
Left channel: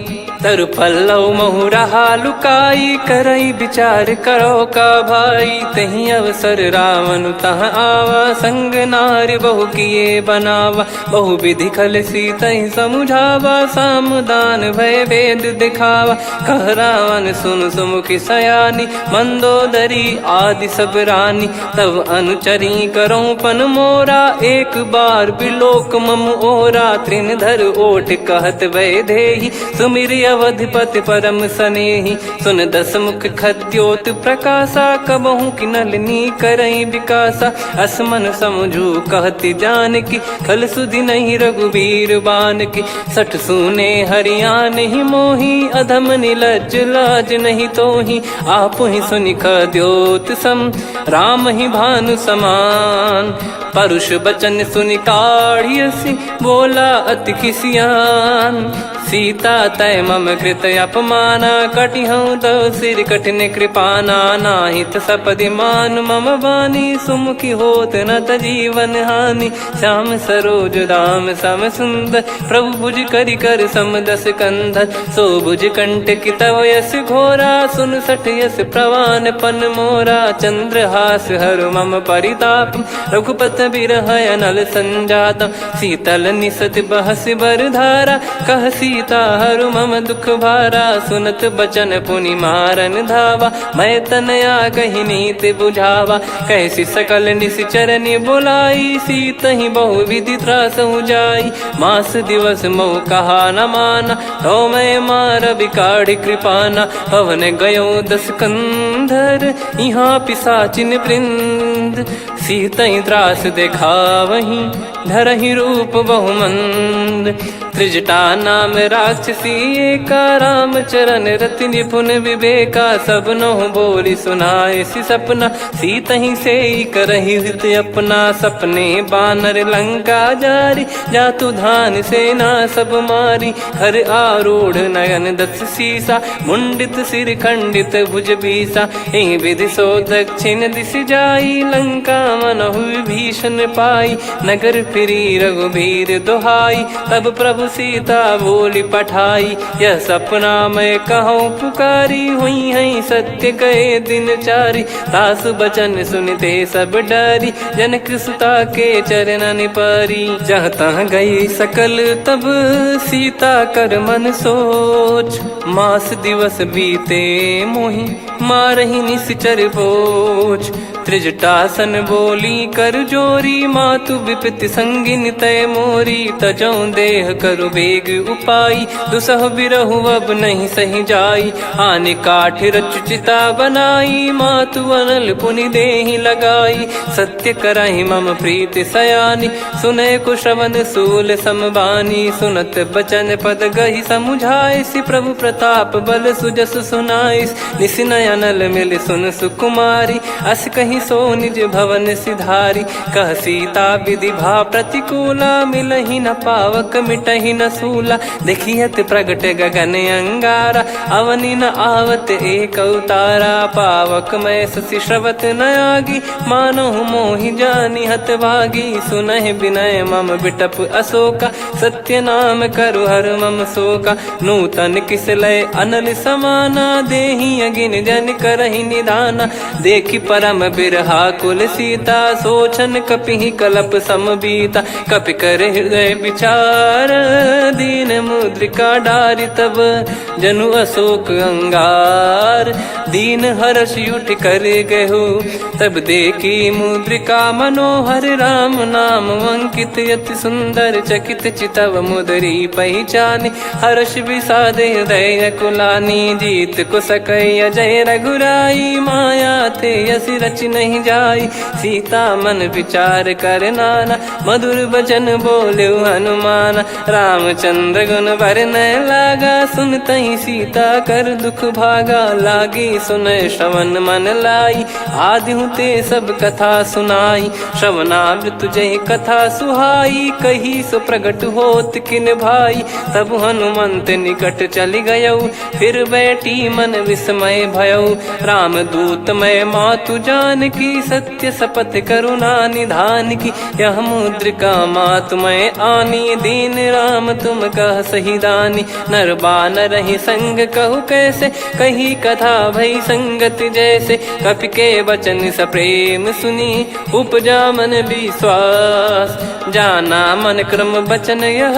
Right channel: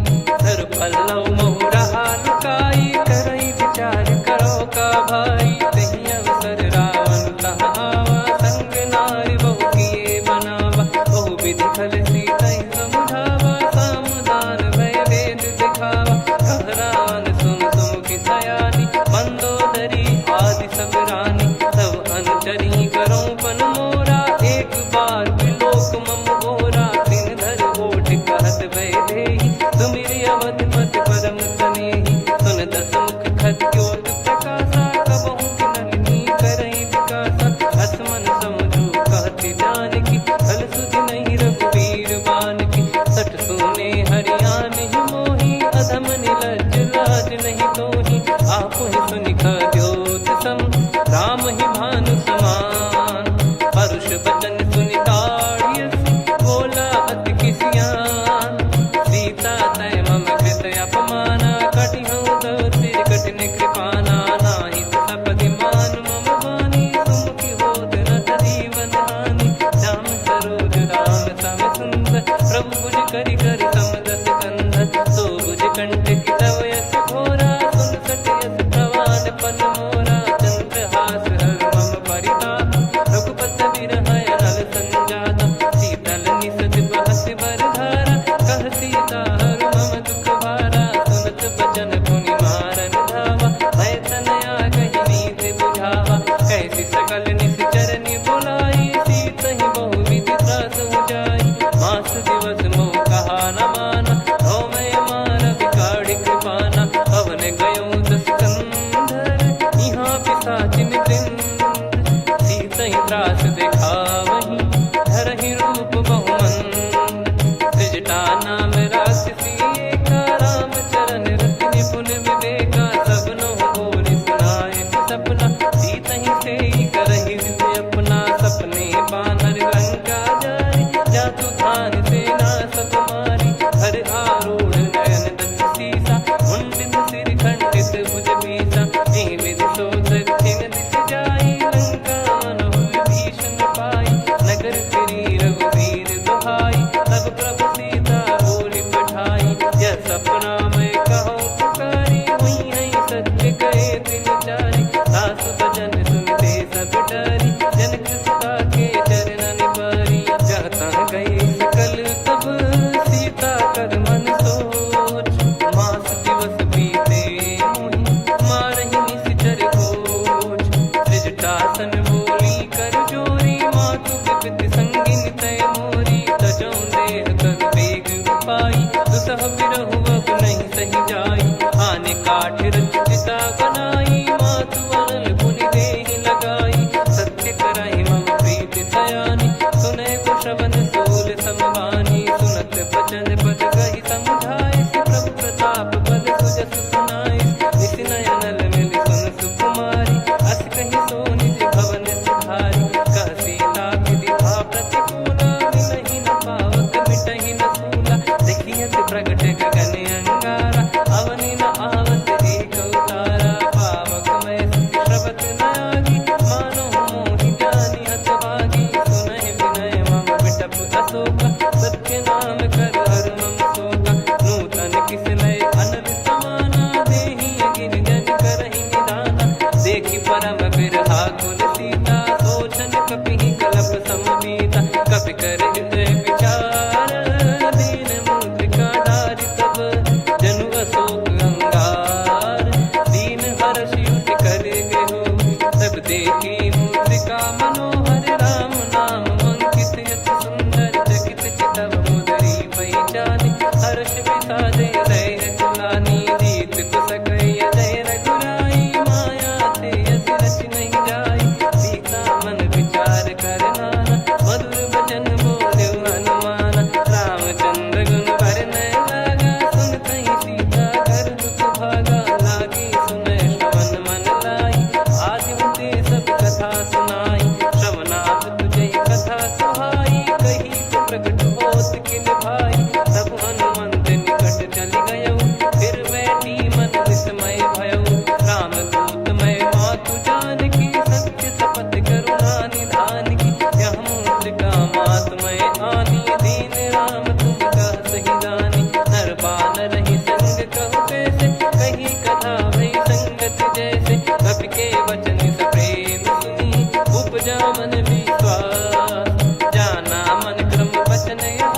तरु पल्लव महु रहा लुकाई, करई विचार करो का भाई। तही अवसर रावण तहाँ आवा, संग नारी बहु किए बनावा। बहु विधि खल सीतहि समुझावा, सामदान भय वेद दिखावा। कह रावण सुन सुमुखी सयानी, मंदोदरी आदि सब रानी। तब अनुचरी करो पन मोरा, एक बार बिलोक मम ओरा। तृण धर ओठ कहत भय देहि, सुमिर अवधिपति परम सनेहि। सुन दस मुख खद्योत प्रकाशा, कबहु की नलिनी करई विकासा। असमन समझू कहति जानकी, खल सुधि नहीं रघुवीर बान की। सठ सुने हरियाण ही मोही, अधम निलज लाज नहीं तोही। आप ही सुनि खद्योत सम, राम ही भानु समान। परुष बचन सुनि काढ़ियसि, बोला अति किसियान। सीता तय मम कृत अपमाना, कटिहऊँ तो सिर कठिन कृपाना। नाहित सपदि मान मम बानी, सुमुखी होत न जीवन हानि। श्याम सरोज राम सम सुंदर, प्रभु भुज करि कर सम दस कंधर। सो भुज कंठ की तव यस घोरा, सुन सठ यस प्रवान पन मोरा। चंद्रहास हर मम परिताप, रघुपत बिरह अनल संजात। शीतल निसत बहस बर धारा, कह सीता हरु मम दुख भारा। सुनत बचन पुनि मारन धावा, मैं तनया कही नीति बुझावा। कैसी सकल निश्चरनि बुलाई, सीत ही बहु विधि त्रास जाई। मास दिवस मोह कहा न माना, तो मैं मार बिकाढ़ी कृपाना। पवन गयो दस कंधर, यहाँ पिशाचिन वृंद। सीतहि त्रास देखावहीं, धरहि रूप बहुमंद। त्रिजटा नाम राक्षसी एका, राम चरण रति निपुण विवेका। सबनो बोली सुनाए सि सपना, सीतहि से करहि हृद अपना। सपने बानर लंका जारी, जातु धान सेना सब मारी। हर आरूढ़ नयन दस सीसा, मुंडित सिर खंडित भुज बीसा। एहि विधि सो दक्षिण दिश जाई, लंका मनहु विभीषण पाई। नगर फिरी रघुबीर दुहाई, तब प्रभु सीता बोली पठाई। यह सपना मैं कहूँ पुकारी, हुई है सत्य कहे दिन चारी। सासु बचन सुनते सब डरी, जनक सुता के चरण परी। जहाँ तहाँ गई सकल तब सीता कर मन सोच। मास दिवस बीते मोहि, मारहि निश्चर बोझ। त्रिजटासन बोली कर जोरी, मातु विपति संगिन तय मोरी। तजौ देह करु बेग उपाई, दुसह बिरहु अब नहीं सही जाई। आने काठ रचिता बनाई, मातु अनल पुनि देहि लगाई। सत्य करहि मम प्रीति सयानी, सुनय को श्रवण सूल समबानी। सुनत बचन पद गहि समुझाए, सि प्रभु प्रताप बल सुजस सुनाइस। निस नयनल मिल सुन सुकुमारी, अस कहि सो निज भवन सिधारी। कह सीता विधि भा प्रतिकूला, मिलहि न पावक मिटहि न सूला। देखियत प्रगट गगन अंगारा, अवनि न आवत एक अवतारा। पावक मैं ससि श्रवत न आगी, मानो मोहि जानि हत भागी। सुनहि विनय मम बिटप अशोका, सत्य नाम करु हर मम शोका। नूतन किस लय अनल समाना, देहि अगिन जन करहि निधाना। देखि परम बिरहा कुल सीता, सोचन कपि कलप सम बीता। कपि कर हृदय विचार, दीन मुद्रिका डारि तब जनु अशोक अंगार। दीन हर्ष युट कर गहु, तब देखी मुद्रिका मनोहर। राम नाम अंकित अति सुंदर, चकित चितव मुदरी पहचानी। हर्ष विषाद हृदय कुलानी, जीत को सकय जय रघुराई। माया थे यस रच नहीं जाई, सीता मन विचार कर नाना। मधुर बचन बोले हनुमान, रामचंद्र गुण बरनय लागा। सुनतहि सीता कर दुख भागा, लागी सुनय श्रवण मन लाई। आदिहु ते सब कथा सुनाई, श्रवणाब तुझे कथा सुहाई। कही सो प्रगट होत किन भाई, तब हनुमंत निकट चली गयऊ। फिर बैठी मन विस्मय भयऊ, राम दूत मैं मातु जानकी। सत्य शपथ करुणा निधान की, यह मुद्रिका मातु मैं आनी। दीन राम तुम कह सही दानी, नर बानर ही संग कहु कैसे। कही कथा भई संगति जैसे, कपि के वचन सप्रेम सुनी। उपजा मन विश्वास, जाना मन क्रम बचन यह।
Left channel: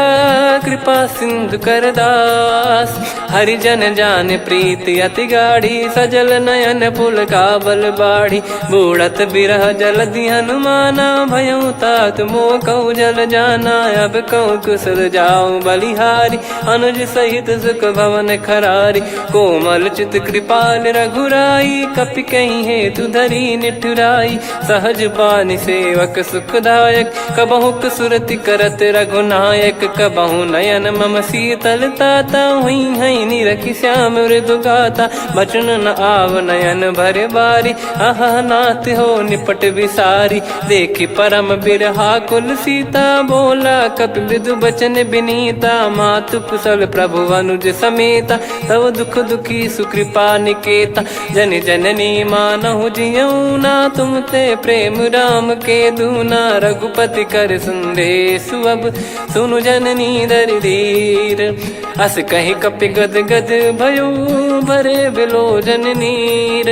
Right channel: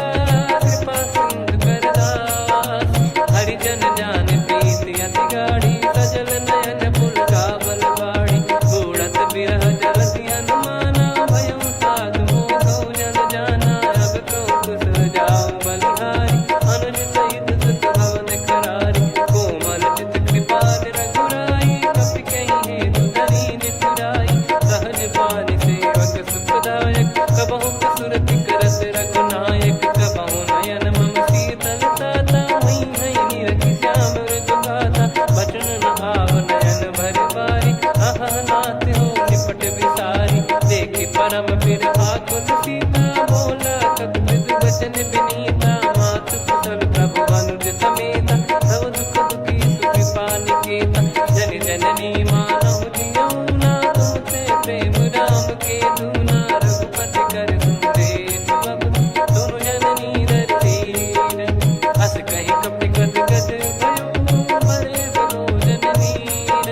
कृपा सिंधु कर दास, हरिजन जान प्रीति अति गाढ़ी। सजल नयन पुल काबल बाढ़ी, बूढ़त बिरह जलधि हनुमाना। भयउ तात मोह कहु जल जाना, अब कहु कुशल जाऊं बलिहारी। अनुज सहित सुख भवन खरारी, कोमल चित कृपाल रघुराई। कपि कहीं हेतु धरी निठुराई, सहज पानि सेवक सुखदायक। कबहु सुरति करत रघुनायक, कबहु नयन मम शीतल ताता। हुई हई निरखि श्याम मृदु गाता, बचन न आव नयन भर बारी। अह नाथ हो निपट विसारी, देखि परम बिरहा कुल सीता। बोला कपि मृदु बचन बिनीता, मातु कुशल प्रभु अनुज समेता। तव दुख दुखी सुकृपा निकेता, जन जननी मानहु जियऊ ना। तुम ते प्रेम राम के दूना, रघुपति कर संदेशु अब सुनु जननी दरि धीर। अस कहि कपि गद गद भयो, भरे बिलोचन नीर।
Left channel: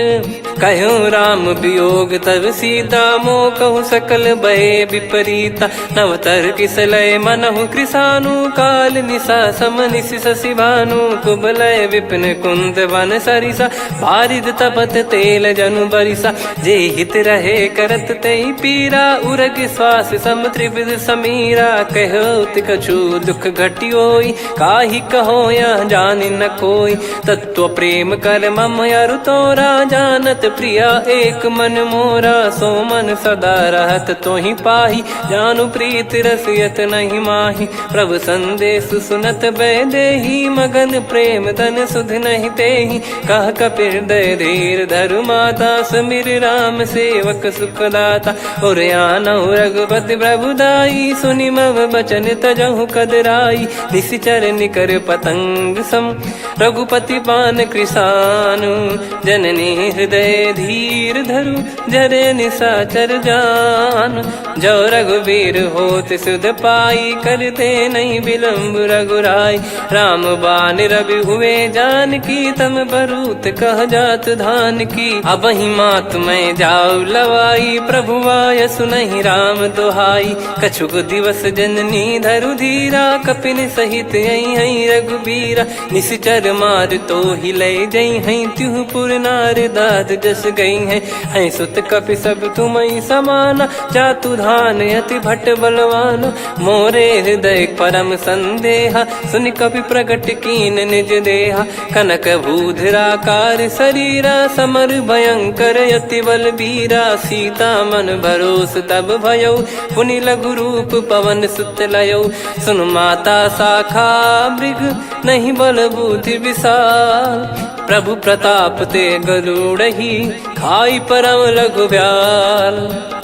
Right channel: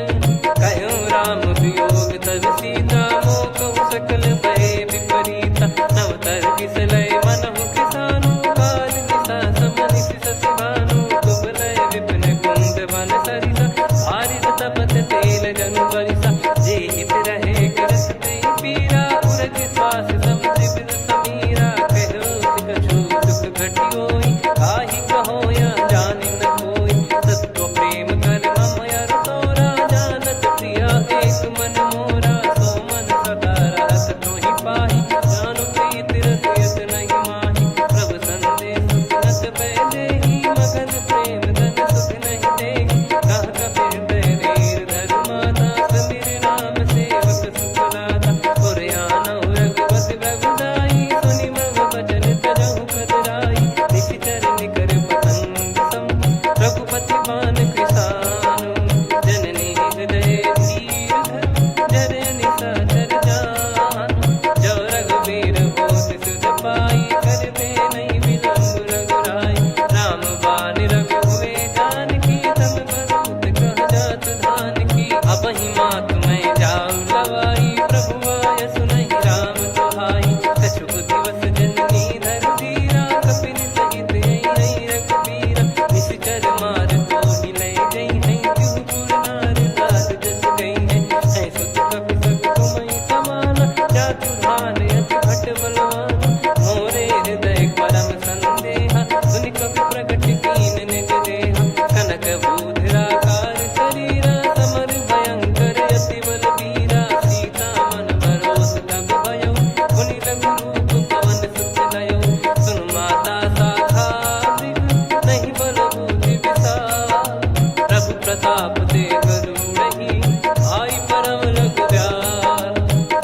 कहूँ राम वियोग तब सीता, मोह कहु सकल भय विपरीता। नव तर किसलय मनहु कृसानु, काल निशा सम निशि शशि भानु। कुबलय विपिन कुंद वन सरिसा, पारिद तपत तेल जनु बरिसा। जे हित रहे करत ते पीरा, उरग श्वास सम त्रिविध समीरा। कहो कछु दुख घटियोई, काहि कहो या जानि न कोई। तत्व प्रेम कर मम अरु तोरा, जानत प्रिया एक मन मोरा। सो मन सदा रहत तोहि पाही, जानु प्रीत रसियत नहीं माही। प्रभु संदेश सुनत भय देहि, मगन प्रेम धन सुध नहीं तेहि। कह कपिर दय धीर धरु माता, समीर राम सेवक सुखदाता। और आनहु रघुपति प्रभु दाई, सुनि मव बचन तजहु कदराई। निशिचर निकर पतंग सम, रघुपति पान कृसानु। जननी हृदय धीर धरु, जरे निशाचर जान। जो रघुवीर होत सुध पाई, करते नहीं विलंब रघुराई। राम बान रवि हुए जानकी, तम बरूत कह जात धान की। अब ही मात मैं जाऊ लवाई, प्रभु आय सुनहि राम दोहाई। कछुक दिवस जननी धरु धीरा, कपिन सहित हई रघुबीरा। निश्चर मार तो ही लय जई हई, त्युह पुर नार दाद जस गई है। सुत कपि सब तुम समाना, जातु धान अति भट बलवान। मोरे हृदय परम संदेहा, सुनि कपि प्रकट कीन निज देहा। कनक भूधराकार शरीरा, समर भयंकर अति बलबीरा। सीता मन भरोस तब भयऊ, पुनि लघु रूप पवन सुत लयऊ। सुन माता शाखा मृग, नहीं बल बुद्धि विशाल। प्रभु प्रताप ते गरुड़हि, खाई परम लघु ब्याल।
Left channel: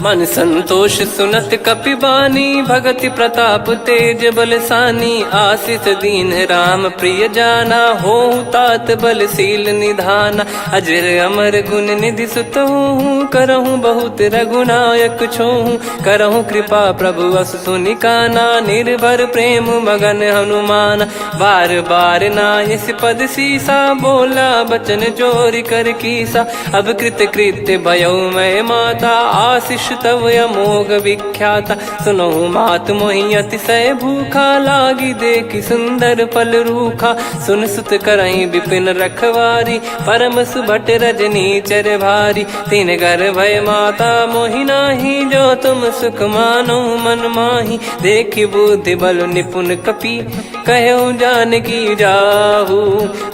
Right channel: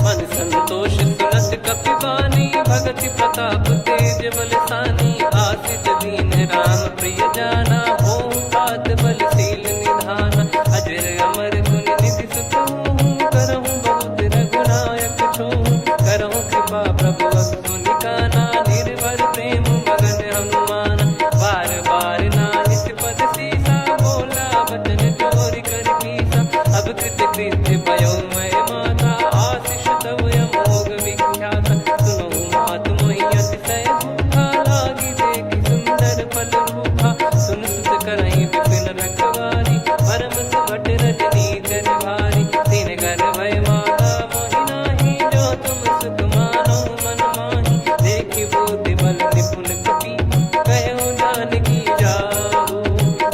मन संतोष सुनत कपि बानी, भगति प्रताप तेज बलसानी। आशीष दीन राम प्रिय जाना, होहु तात बलशील निधाना। अजर अमर गुण निधि सुतहु, करहु बहुत रघुनायक छोहु। करहु कृपा प्रभु अस सुनि काना, निर्भर प्रेम मगन हनुमान। बार बार नायस पद सीसा, बोला बचन चोरी कर कीसा। अब कृत कृत्य भयो मैं माता, आशीष तव अमोघ विख्याता। सुनो मात मोहि अतिशय भूखा, लागी देखी सुंदर फल रूखा। सुन सुत करई विपिन रखवारी, परम सुभट रजनी चर भारी। तीन घर भय माता मोहि नाही, जो तुम सुख मानो मन माही। देखी बुद्धि बल निपुण कपि, कहो जानकी जाहू।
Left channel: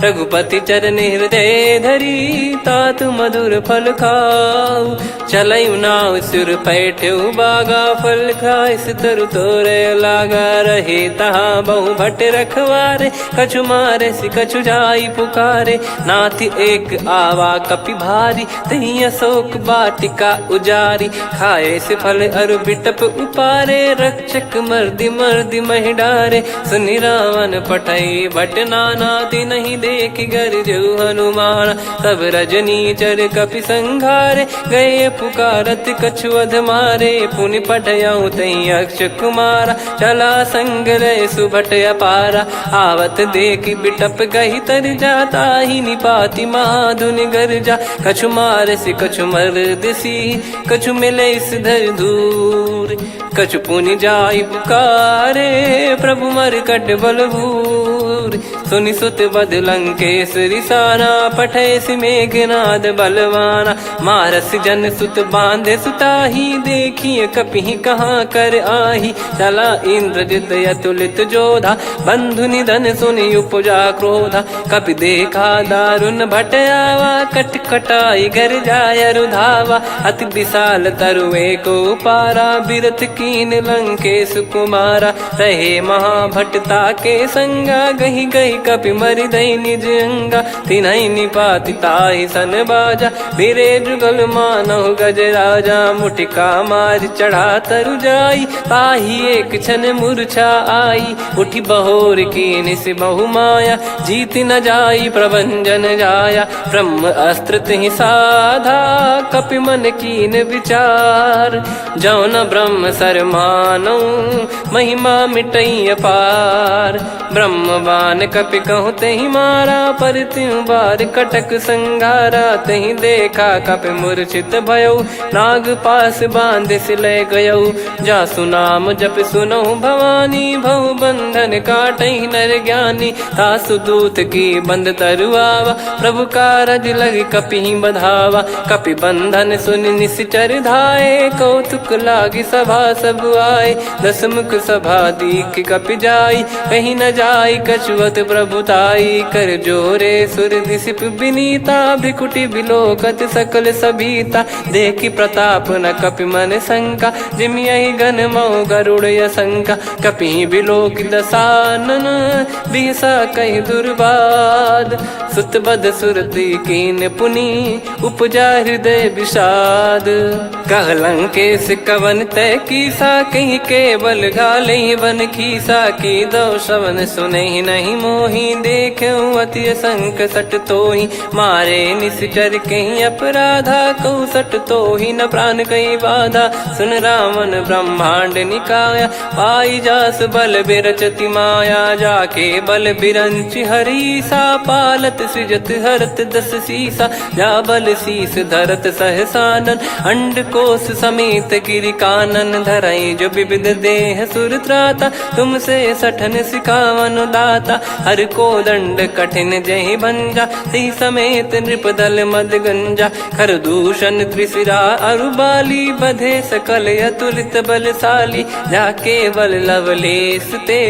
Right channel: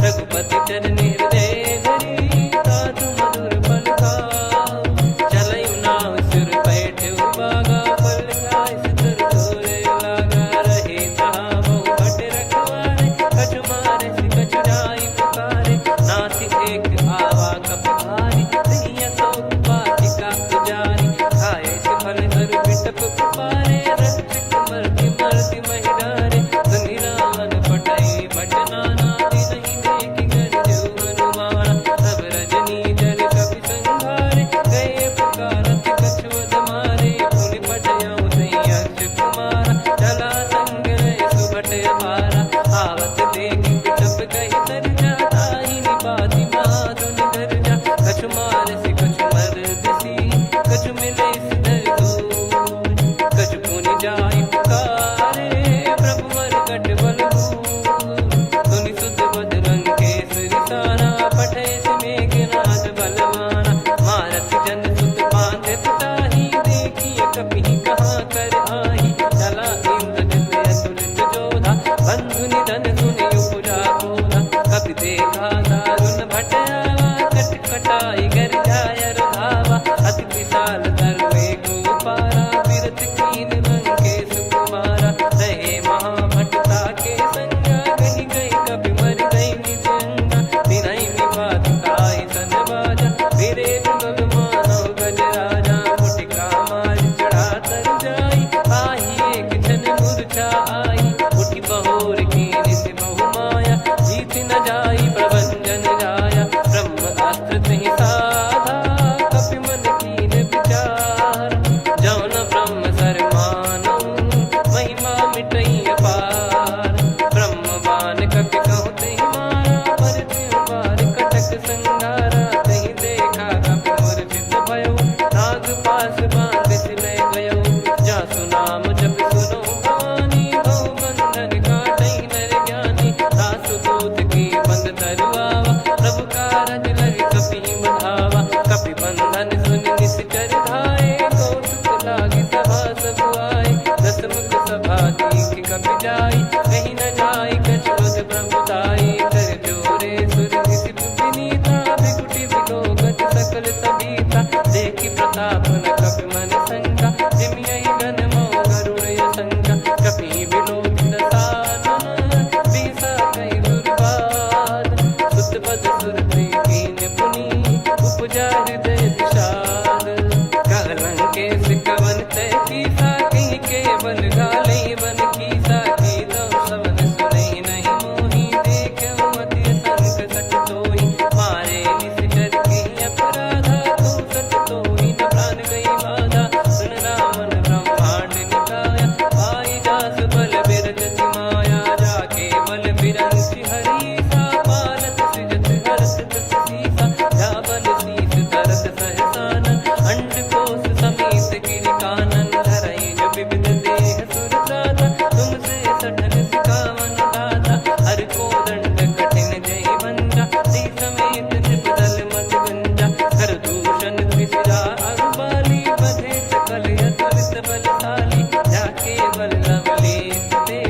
रघुपति चरण हृदय धरी, तात मधुर फल खाऊ। चलऊ नाव सुर पैठऊ बागा, फल खाइस तरु तोरे लागा। रहे तहाँ बहु भट रखवारे, कछु मारे सि कछु जाई पुकारे। नाथ एक आवा कपि भारी, तही अशोक वाटिका उजारी। खाए से फल अरु बिटप उपारे, रक्षक मर्दि मर्दि महि डारे। सुनि रावण पटई भट नाना, नहीं देखि गरजु हनुमान। तब रजनी चर कपि संघारे, गए पुकारत कछु अध मारे। पुनि पटयऊ तई अक्ष कुमारा, चला संग रहे सुभट अपारा। आवत देखि बिटप कही तर जाता, ही निपाति माधुन गर्जा। कछु मार से कछु मर्द सी, कछु मिले इस धर दूर। कछु पुनि जाई पुकारे, प्रभु मरकट बलभूर। सुनि सुत बद लंकेश्वरी साना, पठे सि मेघनाद बलवाना। मारस जन सुत बांधे सुताही, देखिए कपि कहाँ कर आही। चला इंद्रजित अतुलित जोधा, बंधु निधन सुनि उपजा क्रोधा। कपि देखा दारुण भट आवा, कट कटाई गर जाय रुधावा। अति विशाल तरुए को पारा, बिरत कीन लंकेश कुमारा। रहे महाभटता के संगा, गही गही कपि मरि दई निज अंगा। तिन्हि निपाति ताहि सन बाजा, फिरे जुगल मानव गज राजा। मुटिका मार चढ़ा तरु जाई, ताहि एक क्षण मूर्छा आई। उठी बहोर कीन से बहु माया, जीत न जाई प्रभंजन जाया। ब्रह्म अस्त्र तिहि साधा, कपि मन कीन विचार। जौ न ब्रह्म सर मानौ, महिमा मिटई अपार। ब्रह्मवान कपि कहु तहि मारा, पर त्यों बार कटक संगारा। तहि देखा कपि मूर्छित भयउ, नाग पास बांध सिले गयउ। जासु नाम जप सुनौ भवानी, भव बंधन काटहि नर ज्ञानी। तासु दूत की बंद तरुआवा, प्रभु कारज लग कपि बधावा। कपि बंधन सुनि निश्चर धाये, कौतुक लागी सभा सब आए। दस मुख सभा दीख कपि जाई, कहीं न जाई कछुअत प्रभुताई। कर जोरे सुर दिसिप विनीता, भ्रिकुटि बिलोकत सकल सबीता। देखि प्रताप न कपि मन शंका, जिमियहि घन मऊ गरुड़ असंका। कपि बिलोक दसानन, बिहसा कहि दुर्बाद। सुत बद सुरति कीन पुनि, उपजा हृदय विषाद। कह लंकेश कवन तय कीसा, कहीं केवल गाले बन खीसा। की दो श्रवण सुनहि नहीं मोही, देखऊं अति संक सट तोहि। मारे निश्चर कहीं अपराधा, कहूँ सट तोहि न प्राण कहीं बाधा। सुन रावण ब्रह्मांड निकाया, पाई जास बल बिरचति माया। जाके बल बिरंच हरीसा, पालत सृजत हरत दस सीसा। जा बल शीस धरत सहसानन, अंड कोश समेत गिरि कानन। धरई जो विविध देह सुर त्राता, तुमसे सठन सिखावन दाता। हर को दंड कठिन जहि भंजा, ती समेत नृप दल मद गंजा। खर दूषण त्रिशिरा अरुबाली, बधे सकल अतुलित बलशाली। जाके बल लवलेस ते,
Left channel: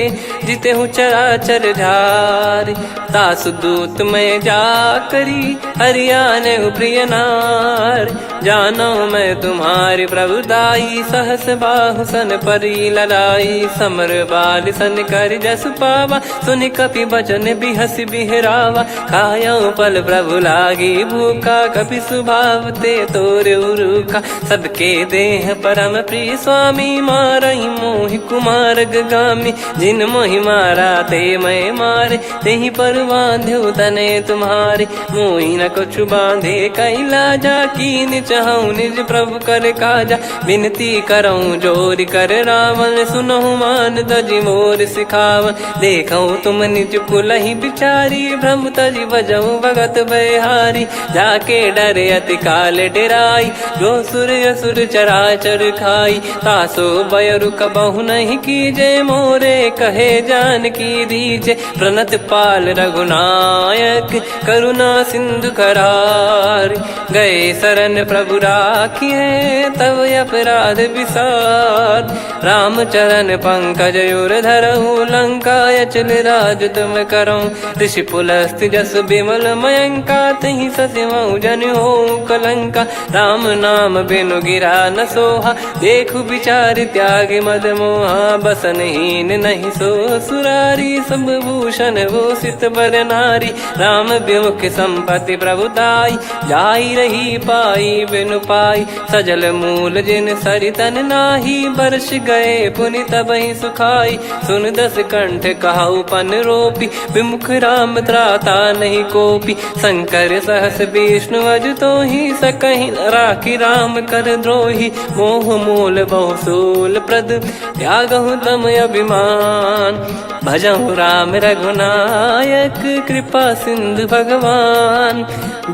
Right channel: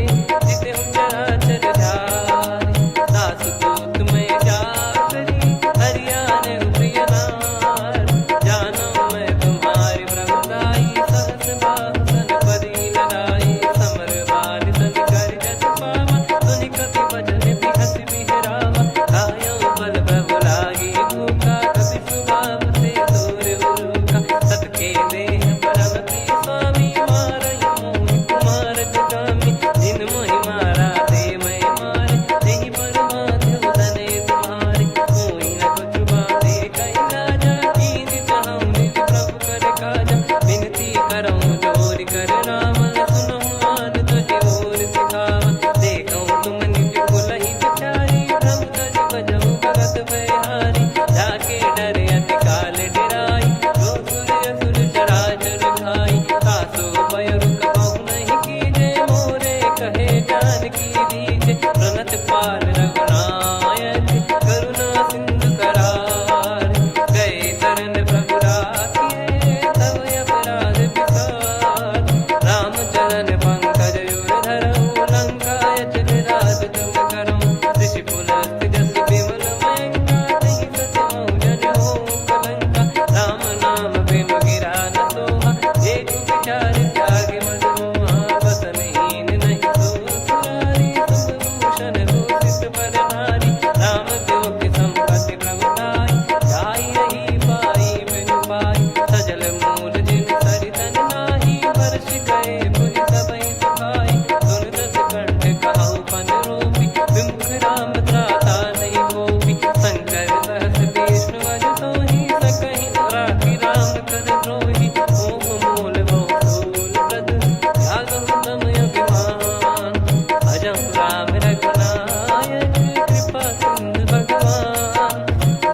जिते हूँ चराचर झारी। दास दूत में जा करी, हरियाने प्रिय नार। जानो मैं तुम्हारी प्रभुदाई, सहस बाहु सन परी लड़ाई। समर बाल सन कर जस पावा, सुनि कपि बचन बिहस बिहरावा। खायऊ पल प्रभु लागी भूखा, कपि स्वभाव ते तोर उरुखा। सबके देह परम प्रिय स्वामी, मारई मोहि कुमार गगामी। जिन मोहि मारा ते मैं मारे, तेहि पर बांधु तने तुम्हारे। मोहि न कुछ बांधे कैला, जा कीन चहूँ निज प्रभु कर काजा। विनती करऊँ जोर कर रावण, सुनहु मान तजी मोर सिखावन। देखऊँ तुम निज कुलहि बिचारी, भ्रम तजी बजऊँ भगत बहारी। जाके डरे अति काल डेराई, जो सुर असुर चराचर खाई। तासो बयरु कबहु नहीं कीजे, मोरे कहे जान की दीजे। प्रणत पाल रघुनायक, करुणा सिंधु करार। गए शरण प्रभु राखिए, तब अपराध विसार। राम चरण पंकज उर धरहु, लंका अचल राज तुम करऊँ। ऋषि पुलस्त्य जस विमल मयंका, तहि सत्यमऊ जन हो कलंका। राम नाम बिनु गिरा न सोहा, देखु विचार त्याग मद मोहा। बसनहीन नहीं सो सुरारी, सब भूषण भूषित बर नारी। राम विमुख संपत्ति प्रभुताई, जाई रही पाई बिनु पाई। सजल मूल जिन सरितन नाही, बरस गए पुनि तबहि सुखाई। सुन दस कंठ कहाऊ पन रोपी, विमुख राम त्राता नहीं कोपी। शंकर सहस विष्णु अज तोहि, सकहि न राखी राम कर द्रोही। मोह मूल बहु सूल प्रद, त्यागहु तम अभिमान। भजहु राम रघुनायक, कृपा सिंधु भगवान।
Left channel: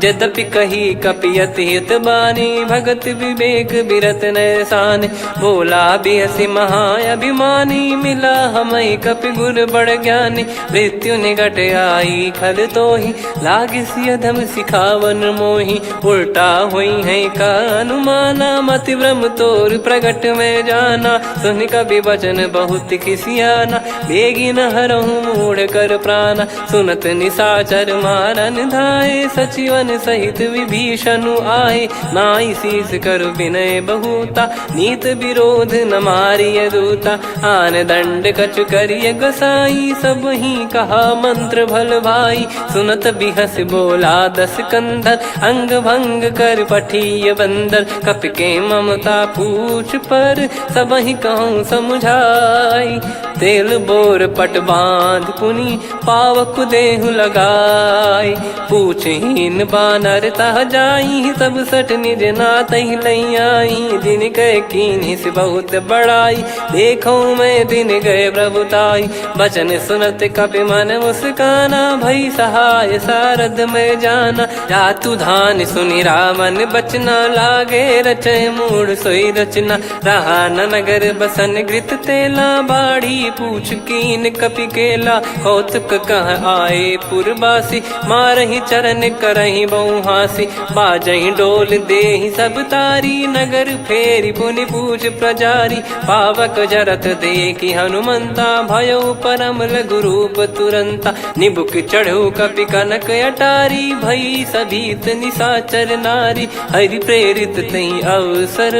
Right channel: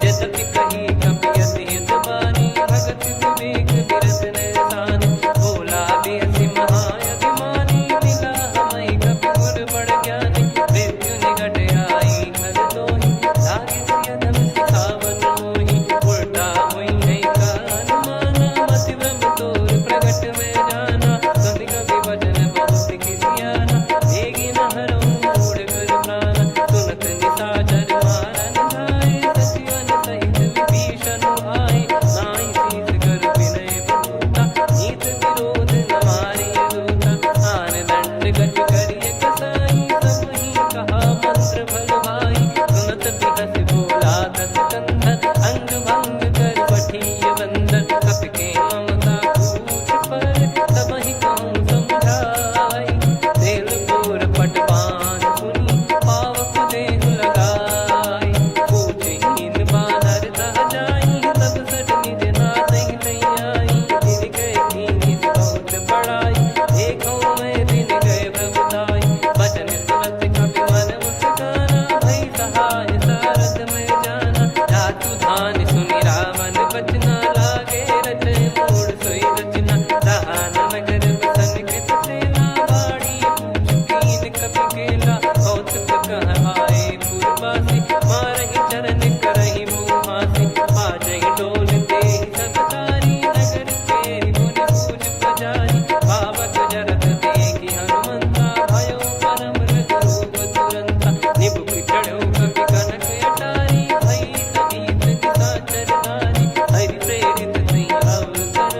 यद्यपि कही कपियति हित बानी, भगत विवेक बिरत नैसान। बोला बिहसि महाअभिमानी, मिला हमई कपि गुर बड़ ज्ञानी। मृत्यु निकट आई खल तोहि, लागिसि अधम सिखावन मोहि। उल्टा हुई है का अनुमाना, मति भ्रम तोर प्रगट में जाना। सुनि कपि वचन बहुत खिसियाना, बेगी न हरहु मूढ़ कर प्राणा। सुनत निशाचर मारन धाये, सचिवन सहित विभीषण आए। नाई शीस कर विनय बहुता, नीत विरोध न मारिय दूता। आन दंड कछु करिय गसाई, सब ही कहा मंत्र भल भाई। सुनत बिहस बोला दस कंधर, अंग भंग कर पठिय बंदर। कपि के ममता पूछ पर, सब ही कहूँ समझाई। तेल बोर पट बांध पुनि, पावक देहु लगाई। पूछहीन बानर तह जाई, तब सट निज नाथ ही लई आई। दिन गए कीन्ही से बहुत बड़ाई, देखो मैं दिन गए प्रभुताई। बचन सुनत कपि मन मुस्काना, भई सहाय सारद में जाना। जातु धान सुनि रावण बचना, लागे रचय मूढ़ सोई रचना। रहा न नगर बसन घृत तेला, बाढ़ी पूछ कीन कपि केला। कौतुक कह आए पुरबासी, मारहि चरण करहि बहु हासी। बाजहि डोल देहि सब तारी, नगर फेरी पुनि पूज प्रजारी। पावक जरत देखि हनुमंता, भयो परम लघु रूप तुरंता। निबुक चढ़ऊ कपि कनक अटारी, भई सभीत निशाचर नारी। हरि प्रेरित तई अवसर,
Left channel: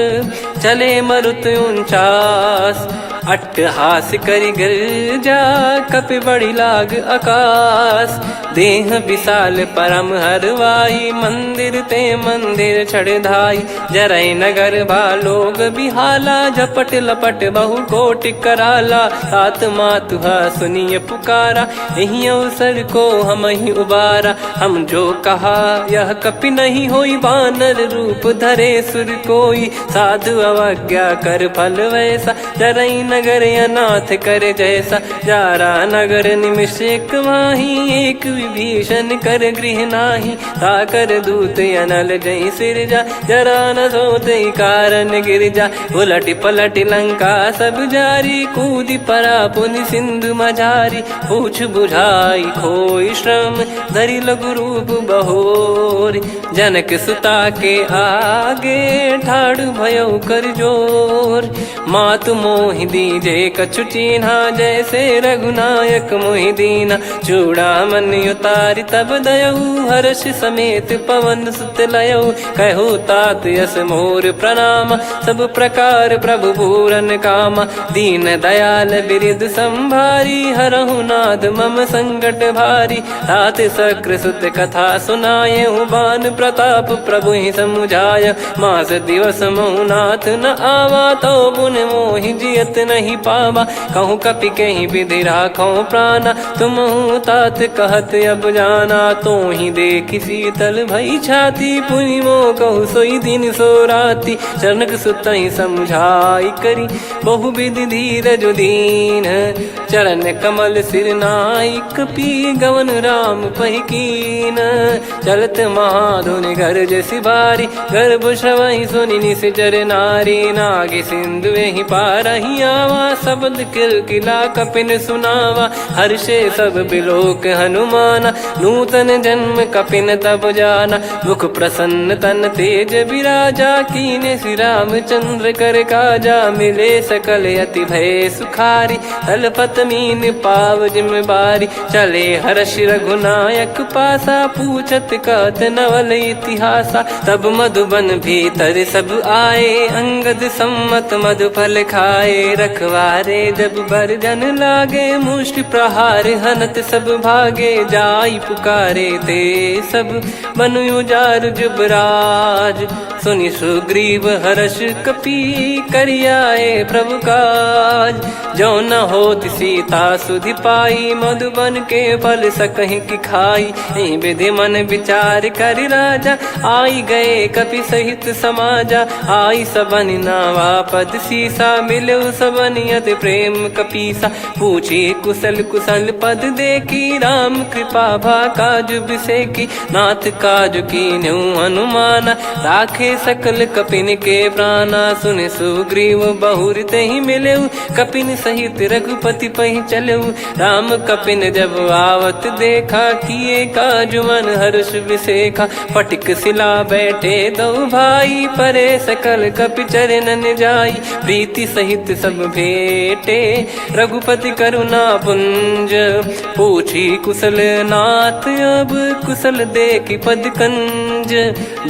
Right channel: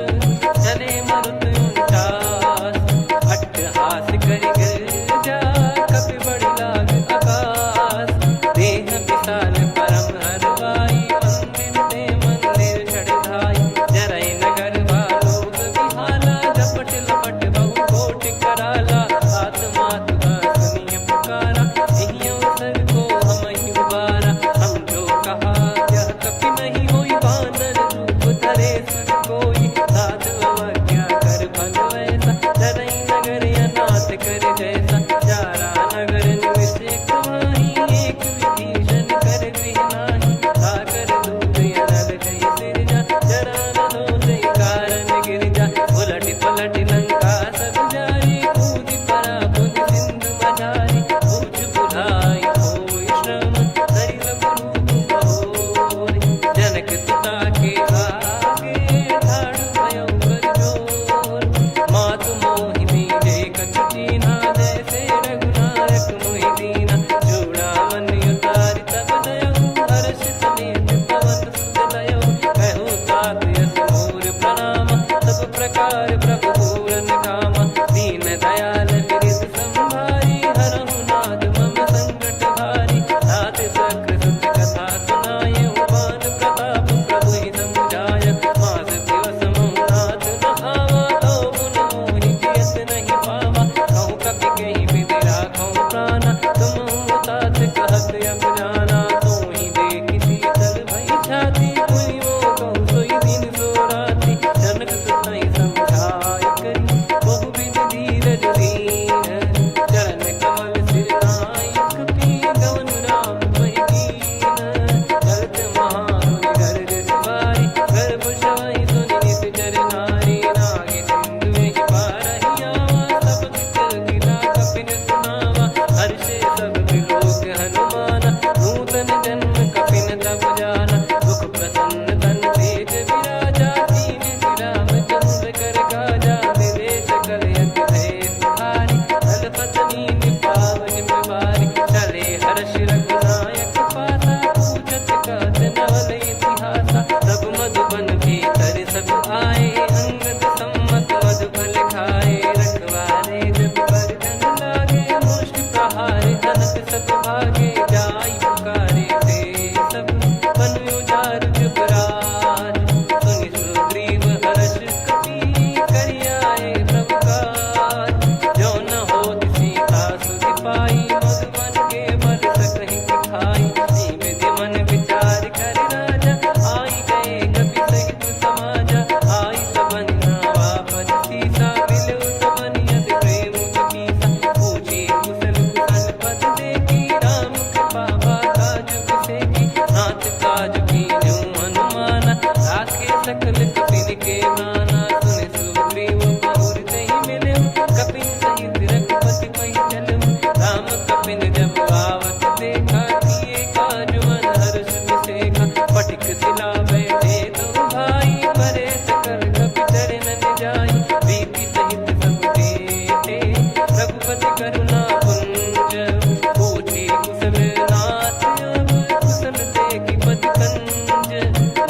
चले मरुत 49। अट्टहास करि गिरजा, कपि बड़ी लाग आकाश। देह विशाल परम हरवाई, मंदिर ते मंदिर चढ़धाई। जरई नगर बालोग बिहाला, झपट लपट बहु कोटि कराला। सात मातुहा सुनिय पुकारा, यही अवसर को हम ही उबारा। हम जो कहा यह कपि नहीं होई, वानर रूप धरे सुर कोई। साधु अवज्ञा कर फल वैसा, जरई नगर अनाथ कर जैसा। जारा नगर निमिष एक माही, एक विभीषण कर गृह नाही। ताकर दूत अनल जय सिरजा, जरा न सोते कारण गिरजा। उलटि पलटि लंका सब जारी, कूदि परा पुनि सिंधु मझारी। पूछ बुझाई खोई श्रम, धरि लघु रूप बहोरी। जनक सुता के आगे, ठाड़ भयउ कर जोर। मातु मोहि दीजे कछु चीन्हा, जैसे रघुनायक मोहि दीना। चूड़ामणि उतारि तब दयऊ, हर्ष समेत पवन सुत लयऊ। कहु तात यस मोर प्रणाम, सब प्रकार प्रभु पूरन कामा। दीन दयाल बिरिद संभारी, हरहु नाद मम संकट भारी। तात सक्र सुत कथा सुनाये, बान प्रताप प्रभु ही समुझाय। मास दिवस महु नाथ न आवा, तो पुन मोहि जियत नहीं पावा। कहूँ कपि कहीं विधि राखो प्राणा, तुम तात कहत अब जाना। तो ही देखी शीतल भई छाती, पुनि मो कहु सोई दिन सो राती। जनक सुतहि समझाई करी, बहु विधि धीरज दीन। चरण कमल सिर नायक, पी गवन राम पहिकीन। चलत महाधुनि गरज सिबारी, गर्भ श्रवहि सुनि निश्चर नारी। नागे सिंधु ही पारहि आवा, शब्द किलकिला कपिन सुनावा। हर्षे सब बिलोक हनुमाना, नूतन जन्म कपिन तब जाना। मुख प्रसन्न तन तेज विराजा, कीने श्री रामचंद्र कर काजा। मिले सकल अति भय सुखारी, तलपत मीन पाव जिम्मेवारी। चले हर्ष रघुनायक पासा, पूछत कहत नवल इतिहासा। तब मधुबन भीतर सब आए, अंगद सम्मत मधुफल खाए। रखवारे जब बरजन लागे, मुष्टि प्रहार हनत सब भागे। जाई पुकारे ते सब, बन उजार जुबराज। सुनि सुग्रीव हर्ष कपि, करियाए प्रभु काज। जो न होत सीता सुधि पाई, मधुबन के बल सकहि की खाई। विधि मन विचार कर राजा, आई गए कपि सहित समाजा। आई सबनि नावा पद सीसा, मिलु सबनि अति प्रेम कपीसा। पूछी कुशल कुशल पद देखी, राम कृपा भा काज बिसेकी। नाथ काज कीन्हु हनुमाना, राखे सकल कपिन के प्राणा। सुनि सुग्रीव बहुर तेहि मिलेउ, कपिन सहित रघुपति पहि चलेउ। राम कपिन जब आवत देखा, किए काज मन हर्ष विसेखा। पटिक सिला बैठे दो भाई, परे सकल कपि चरणन जाई। प्रीति सहित सब भेटे, रघुपति करुणा पुंज। पूछी कुशल नाथ अब, कुशल देखि पद कंज।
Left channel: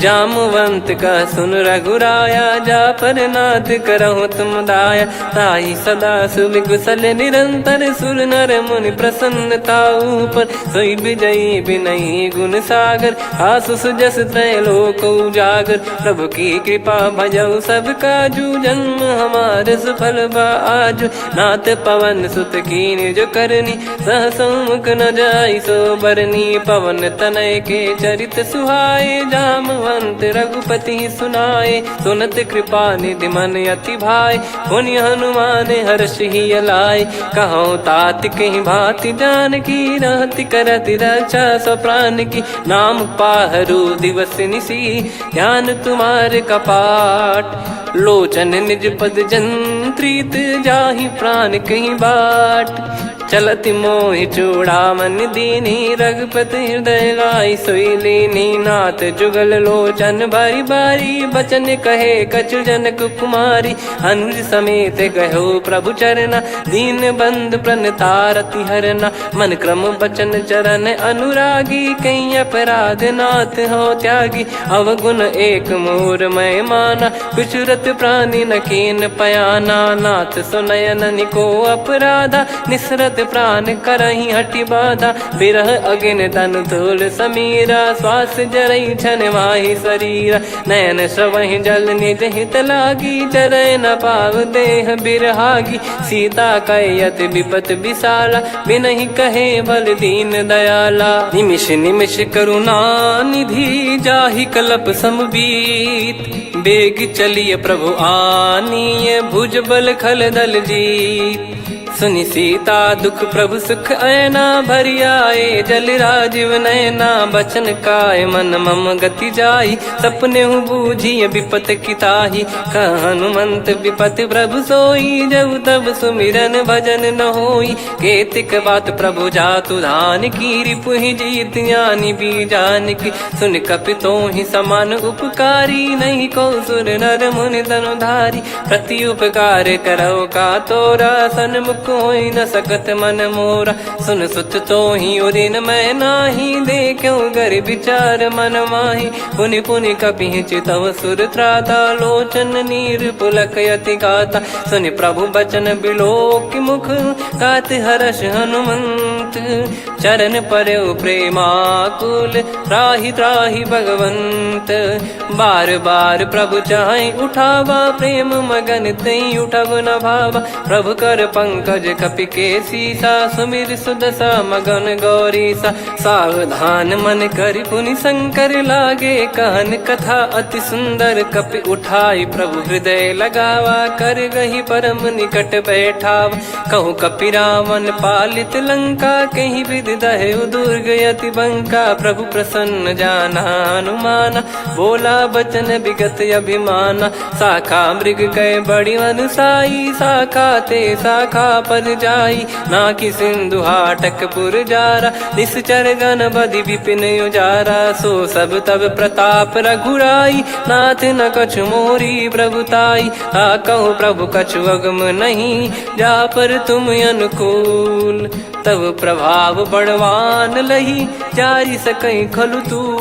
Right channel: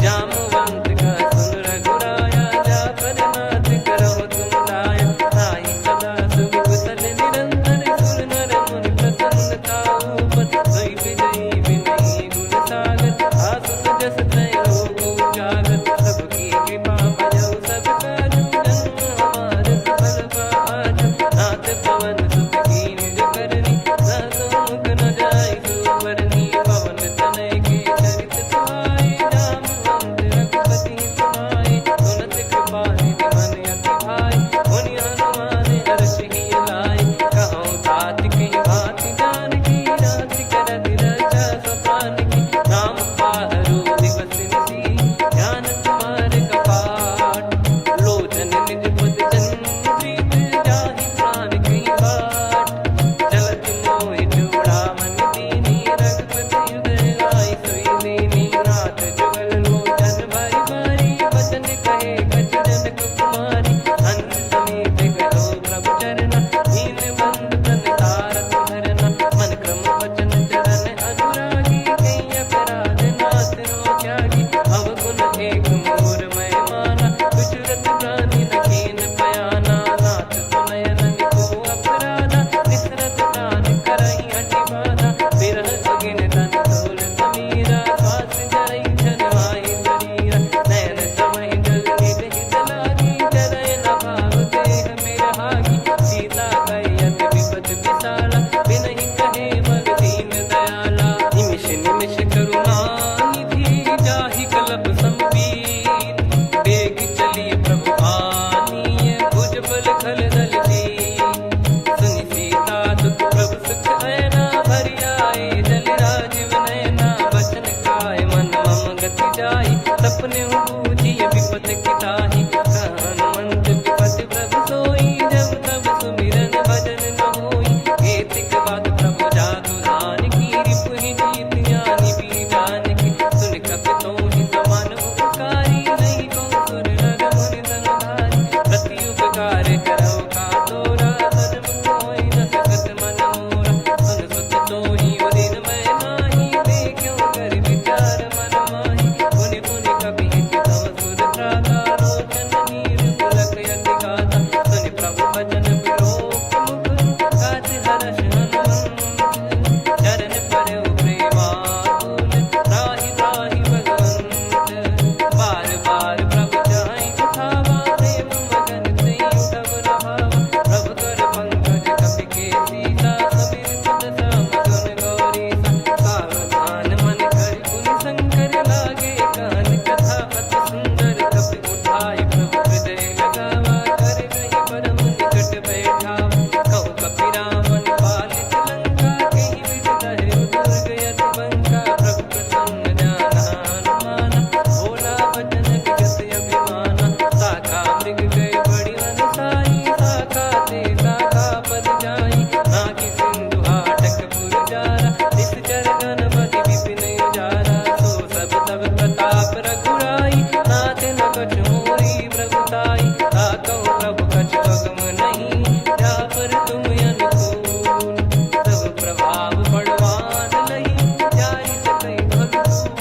जामवंत का सुन रघुराया, जा पर नाथ करहु तुम दाया। ताहि सदा सुभि कुशल निरंतर, सुर नर मुनि प्रसन्नता ऊपर। सोई विजयी विनयी गुण सागर, आसु सुजस त्रैलोक उजागर। प्रभु की कृपा भजऊ सब काजू, जन्म हमार सफल बा आजु। नाथ पवन सुत कीन्ह जो करनी, सहसो मुख न जाई सो बरनी। पवन तनय के चरित सुहाए, जामवंत रघुपति सुनाए। सुनत कृपा निधि मन अति भाई, पुनि हनुमान हर्ष ही लाए। कहो तात कहीं भांति जान की, रहति करति रक्षा सो प्राण की। नाम पाहरु दिवस निसी, ध्यान तुम्हारे कपाट। लोचन निज पद जंत्रित, जाहि प्राण कहीं बाट। चलति मोहि चूड़ामन दीनी, रघुपति हृदय लाई सोई लीनी। नाथ जुगल लोचन बारी बारी, बचन कहे कछु जनक कुमारी। अनुज समेत गयो प्रभु चरना, दीन बंधु प्रणतारति हरना। मन क्रम बचन चरण अनुरागी, कहीं अपराध नाथ हो त्यागी। अवगुण एक मोर मैं माना, बिचुरत प्राणी न कीन पयाना। नाथ सुनयन को अपराधा, निसरत प्राण करहि हटि बाधा। बिरह अगिन तन तोल समीरा, श्वास जरई छन वाहि शरीरा। नयन श्रवहि जल निज हित लागी, चरय न पाव देह बिरहागी। सीता कयत विपत विशाला, बिनहि कहे बल दीन दयाला। निमिष निमिष करुणा निधि, जाहि कल्प समबीत। बेग चलिए प्रभु आनीय, भुज बल खल दल जीत। सुनि सीता दुख प्रभु सुख ऐना, भरि आए जल राजीव नैना। बचन काय मन मम गति जाई, सपने बूझी विपत किताही। हनुमंत विपत प्रभु सोई, जब तब सुमिरन भजन न होई। केतिक बात प्रभु जातु धान की, रिपुहि जीत ज्ञानी बीजान की। सुन कपि तोहि समान उपकारी, नहीं को सुर नर मुनि तनुधारी। प्रति उपकार करो का तोरा, सन्मुख कोई न सकत मन मोरा। सुन सुत तो ही उदिन मैं नाही, देखो गर विचार मन माही। पुनि पुनि कपि चितव सुर त्राता, लोचन नीर पुलक यति गाता। सुनि प्रभु बचन बिलोक मुख, गात हर्ष हनुमंत। चरण परउ प्रेमाकुल, त्राहि त्राहि भगवंत। बार बार प्रभु चाहे उठावा, प्रेम मगन तई उठब न भावा। प्रभु कर पंकज कपि के सीसा, सुमिर सुदशा मगन गौरीसा। सावधान मन कर पुनि शंकर लागे, कहन कथा अति सुंदर कपि उठाई। प्रभु हृदय लगावा, कर गही परम निकट बैठावा। कहूँ कपि रावण पालित लंका, कहीं विधि दहु दुर्ग अति बंका। प्रभु प्रसन्न जाना हनुमाना, बोला बचन विगत अभिमाना। शाखा मृग कह बड़ी अनुसाई, शाखा ते शाखा पर जाई। ना कि सिंधु हाटक पुर जारा, निश्चर गण बधि विपिन उजारा। सो सब तब प्रताप रघुराई, नाथ न कछु मोरी प्रभुताई। कहूँ प्रभु कछु अगम नहीं, जा पर तुम अनुकूल। तब प्रभाव बड़वान लही, जारी सकई खलु तूल।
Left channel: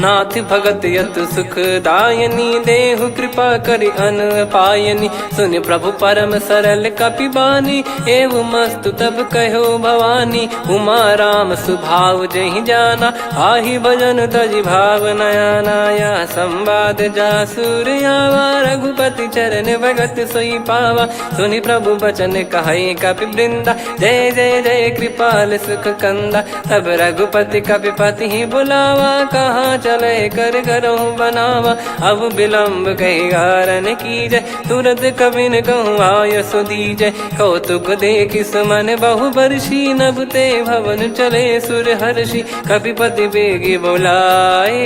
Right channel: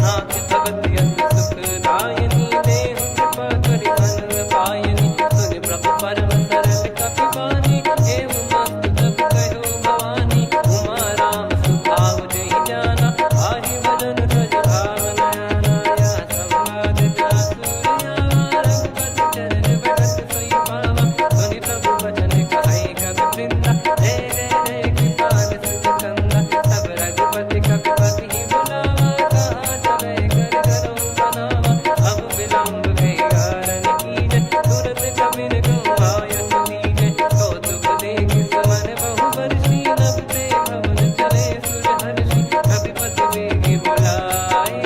नाथ भगत यतु सुख दायनी, देहु कृपा करि अन पायनी। सुन प्रभु परम सरल कपि बानी, एवं मस्तु तब कहो भवानी। उमा राम सुभाव जहि जाना, आहि भजन तजि भाव नया नाया। संवाद जासुर आवा, रघुपति चरण भगत सोई पावा। सुनि प्रभु बचन कहै कपि वृंदा, जय जय जय कृपाल सुख कंदा। तब रघुपति कपिपति ही बुलावा, कहाँ चले कर करहु बनावा। अब विलम्ब कही कारण कीजय, तुरत कबिन कहूँ आयस दीजय। कौतुक देख सुमन बहु बरसी, नभ ते भवन चले सुर हर्षि। कपिपति बेगी बोलाए,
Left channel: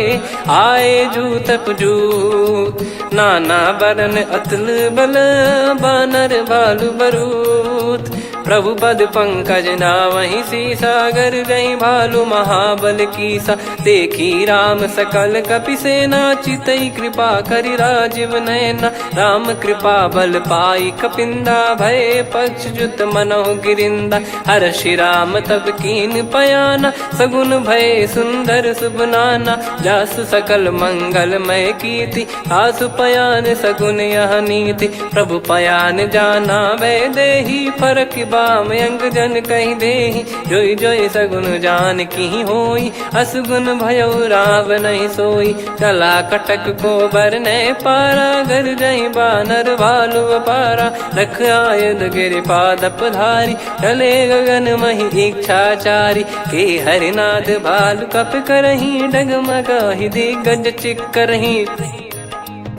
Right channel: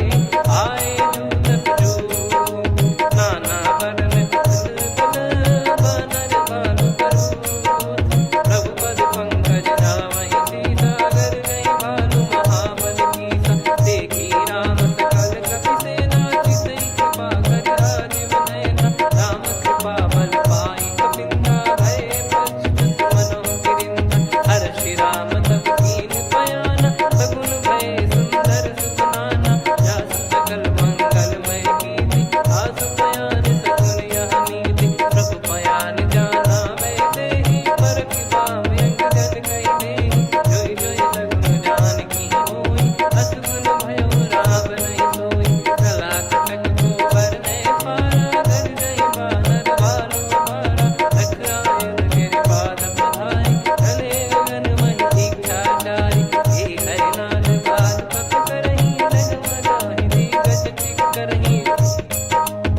आए जूतक जूत। नाना बरन अतुल बल, बानर भालु बरूत। प्रभु पद पंकज नामहि सीसा, गर गई भालु महाबल कीसा। देखी राम सकल कपि सेना, चितई कृपा करि राजीव नयना। राम कृपा बल पाई कपिंदा, भय पक्षजुत मनोह गिरिंदा। हर्षि राम तब कीन पयाना, सगुन भय सुंदर सुबनाना। जासु सकल मंगलमय कीर्ति, आसु पयान सगुन यह नीति। प्रभु पयान जाना वै देहि, फरक बाम अंग जन कहि देहि। जोई जोई सगुन जान की होई, असगुन भयो राव नहीं सोई। कला कटक को बरने पारा, घर जई बानर भालु अपारा। लख आयद गिरिपाद पधारी, चले गगन महि इच्छाचारी। के हरिनाथ भालु कप करही, डगमगाहि दिग्गज चिक्करही।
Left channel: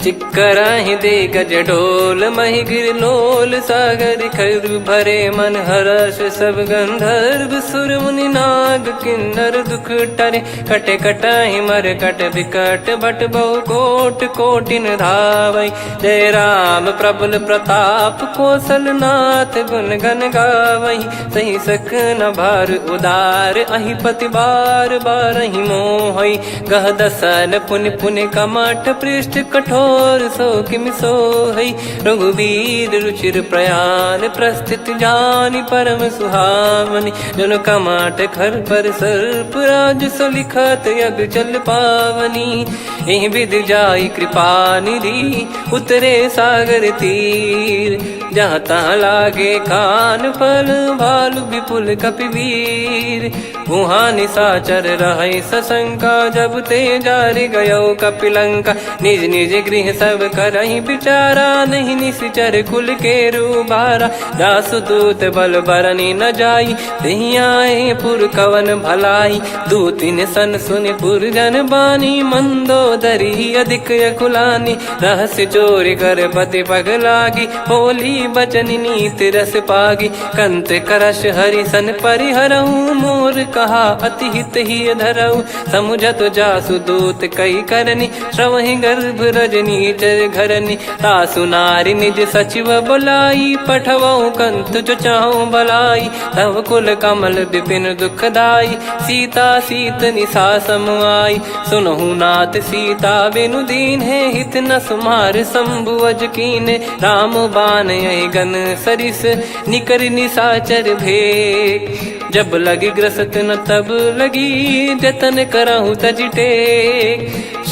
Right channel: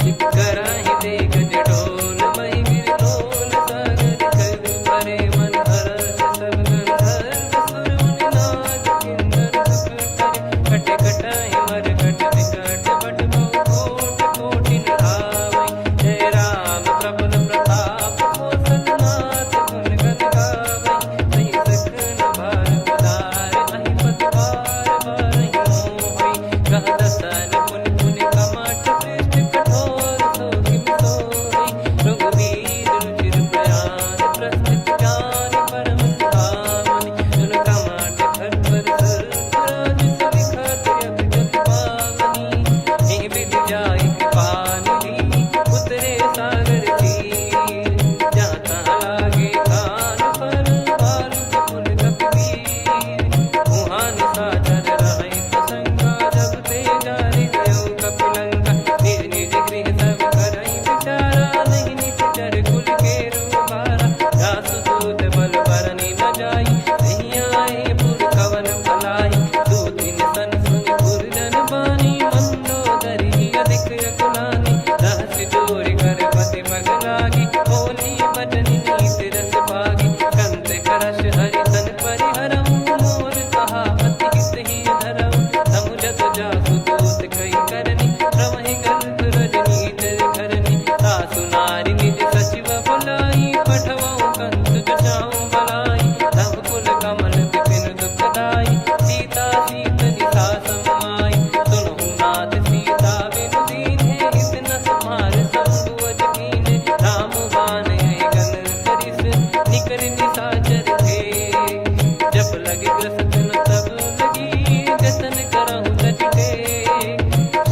चिक्कराहि दे गज ढोल, महि गिर लोल। सागर खर भरे मन हर्ष, सब गंधर्व सुर मुनि नाग किन्नर दुख टरे। कटे कटाहि मर कट विकट, भट बहु कोट कोटिन धावै। जय राम प्रबल प्रताप, कौशल नाथ गुण गन गावै। सही सख न भार उदार, अहि पति बार बारहि मोहै। गह दसन पुन पुन कमठ, पृष्ठ कठोर सो किमि सोहै। रघुवीर रुचिर प्रयाण, प्रस्थित जानि परम सुहावनी। जन कमाट खर पर सर्प, राज सलिखत यग जल पावनी। एहि विधि जाई कृपा निधि, उतरे सागर तीर। जहाँ तहाँ लागे खान फल, भालु विपुल कपिवीर। वहाँ निशाचर रहै सशंका, जब ते जारि गयो कपिलंका। निज निज गृह सब करहि विचारा, नहीं निश्चर कुल के रूबारा। दासु दूत बल बरनी न जाई, तेहि आए पुर कवन भलाई। दूतिन सन सुनि पुर जन बानी, मंदोदरी अधिक अकुलानी। रहस्य चोरी कर पति पग लागी, होली बचन नीत रस पागी। कंत करश हरि सन परिहरहु, मोर कहा अति हित ही धरऊ। समुझत जासु दूत कई करनी, श्रवहि गर्भ रजनी चर घरनी। तासु नारी निज सचिव बुलाई, पठवऊ कंत जो चाहूं भलाई। तव कुल कमल विपिन दुखदाई, सीता सीत निशा समाई। सुनहु नाथ सीता बिनु दीन है, हित न सुमार शंभु अज कीने। राम बान गन सरिस, निकर निशाचर भेग। जब लगी ग्रसत न तब लगी, जतन करहु तज टेक।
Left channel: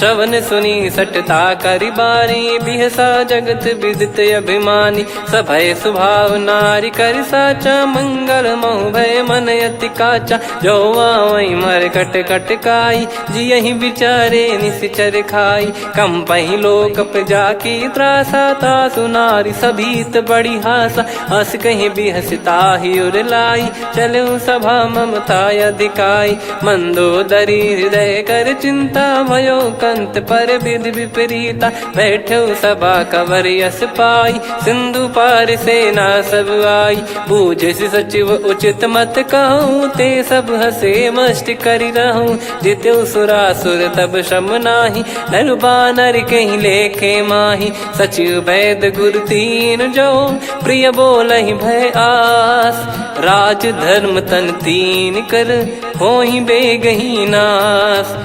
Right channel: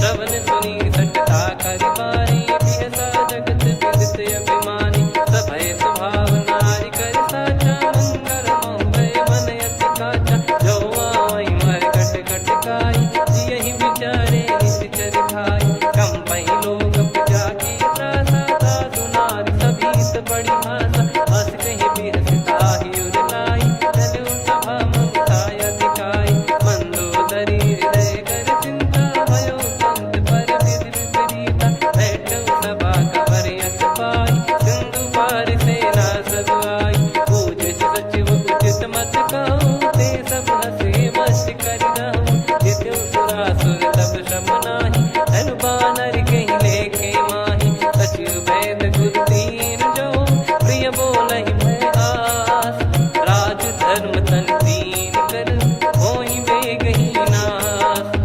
श्रवण सुनी सटता करि बारी, बिहसा जगत विदित अभिमानी। सभय स्वभाव नारी कर साचा, मंगल मोह भय मन अति काचा। जो आवई मर कट कट काई, जियहि विचारे निश्चर खाई। कम पही लोक जाकी त्रासा, तासु नारी सभीत बड़ी हासा। हस कहीं भी हंसता ही उर लाई, चलूं सभा ममता अधिकाई। मंदोदरी हृदय कर चिंता, भयो कंत पर विधि विपरीता। बैठो सभा कवर यस पाई, सिंधु पार सेना सब आई। पूजे सचिव उचित मत कहूँ, ते सब हसे मस्त करि रहूं। जित्यु सुरासुर तब श्रम नाही, नर बानर कहीं लेखे माही। सचिव वैद गुरु तीन जो, प्रिय बोलहि भय आस। राज धर्म तन तीन कर, होहि बेगहि नास।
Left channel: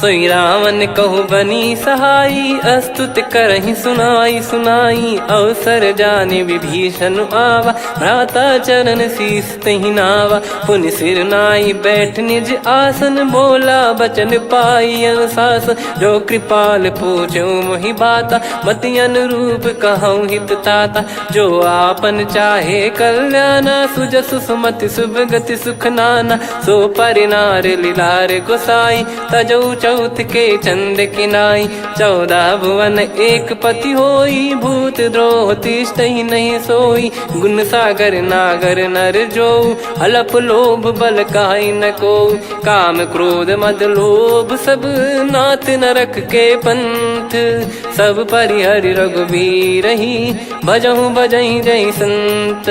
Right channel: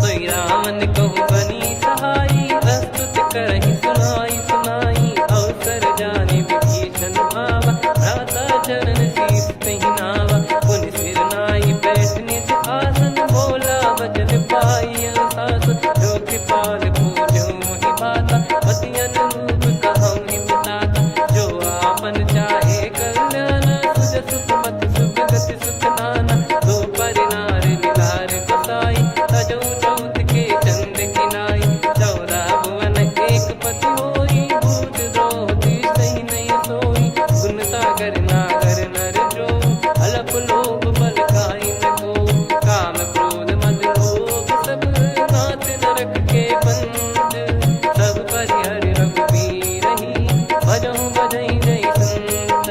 सोई रावण कहु बनी सहाई, अस्तुत करहि सुनाई सुनाई। अवसर जाने विभीषण आवा, भ्राता चरण शीस तहि नावा। पुनि सिर नाई बैठ निज आसन, बोला बचन पाई अनुशासन। जो कृपाल पूछो मोहि बाता, मति अनुरूप कहूँ हित ताता। जो आपन चाहे कल्याणा, सुजसु सुमति शुभ गति सुख नाना। सो परिनार लीलार गोसाई, तजौ चौथ के चंद किनाई। 14 भुवन एक पति होई, भूत द्रोह तिष्ठहि नहीं सोई। गुण सागर नागर नर जो, अलप लोभ बल काई न को। काम क्रोध मद लोभ सब, नाथ नरक के पंथ। सब परिहरि रघुवीर ही, भजहु भजहि जय संत।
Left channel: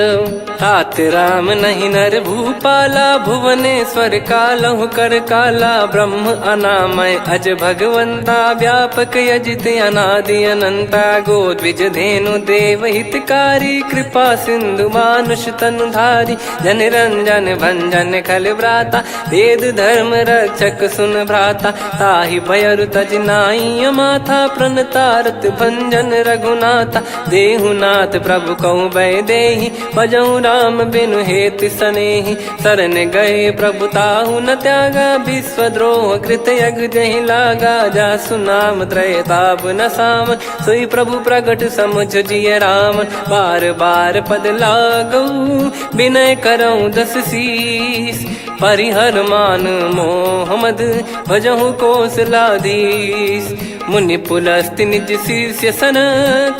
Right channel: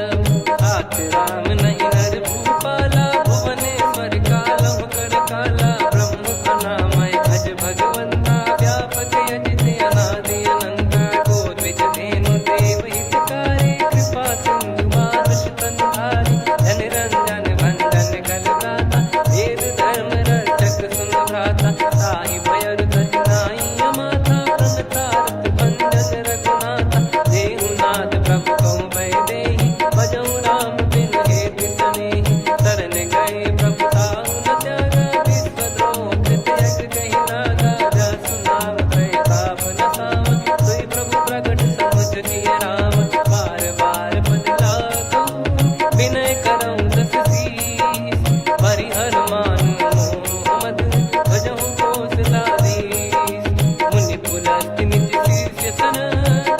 तात राम नहीं नर भूपाला, भुवनेश्वर कालहु कर काला। ब्रह्म अनामय अज भगवंता, व्यापक यजित अनादि अनंता। गोद्विज धेनु देव हितकारी, कृपा सिंधु मानुष तनुधारी। जन रंजन भंजन खल भ्राता, वेद धर्म रक्षक सुन भ्राता। ताहि भयरु तज नाई माथा, प्रणतारत भंजन रघुनाथा। देहुनाथ प्रभु कहु भय देहि, भजहु राम बिनु हेतु सनेहि। शरण गए प्रभु ताहु न त्यागा, विश्वद्रोह कृत यज्ञ जहि लागा। जासु नाम त्रय ताप न साम, सोई प्रभु प्रगट समुझ जिय राम। बार बार पद लागऊ, विनय करऊँ दस शीस। परिहर मान मोह मद, भजहु कौशलाधीश। मुनि पुलस्त्य निज शीर्ष सन,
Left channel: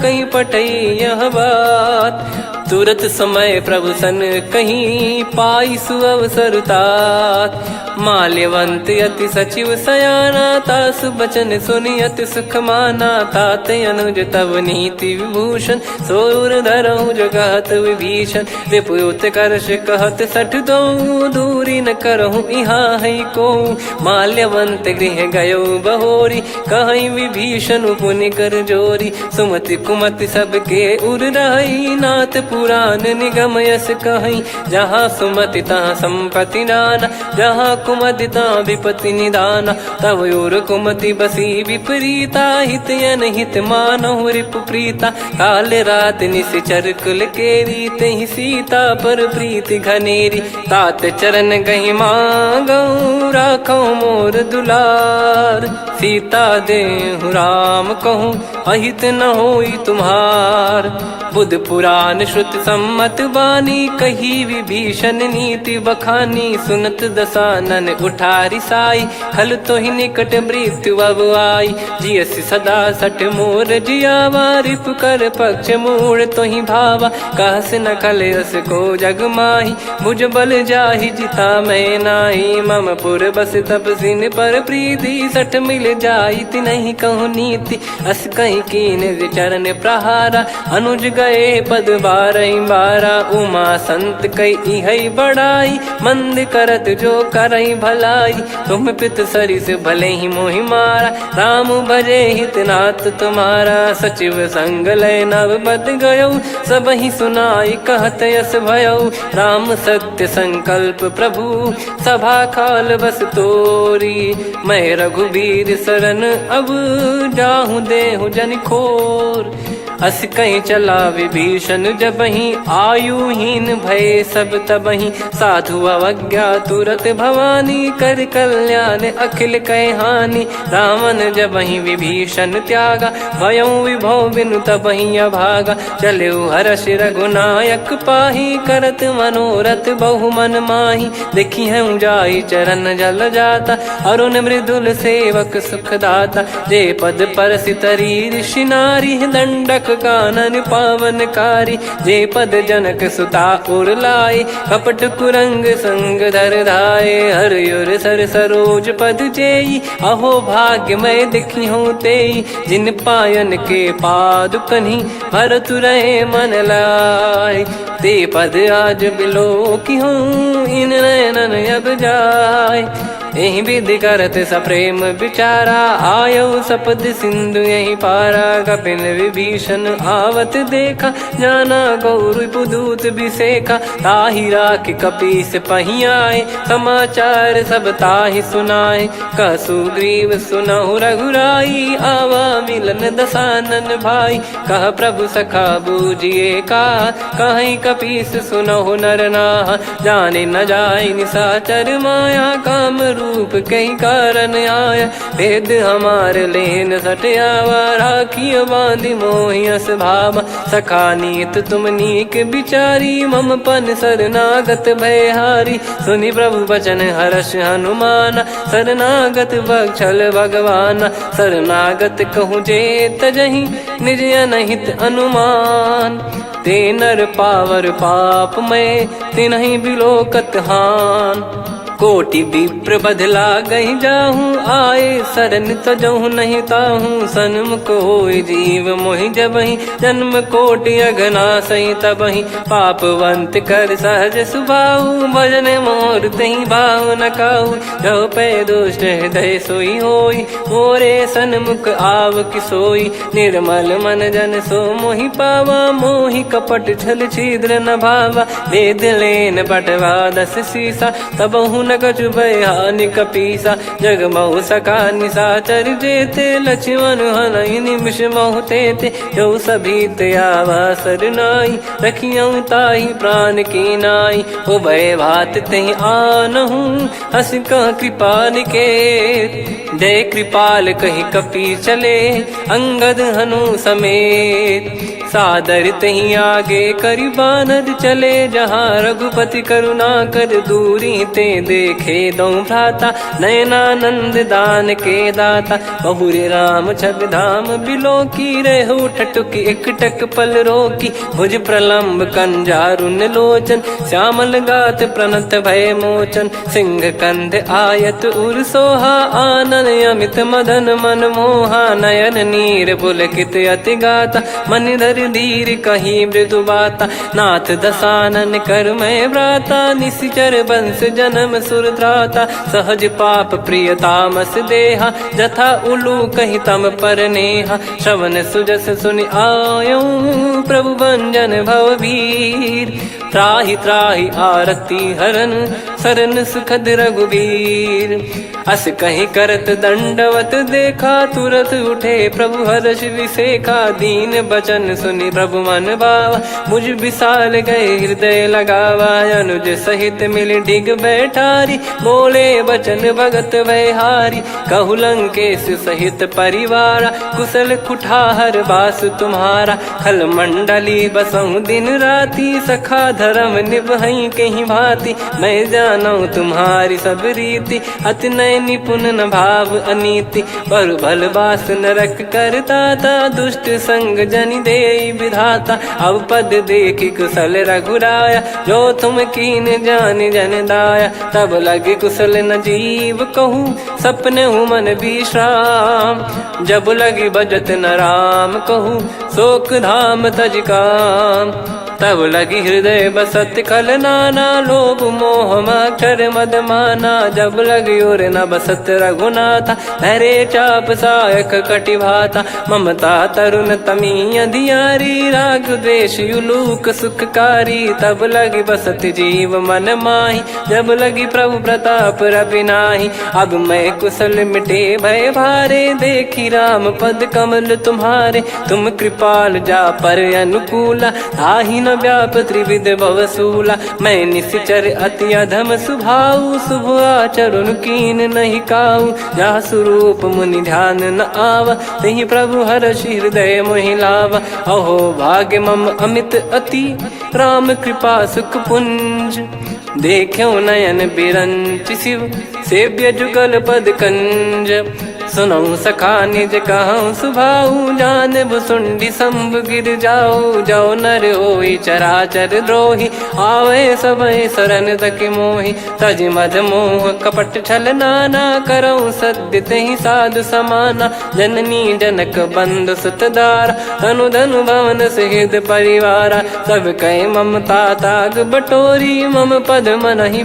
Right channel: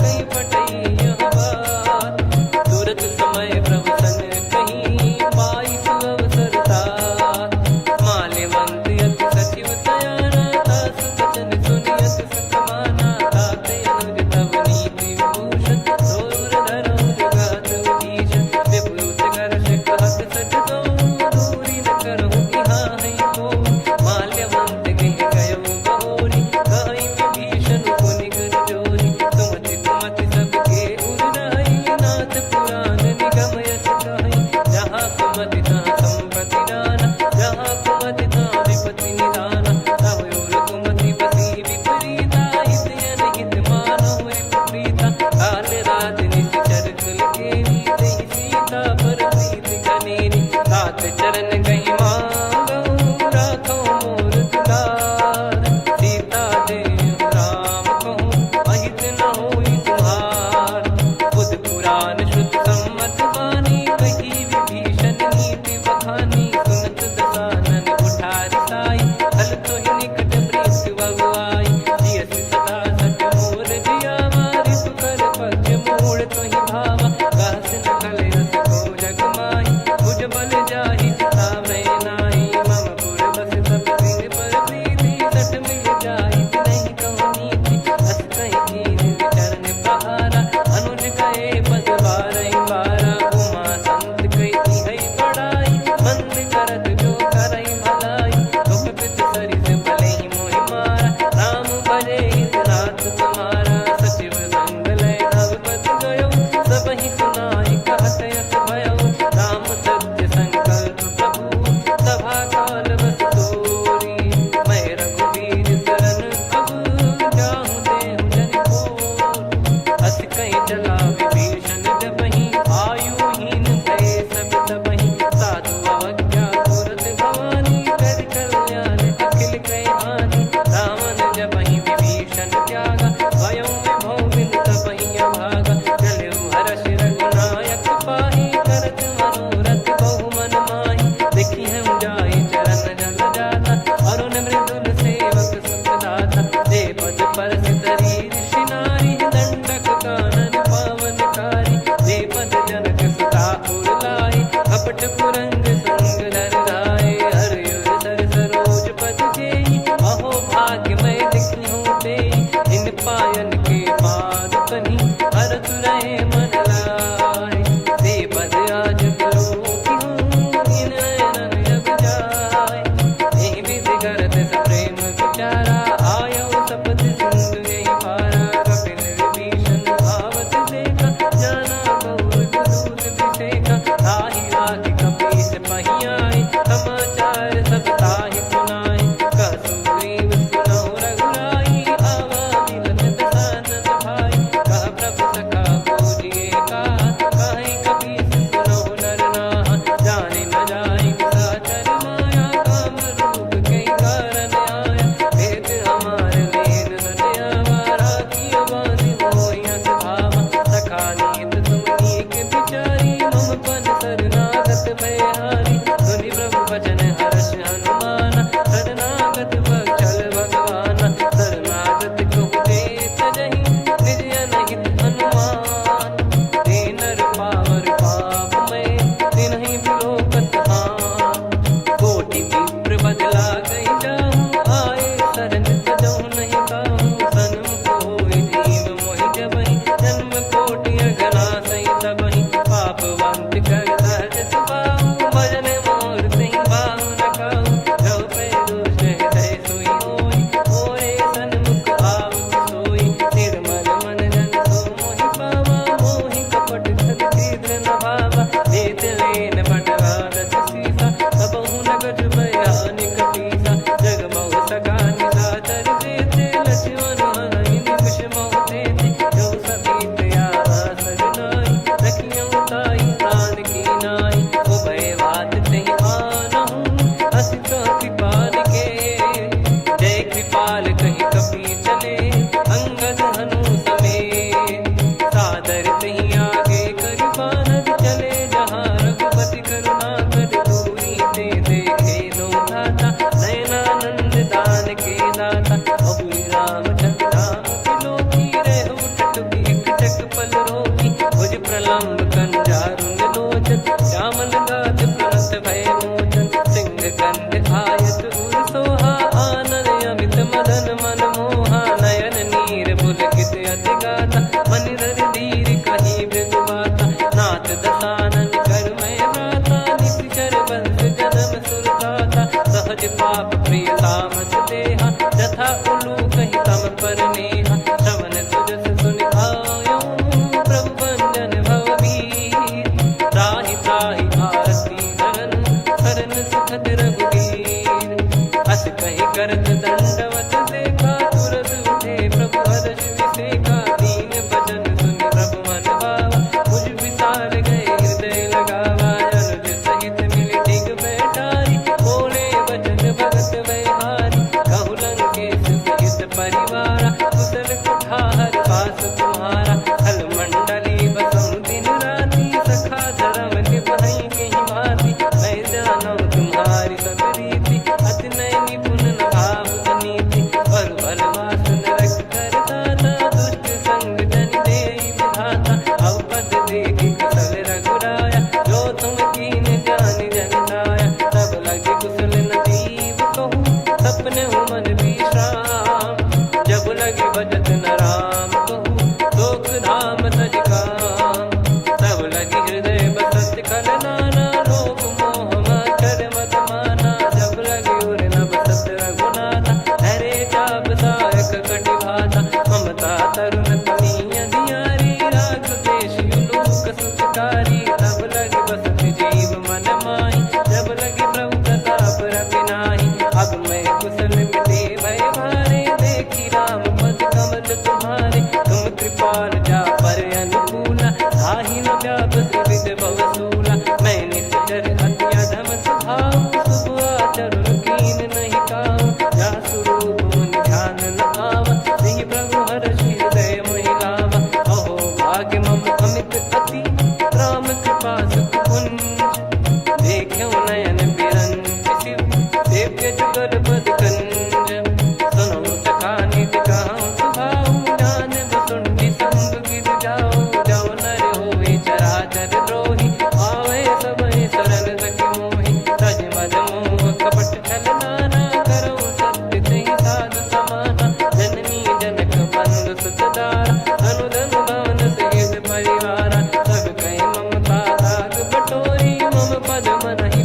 कहीं पटई यह बात। तुरत समय प्रभु सन कहीं, पाई सुअवसर तात। माल्यवंत अति सचिव सयाना, तासु बचन सुनि अति सुख माना। तात अनुज तव नीति विभूषण, सोर धरहु जगत विभीषण। विपुत करश कहत सठ दो, दूरी न करहु यहाँ है को। माल्यवंत गृह गयो बहोरी, कहीं विभीषण पुनि कर जोरी। सुमति कुमति सबके उर रही, नाथ पुराण निगम यस कहीं। जहाँ सुमति तहाँ संपत्ति नाना, जहाँ कुमति तहाँ विपत्ति निदाना। तव और कुमति बसी विपरीता, हित अनहित मानहु रिप प्रीता। काल रात निशिचर कुल केरी, तहि सीता पर प्रीति घनेरी। तात चरण गहि मांगऊ, राखो मोर दुलार। सीता देहु राम कहूँ, अहित न होई तुम्हार। बुध पुराण श्रुति सम्मत बानी, कही विभीषण नीति बखानी। सुनत दसानन उठारी साई, खल तो ही निकट मृत्यु अब आई। जियसि सदा सठ मोर जियावा, रिप कर पक्ष मूड़ तो ही भावा। कहस न खल रस को जग माही, भुज बल जाहि जिता मैं नाही। मम पुर बस तपसिन पर प्रीति, सठ मिल जाई तिनहि कहूँ नीति। अस कहीं कीन विचरण प्रहारा, अनुज गए पद बारहि बारा। उमा संत कई इहै बड़ाई, मंद करत जो करई भलाई। तुम पित सरिस भले ही मोहि मारा, राम भजे हितनाथ तुम्हारा। सचिव संग लय नवबत गयो, सब ही सुनाई कहत यस भयो। राम सत्य संकल्प प्रभु, सभा काल बस तोरी। मैं रघुबीर शरण अब, जाहु देहु जन खोर। अस कहीं चला विभीषण जबहि, आयुहीन भये सब तबहि। साधु अवज्ञा तुरत भवानी, कर कल्याण अखिल कह हानि। रावण जबहि विभीषण त्यागा, भयउ विभव बिनु तबहि अभागा। चलऊ हर्ष रघुनायक पाहि, करत मनोरथ बहु मन माहि। देखी हूँ जाई चरण जल जाता, अरुण मृदुल सेवक सुखदाता। जे पद परसि तरी ऋषि नारी, दंडक कानन पावनकारी। जे पद जनक सुता उर लाई, कपट कुरंग संग धर धाये। हरियुर सर सरोज पद जेई, अहो भाग्य मैं दिखी हूँ तेई। जिन पायन के पाद कन्ही, भरत रहे मन लाय। ते पद आज बिलो की हूँ, इन नयनन अब जाय। यही विधि करत सप्रेम विचारा, आयो सपद सिंधु यही पारा। कपिन विभीषण आवत देखा, जाना गौर बुदूत बिसेखा। ताहि राख कपीस पही आए, समाचार सब ताहि सुनाए। कह सुग्रीव सुनहु रघुराई, आवा मिलन दसानन भाई। कह प्रभु सखा बूझिए का, कहीं कपीस सुनहु नर नाहा। जाने न जाय निशाचर माया, काम रूप कई कारण आया। भेद हमार लेन सटयावा, राखिय बांधि मोहियस भावा। सखा नीत तुम नीक बिचारी, मम पन शरणागत भयहारी। सुनि प्रभु बचन हर्ष हनुमाना, शरणागत बक्षल भगवाना। शरणागत कहूँ जे तजहि, निज अनहित अनुमान। ते नर पावर पाप में, तिन्हि बिलोकत हान। कोटि विप्र बदला गई जाहूँ, आए शरण तजहु नहीं ताहूँ। सन्मुख होय जीव मोहि जबहि, जन्म कोटि अगना सही तबहि। पापवंत कर सहज सुभाऊ, भजन मोर तहि भाव न काऊ। जो पै दुष्ट हृदय सोई होई, मोरे सन्मुख आव किसोई। निर्मल मन जन सो मोहि पावा, मोहि कपट छल छिद्र न भावा। वेद लेन बटवा दस सीसा, तबहु न कछु बयानि कपीसा। जग महु सका निशाचर जेते, लक्ष्मण हनहि निमिष महु तेते। जो सभी त्यावा सरनाई, रखियऊँ ताहि प्राण की नाई। उभय भात तहि आनहूँ, अस कह कृपाल के। जय कृपाल कहि कपी चले, अंगद हनु समेत। सादर तही आगे करि बानर चले, जहाँ रघुपति करुणा कर दूरी ते देखे दो भ्राता। नयनानंद दान के दाता, बहुरे राम छवि धाम बिलो की। रहु ठटुकी एकटक पल रोकी, भुज प्रलम्ब कंजारुन लोचन। श्यामल गात प्रणत भय मोचन, सिंह कंध आयत उर सोहा। आनन अमित मदन मन मोहा, नयन नीर पुलकित अति गाता। मन धर धीर कहीं मृदु बाता, नाथ दसानन कर मैं व्राता। निशिचर वंश जन्म सुरत्राता, सहज पाप प्रिय तामस देहा। जथा उलू कही तम पर नेहा, श्रवण सुजस सुनि आयो। प्रभु भंजन भवभीर, त्राहि त्राहि आरती हरन। शरण सुखद रघुबीर, अस कहीं करत दंडवत देखा। तुरत उठे प्रभु हर्ष विसेखा, दीन बचन सुनि प्रभु मन भावा। मुझ विशाल गए हृदय लगावा, अनुज सहित मिल डिग बैठारी। बोले बचन भगत भयहारी, कहु लंकेश सहित परिवारा। कुशल कुठार बास तुम्हारा, खल मंडली बसऊं दिन राती। सखा धर्म निभई कहीं भांति, मैं जानू तुम्हारी सब रीति। अति नय निपुण न भाव अनीति, पर भल बास नरक करता था। दुष्ट संग जन दे विधाता, अब पद देखी कुशल रघुराया। जो तुम कीन जान जन दाया, तब लगे कुशल न जीव कहूँ। सपने मन विश्राम, जब लगी बजत न राम कहूँ। शोक धाम तज काम, तब लगी हृदय बसत कल नाना। लोभ मोह मक्षर मद माना, जब लगी उर न बसत रघुनाथा। हरे चाप सायक कटि भाता, ममता तरुण तमी अधियारी। राग द्वेष युलूक सुखकारी, तब लगी बसत जीव मन माही। जब लगी प्रभु प्रताप रवि नाही, अब मैं कुशल मिटे भय भारे। देखी राम पद कमल तुम्हारे, तुम कृपाल जा पर अनुकूला, ताहि न व्याप त्रिविध भवसूला। मैं निश्चर अति अधम स्वभाव, शुभ आचरण कीन नहीं काऊ, जा स्वरूप मुनि ध्यान न आवा, तेहि प्रभु हर्षि हृदय मोहि लावा। अहो भाग्य मम अमित अति, राम कृपा सुख पुंज, देख्यो नयन बिरंच शिव, सेव्य जुगल पद कंज। सुनऊ सखा निज कहूँ सुभाऊ, जान भुसुंडी शंभ गिर जाओ, जाओ नर होई चराचर द्रोही, आवे सबय शरण तकी मोहि। तज मद मोह कपट छल नाना, करऊँ सत्य तेहि साधु समाना, जननी जनक बंधु सुतदारा, धनु धनु भवन सहित परिवारा। सब कहे ममता ताग बटोरी, मम पद मनहि